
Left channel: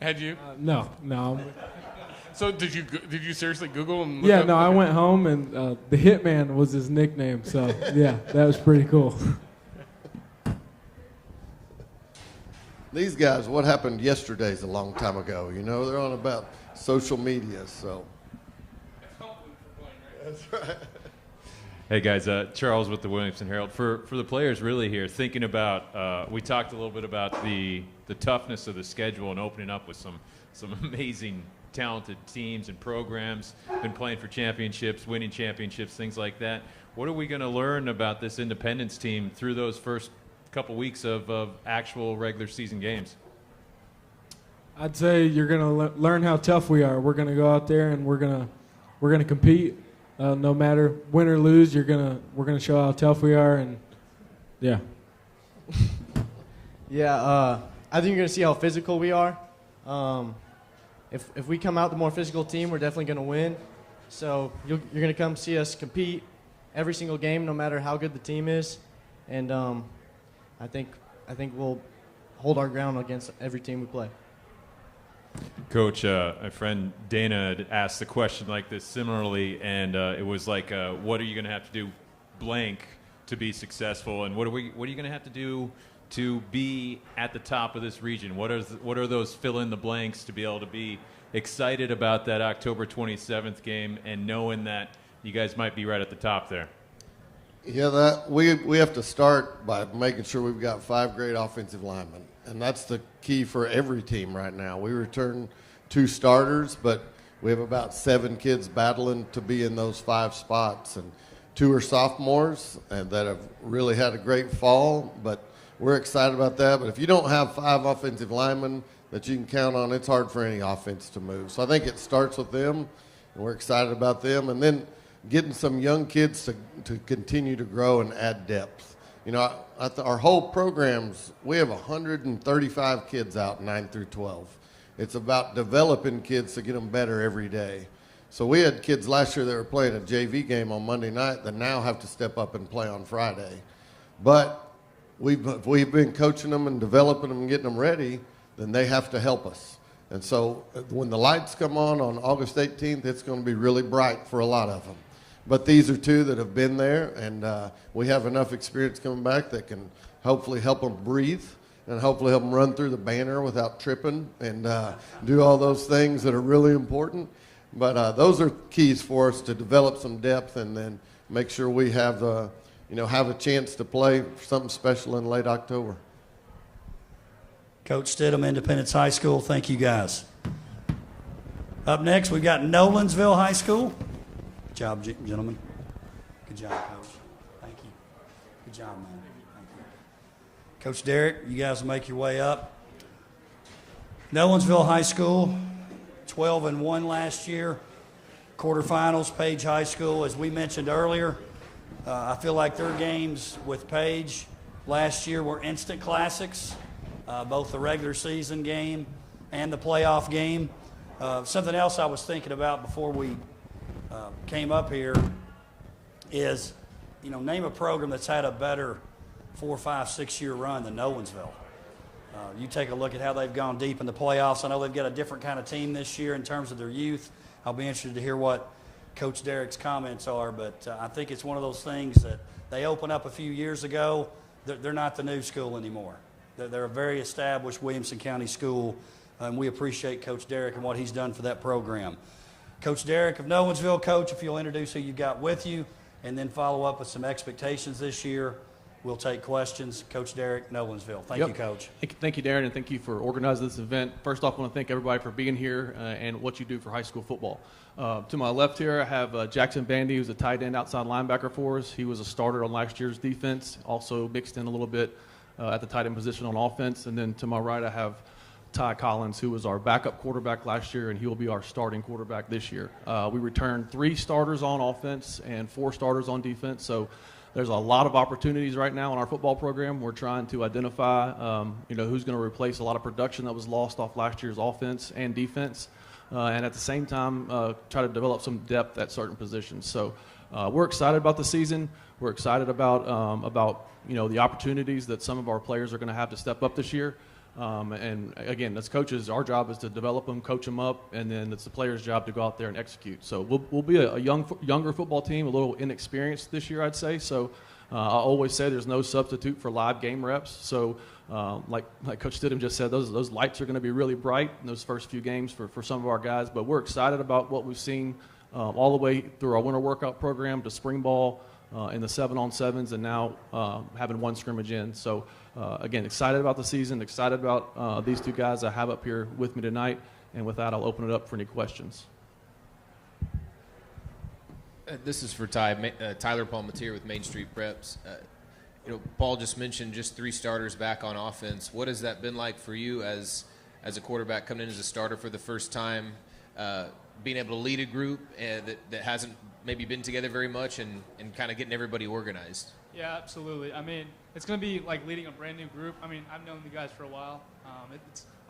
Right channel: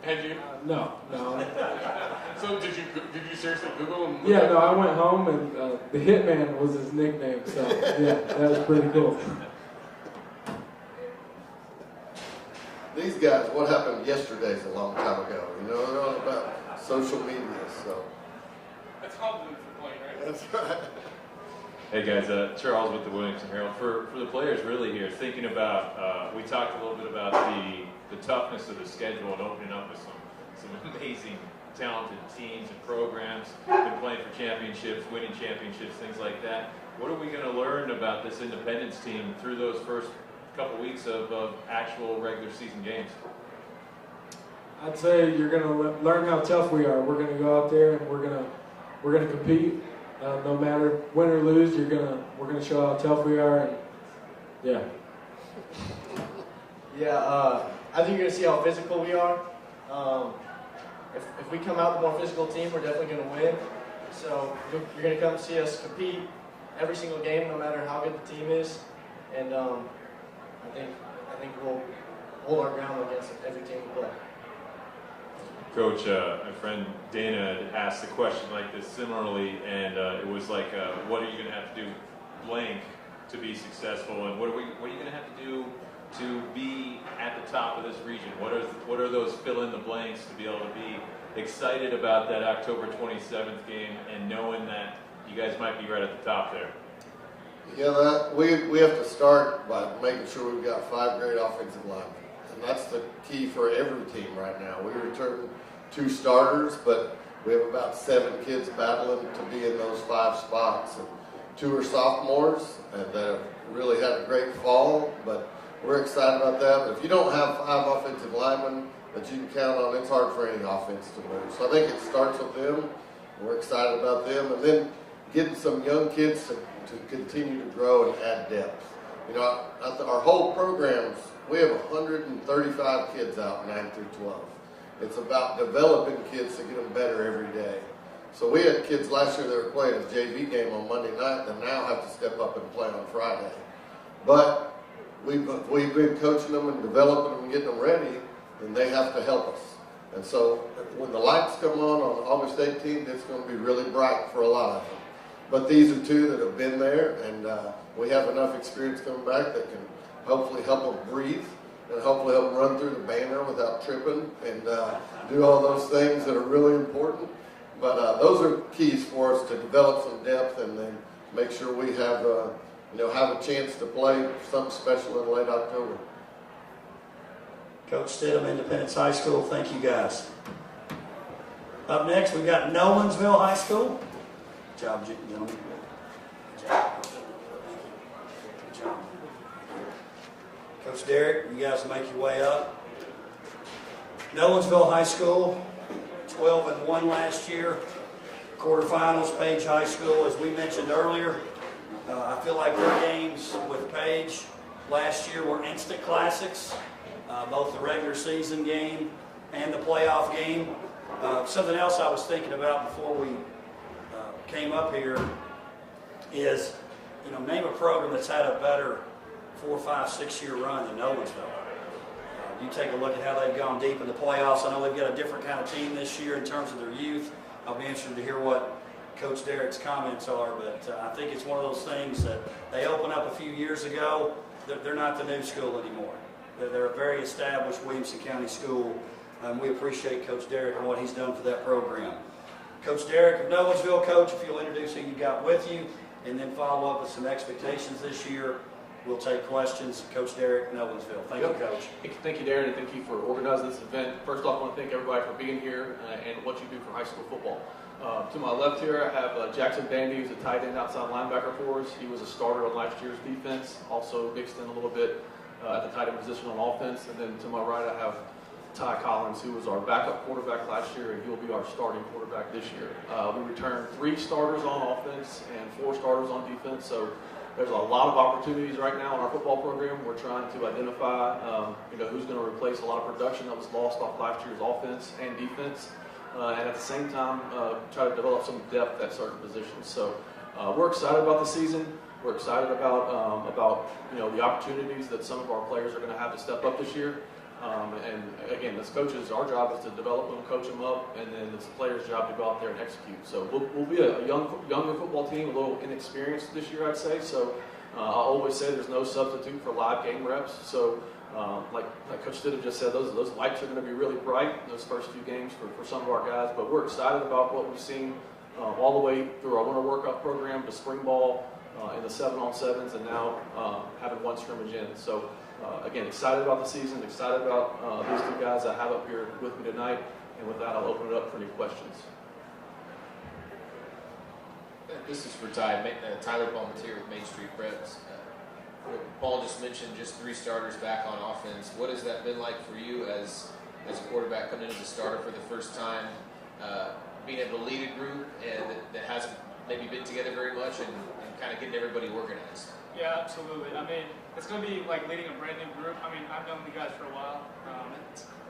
Had you? No. So did you seriously Google him? Yeah, no, I went home and the Hitman was his nickname, so yeah, that was pretty cool. these guys, what happened yesterday is a long time ago. You know, they're on about social media, so. That's compliment for playing, right? That's right. Hey guys, Charles with the Williamson Herald. For the players really here, thinking about, we talked a little bit about the toughness of the schedule and opening up with some amazing, talented teams and programs. Been playing for championships, winning championships, things like that. What are we going to learn about this Independence team through those first couple weeks of actual regular season games? I'd say you're going to learn how tough we are. We're going to go out there and we're going to compete. No matter win or lose, we're gonna show how tough we are, and yeah. I think you're gonna see how physical we are. If we come out the more physical team, we're definitely gonna win. So you're gonna come see us compete every single game, no matter how good the team is, and I think we'll hold our ground against every team we play. Coach, my friend Dana had asked a question like this similarly, and it was like, what are you going to have to do blank to be successful, and what are you going to have to do to be at the top of this region? What are those fill in the blanks to be able to be excited about that October 27th game and knowing that you guys might be right at the top there? Yeah, we have to start by making sure we've got 5 great offensive linemen. And that's the key for every team right now. We return 2 starters, but we have about 7 kids battling to be in those 5 spots. And 2 are sophomores and that have really had a great fall, but we're excited about that. But if you don't have 5 offensive linemen that you can count on, it's hard for any offense to move. So I think it starts with them. We're excited about them. And then getting some young kids to continue to grow and add depth. You know, our whole programs, we have 135 kids out 9 through 12. It's about developing kids to get them better every day. So we had kids last year that were playing a JV game on Monday night that now have to step up and play on Friday. But we've been coaching them and developing them and getting them ready, then they have to help us. And so when the lights come on August 18th, it's going to be really bright for a lot of them. But these are 2 that have been there, and we have enough experience coming back that can hopefully help them breathe and hopefully help them run through the banner without tripping and do all those things that are really important. But those are keys for us to develop some depth and then make sure we have a chance to play something special in late October. Coach Stidham, Independence High School, thank you guys. Up next, we've got Nolensville High School. Good job, gentlemen. Good job, Coach. Thank you. Good job, man. Coach Derek, you guys will make your way up. Nolensville High School, 12-1 last year. Quarterfinals, Paige High School, as we mentioned earlier. I feel like their games with Paige last year were instant classics, both the regular season game and the playoff game. Something else I was thinking about before we came up here is, name a program that's had a better 4, 5, 6 year run than Nolensville. You take a look at how they've gone deep in the playoffs. I know they've got a different kind of team this year in terms of their youth. I'll be interested to hear what Coach Derek's comments are, but I think it's one of those things that they opened up a few years ago. They're not the new school anymore. They're a very established Williamson County school, and we appreciate Coach Derek and what he's done for that program. Coach Derek of Nolensville, Coach, if you'll introduce who you've got with you, and then follow up with some expectations this year. We'll take questions. Coach Derek, Nolensville. Thank you, Coach. Thank you, Darren, and thank you for organizing this event. First off, I want to thank everybody for being here and what you do for high school football. To my left here, I have Jackson Bandy, who's a tight end outside linebacker for us. He was a starter on last year's defense, also mixed in a little bit at the tight end position on offense. And then to my right, I have Ty Collins, who was our backup quarterback last year, and he will be our starting quarterback this year. We returned 3 starters on offense and 4 starters on defense, so there's a lot of opportunities right now in our football program. We're trying to identify, who's going to replace a lot of production that was lost off last year's offense and defense, and at the same time, try to develop some depth at certain positions. So we're excited about the season. We're excited about the opportunities that some of our players are going to have to step up this year. And again, as coaches, our job is to develop them, coach them up, and then it's the players' job to go out there and execute. So we'll be a younger football team, a little inexperienced this year, I'd say. So I always say there's no substitute for live game reps. So Like Coach Stidham just said, those lights are going to be really bright in those first few games for some of our guys. But we're excited about what we've seen all the way through our winter workout program to spring ball and the 7-on-7s, and now having one scrimmage in. So again, excited about the season, excited about these two guys I have up here with me tonight. And with that, I'll open it up for any questions. This is for Ty. Tyler Palmatier with Main Street Preps. Paul just mentioned just 3 starters back on offense. What has that been like for you as a quarterback coming in as a starter for the first time, being able to lead a group that hasn't maybe been together very much and kind of getting everybody organized? Yeah, absolutely. I mean, it's going to be like leading a brand new group. I mean, I've known you guys for a while.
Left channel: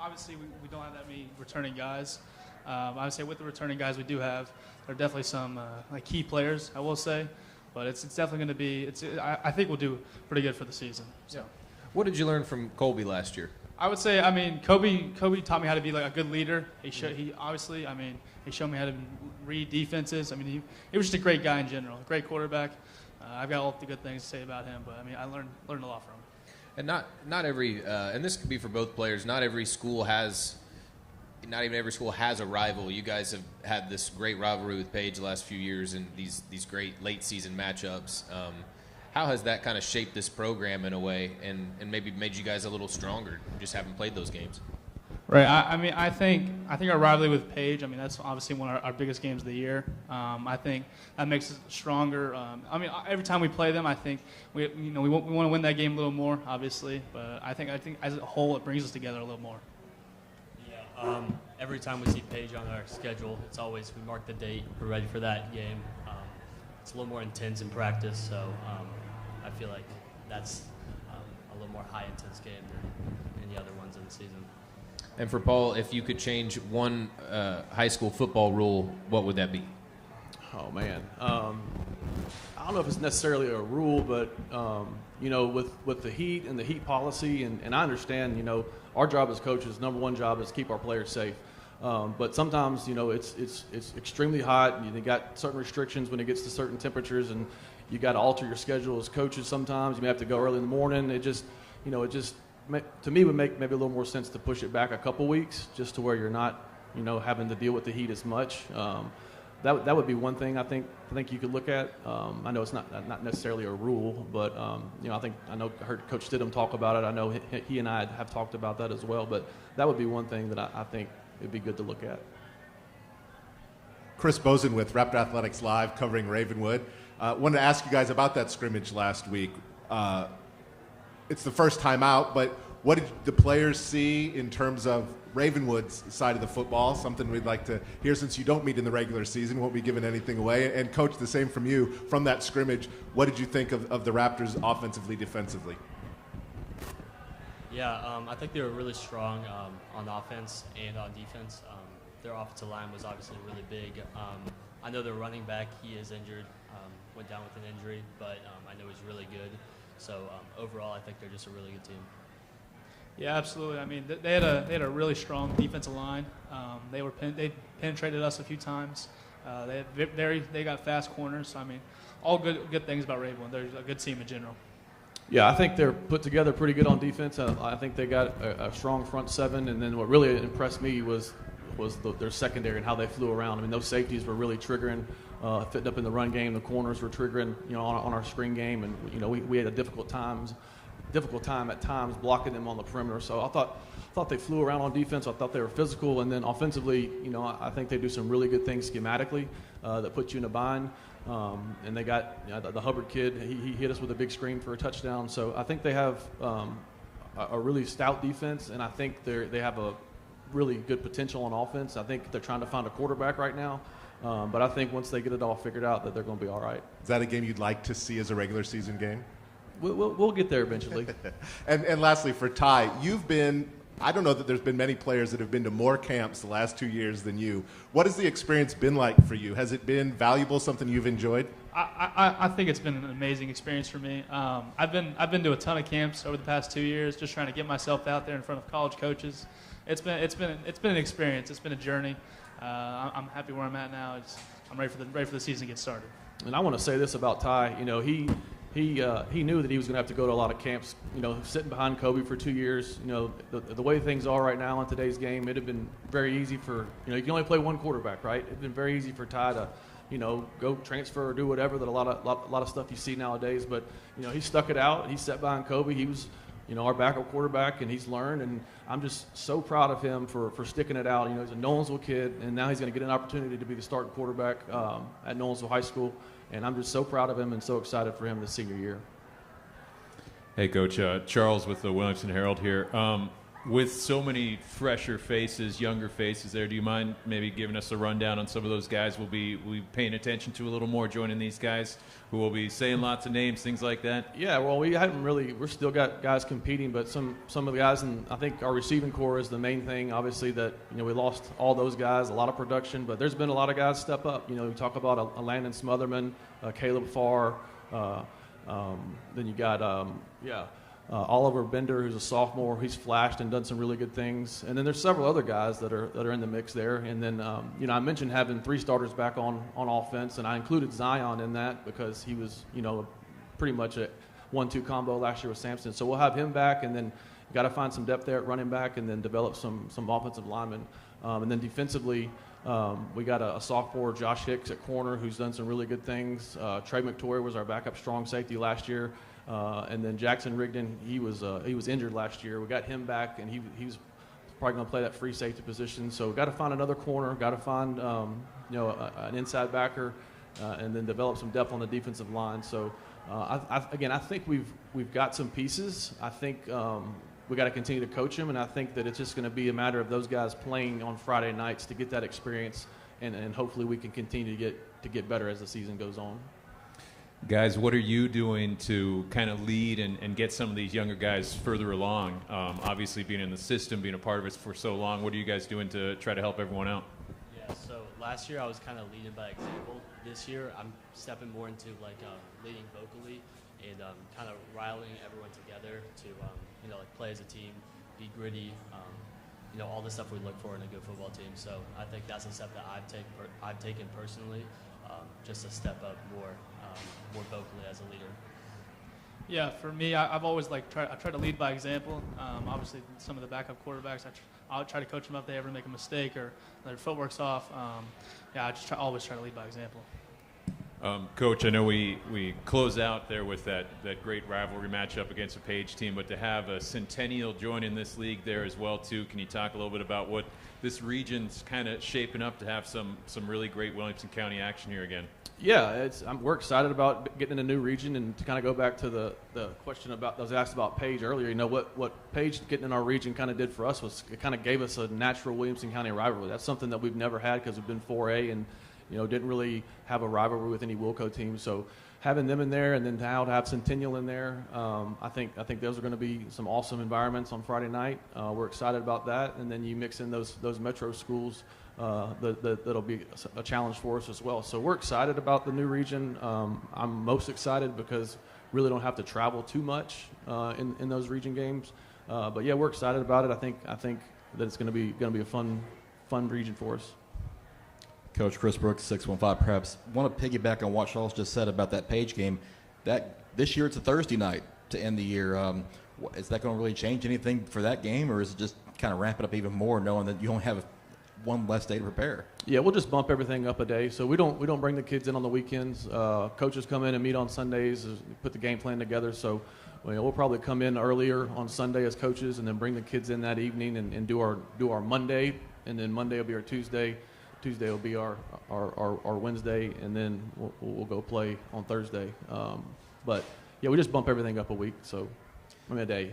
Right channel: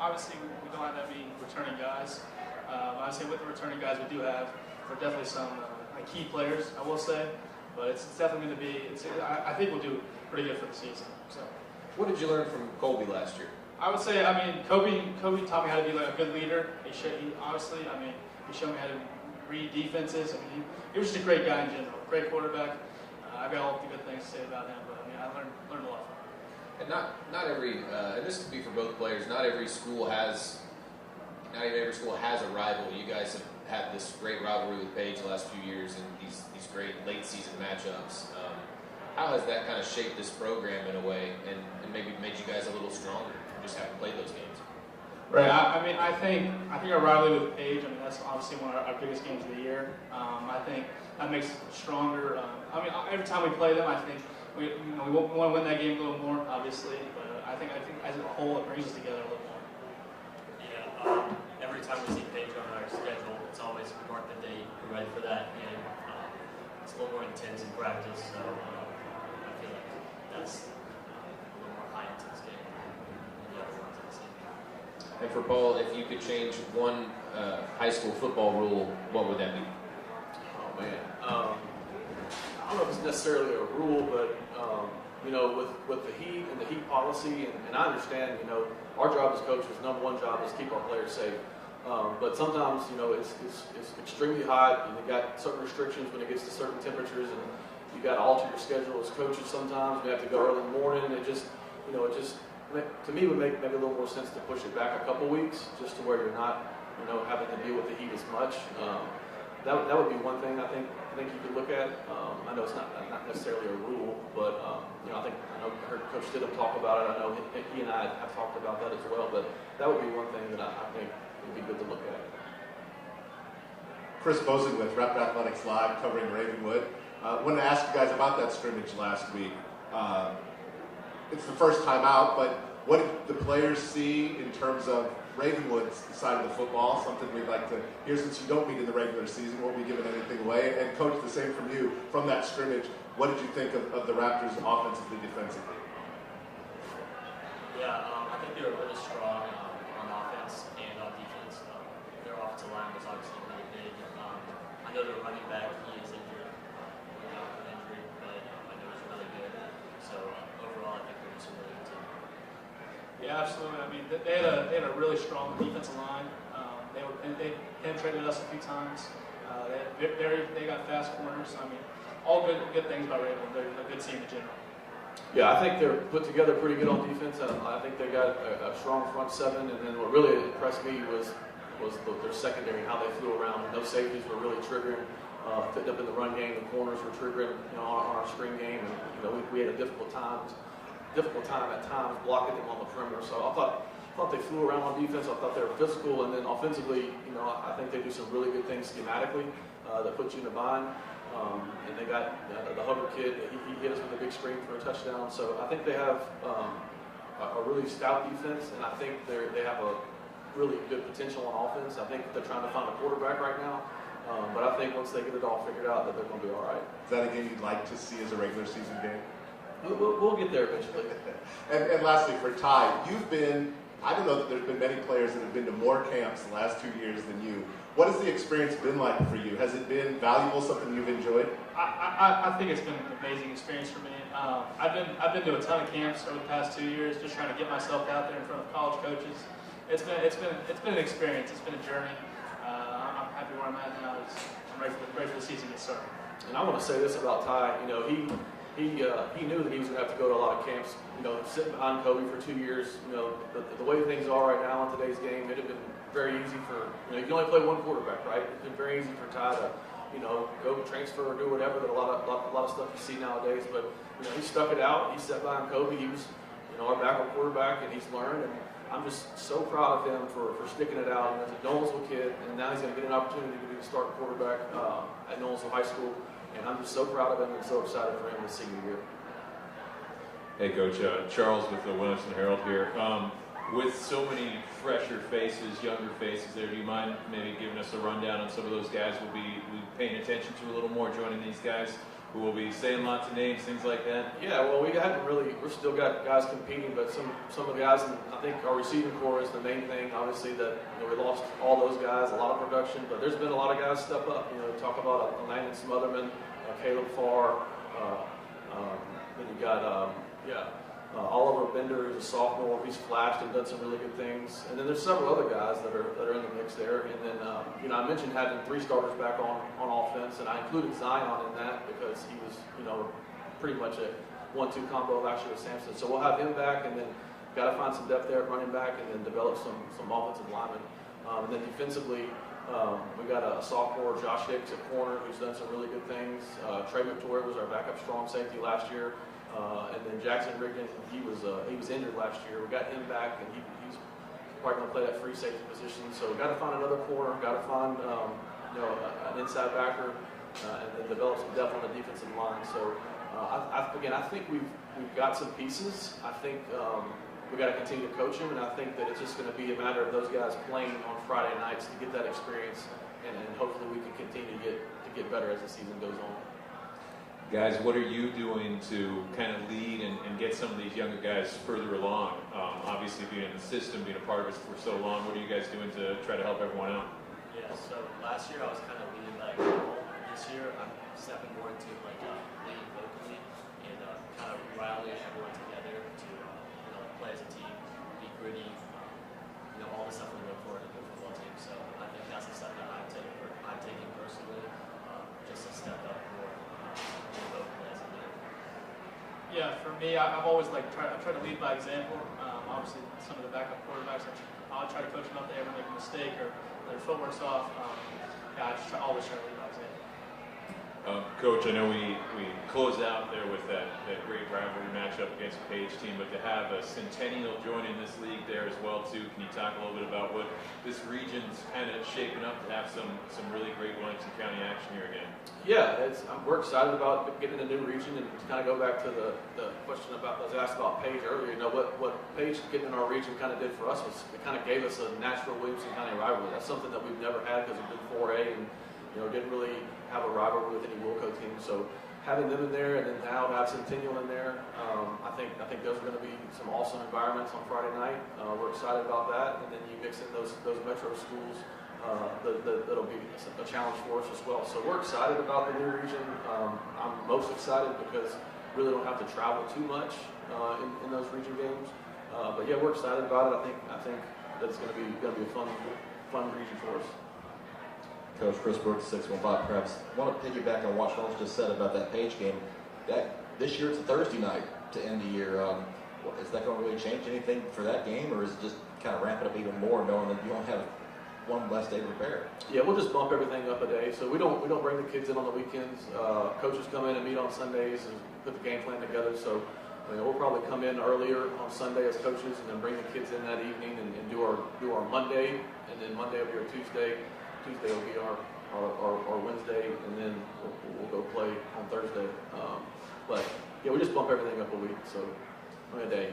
Obviously, we don't have that many returning guys. I would say with the returning guys we do have, there are definitely some like key players, I will say. But it's definitely going to be. I think we'll do pretty good for the season. So, what did you learn from Colby last year? I would say, I mean, Kobe taught me how to be like a good leader. He showed me how to read defenses. I mean, he was just a great guy in general, great quarterback. I've got all the good things to say about him, but I mean, I learned a lot from him. And not every, and this could be for both players. Not even every school has a rival. You guys have had this great rivalry with Paige the last few years, and these great late season matchups. How has that kind of shaped this program in a way, and maybe made you guys a little stronger, just having played those games? Right. I mean, I think our rivalry with Paige. I mean, that's obviously one of our biggest games of the year. I think that makes us stronger. I mean, every time we play them, I think we want to win that game a little more, obviously. But I think as a whole, it brings us together a little more. Yeah. Every time we see Paige on our schedule, it's always we mark the date. We're ready for that game. It's a little more intense in practice, so I feel like that's a little more high intense game than the other ones in the season. And for Paul, if you could change one high school football rule, what would that be? Oh man, I don't know if it's necessarily a rule, but with the heat and the heat policy, and I understand, our job as coaches, number one job is keep our players safe. But sometimes, it's extremely hot, and you got certain restrictions when it gets to certain temperatures, and you got to alter your schedule as coaches. Sometimes we have to go early in the morning. It just to me would make maybe a little more sense to push it back a couple weeks, just to where you're not, having to deal with the heat as much. That would be one thing I think you could look at. I know it's not necessarily a rule, but I heard Coach Stidham talk about it. I know he and I have talked about that as well. But that would be one thing that I think would be good to look at. Chris Bozen with Raptor Athletics Live, covering Ravenwood. Wanted to ask you guys about that scrimmage last week. It's the first time out, but what did the players see in terms of Ravenwood's side of the football? Something we'd like to hear, since you don't meet in the regular season, won't be giving anything away. And Coach, the same from you, from that scrimmage, what did you think of the Raptors offensively, defensively? Yeah, I think they were really strong on offense and on defense. Their offensive line was obviously really big. I know their running back, he is injured, went down with an injury, but I know he's really good. So overall, I think they're just a really good team. Yeah, absolutely. I mean, they had a really strong defensive line. They penetrated us a few times. They got fast corners. I mean, all good things about Ravenwood. They're a good team in general. Yeah, I think they're put together pretty good on defense. I think they got a strong front seven, and then what really impressed me was their secondary and how they flew around. I mean, those safeties were really triggering, fitting up in the run game. The corners were triggering, on our screen game, and we had a difficult time at times blocking them on the perimeter. So I thought they flew around on defense. I thought they were physical, and then offensively, I think they do some really good things schematically that put you in a bind. And they got the Hubbard kid. He hit us with a big screen for a touchdown. So I think they have a really stout defense, and I think they have a really good potential on offense. I think they're trying to find a quarterback right now. But I think once they get it all figured out, that they're going to be all right. Is that a game you'd like to see as a regular season game? We'll get there eventually. and lastly, for Ty, I don't know that there's been many players that have been to more camps the last 2 years than you. What has the experience been like for you? Has it been valuable, something you've enjoyed? I think it's been an amazing experience for me. I've been to a ton of camps over the past 2 years, just trying to get myself out there in front of college coaches. It's been an experience. It's been a journey. I'm happy where I'm at now. I'm ready for the season to get started. And I want to say this about Ty. he knew that he was going to have to go to a lot of camps. You know, sitting behind Kobe for 2 years, you know, the way things are right now in today's game, it'd have been very easy for, you know, you can only play one quarterback, right? It'd been very easy for Ty to, you know, go transfer or do whatever that a lot of stuff you see nowadays. But, you know, he stuck it out. He sat behind Kobe. He was, you know, our backup quarterback, and he's learned. And I'm just so proud of him for sticking it out. You know, he's a Nolensville kid, and now he's going to get an opportunity to be the starting quarterback at Nolensville High School. And I'm just so proud of him and so excited for him this senior year. Hey, Coach. Charles with the Williamson Herald here. With so many fresher faces, younger faces there, do you mind maybe giving us a rundown on some of those guys we'll be paying attention to a little more, joining these guys who will be saying lots of names, things like that? Yeah, well, we've still got guys competing, but some of the guys, and I think our receiving core is the main thing. Obviously, that, you know, we lost all those guys, a lot of production, but there's been a lot of guys step up. You know, we talk about a Landon Smotherman, Caleb Farr, then you got Oliver Bender, who's a sophomore. He's flashed and done some really good things. And then there's several other guys that are in the mix there. And then, you know, I mentioned having 3 starters back on offense, and I included Zion in that because he was, you know, pretty much a 1-2 combo last year with Sampson. So we'll have him back, and then got to find some depth there at running back, and then develop some offensive linemen. And then defensively, we got a sophomore, Josh Hicks, at corner, who's done some really good things. Trey Victoria was our backup strong safety last year. And then Jackson Rigdon, he was injured last year. We got him back, and he's probably going to play that free safety position. So got to find another corner, got to find you know, an inside backer, and then develop some depth on the defensive line. So I think we've got some pieces. I think we got to continue to coach them, and I think that it's just going to be a matter of those guys playing on Friday nights to get that experience, and hopefully we can continue to get better as the season goes on. Guys, what are you doing to kind of lead and get some of these younger guys further along? Obviously, being in the system, being a part of it for so long, what are you guys doing to try to help everyone out? Yeah, so last year I was kind of leading by example. This year I'm stepping more into like leading vocally and kind of rallying everyone together to you know, play as a team, be gritty, you know, all the stuff we look for in a good football team. So I think that's the stuff that I've taken personally, just to step up more vocally as a leader. Yeah, for me, I've always I try to lead by example. Obviously, some of the backup quarterbacks, I'll try to coach them if they ever make a mistake or their footwork's off. I just always try to lead by example. Coach, I know we close out there with that great rivalry matchup against a Paige team, but to have a Centennial joining this league there as well too, can you talk a little bit about what this region's kind of shaping up to have some really great Williamson County action here again? Yeah, we're excited about getting in a new region, and to kind of go back to the question that was asked about Paige earlier. You know, what Paige getting in our region kind of did for us was it kind of gave us a natural Williamson County rivalry. That's something that we've never had because we've been 4A and, you know, didn't really have a rivalry with any Wilco team. So having them in there, and then now have Centennial in there, I think those are going to be some awesome environments on Friday night. We're excited about that, and then you mix in those metro schools. That'll be a challenge for us as well. So we're excited about the new region. I'm most excited because we really don't have to travel too much in those region games. But yeah, we're excited about it. I think that it's going to be a fun region for us. Coach Chris Brooks, 615 Preps. I want to piggyback on what Charles just said about that Paige game. That this year it's a Thursday night to end the year. Is that going to really change anything for that game, or is it just kind of ramp it up even more, knowing that you only have one less day to prepare? Yeah, we'll just bump everything up a day. So we don't bring the kids in on the weekends. Coaches come in and meet on Sundays and put the game plan together. So we'll probably come in earlier on Sunday as coaches, and then bring the kids in that evening and do our Monday, and then Monday will be our Tuesday. Tuesday will be our Wednesday, and then we'll go play on Thursday. But yeah, we just bump everything up a week, so a day.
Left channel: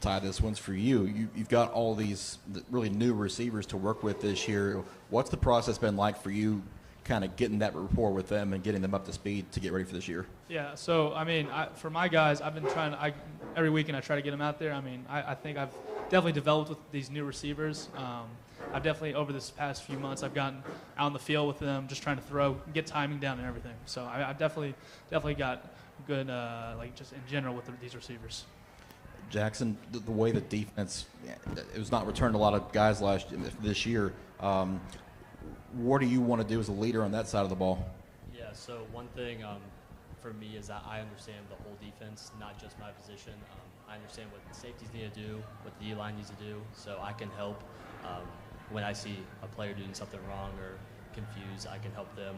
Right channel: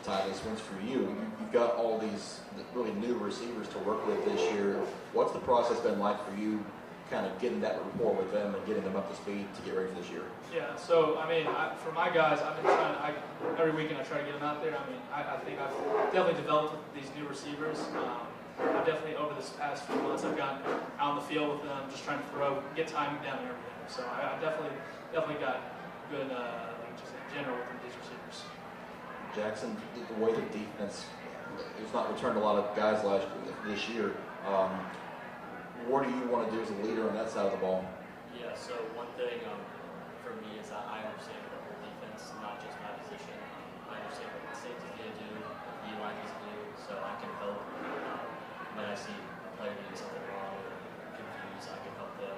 Ty, this one's for you. You've got all these really new receivers to work with this year. What's the process been like for you, kind of getting that rapport with them and getting them up to speed to get ready for this year? Yeah, so I mean, for my guys, I've been trying. Every weekend I try to get them out there. I mean, I think I've definitely developed with these new receivers. I've definitely, over this past few months, I've gotten out in the field with them, just trying to get timing down and everything. So I've definitely got good, just in general with these receivers. Jackson, the way the defense, it was not returned a lot of guys this year. What do you want to do as a leader on that side of the ball? Yeah, so one thing for me is I understand when I see a player doing something wrong or confused, I can help them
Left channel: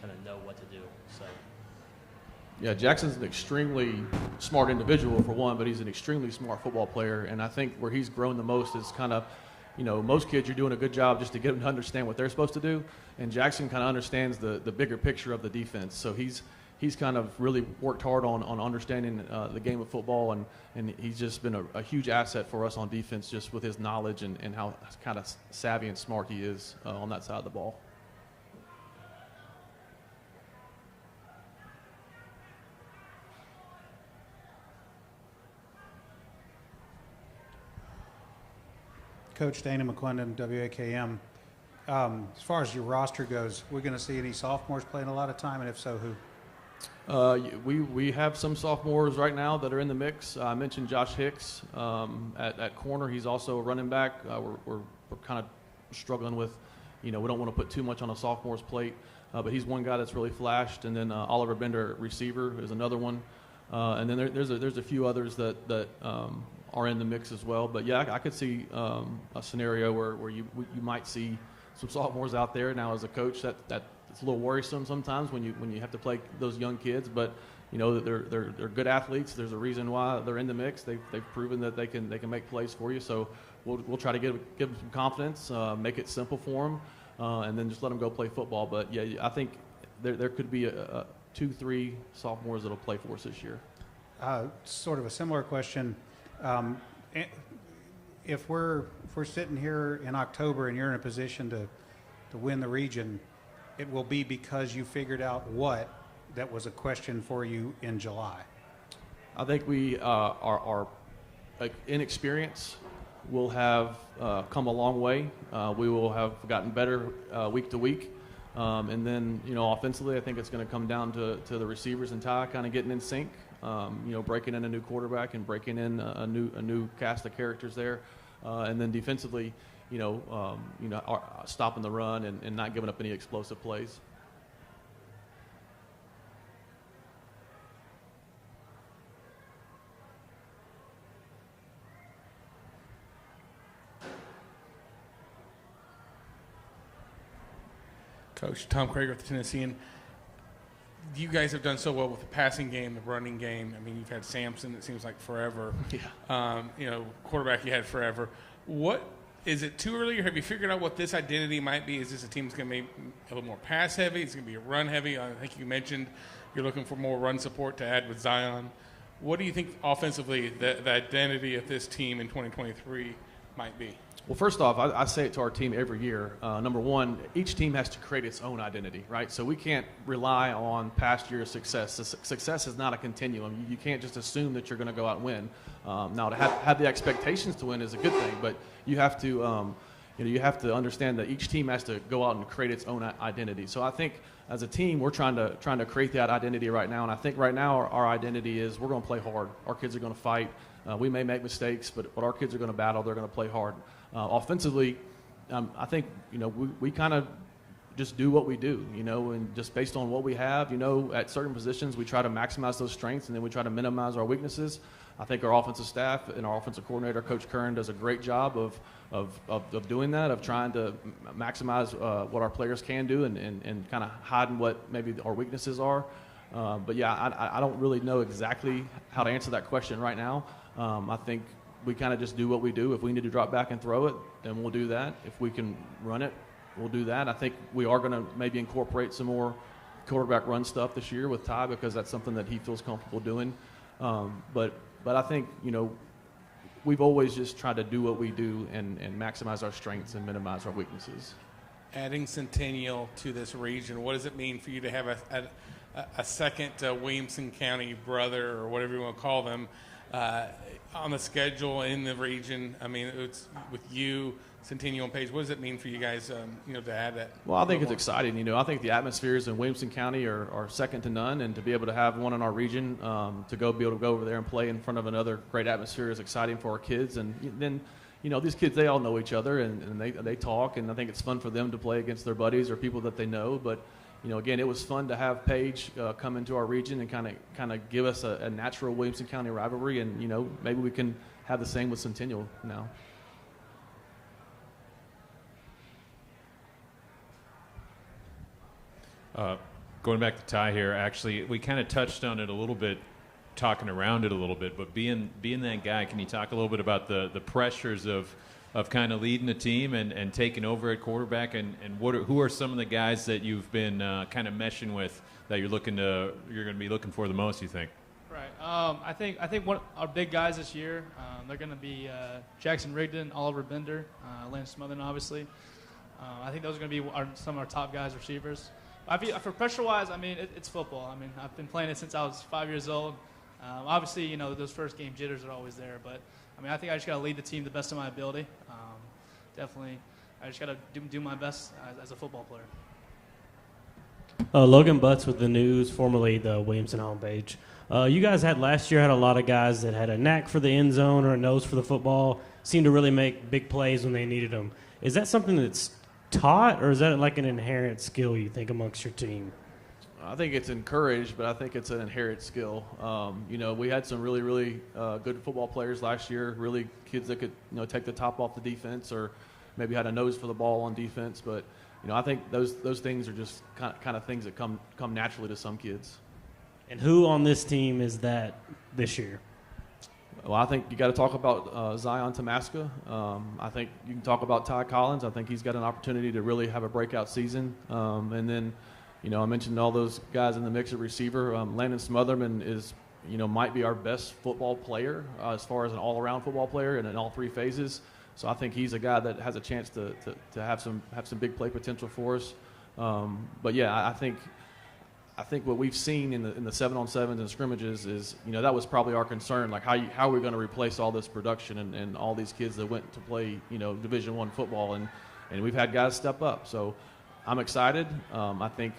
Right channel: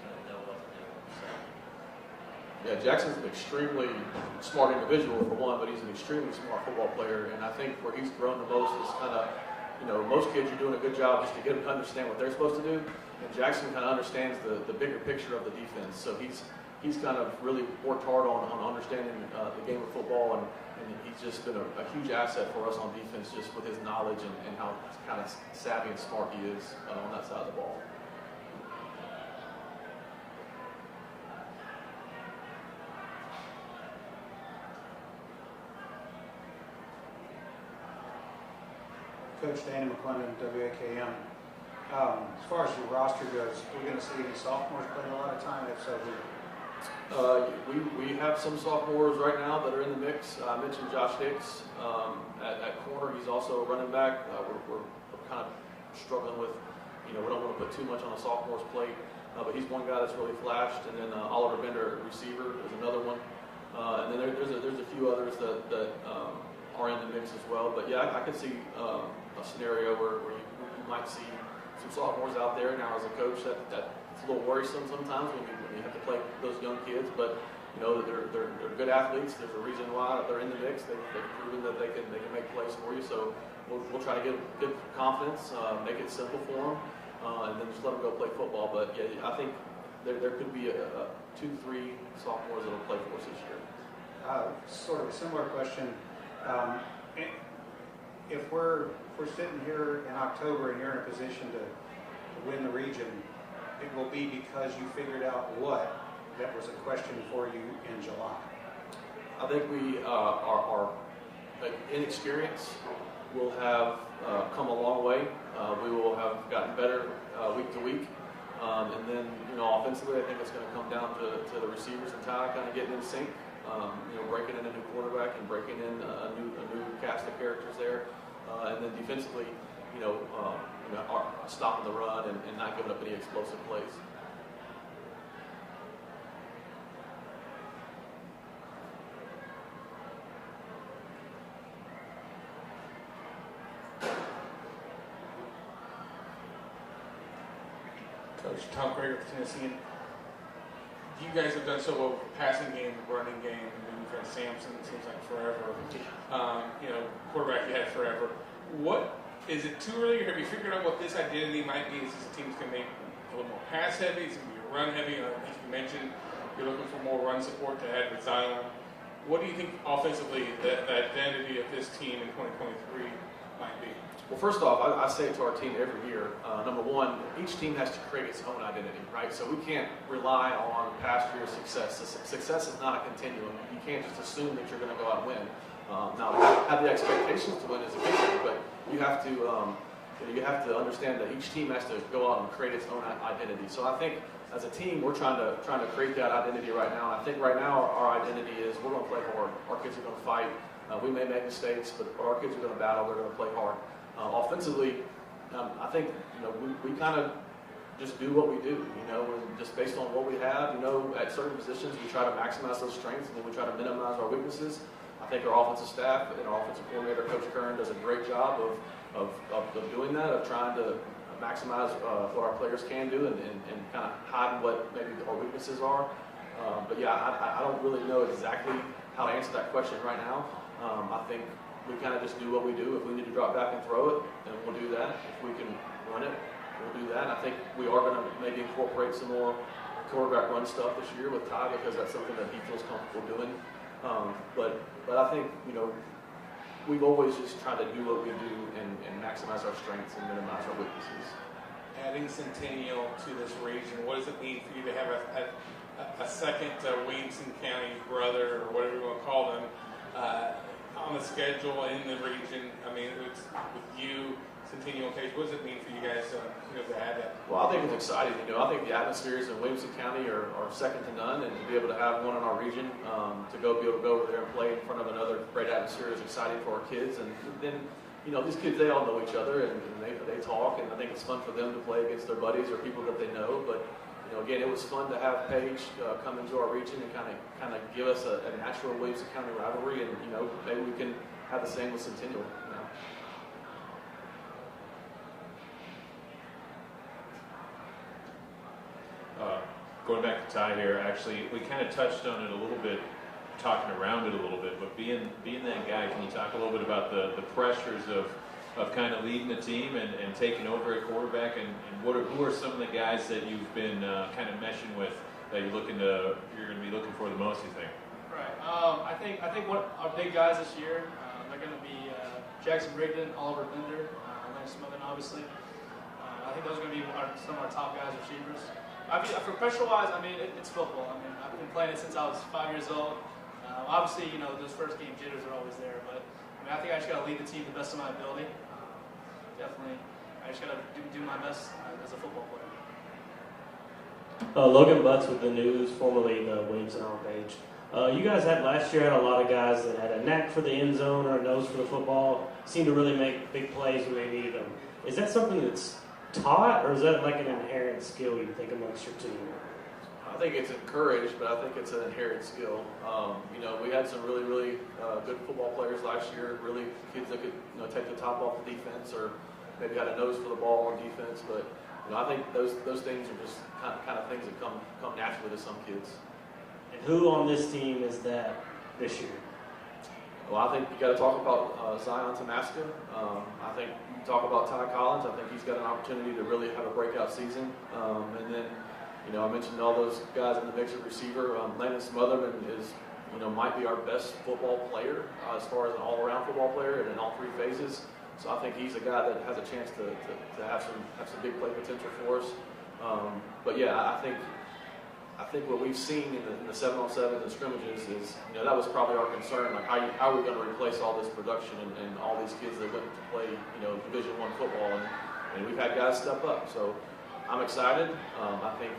kind of know what to do. So. Yeah, Jackson's an extremely smart individual for one, but he's an extremely smart football player. And I think where he's grown the most is kind of, most kids are doing a good job just to get them to understand what they're supposed to do. And Jackson kind of understands the bigger picture of the defense. So he's kind of really worked hard on understanding the game of football, and he's just been a huge asset for us on defense just with his knowledge and how kind of savvy and smart he is on that side of the ball. Coach Dana McClendon, WAKM. As far as your roster goes, we're going to see any sophomores playing a lot of time, and if so, who? We have some sophomores right now that are in the mix. I mentioned Josh Hicks at corner. He's also a running back. We're kind of struggling with, we don't want to put too much on a sophomore's plate, but he's one guy that's really flashed. And then Oliver Bender, receiver, is another one. And then there's a few others that are in the mix as well. But yeah, I could see a scenario where you might see some sophomores out there. Now, as a coach, it's a little worrisome sometimes when you have to play those young kids. But they're good athletes. There's a reason why they're in the mix. They've proven that they can make plays for you. So we'll try to give them some confidence, make it simple for them, and then just let them go play football. But yeah, I think there could be 2-3 sophomores that'll play for us this year. Sort of a similar question. If we're sitting here in October and you're in a position to win the region, it will be because you figured out what that was a question for you in July. I think we our inexperience will have come a long way. We will have gotten better week to week. And then, offensively, I think it's going to come down to the receivers and Ty kind of getting in sync. Breaking in a new quarterback and breaking in a new cast of characters there, and then defensively, stopping the run and not giving up any explosive plays. Coach Tom Krager with the Tennessean. You guys have done so well with the passing game, the running game. I mean, you've had Samson, it seems like forever. Quarterback you had forever. Is it too early, or have you figured out what this identity might be? Is this a team that's going to be a little more pass heavy? Is it going to be run heavy? I think you mentioned you're looking for more run support to add with Zion. What do you think offensively the identity of this team in 2023 might be? Well, first off, I say it to our team every year. Number one, each team has to create its own identity, right? So we can't rely on past year's success. Success is not a continuum. You can't just assume that you're going to go out and win. Now, to have the expectations to win is a good thing, but you have to understand that each team has to go out and create its own identity. So I think as a team, we're trying to create that identity right now. And I think right now our identity is we're going to play hard. Our kids are going to fight. We may make mistakes, but our kids are going to battle. They're going to play hard. Offensively, I think we kind of just do what we do, and just based on what we have, at certain positions we try to maximize those strengths and then we try to minimize our weaknesses. I think our offensive staff and our offensive coordinator, Coach Kern, does a great job of doing that, of trying to maximize what our players can do and kind of hiding what maybe our weaknesses are. But yeah, I don't really know exactly how to answer that question right now. I think we kind of just do what we do. If we need to drop back and throw it, then we'll do that. If we can run it, we'll do that. I think we are going to maybe incorporate some more quarterback run stuff this year with Ty because that's something that he feels comfortable doing. But I think, we've always just tried to do what we do and maximize our strengths and minimize our weaknesses. Adding Centennial to this region, what does it mean for you to have a second Williamson County brother, or whatever you want to call them, on the schedule in the region? I mean, it's with you, Centennial and Paige. What does it mean for you guys, to add that? Well, I think it's exciting. I think the atmospheres in Williamson County are second to none, and to be able to have one in our region, to be able to go over there and play in front of another great atmosphere is exciting for our kids. And then, these kids, they all know each other, and they talk, and I think it's fun for them to play against their buddies or people that they know. But again, it was fun to have Paige come into our region and kind of give us a natural Williamson County rivalry, and maybe we can have the same with Centennial now. Going back to Ty here, actually, we kind of touched on it a little bit, talking around it a little bit, but being that guy, can you talk a little bit about the pressures of kind of leading a team and taking over at quarterback, and who are some of the guys that you've been kind of meshing with that you're going to be looking for the most, you think? Right. I think one our big guys this year, they're going to be Jackson Rigdon, Oliver Bender, Lane Smotherman, obviously. I think those are going to be some of our top guys, receivers. For pressure-wise, I mean, it's football. I mean, I've been playing it since I was 5 years old. Obviously, you know, those first game jitters are always there, but I mean, I think I just got to lead the team the best of my ability. Definitely, I just got to do my best as a football player. Logan Butts with the News, formerly the Williamson on page. You guys had last year had a lot of guys that had a knack for the end zone or a nose for the football, seemed to really make big plays when they needed them. Is that something that's taught, or is that like an inherent skill you think amongst your team? I think it's encouraged, but I think it's an inherent skill. You know, we had some really, really good football players last year, really kids that could, you know, take the top off the defense or maybe had a nose for the ball on defense. But, you know, I think those things are just kind of things that come naturally to some kids. And who on this team is that this year? Well, I think you got to talk about Zion Tamaska. I think you can talk about Ty Collins. I think he's got an opportunity to really have a breakout season. And then, you know, I mentioned all those guys in the mix of receiver. Landon Smotherman is, you know, might be our best football player as far as an all-around football player and in all three phases. So I think he's a guy that has a chance to have some big play potential for us. But yeah, I think what we've seen in the 7-on-7s and scrimmages is, you know, that was probably our concern. Like how are we going to replace all this production and all these kids that went to play, you know, Division I football, and we've had guys step up. So I'm excited. I think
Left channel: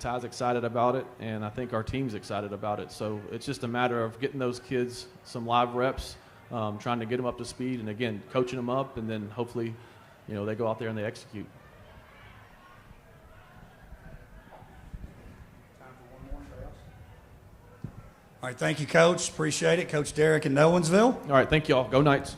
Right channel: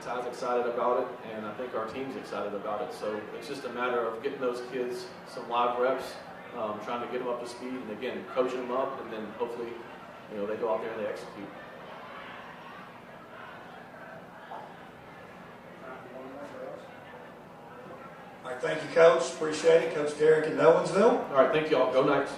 Ty's excited about it, and I think our team's excited about it. So it's just a matter of getting those kids some live reps, trying to get them up to speed, and again, coaching them up, and then hopefully, you know, they go out there and they execute. All right, thank you, Coach. Appreciate it. Coach Derek in Nolensville. All right, thank you all. Go Knights.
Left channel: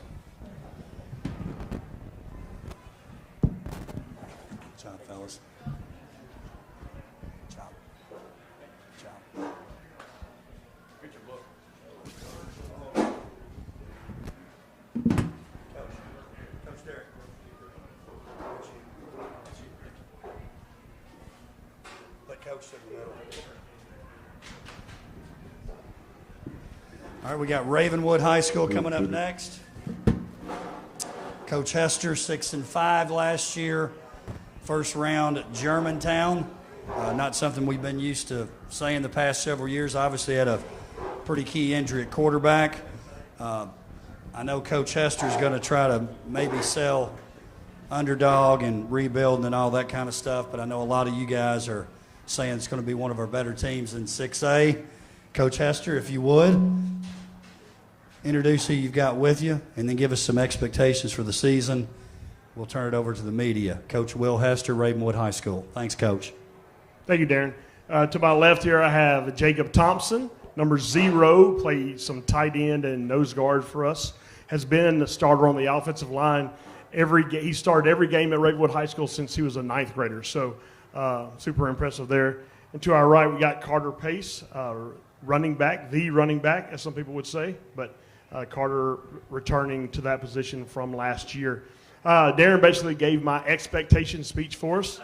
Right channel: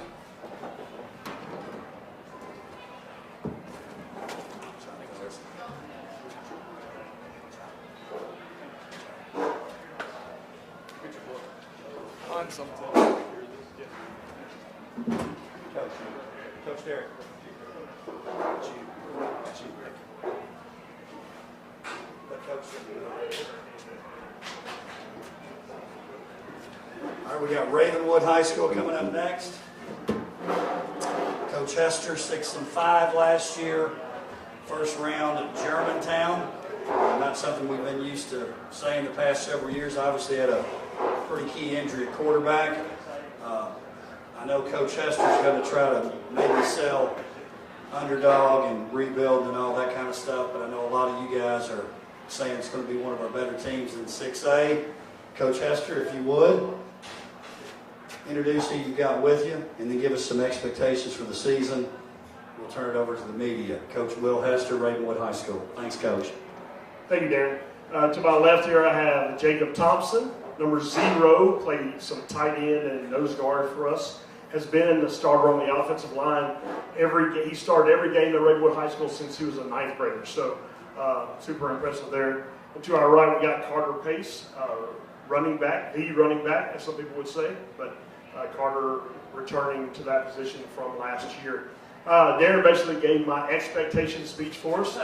Coach Derek. Let Coach All right, we got Ravenwood High School coming up next. Coach Hester, 6-5 last year. First round at Germantown. Not something we've been used to saying the past several years. Obviously had a pretty key injury at quarterback. I know Coach Hester's going to try to maybe sell underdog and rebuild and all that kind of stuff, but I know a lot of you guys are saying it's going to be one of our better teams in 6A. Coach Hester, if you would, introduce who you've got with you, and then give us some expectations for the season. We'll turn it over to the media. Coach Will Hester, Ravenwood High School. Thanks, Coach. Thank you, Darren. To my left here, I have Jacob Thompson, number 0, played some tight end and nose guard for us. Has been the starter on the offensive line. He started every game at Ravenwood High School since he was a 9th grader, so super impressive there. And to our right, we got Carter Pace, running back, as some people would say, but Carter returning to that position from last year. Darren basically gave my expectation speech for us.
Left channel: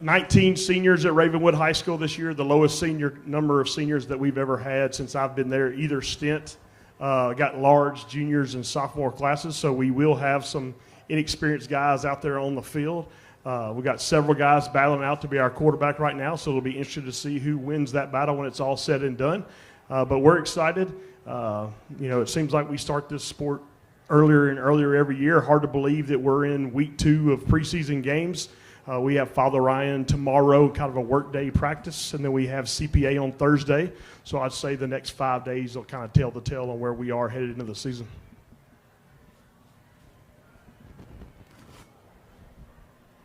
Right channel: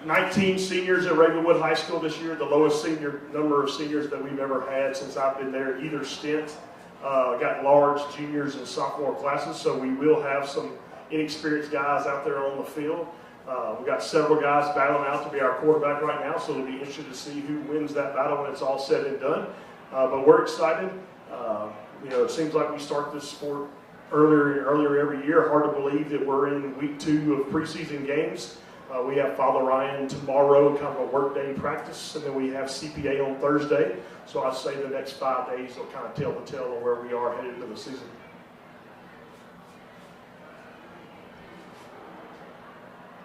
19 seniors at Ravenwood High School this year, the lowest number of seniors that we've ever had since I've been there, either stint. Got large juniors and sophomore classes, so we will have some inexperienced guys out there on the field. We've got several guys battling out to be our quarterback right now, so it'll be interesting to see who wins that battle when it's all said and done. But we're excited. You know, it seems like we start this sport earlier and earlier every year. Hard to believe that we're in week 2 of preseason games. We have Father Ryan tomorrow, kind of a workday practice, and then we have CPA on Thursday. So I'd say the next 5 days will kind of tell the tale on where we are headed into the season.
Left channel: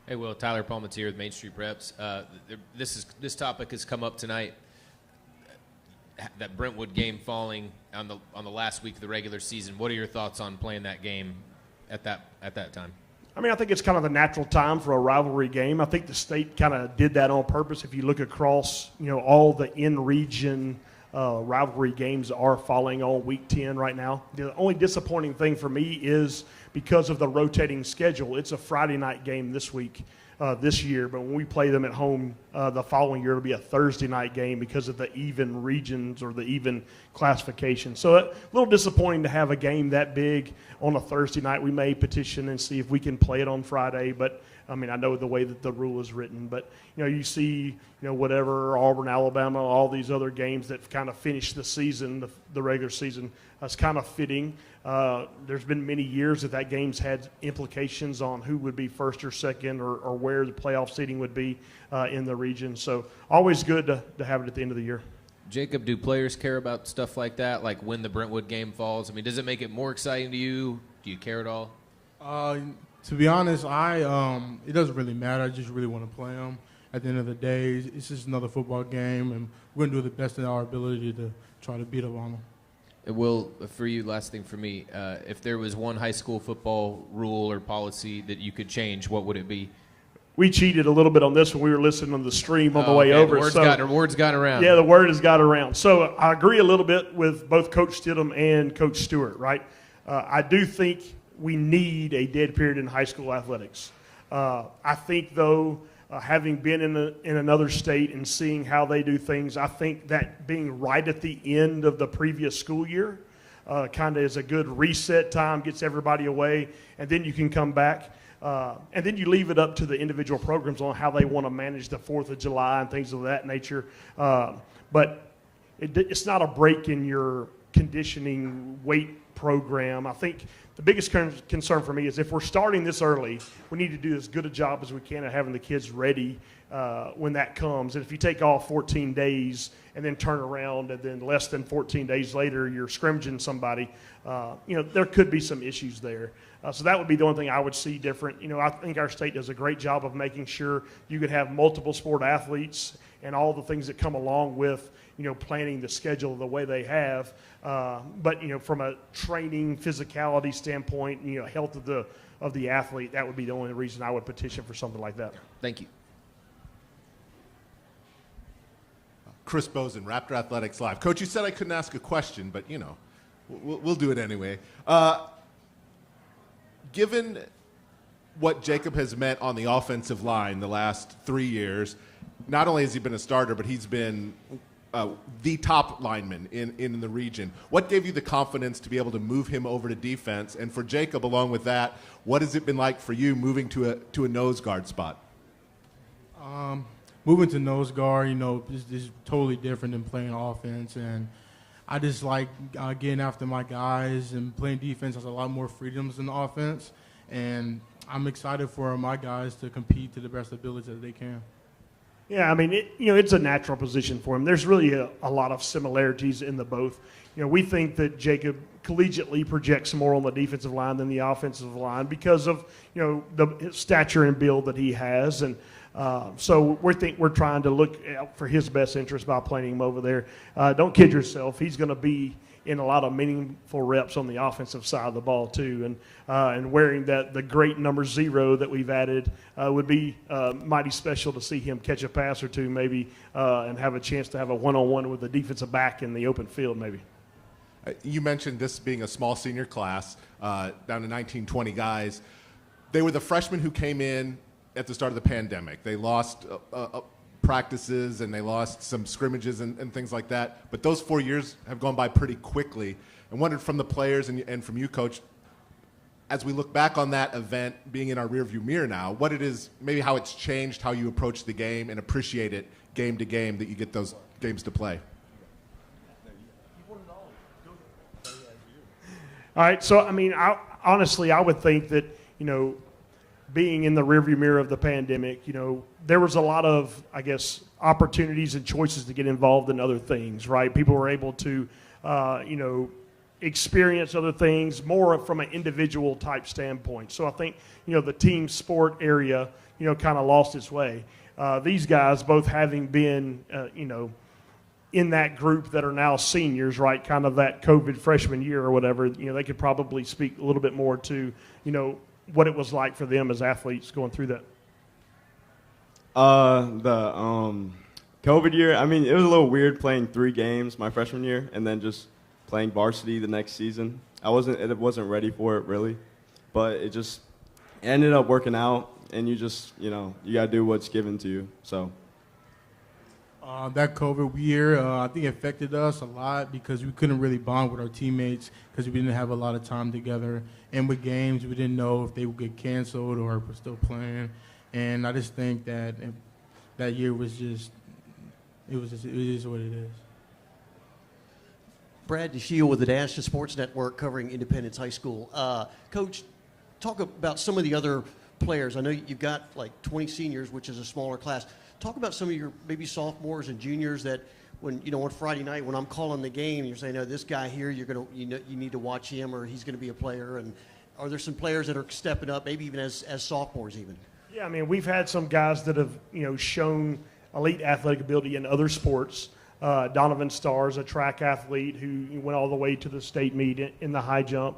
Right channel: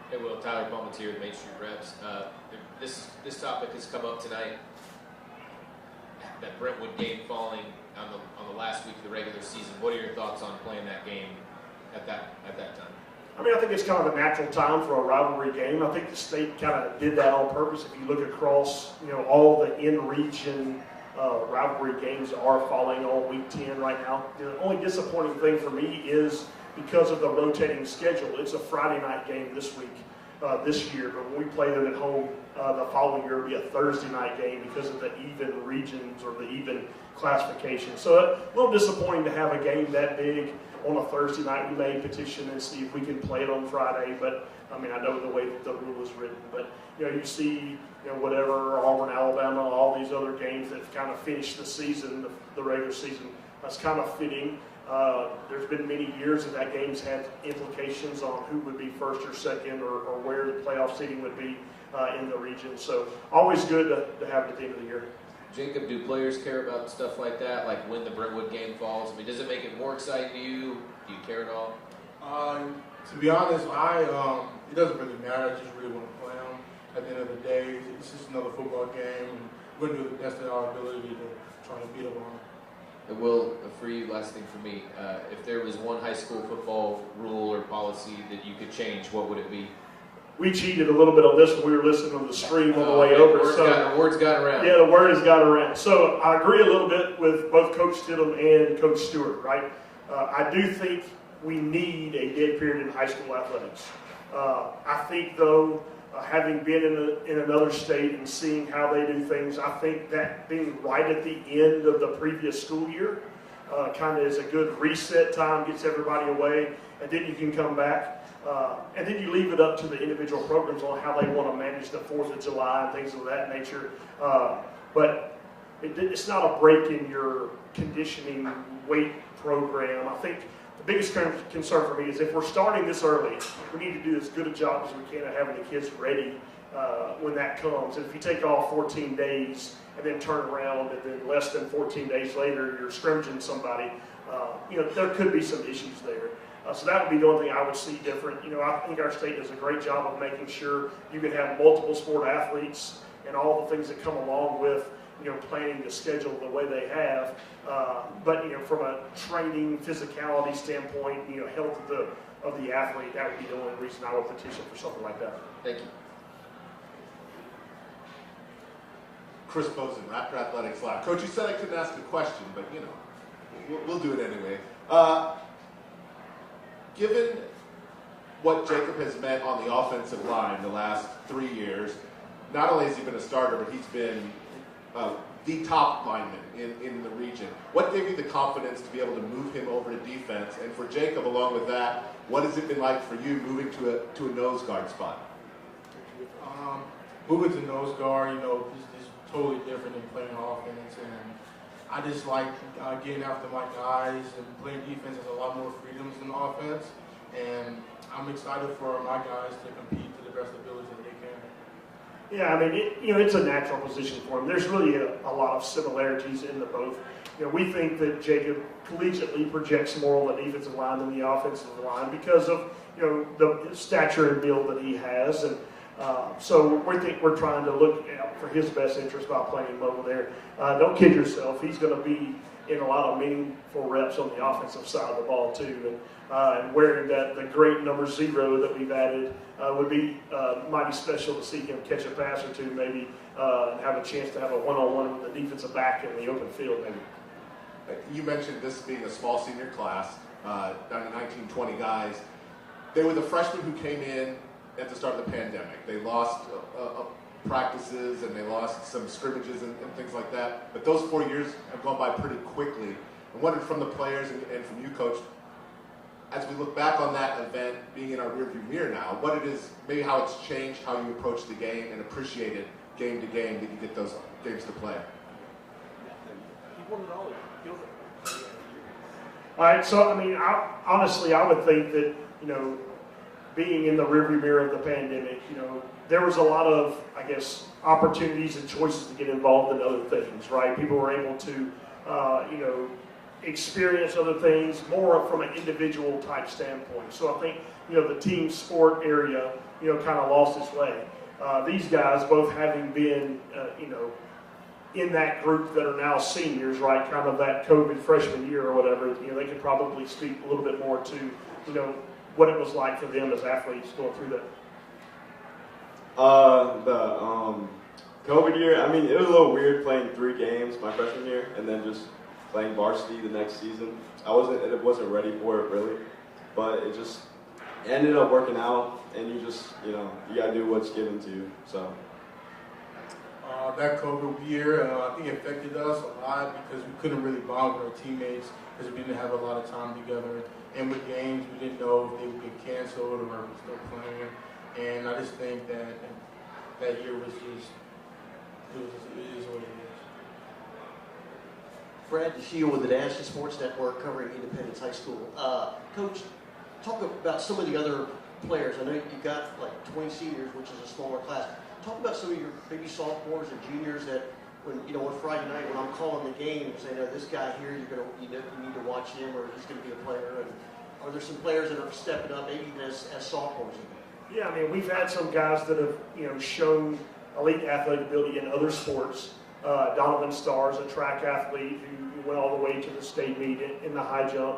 Hey, Will, Tyler Palmatier with Main Street Reps. This topic has come up tonight. That Brentwood game falling on the last week of the regular season. What are your thoughts on playing that game at that time? I mean, I think it's kind of a natural time for a rivalry game. I think the state kind of did that on purpose. If you look across, all the in-region rivalry games are falling on week 10 right now. The only disappointing thing for me is because of the rotating schedule. It's a Friday night game this week, this year, but when we play them at home the following year, it'll be a Thursday night game because of the even regions or the even classification. So a little disappointing to have a game that big on a Thursday night. We may petition and see if we can play it on Friday, but I mean, I know the way that the rule is written, but you see, whatever, Auburn, Alabama, all these other games that kind of finish the season, the regular season, that's kind of fitting. There's been many years that game's had implications on who would be first or second or where the playoff seeding would be in the region. So always good to have it at the end of the year. Jacob, do players care about stuff like that, like when the Brentwood game falls? I mean, does it make it more exciting to you? Do you care at all? To be honest, it doesn't really matter. I just really want to play them. At the end of the day, it's just another football game, and we're going to do the best in our ability to try to beat them on them. And Will, for you, last thing for me, if there was one high school football rule or policy that you could change, what would it be? We cheated a little bit on this when we were listening on the stream on the way over. Word's got around. Yeah, the word has got around. So I agree a little bit with both Coach Stidham and Coach Stewart, right? I do think we need a dead period in high school athletics. I think, though, having been in another state and seeing how they do things, I think that being right at the end of the previous school year kind of is a good reset time, gets everybody away, and then you can come back. And then you leave it up to the individual programs on how they want to manage the 4th of July and things of that nature. But it's not a break in your conditioning weight program. I think the biggest concern for me is if we're starting this early, we need to do as good a job as we can at having the kids ready when that comes. And if you take off 14 days and then turn around and then less than 14 days later you're scrimmaging somebody, there could be some issues there. So that would be the only thing I would see different. I think our state does a great job of making sure you can have multiple sport athletes and all the things that come along with, planning the schedule the way they have. But from a training physicality standpoint, health of the athlete, that would be the only reason I would petition for something like that. Thank you. Chris Bozen, Raptor Athletics Live. Coach, you said I couldn't ask a question, but we'll do it anyway. Given what Jacob has meant on the offensive line the last 3 years, not only has he been a starter, but he's been the top lineman in the region. What gave you the confidence to be able to move him over to defense? And for Jacob, along with that, what has it been like for you moving to a nose guard spot? Moving to nose guard, is totally different than playing offense, and I just like getting after my guys, and playing defense has a lot more freedoms than offense, and I'm excited for my guys to compete to the best ability that they can. Yeah, I mean, it's a natural position for him. There's really a lot of similarities in the both. We think that Jacob collegiately projects more on the defensive line than the offensive line because of the stature and build that he has, and so we're trying to look out for his best interest by playing him over there. Don't kid yourself; he's going to be in a lot of meaningful reps on the offensive side of the ball too, and wearing the great number 0 that we've added would be mighty special to see him catch a pass or two maybe and have a chance to have a one-on-one with the defensive back in the open field maybe. You mentioned this being a small senior class, down to 19, 20 guys. They were the freshmen who came in at the start of the pandemic. They lost practices and they lost some scrimmages and things like that. But those 4 years have gone by pretty quickly. I wondered from the players and from you, Coach, as we look back on that event being in our rearview mirror now, what it is, maybe how it's changed how you approach the game and appreciate it game to game that you get those games to play. All right, so I mean, honestly, I would think that, being in the rearview mirror of the pandemic, there was a lot of, I guess, opportunities and choices to get involved in other things, right? People were able to, experience other things more from an individual type standpoint. So I think, the team sport area, kind of lost its way. These guys, both having been, in that group that are now seniors, right, kind of that COVID freshman year or whatever, they could probably speak a little bit more to, what it was like for them as athletes going through that. The COVID year, I mean, it was a little weird playing 3 games my freshman year and then just playing varsity the next season. I wasn't ready for it really, but it just ended up working out, and you just, you gotta do what's given to you. So that COVID year, I think it affected us a lot because we couldn't really bond with our teammates because we didn't have a lot of time together. And with games, we didn't know if they would get canceled or if we're still playing. And I just think that that year was just, it is what it is. Brad DeShiel with the National Sports Network covering Independence High School. Coach, talk about some of the other players. I know you've got like 20 seniors, which is a smaller class. Talk about some of your maybe sophomores and juniors that when, on Friday night when I'm calling the game, you say, no, this guy here, you need to watch him or he's going to be a player. And are there some players that are stepping up, maybe even as sophomores even? Yeah, I mean, we've had some guys that have, shown elite athletic ability in other sports. Donovan Starr is a track athlete who went all the way to the state meet in the high jump.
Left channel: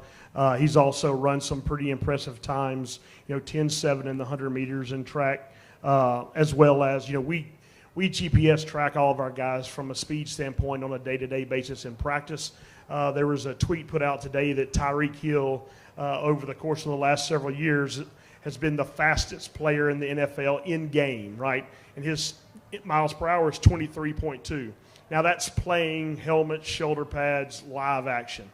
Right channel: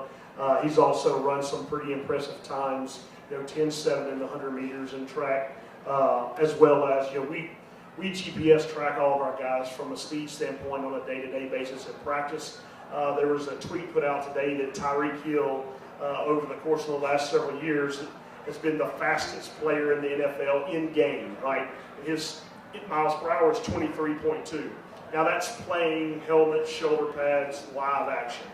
He's also run some pretty impressive times, 10-7 in the 100 meters in track, as well as, we GPS track all of our guys from a speed standpoint on a day-to-day basis in practice. There was a tweet put out today that Tyreek Hill, over the course of the last several years, has been the fastest player in the NFL in game, right? And his miles per hour is 23.2. Now that's playing helmets, shoulder pads, live action.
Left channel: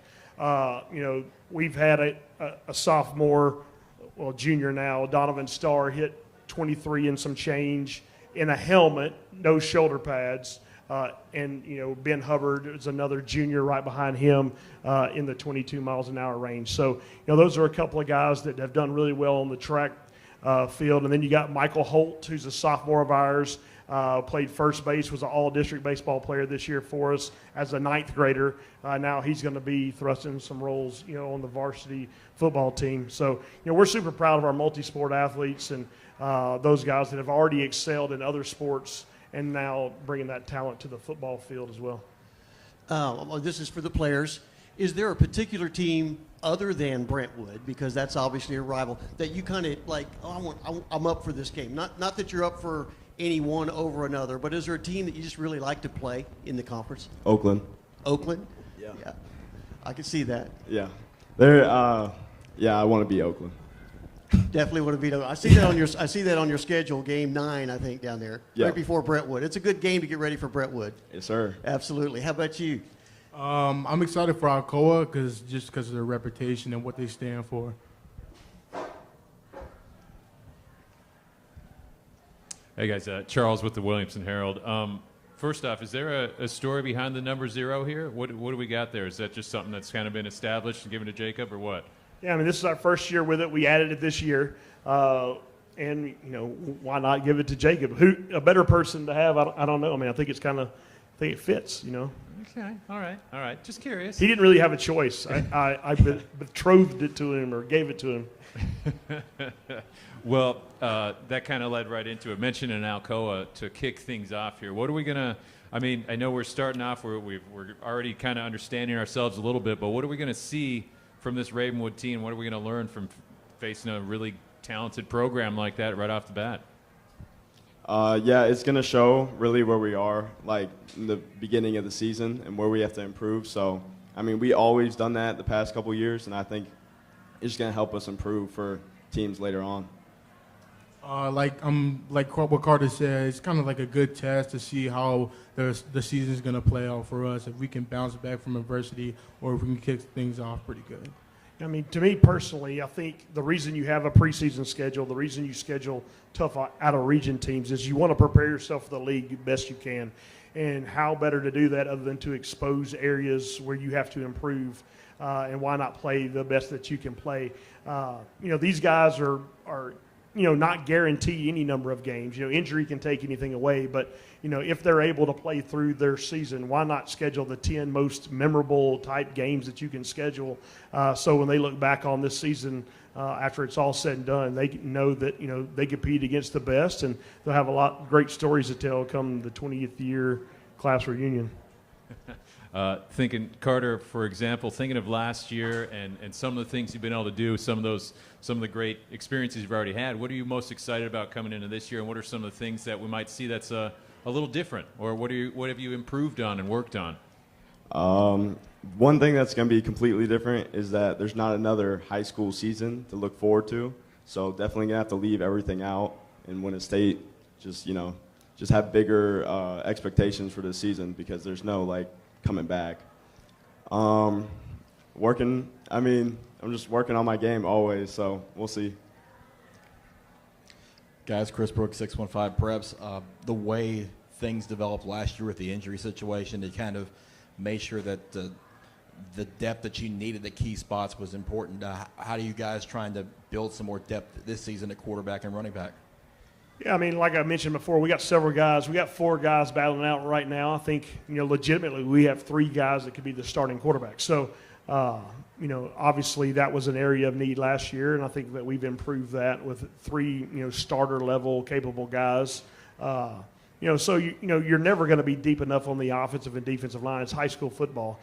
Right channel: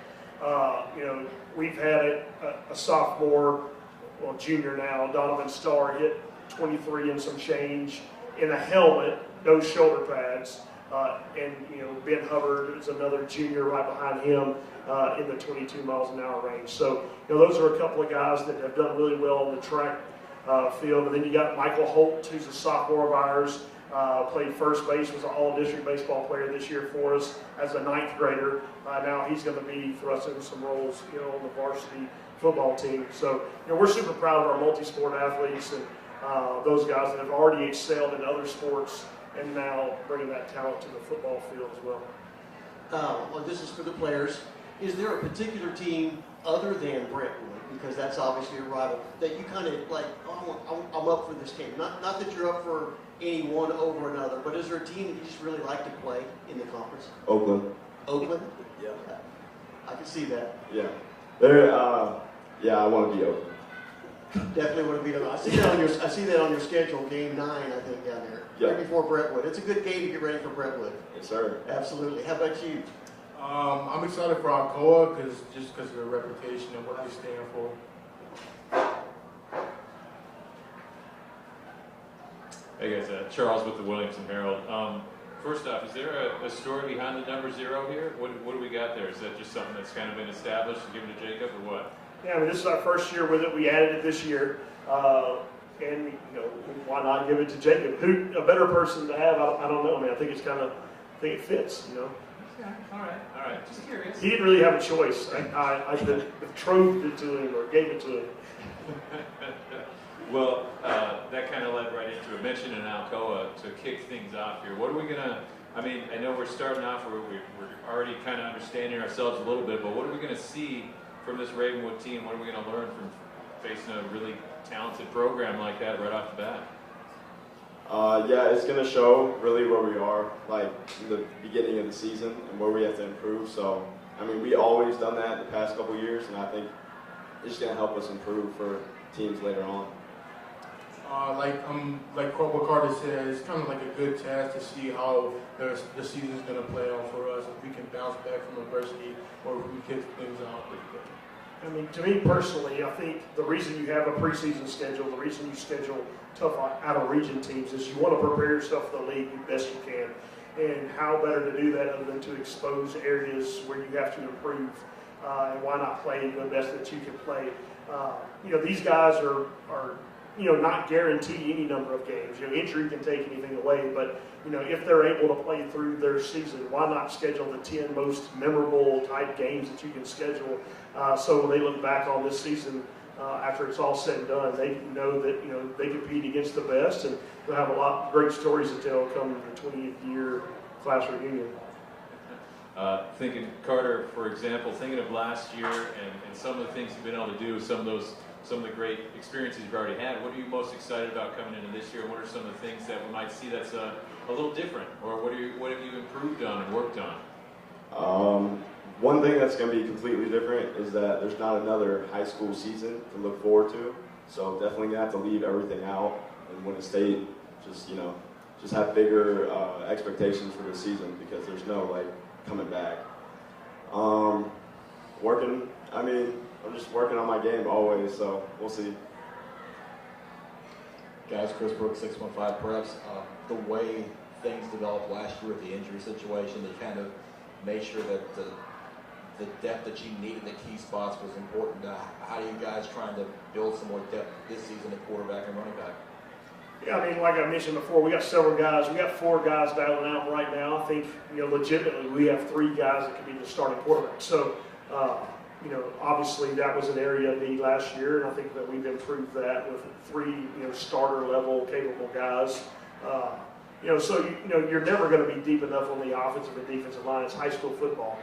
We've had a sophomore, well, junior now, Donovan Starr, hit 23 and some change in a helmet, no shoulder pads. And Ben Hubbard is another junior right behind him in the 22 miles an hour range. So those are a couple of guys that have done really well on the track field. And then you got Michael Holt, who's a sophomore of ours, played first base, was an all-district baseball player this year for us as a 9th grader. Now he's going to be thrust into some roles, on the varsity football team. So we're super proud of our multi-sport athletes and those guys that have already excelled in other sports and now bringing that talent to the football field as well. Well, this is for the players. Is there a particular team other than Brentwood, because that's obviously a rival, that you kind of like, I'm up for this game? Not that you're up for any one over another, but is there a team that you just really like to play in the conference? Oakland. Oakland? Yeah. I can see that. Yeah. I want to be Oakland. Definitely want to beat them. I see that on your schedule, game 9, I think, down there, right before Brentwood. It's a good game to get ready for Brentwood. Yes, sir. Absolutely. How about you? I'm excited for Alcoa because of their reputation and what they stand for. Hey guys, Charles with the Williamson Herald. First off, is there a story behind the number 0 here? What do we got there? Is that just something that's kind of been established and given to Jacob, or what? Yeah, I mean, this is our first year with it. We added it this year. And, why not give it to Jacob? Who, a better person to have? I don't know. I mean, I think it fits, Okay, all right. Just curious. He didn't really have a choice. I betrothed it to him or gave it to him. Well, that kind of led right into it. Mentioning Alcoa to kick things off here. What are we going to, I know we're starting off, we're already kind of understanding ourselves a little bit, but what are we going to see from this Ravenwood team? What are we going to learn from facing a really talented program like that right off the bat? It's going to show really where we are, like in the beginning of the season and where we have to improve. So, we always done that the past couple of years, and I think it's just going to help us improve for teams later on. Like what Carter said, it's kind of like a good test to see how the season is going to play out for us. If we can bounce back from adversity or if we can kick things off pretty good. To me personally, I think the reason you have a preseason schedule, the reason you schedule tough out-of-region teams is you want to prepare yourself for the league the best you can. And how better to do that other than to expose areas where you have to improve, and why not play the best that you can play. These guys are not guarantee any number of games. Injury can take anything away, but if they're able to play through their season, why not schedule the 10 most memorable type games that you can schedule, so when they look back on this season after it's all said and done, they know that they compete against the best, and they'll have a lot of great stories to tell come the 20th year class reunion. Thinking, Carter, for example, thinking of last year and some of the things you've been able to do, some of those some of the great experiences you've already had. What are you most excited about coming into this year, and what are some of the things that we might see that's a little different, or what have you improved on and worked on? One thing that's going to be completely different is that there's not another high school season to look forward to. So definitely going to have to leave everything out and win a state. Just have bigger expectations for this season because there's no coming back. I'm just working on my game always, so we'll see. Guys, Chris Brooks, 615 Preps. The way things developed last year with the injury situation, you kind of made sure that the depth that you needed at key spots was important. How are you guys trying to build some more depth this season at quarterback and running back? Yeah, like I mentioned before, we got several guys. We got 4 guys battling out right now. I think, legitimately we have 3 guys that could be the starting quarterback. So, obviously that was an area of need last year, and I think that we've improved that with 3, starter level capable guys. So you're never going to be deep enough on the offensive and defensive line. It's high school football.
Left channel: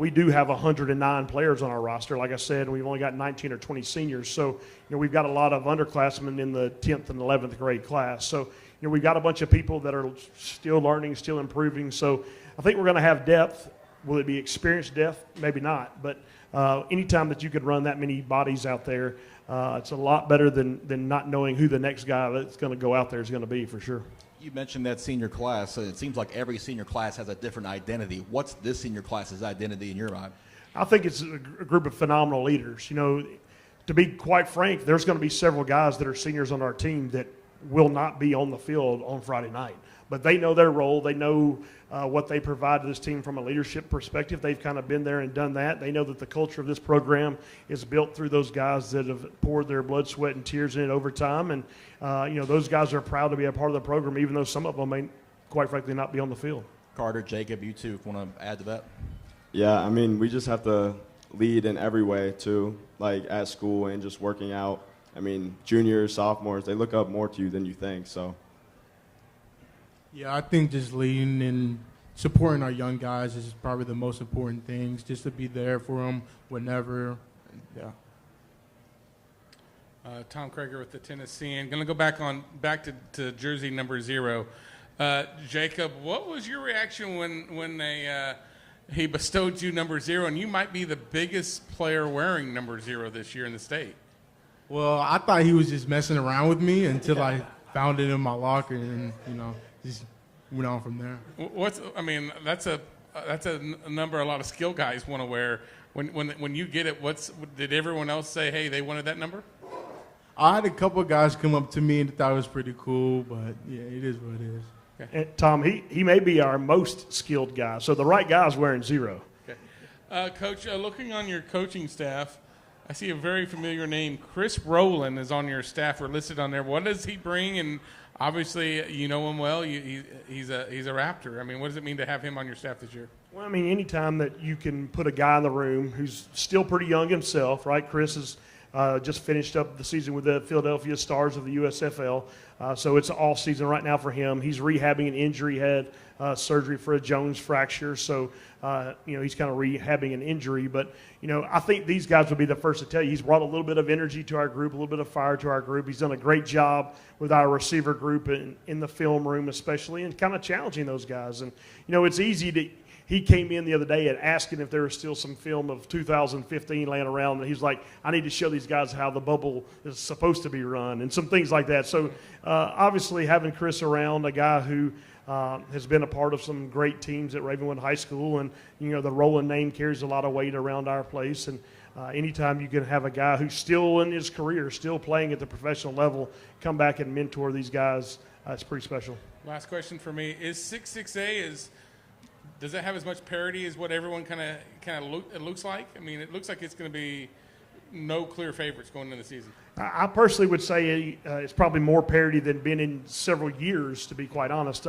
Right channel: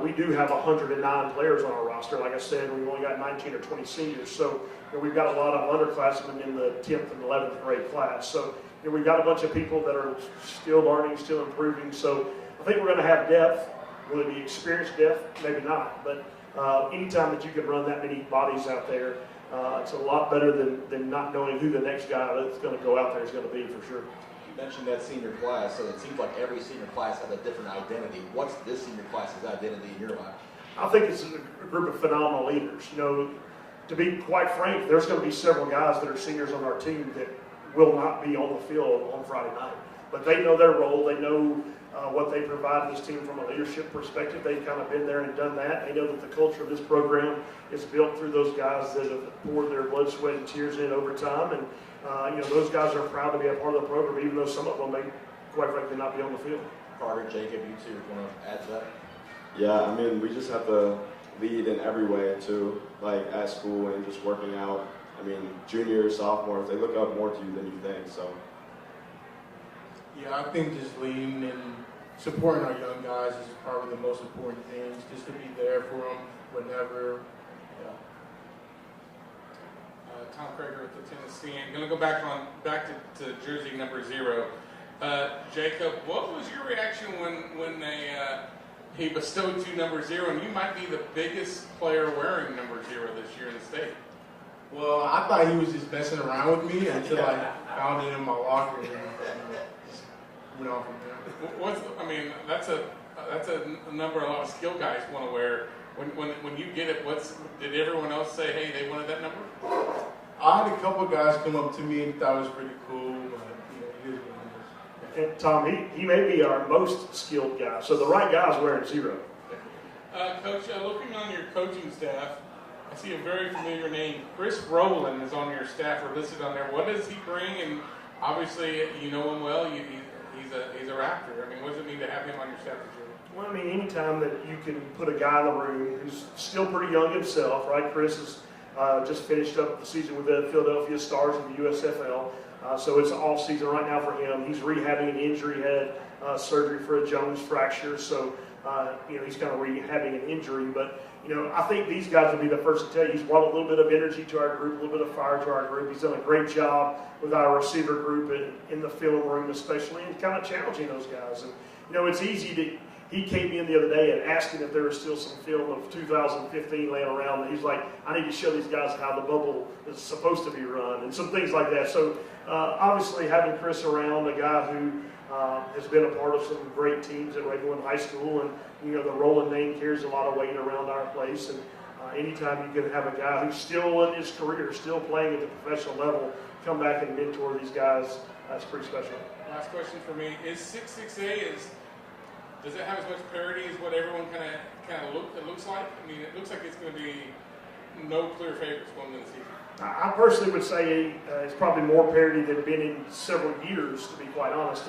We do have 109 players on our roster. Like I said, we've only got 19 or 20 seniors. So we've got a lot of underclassmen in the 10th and 11th grade class. So we've got a bunch of people that are still learning, still improving. So I think we're going to have depth. Will it be experienced depth? Maybe not. But anytime that you could run that many bodies out there, it's a lot better than not knowing who the next guy that's going to go out there is going to be, for sure. You mentioned that senior class, so it seems like every senior class has a different identity. What's this senior class's identity in your eye? I think it's a group of phenomenal leaders. To be quite frank, there's going to be several guys that are seniors on our team that will not be on the field on Friday night. But they know their role. They know what they provide to this team from a leadership perspective. They've kind of been there and done that. They know that the culture of this program is built through those guys that have poured their blood, sweat, and tears in over time. And those guys are proud to be a part of the program, even though some of them may, quite frankly, not be on the field. Carter, Jacob, you two want to add to that? Yeah, we just have to lead in every way too, like at school and just working out. Juniors, sophomores, they look up more to you than you think. So. Yeah, I think just leading and supporting our young guys is probably the most important things. Just to be there for them whenever. Yeah. Tom Krager with the Tennessean. Going to go back to jersey number 0. Jacob, what was your reaction when he bestowed you number 0, and you might be the biggest player wearing number 0 this year in the state? Well, I thought he was just messing around with me until I found it in my locker, and then just went on from there. That's a number a lot of skill guys want to wear. When you get it, did everyone else say, hey, they wanted that number? I had a couple of guys come up to me and thought it was pretty cool, but yeah, it is what it is. And Tom, he may be our most skilled guy, so the right guy's wearing 0. Okay. Coach, looking on your coaching staff, I see a very familiar name. Chris Rowland is on your staff or listed on there. What does he bring? And obviously, you know him well. He's a Raptor. What does it mean to have him on your staff this year? Well, anytime that you can put a guy in the room who's still pretty young himself, right? Chris has just finished up the season with the Philadelphia Stars of the USFL. So it's all season right now for him. He's rehabbing an injury. He had surgery for a Jones fracture. So, he's kind of rehabbing an injury. But, I think these guys would be the first to tell you he's brought a little bit of energy to our group, a little bit of fire to our group. He's done a great job with our receiver group in the film room especially, and kind of challenging those guys. And, it's easy to – he came in the other day and asking if there was still some film of 2015 laying around. And he's like, I need to show these guys how the bubble is supposed to be run and some things like that. So obviously having Chris around, a guy who has been a part of some great teams at Ravenwood High School, and the Rowland name carries a lot of weight around our place. And anytime you can have a guy who's still in his career, still playing at the professional level, come back and mentor these guys, that's pretty special. Last question for me is 6-6A does it have as much parity as what everyone kind of looks like? It looks like it's going to be no clear favorites going into the season. I personally would say it's probably more parity than been in several years, to be quite honest.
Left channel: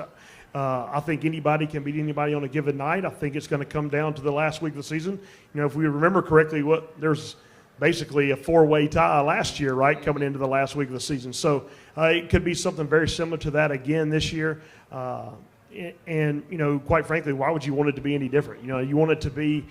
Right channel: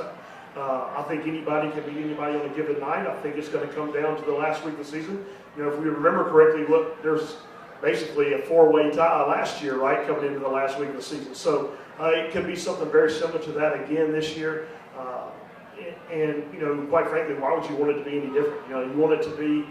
I think anybody can beat anybody on a given night. I think it's going to come down to the last week of the season. If we remember correctly, there's basically a 4-way tie last year, right, coming into the last week of the season. So it could be something very similar to that again this year. And, quite frankly, why would you want it to be any different? You want it to be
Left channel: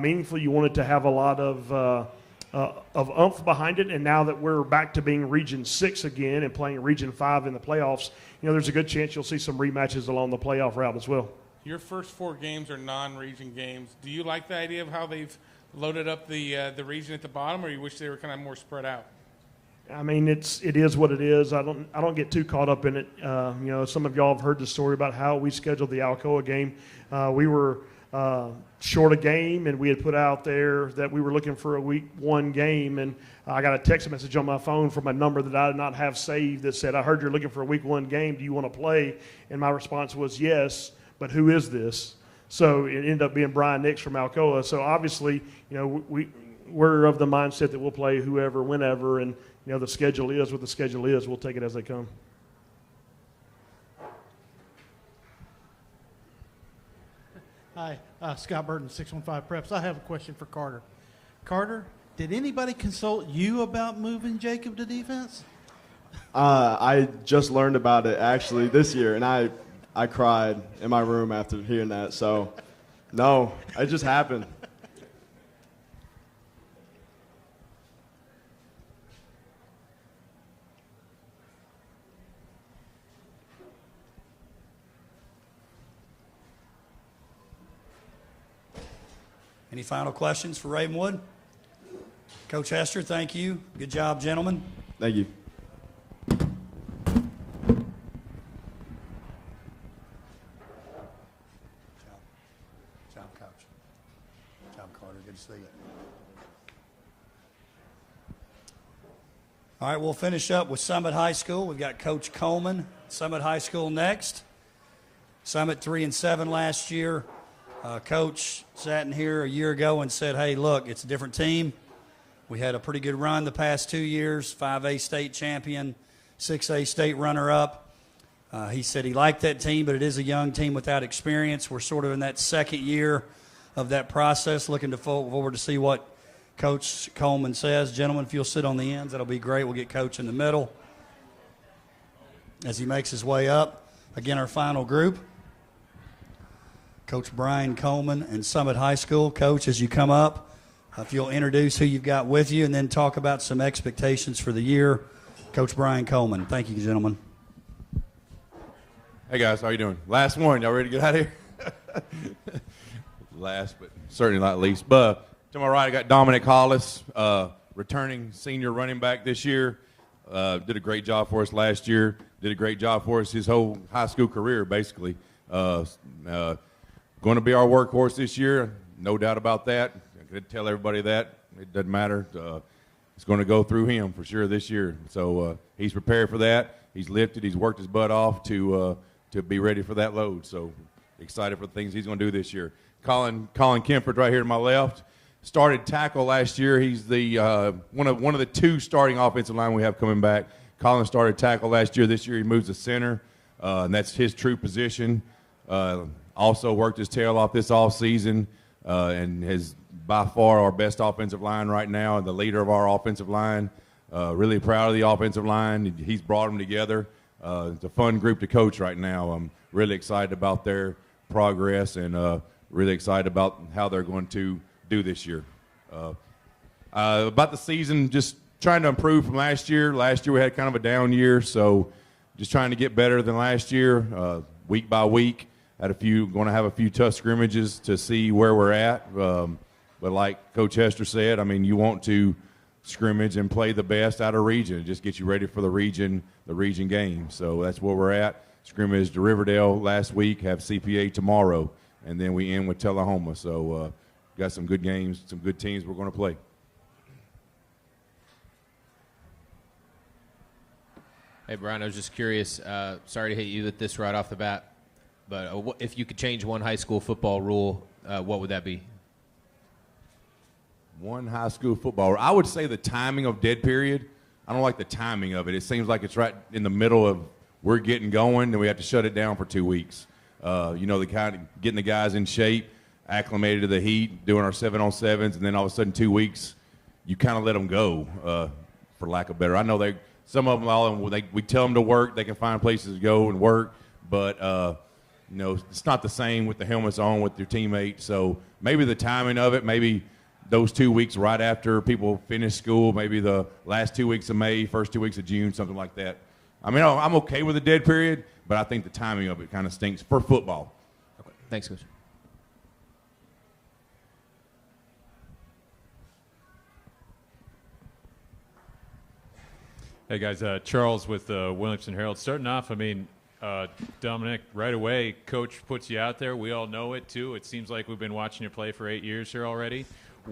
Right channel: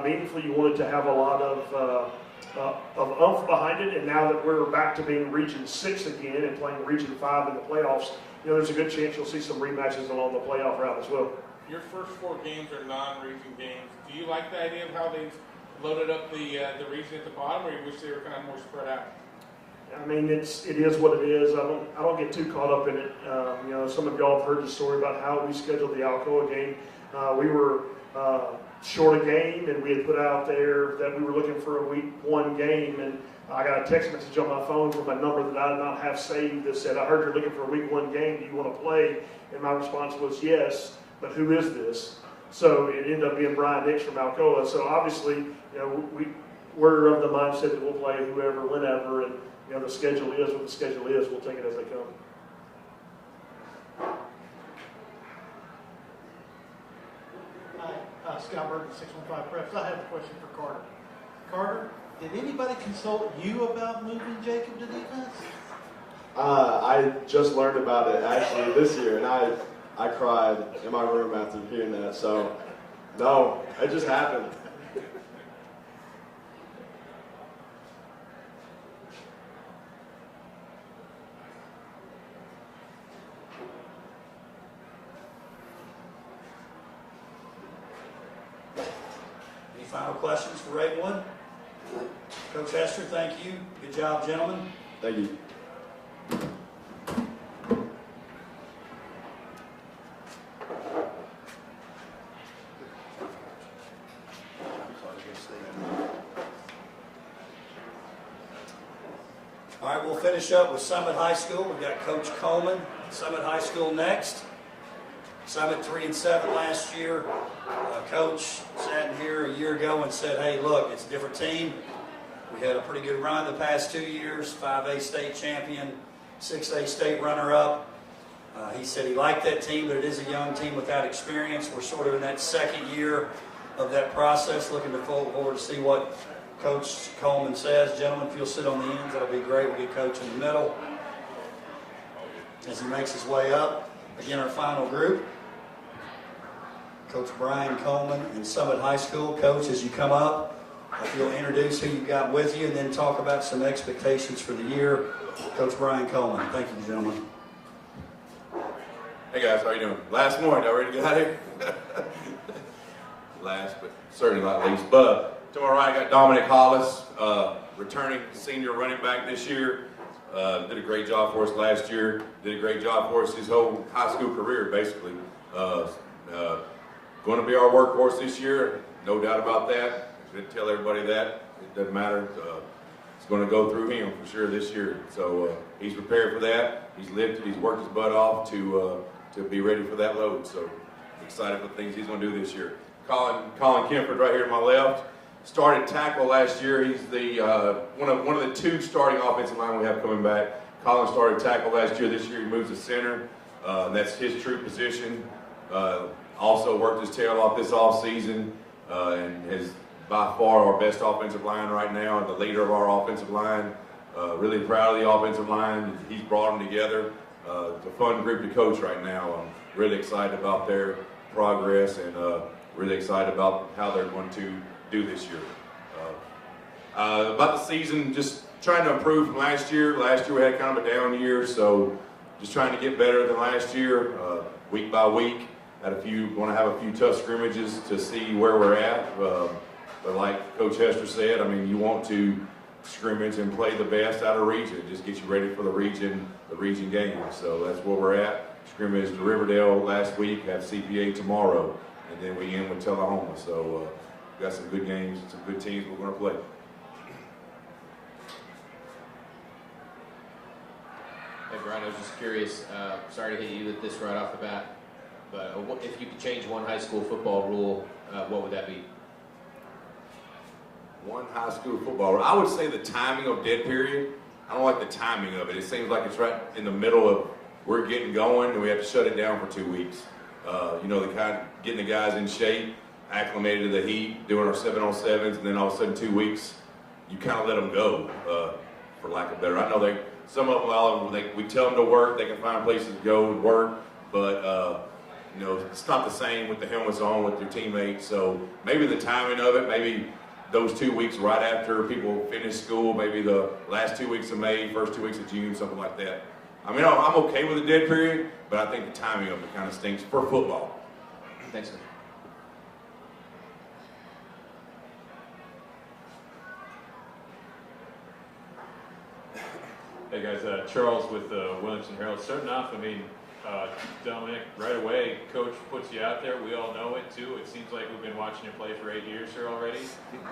meaningful. You want it to have a lot of oomph behind it. And now that we're back to being Region 6 again and playing Region 5 in the playoffs, there's a good chance you'll see some rematches along the playoff route as well. Your first 4 games are non-region games. Do you like the idea of how they've loaded up the region at the bottom, or you wish they were kind of more spread out? I mean, it is what it is. I don't get too caught up in it. Some of y'all have heard the story about how we scheduled the Alcoa game. We were short a game, and we had put out there that we were looking for a week 1 game, and I got a text message on my phone from a number that I did not have saved that said, "I heard you're looking for a week 1 game. Do you want to play?" And my response was, "Yes, but who is this?" So it ended up being Brian Nix from Alcoa. So obviously, we're of the mindset that we'll play whoever, whenever, and the schedule is what the schedule is. We'll take it as they come. Hi, Scott Burton, 615 Preps. I have a question for Carter. Carter, did anybody consult you about moving Jacob to defense? I just learned about it actually this year, and I cried in my room after hearing that. So, no, it just happened. Any final questions for Ravenwood? Coach Hester, thank you. Good job, gentlemen. Thank you. All right, we'll finish up with Summit High School. We've got Coach Coleman, Summit High School next. Summit 3-7 last year. Coach sat in here a year ago and said, "Hey, look, it's a different team. We had a pretty good run the past 2 years, 5A state champion, 6A state runner-up." He said he liked that team, but it is a young team without experience. We're sort of in that second year of that process, looking forward to see what Coach Coleman says. Gentlemen, if you'll sit on the ends, that'll be great. We'll get Coach in the middle as he makes his way up. Again, our final group, Coach Brian Coleman and Summit High School. Coach, as you come up, if you'll introduce who you've got with you and then talk about some expectations for the year. Coach Brian Coleman. Thank you, gentlemen. Hey, guys. How you doing? Last one. Y'all ready to get out of here? Last, but certainly not least. But to my right, I got Dominic Hollis, returning senior running back this year. Did a great job for us last year. Did a great job for us his whole high school career, basically. Going to be our workhorse this year, no doubt about that. I should tell everybody that. It doesn't matter. It's going to go through him for sure this year. So he's prepared for that. He's lifted. He's worked his butt off to be ready for that load. So excited for the things he's going to do this year. Colin Kemford right here to my left. Started tackle last year. He's the one of the 2 starting offensive line we have coming back. Colin started tackle last year. This year he moves to center, and that's his true position. Also worked his tail off this offseason and is by far our best offensive line right now, the leader of our offensive line. Really proud of the offensive line. He's brought them together. It's a fun group to coach right now. I'm really excited about their progress and really excited about how they're going to do this year. About the season, just trying to improve from last year. Last year we had kind of a down year, so just trying to get better than last year, week by week. Want to have a few tough scrimmages to see where we're at. But like Coach Hester said, I mean, you want to scrimmage and play the best out of region. Just get you ready for the region game. So that's where we're at. Scrimmage to Riverdale last week, have CPA tomorrow, and then we end with Tullahoma. So got some good games, some good teams we're going to play. Hey, Brian, I was just curious. Sorry to hit you with this right off the bat, but if you could change one high school football rule, what would that be? One high school football rule. I would say the timing of dead period. I don't like the timing of it. It seems like it's right in the middle of we're getting going and we have to shut it down for 2 weeks. The kind of getting the guys in shape, acclimated to the heat, doing our 7-on-7s, and then all of a sudden 2 weeks, you kind of let them go, for lack of better. I know some of them, we tell them to work, they can find places to go and work, but it's not the same with the helmets on with your teammates. So maybe the timing of it, maybe those 2 weeks right after people finish school, maybe the last 2 weeks of May, first 2 weeks of June, something like that. I mean, I'm okay with a dead period, but I think the timing of it kind of stinks for football. Thanks, Coach. Hey guys, Charles with Williamson Herald. Starting off, I mean, Dominic, right away, Coach puts you out there. We all know it too. It seems like we've been watching you play for 8 years here already.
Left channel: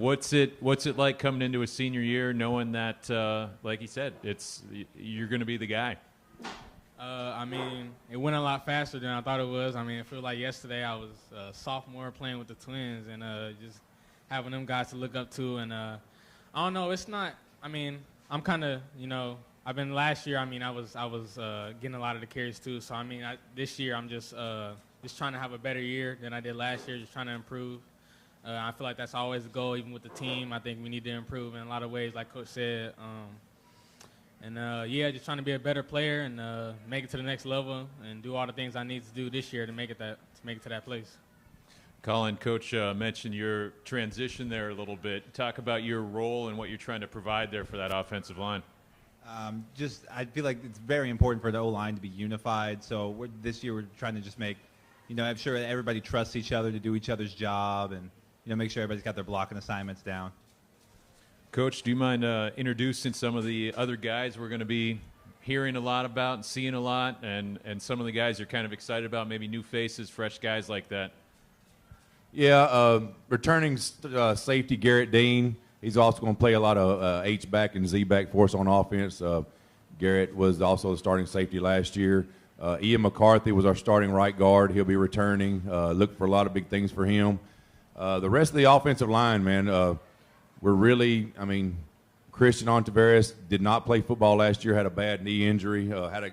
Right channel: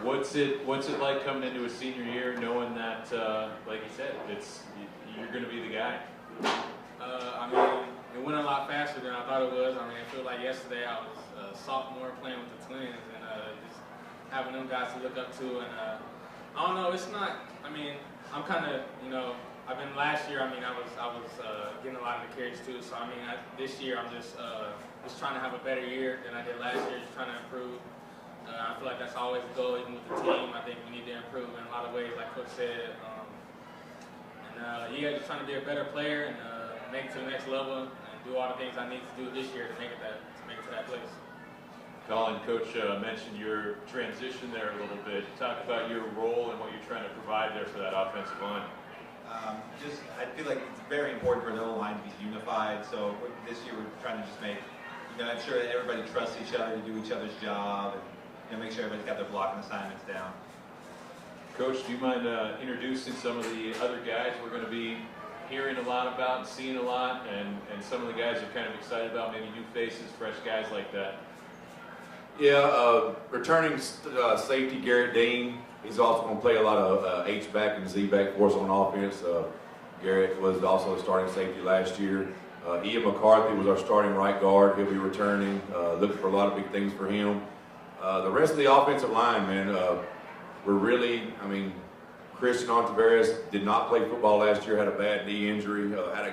What's it like coming into a senior year, knowing that, like you said, you're going to be the guy? I mean, it went a lot faster than I thought it was. I mean, I feel like yesterday I was a sophomore playing with the Twins, and just having them guys to look up to. And I don't know, it's not. I mean, I'm kind of, I've been last year. I mean, I was getting a lot of the carries too. So I mean, this year I'm just trying to have a better year than I did last year. Just trying to improve. I feel like that's always the goal, even with the team. I think we need to improve in a lot of ways, like Coach said. Just trying to be a better player and make it to the next level and do all the things I need to do this year to make it to that place. Colin, Coach mentioned your transition there a little bit. Talk about your role and what you're trying to provide there for that offensive line. I feel like it's very important for the O-line to be unified. So this year we're trying to just make, ensure that everybody trusts each other to do each other's job and, make sure everybody's got their blocking assignments down. Coach, do you mind introducing some of the other guys we're going to be hearing a lot about and seeing a lot, and some of the guys you're kind of excited about, maybe new faces, fresh guys like that? Yeah, returning safety Garrett Dean. He's also going to play a lot of H-back and Z-back for us on offense. Garrett was also the starting safety last year. Ian McCarthy was our starting right guard. He'll be returning. Look for a lot of big things for him. The rest of the offensive line, man, we're really, Christian Ontiveros did not play football last year, had a bad knee injury,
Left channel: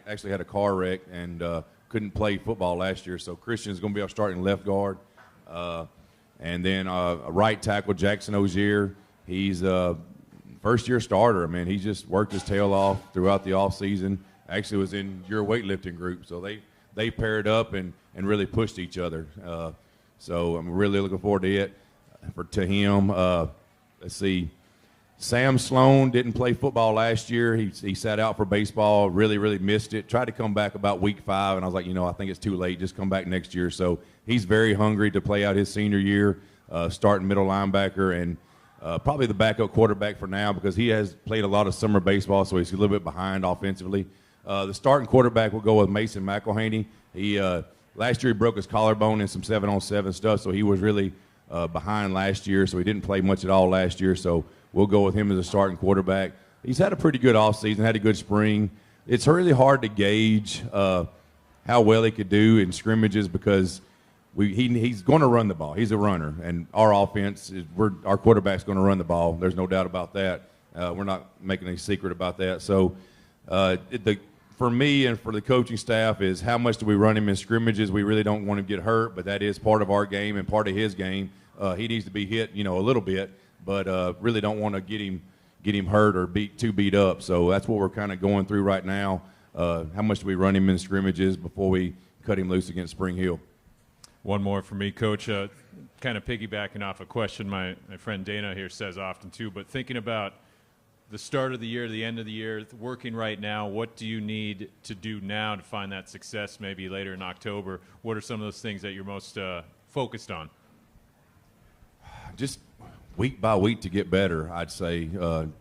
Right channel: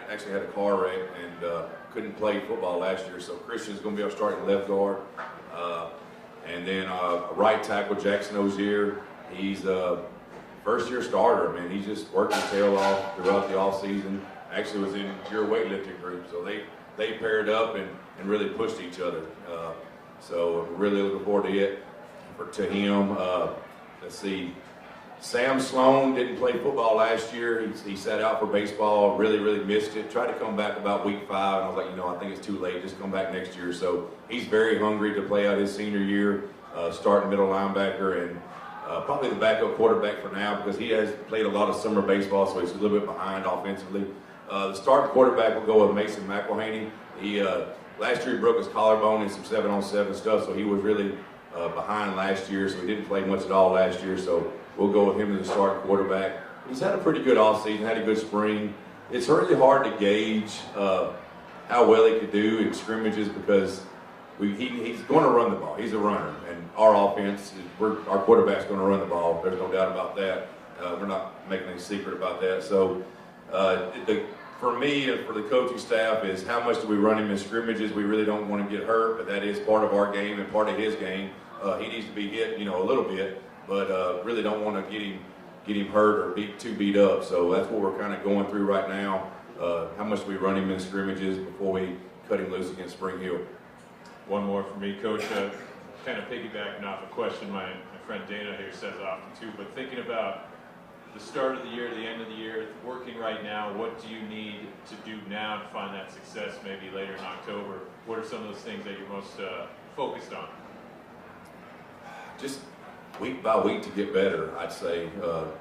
actually had a car wreck, and couldn't play football last year. So Christian's going to be our starting left guard. And then right tackle Jackson Ozier. He's a first-year starter. I mean, he just worked his tail off throughout the offseason. Actually was in your weightlifting group, so they paired up and really pushed each other. So I'm really looking forward to it to him. Let's see. Sam Sloan didn't play football last year. He sat out for baseball, really missed it. Tried to come back about week 5, and I was like, I think it's too late. Just come back next year. So he's very hungry to play out his senior year, starting middle linebacker, and probably the backup quarterback for now because he has played a lot of summer baseball, so he's a little bit behind offensively. The starting quarterback will go with Mason McElhaney. He last year he broke his collarbone in some 7-on-7 stuff, so he was really behind last year, so he didn't play much at all last year. So we'll go with him as a starting quarterback. He's had a pretty good offseason, had a good spring. It's really hard to gauge how well he could do in scrimmages because he's going to run the ball. He's a runner, and our offense, our quarterback's going to run the ball. There's no doubt about that. We're not making any secret about that. So for me and for the coaching staff is how much do we run him in scrimmages. We really don't want him to get hurt, but that is part of our game and part of his game. He needs to be hit, a little bit, but really don't want to get him hurt or beat up. So that's what we're kind of going through right now. How much do we run him in scrimmages before we cut him loose against Spring Hill? One more for me, Coach. Kind of piggybacking off a question my friend Dana here says often too, but thinking about the start of the year, the end of the year, working right now, what do you need to do now to find that success maybe later in October? What are some of those things that you're most focused on? Just week by week to get better, I'd say.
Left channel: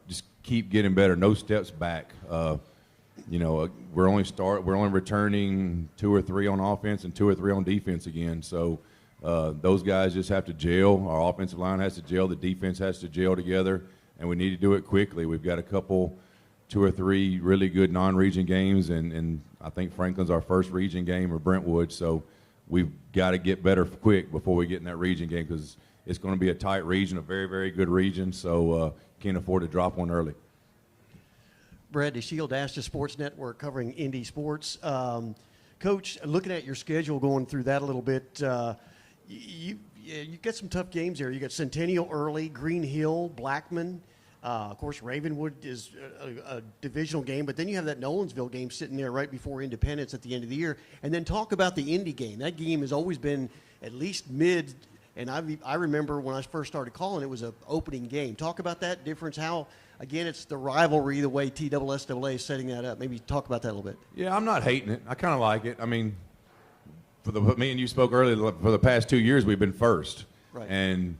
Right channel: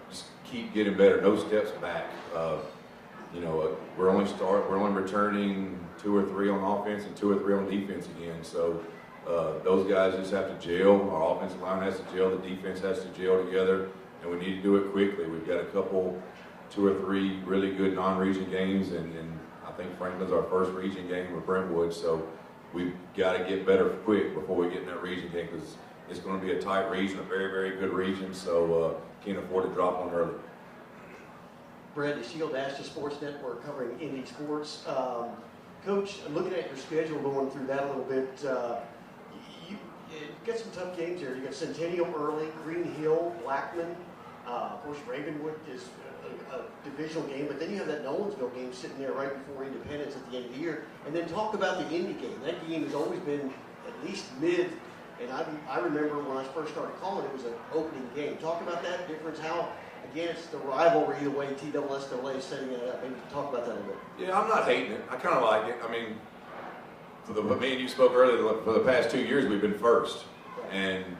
Just keep getting better, no steps back. We're only returning 2 or 3 on offense and 2 or 3 on defense again. So those guys just have to gel. Our offensive line has to gel. The defense has to gel together, and we need to do it quickly. We've got 2 or 3 really good non-region games, and I think Franklin's our first region game with Brentwood. So we've got to get better quick before we get in that region game because it's going to be a tight region, a very, very good region. So can't afford to drop one early. Brad DeShield, Ashton Sports Network, covering Indy sports. Coach, looking at your schedule, going through that a little bit, you got some tough games there. You got Centennial early, Green Hill, Blackman. Of course, Ravenwood is a divisional game, but then you have that Nolensville game sitting there right before Independence at the end of the year. And then talk about the Indy game. That game has always been at least And I remember when I first started calling, it was an opening game. Talk about that difference, how, again, it's the rivalry, the way TSSAA is setting that up. Maybe talk about that a little bit. Yeah, I'm not hating it. I kind of like it. I mean, me and you spoke earlier, for the past 2 years, we've been first. Right. And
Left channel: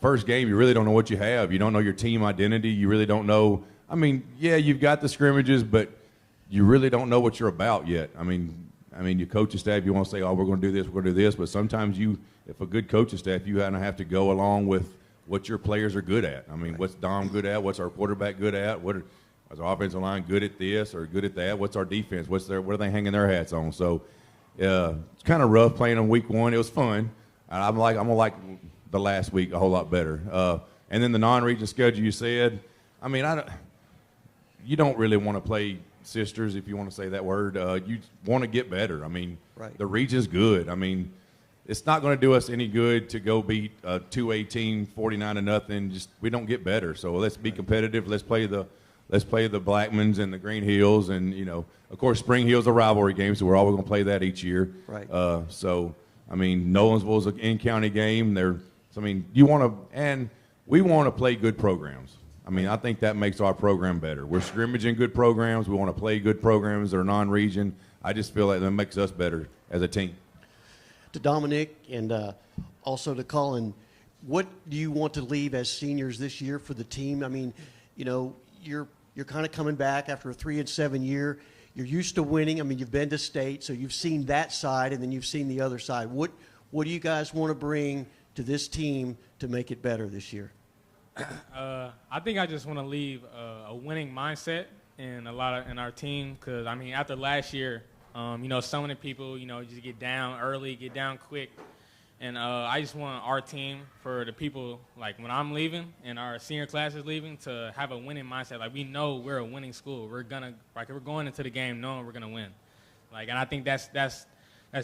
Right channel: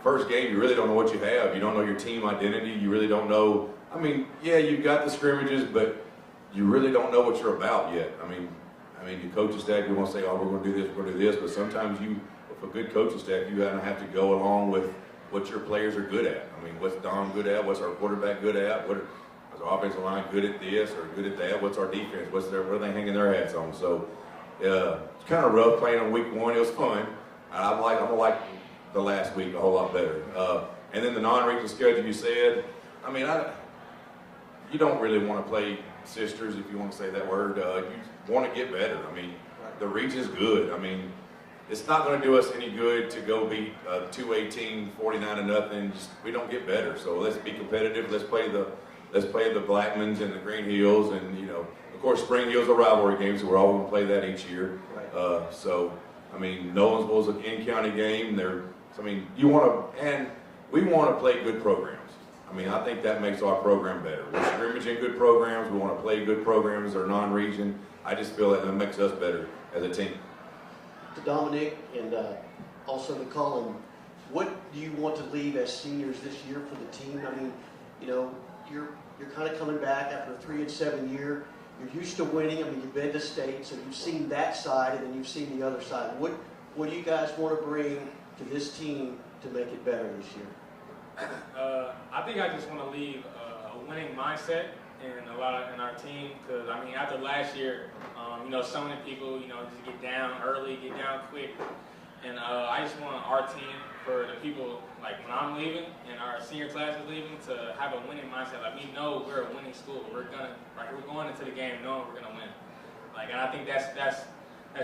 first game, you really don't know what you have. You don't know your team identity. You really don't know. I mean, yeah, you've got the scrimmages, but you really don't know what you're about yet. I mean, your coaching staff, you want to say, oh, we're going to do this, we're going to do this, but sometimes if a good coaching staff, you have to go along with what your players are good at. I mean, what's Dom good at? What's our quarterback good at? Is our offensive line good at this or good at that? What's our defense? What are they hanging their hats on? So it's kind of rough playing on week one. It was fun. I'm gonna like the last week a whole lot better. And then the non-region schedule, you said. I mean, you don't really want to play sisters, if you want to say that word. You want to get better. I mean, right. The region's good. I mean, it's not going to do us any good to go beat a 2A team 49-0. We don't get better. So let's be competitive. Let's play the Blackmans and the Green Hills, and of course, Spring Hill's a rivalry game, so we're always going to play that each year. Right. So I mean, Nolensville's an in-county game. We want to play good programs. I mean, I think that makes our program better. We're scrimmaging good programs. We want to play good programs. They're non-region. I just feel like that makes us better as a team. To Dominic and also to Colin, what do you want to leave as seniors this year for the team? I mean, you're kind of coming back after a 3-7 year. You're used to winning. I mean, you've been to state, so you've seen that side, and then you've seen the other side. What do you guys want to bring to this team to make it better this year? I think I just want to leave a winning mindset in our team, because I mean, after last year, so many people just get down early, get down quick, and I just want our team, for the people like when I'm leaving and our senior class is leaving, to have a winning mindset. Like, we know we're a winning school. We're going into the game knowing we're gonna win. And I think that's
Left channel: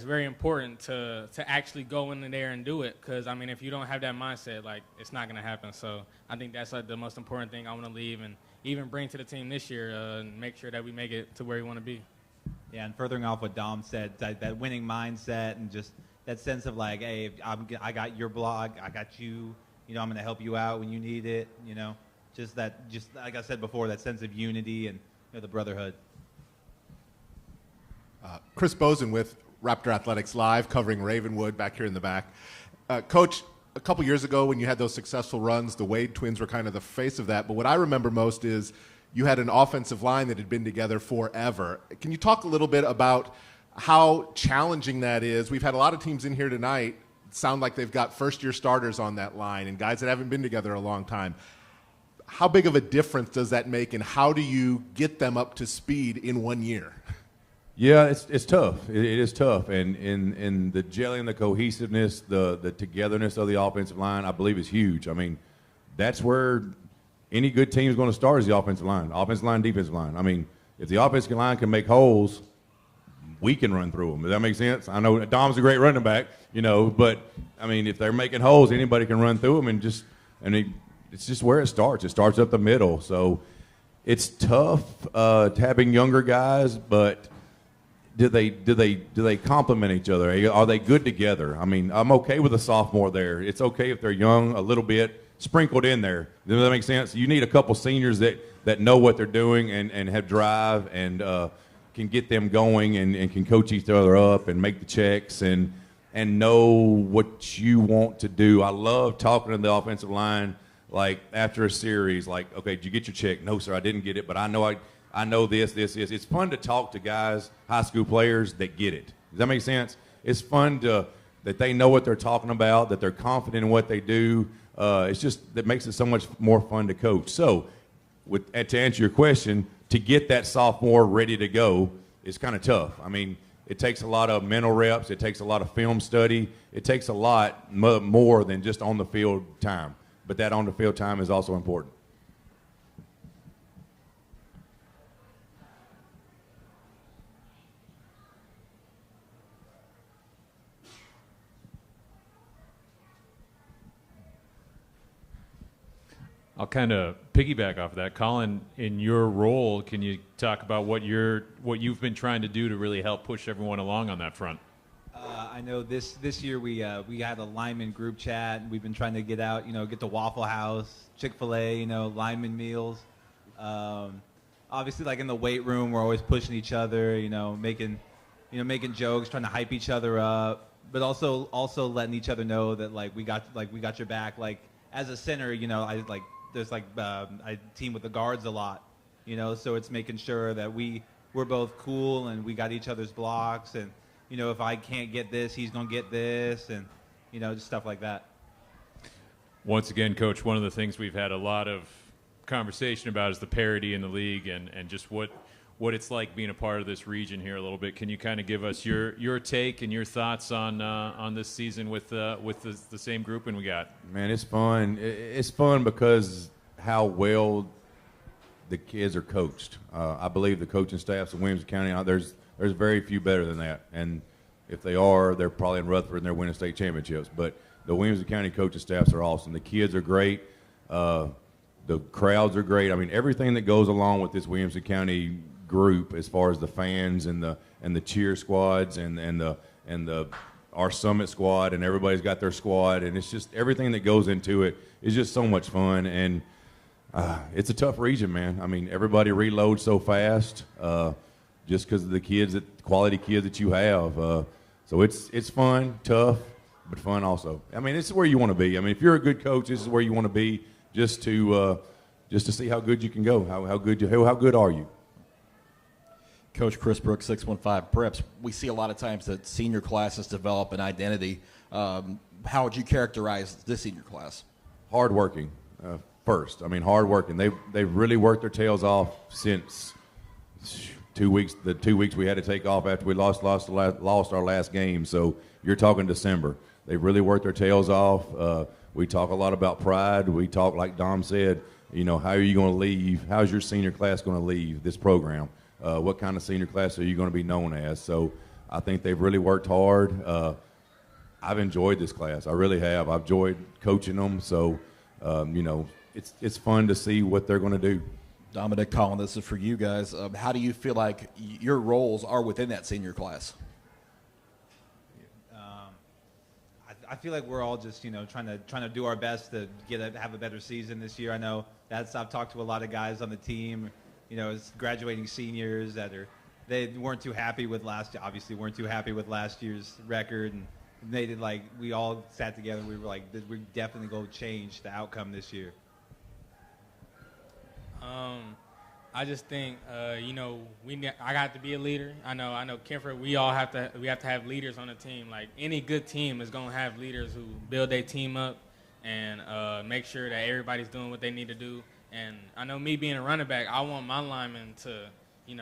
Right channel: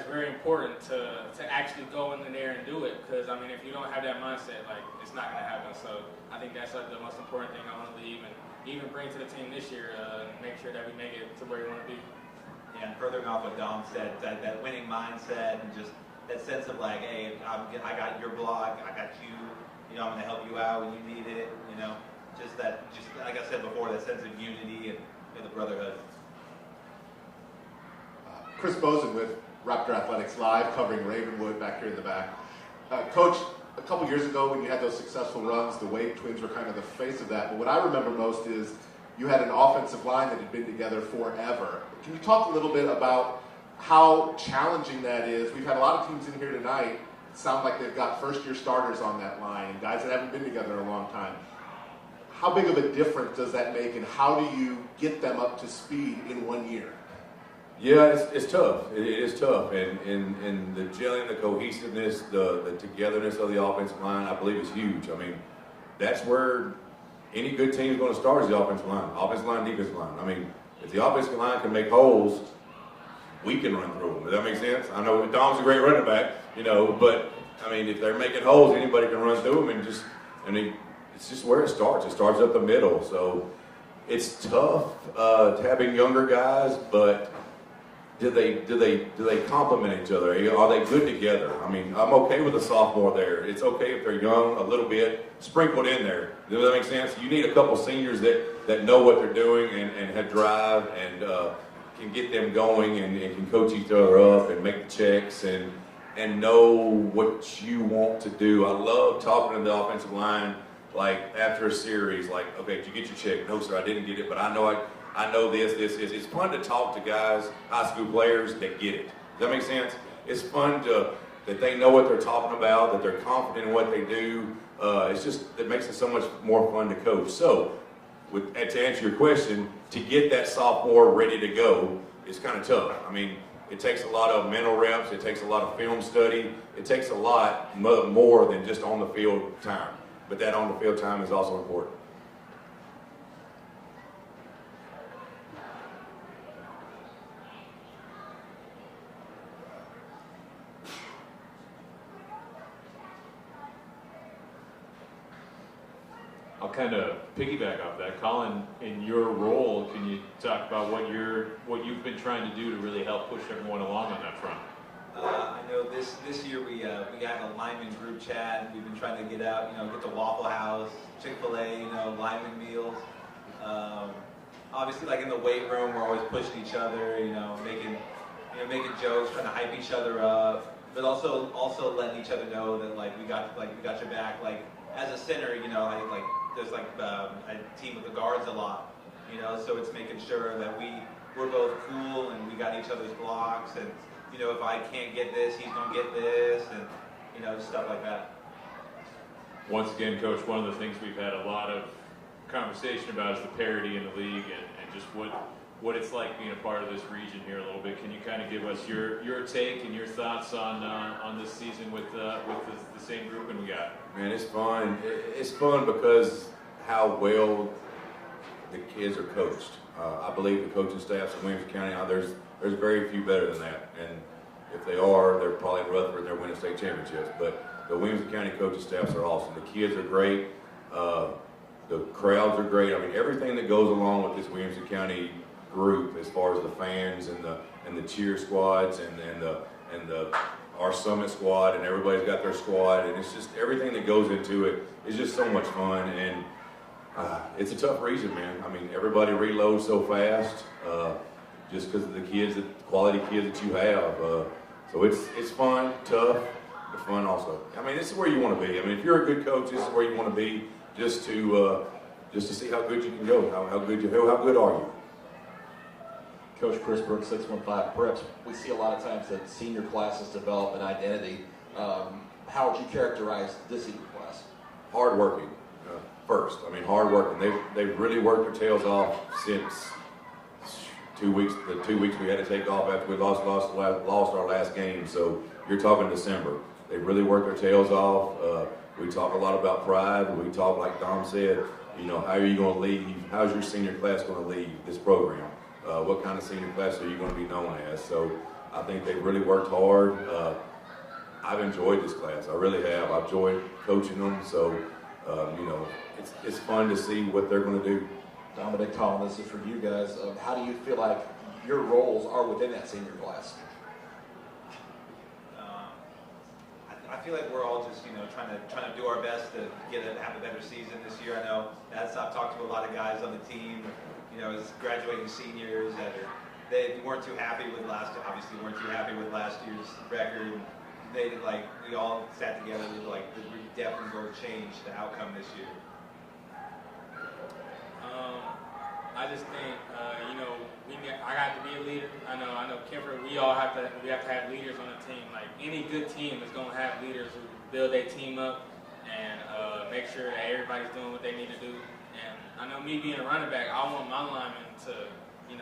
very important to actually go in there and do it, because I mean, if you don't have that mindset, it's not gonna happen. So I think that's the most important thing I want to leave and even bring to the team this year, and make sure that we make it to where we want to be. Yeah, furthering off what Dom said, that winning mindset and just that sense of hey, I got your block, I got you, I'm going to help you out when you need it, just like I said before, that sense of unity and the brotherhood. Chris Bozen with Raptor Athletics Live, covering Ravenwood back here in the back. Coach, a couple years ago when you had those successful runs, the Wade twins were kind of the face of that. But what I remember most is you had an offensive line that had been together forever. Can you talk a little bit about how challenging that is? We've had a lot of teams in here tonight sound like they've got first-year starters on that line and guys that haven't been together a long time. How big of a difference does that make, and how do you get them up to speed in 1 year? Yeah, it's tough. It is tough, and the gelling, the cohesiveness, the togetherness of the offensive line, I believe, is huge. I mean, that's where any good team is going to start, is the offensive line, defensive line. I mean, if the offensive line can make holes, we can run through them. Does that make sense? I know Dom's a great running back, but I mean, if they're making holes, anybody can run through them, it's just where it starts. It starts up the middle, so it's tough having younger guys, but. Do they complement each other? Are they good together? I mean, I'm okay with a sophomore there. It's okay if they're young, a little bit sprinkled in there. Does that make sense? You need a couple seniors that know what they're doing and have drive and can get them going and can coach each other up and make the checks and know what you want to do. I love talking to the offensive line after a series, okay, did you get your check? No, sir, I didn't get it, but I know this. It's fun to talk to guys, high school players that get it. Does that make sense? It's fun that they know what they're talking about, that they're confident in what they do. It's just that makes it so much more fun to coach. So, to answer your question, to get that sophomore ready to go is kind of tough. I mean, it takes a lot of mental reps. It takes a lot of film study. It takes a lot more than just on the field time. But that on the field time is also important. I'll kind of piggyback off that. Colin, in your role, can you talk about what you've been trying to do to really help push everyone along on that front? I I know this year we had a lineman group chat. We've been trying to get out, get to Waffle House, Chick-fil-A, lineman meals. Obviously, like in the weight room, we're always pushing each other, making jokes, trying to hype each other up, but also letting each other know that we got your back. Like as a center, I team with the guards a lot, so it's making sure that we're both cool and we got each other's blocks, and if I can't get this, he's gonna get this, and just stuff like that. Once again, Coach, one of the things we've had a lot of conversation about is the parity in the league and just what it's like being a part of this region here a little bit. Can you kind of give us your take and your thoughts on this season with the same grouping we got? Man, it's fun. It's fun because how well the kids are coached. I believe the coaching staffs in Williamson County, there's very few better than that. And if they are, they're probably in Rutherford and they're winning state championships. But the Williamson County coaching staffs are awesome. The kids are great. The crowds are great. I mean, everything that goes along with this Williamson County group, as far as the fans and the cheer squads and our summit squad, and everybody's got their squad, and it's just everything that goes into it is just so much fun. And it's a tough region, man. I mean, everybody reloads so fast just because of the quality kids that you have. So it's fun, tough, but fun also. I mean, this is where you want to be. I mean, if you're a good coach, this is where you want to be, just to see how good you can go. How good are you? Coach Chris Brooks, 615 Preps. We see a lot of times that senior classes develop an identity. How would you characterize this senior class? Hardworking, first. I mean, hardworking. They've really worked their tails off since 2 weeks. The 2 weeks we had to take off after we lost our last game. So you're talking December. They've really worked their tails off. We talk a lot about pride. We talk, like Dom said, how are you going to leave? How's your senior class going to leave this program? What kind of senior class are you going to be known as? So I think they've really worked hard. I've enjoyed this class. I really have. I've enjoyed coaching them. So, it's fun to see what they're going to do. Dominic, Colin, this is for you guys. How do you feel like your roles are within that senior class? I feel like we're all just trying to do our best to have a better season this year. I know I've talked to a lot of guys on the team, as graduating seniors they weren't too happy with last year's record, and we all sat together with we're definitely going to change the outcome this year. I just think I got to be a leader. I know Kemper, we have to have leaders on the team. Like any good team is going to have leaders who build their team up and make sure that everybody's doing what they need to do. And I know me being a running back, I want my linemen to, we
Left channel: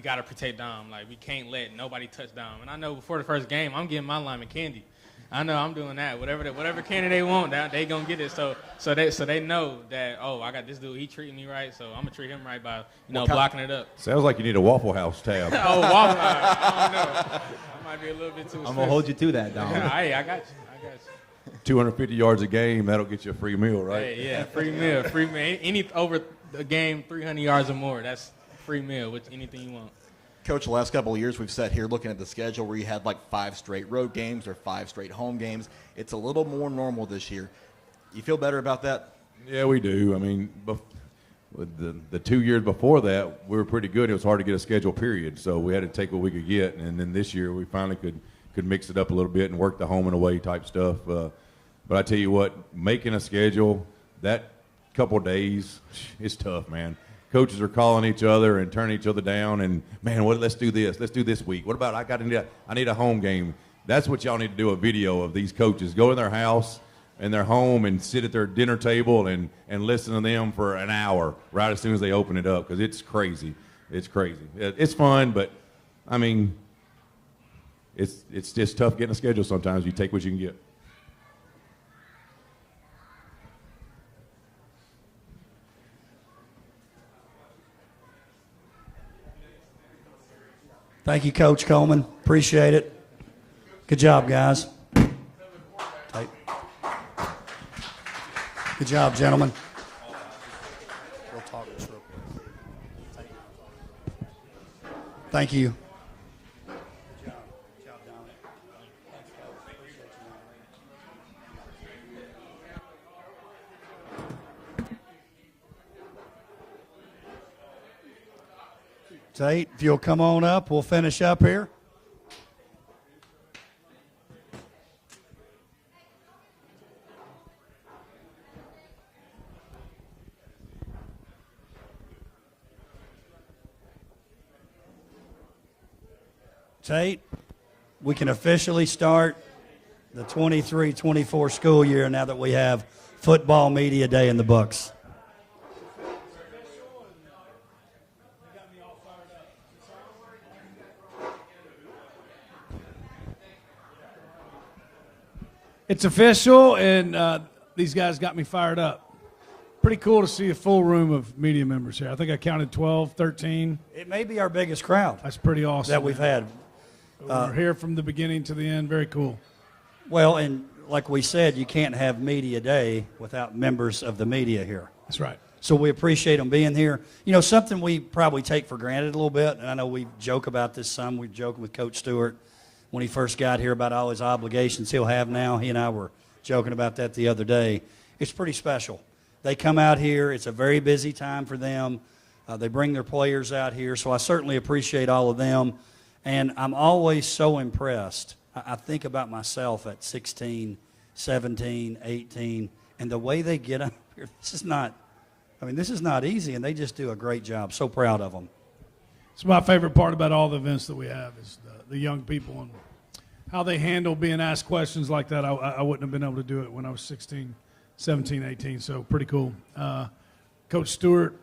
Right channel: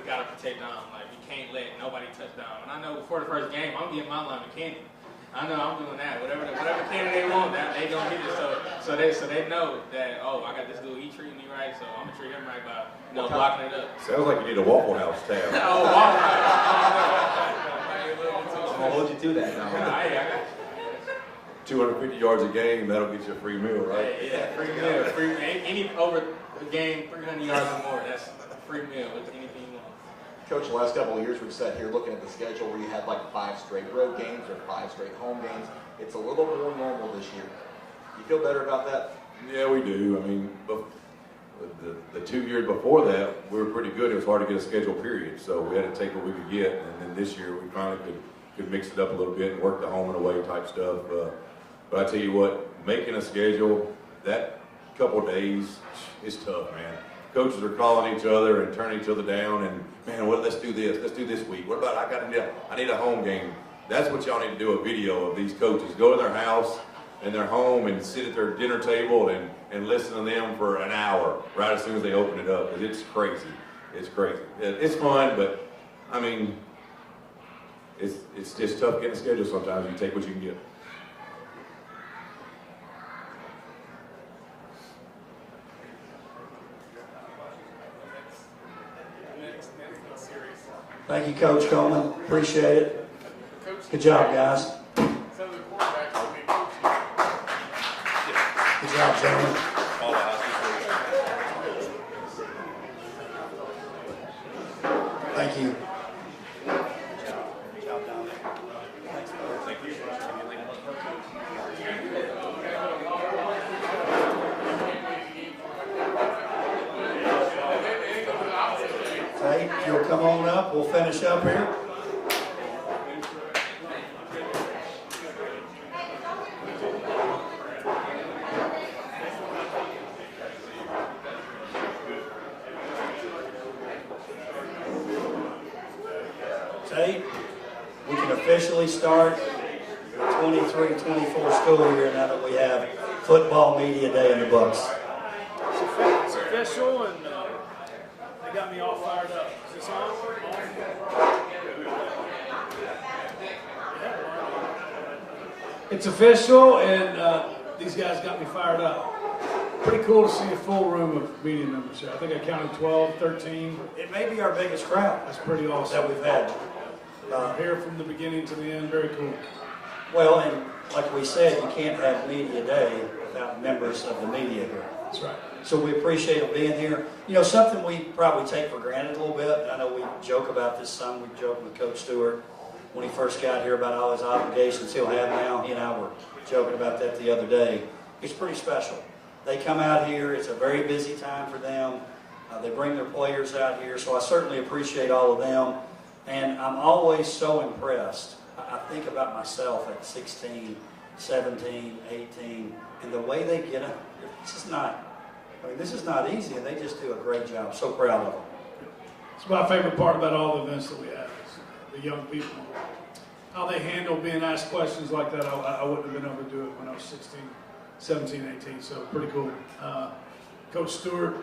got to protect Dom. Like we can't let nobody touch Dom. And I know before the first game, I'm giving my lineman candy. I know I'm doing that. Whatever candy they want, they gonna get it. So they know that. Oh, I got this dude. He treating me right, so I'm gonna treat him right by blocking it up. Sounds like you need a Waffle House tab. Oh, Waffle House. Might be a little bit too I'm gonna hold you to that. Now. I got you. 250 yards a game, that'll get you a free meal, right? Yeah, free meal. Any over a game, 300 yards or more, that's a free meal with anything you want. Coach, the last couple of years we've sat here looking at the schedule where you had 5 straight road games or 5 straight home games. It's a little more normal this year. You feel better about that? Yeah, we do. I mean, the 2 years before that, we were pretty good. It was hard to get a schedule, period. So we had to take what we could get. And then this year, we finally could mix it up a little bit and work the home and away type stuff. But I tell you what, making a schedule, that couple of days, it's tough, man. Coaches are calling each other and turning each other down, and man, let's do this. Let's do this week. What about I need a home game? That's what y'all need to do, a video of these coaches. Go to their house and their home and sit at their dinner table and listen to them for an hour right as soon as they open it up, because it's crazy. It's crazy. It's fun, but I mean, it's just tough getting a schedule sometimes. You take what you can get. Thank you, Coach Coleman. Appreciate it. Good job, guys. Good job, gentlemen. Thank you. If you'll come on up, we'll finish up here. Tate, we can officially start the 23-24 school year now that we have Football Media Day in the books. It's official, and they got me all fired up. Is this on? It's official, and these guys got me fired up. Pretty cool to see a full room of media members here. I think I counted 12, 13. It may be our biggest crowd. That's pretty awesome. That we've had. We're here from the beginning to the end. Very cool. Well, and like we said, you can't have Media Day without members of the media here. That's right. So we appreciate them being here. You know, something we probably take for granted a little bit, and I know we joke about this some. We joke with Coach Stewart when he first got here about all his obligations he'll have now. He and I were joking about that the other day. It's pretty special. They come out here. It's a very busy time for them. They bring their players out here, so I certainly appreciate all of them. And I'm always so impressed. I think about myself at 16, 17, 18, and the way they get up here. This is not easy, and they just do a great job. So proud of them. It's my favorite part about all the events that we have is the young people and how they handle being asked questions like that. I wouldn't have been able to do it when I was 16, 17, 18, so pretty cool. Coach Stewart,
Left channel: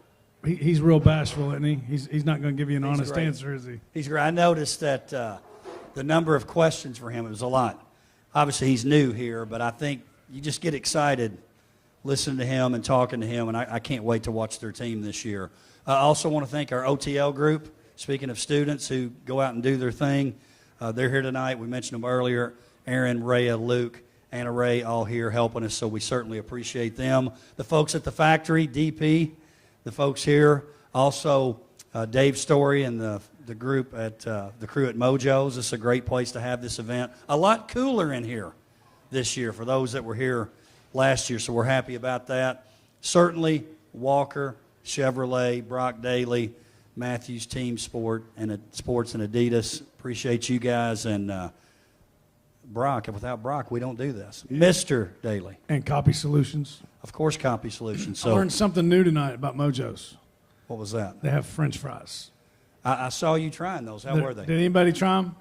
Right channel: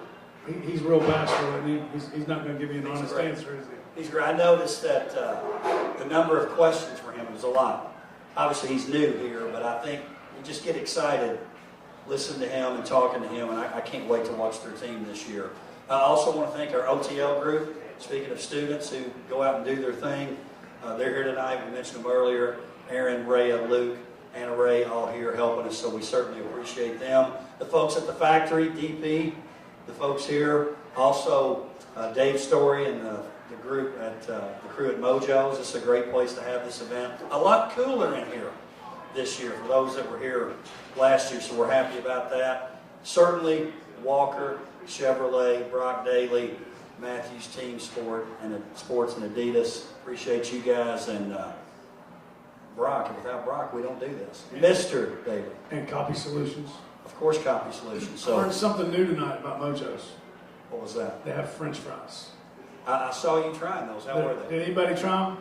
he's real bashful, isn't he? He's not going to give you an honest answer, is he? He's great. I noticed that the number of questions for him was a lot. Obviously, he's new here, but I think you just get excited listening to him and talking to him, and I can't wait to watch their team this year. I also want to thank our OTL group. Speaking of students who go out and do their thing, they're here tonight. We mentioned them earlier. Aaron, Rhea, Luke, Anna Ray, all here helping us, so we certainly appreciate them. The folks at the factory, DP, the folks here, also Dave Story and the group at the crew at Mojo's. This is a great place to have this event. A lot cooler in here this year for those that were here last year, so we're happy about that. Certainly Walker, Chevrolet, Brock Daly, Matthews Team Sports and Adidas. Appreciate you guys, and Brock. Without Brock, we don't do this. Mr. Daly. And Copy Solutions. Of course, Copy Solutions. I learned something new tonight about Mojo's. What was that? They have French fries. I saw you trying those. How were they? Did anybody try them?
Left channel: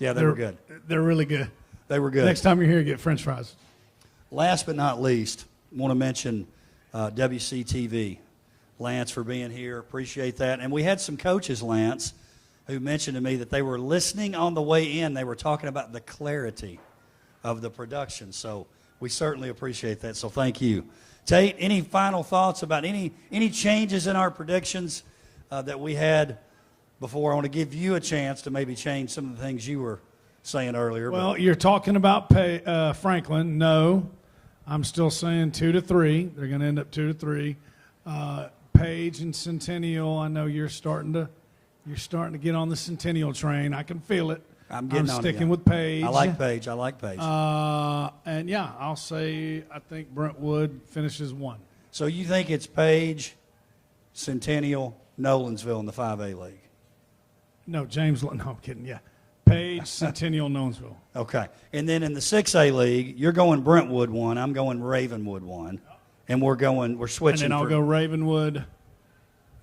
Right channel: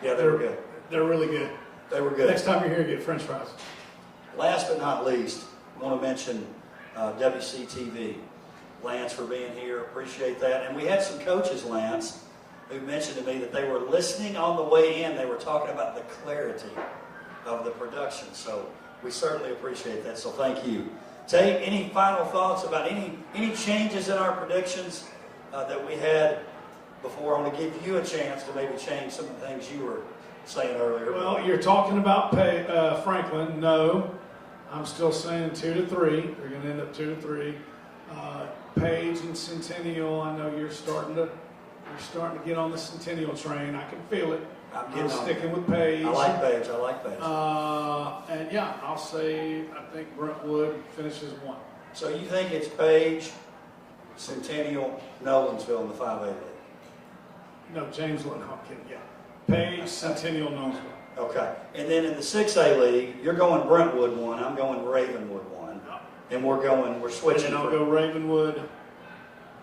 Yeah, they were good. They're really good. They were good. Next time you're here, get French fries. Last but not least, I want to mention WCTV. Lance for being here. Appreciate that. And we had some coaches, Lance, who mentioned to me that they were listening on the way in. They were talking about the clarity of the production. So we certainly appreciate that. So thank you. Tate, any final thoughts about any changes in our predictions that we had before? I want to give you a chance to maybe change some of the things you were saying earlier. Well, you're talking about Franklin. No, I'm still saying 2-3. They're going to end up 2-3. Paige and Centennial, I know you're starting to get on the Centennial train. I can feel it. I'm sticking with Paige. I like Paige. And yeah, I'll say I think Brentwood finishes 1. So you think it's Paige, Centennial, Nolensville in the 5A league? No, James. No, I'm kidding. Yeah, Paige, Centennial, Nolensville. Okay. And then in the 6A league, you're going Brentwood 1. I'm going Ravenwood 1. And we're switching. And then I'll go Ravenwood,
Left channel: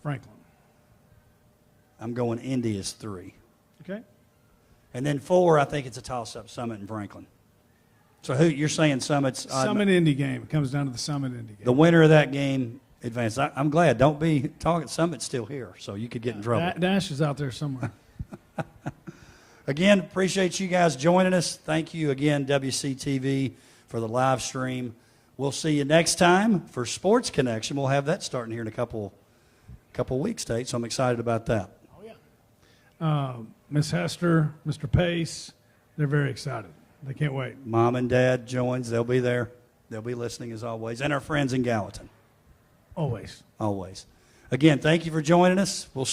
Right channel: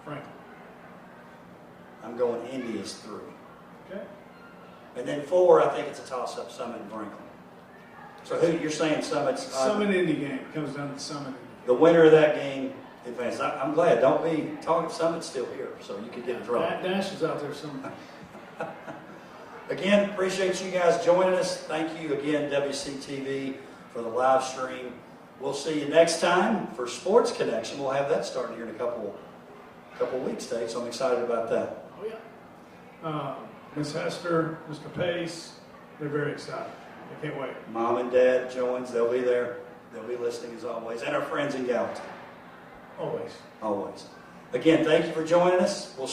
Franklin. I'm going Indy is 3. Okay. And then 4, I think it's a toss-up, Summit and Franklin. So who you're saying Summit's? Summit Indy game. It comes down to the Summit Indy game. The winner of that game advances. I'm glad. Don't be talking. Summit's still here, so you could get in trouble. Dash is out there somewhere. Again, appreciate you guys joining us. Thank you again, WCTV, for the live stream. We'll see you next time for Sports Connection. We'll have that starting here in a couple weeks, Tate, so I'm excited about that. Oh, yeah. Miss Hester, Mr. Pace, they're very excited. They can't wait. Mom and Dad joins. They'll be there. They'll be listening as always. And our friends in Gallatin. Always. Always. Again, thank you for joining us. We'll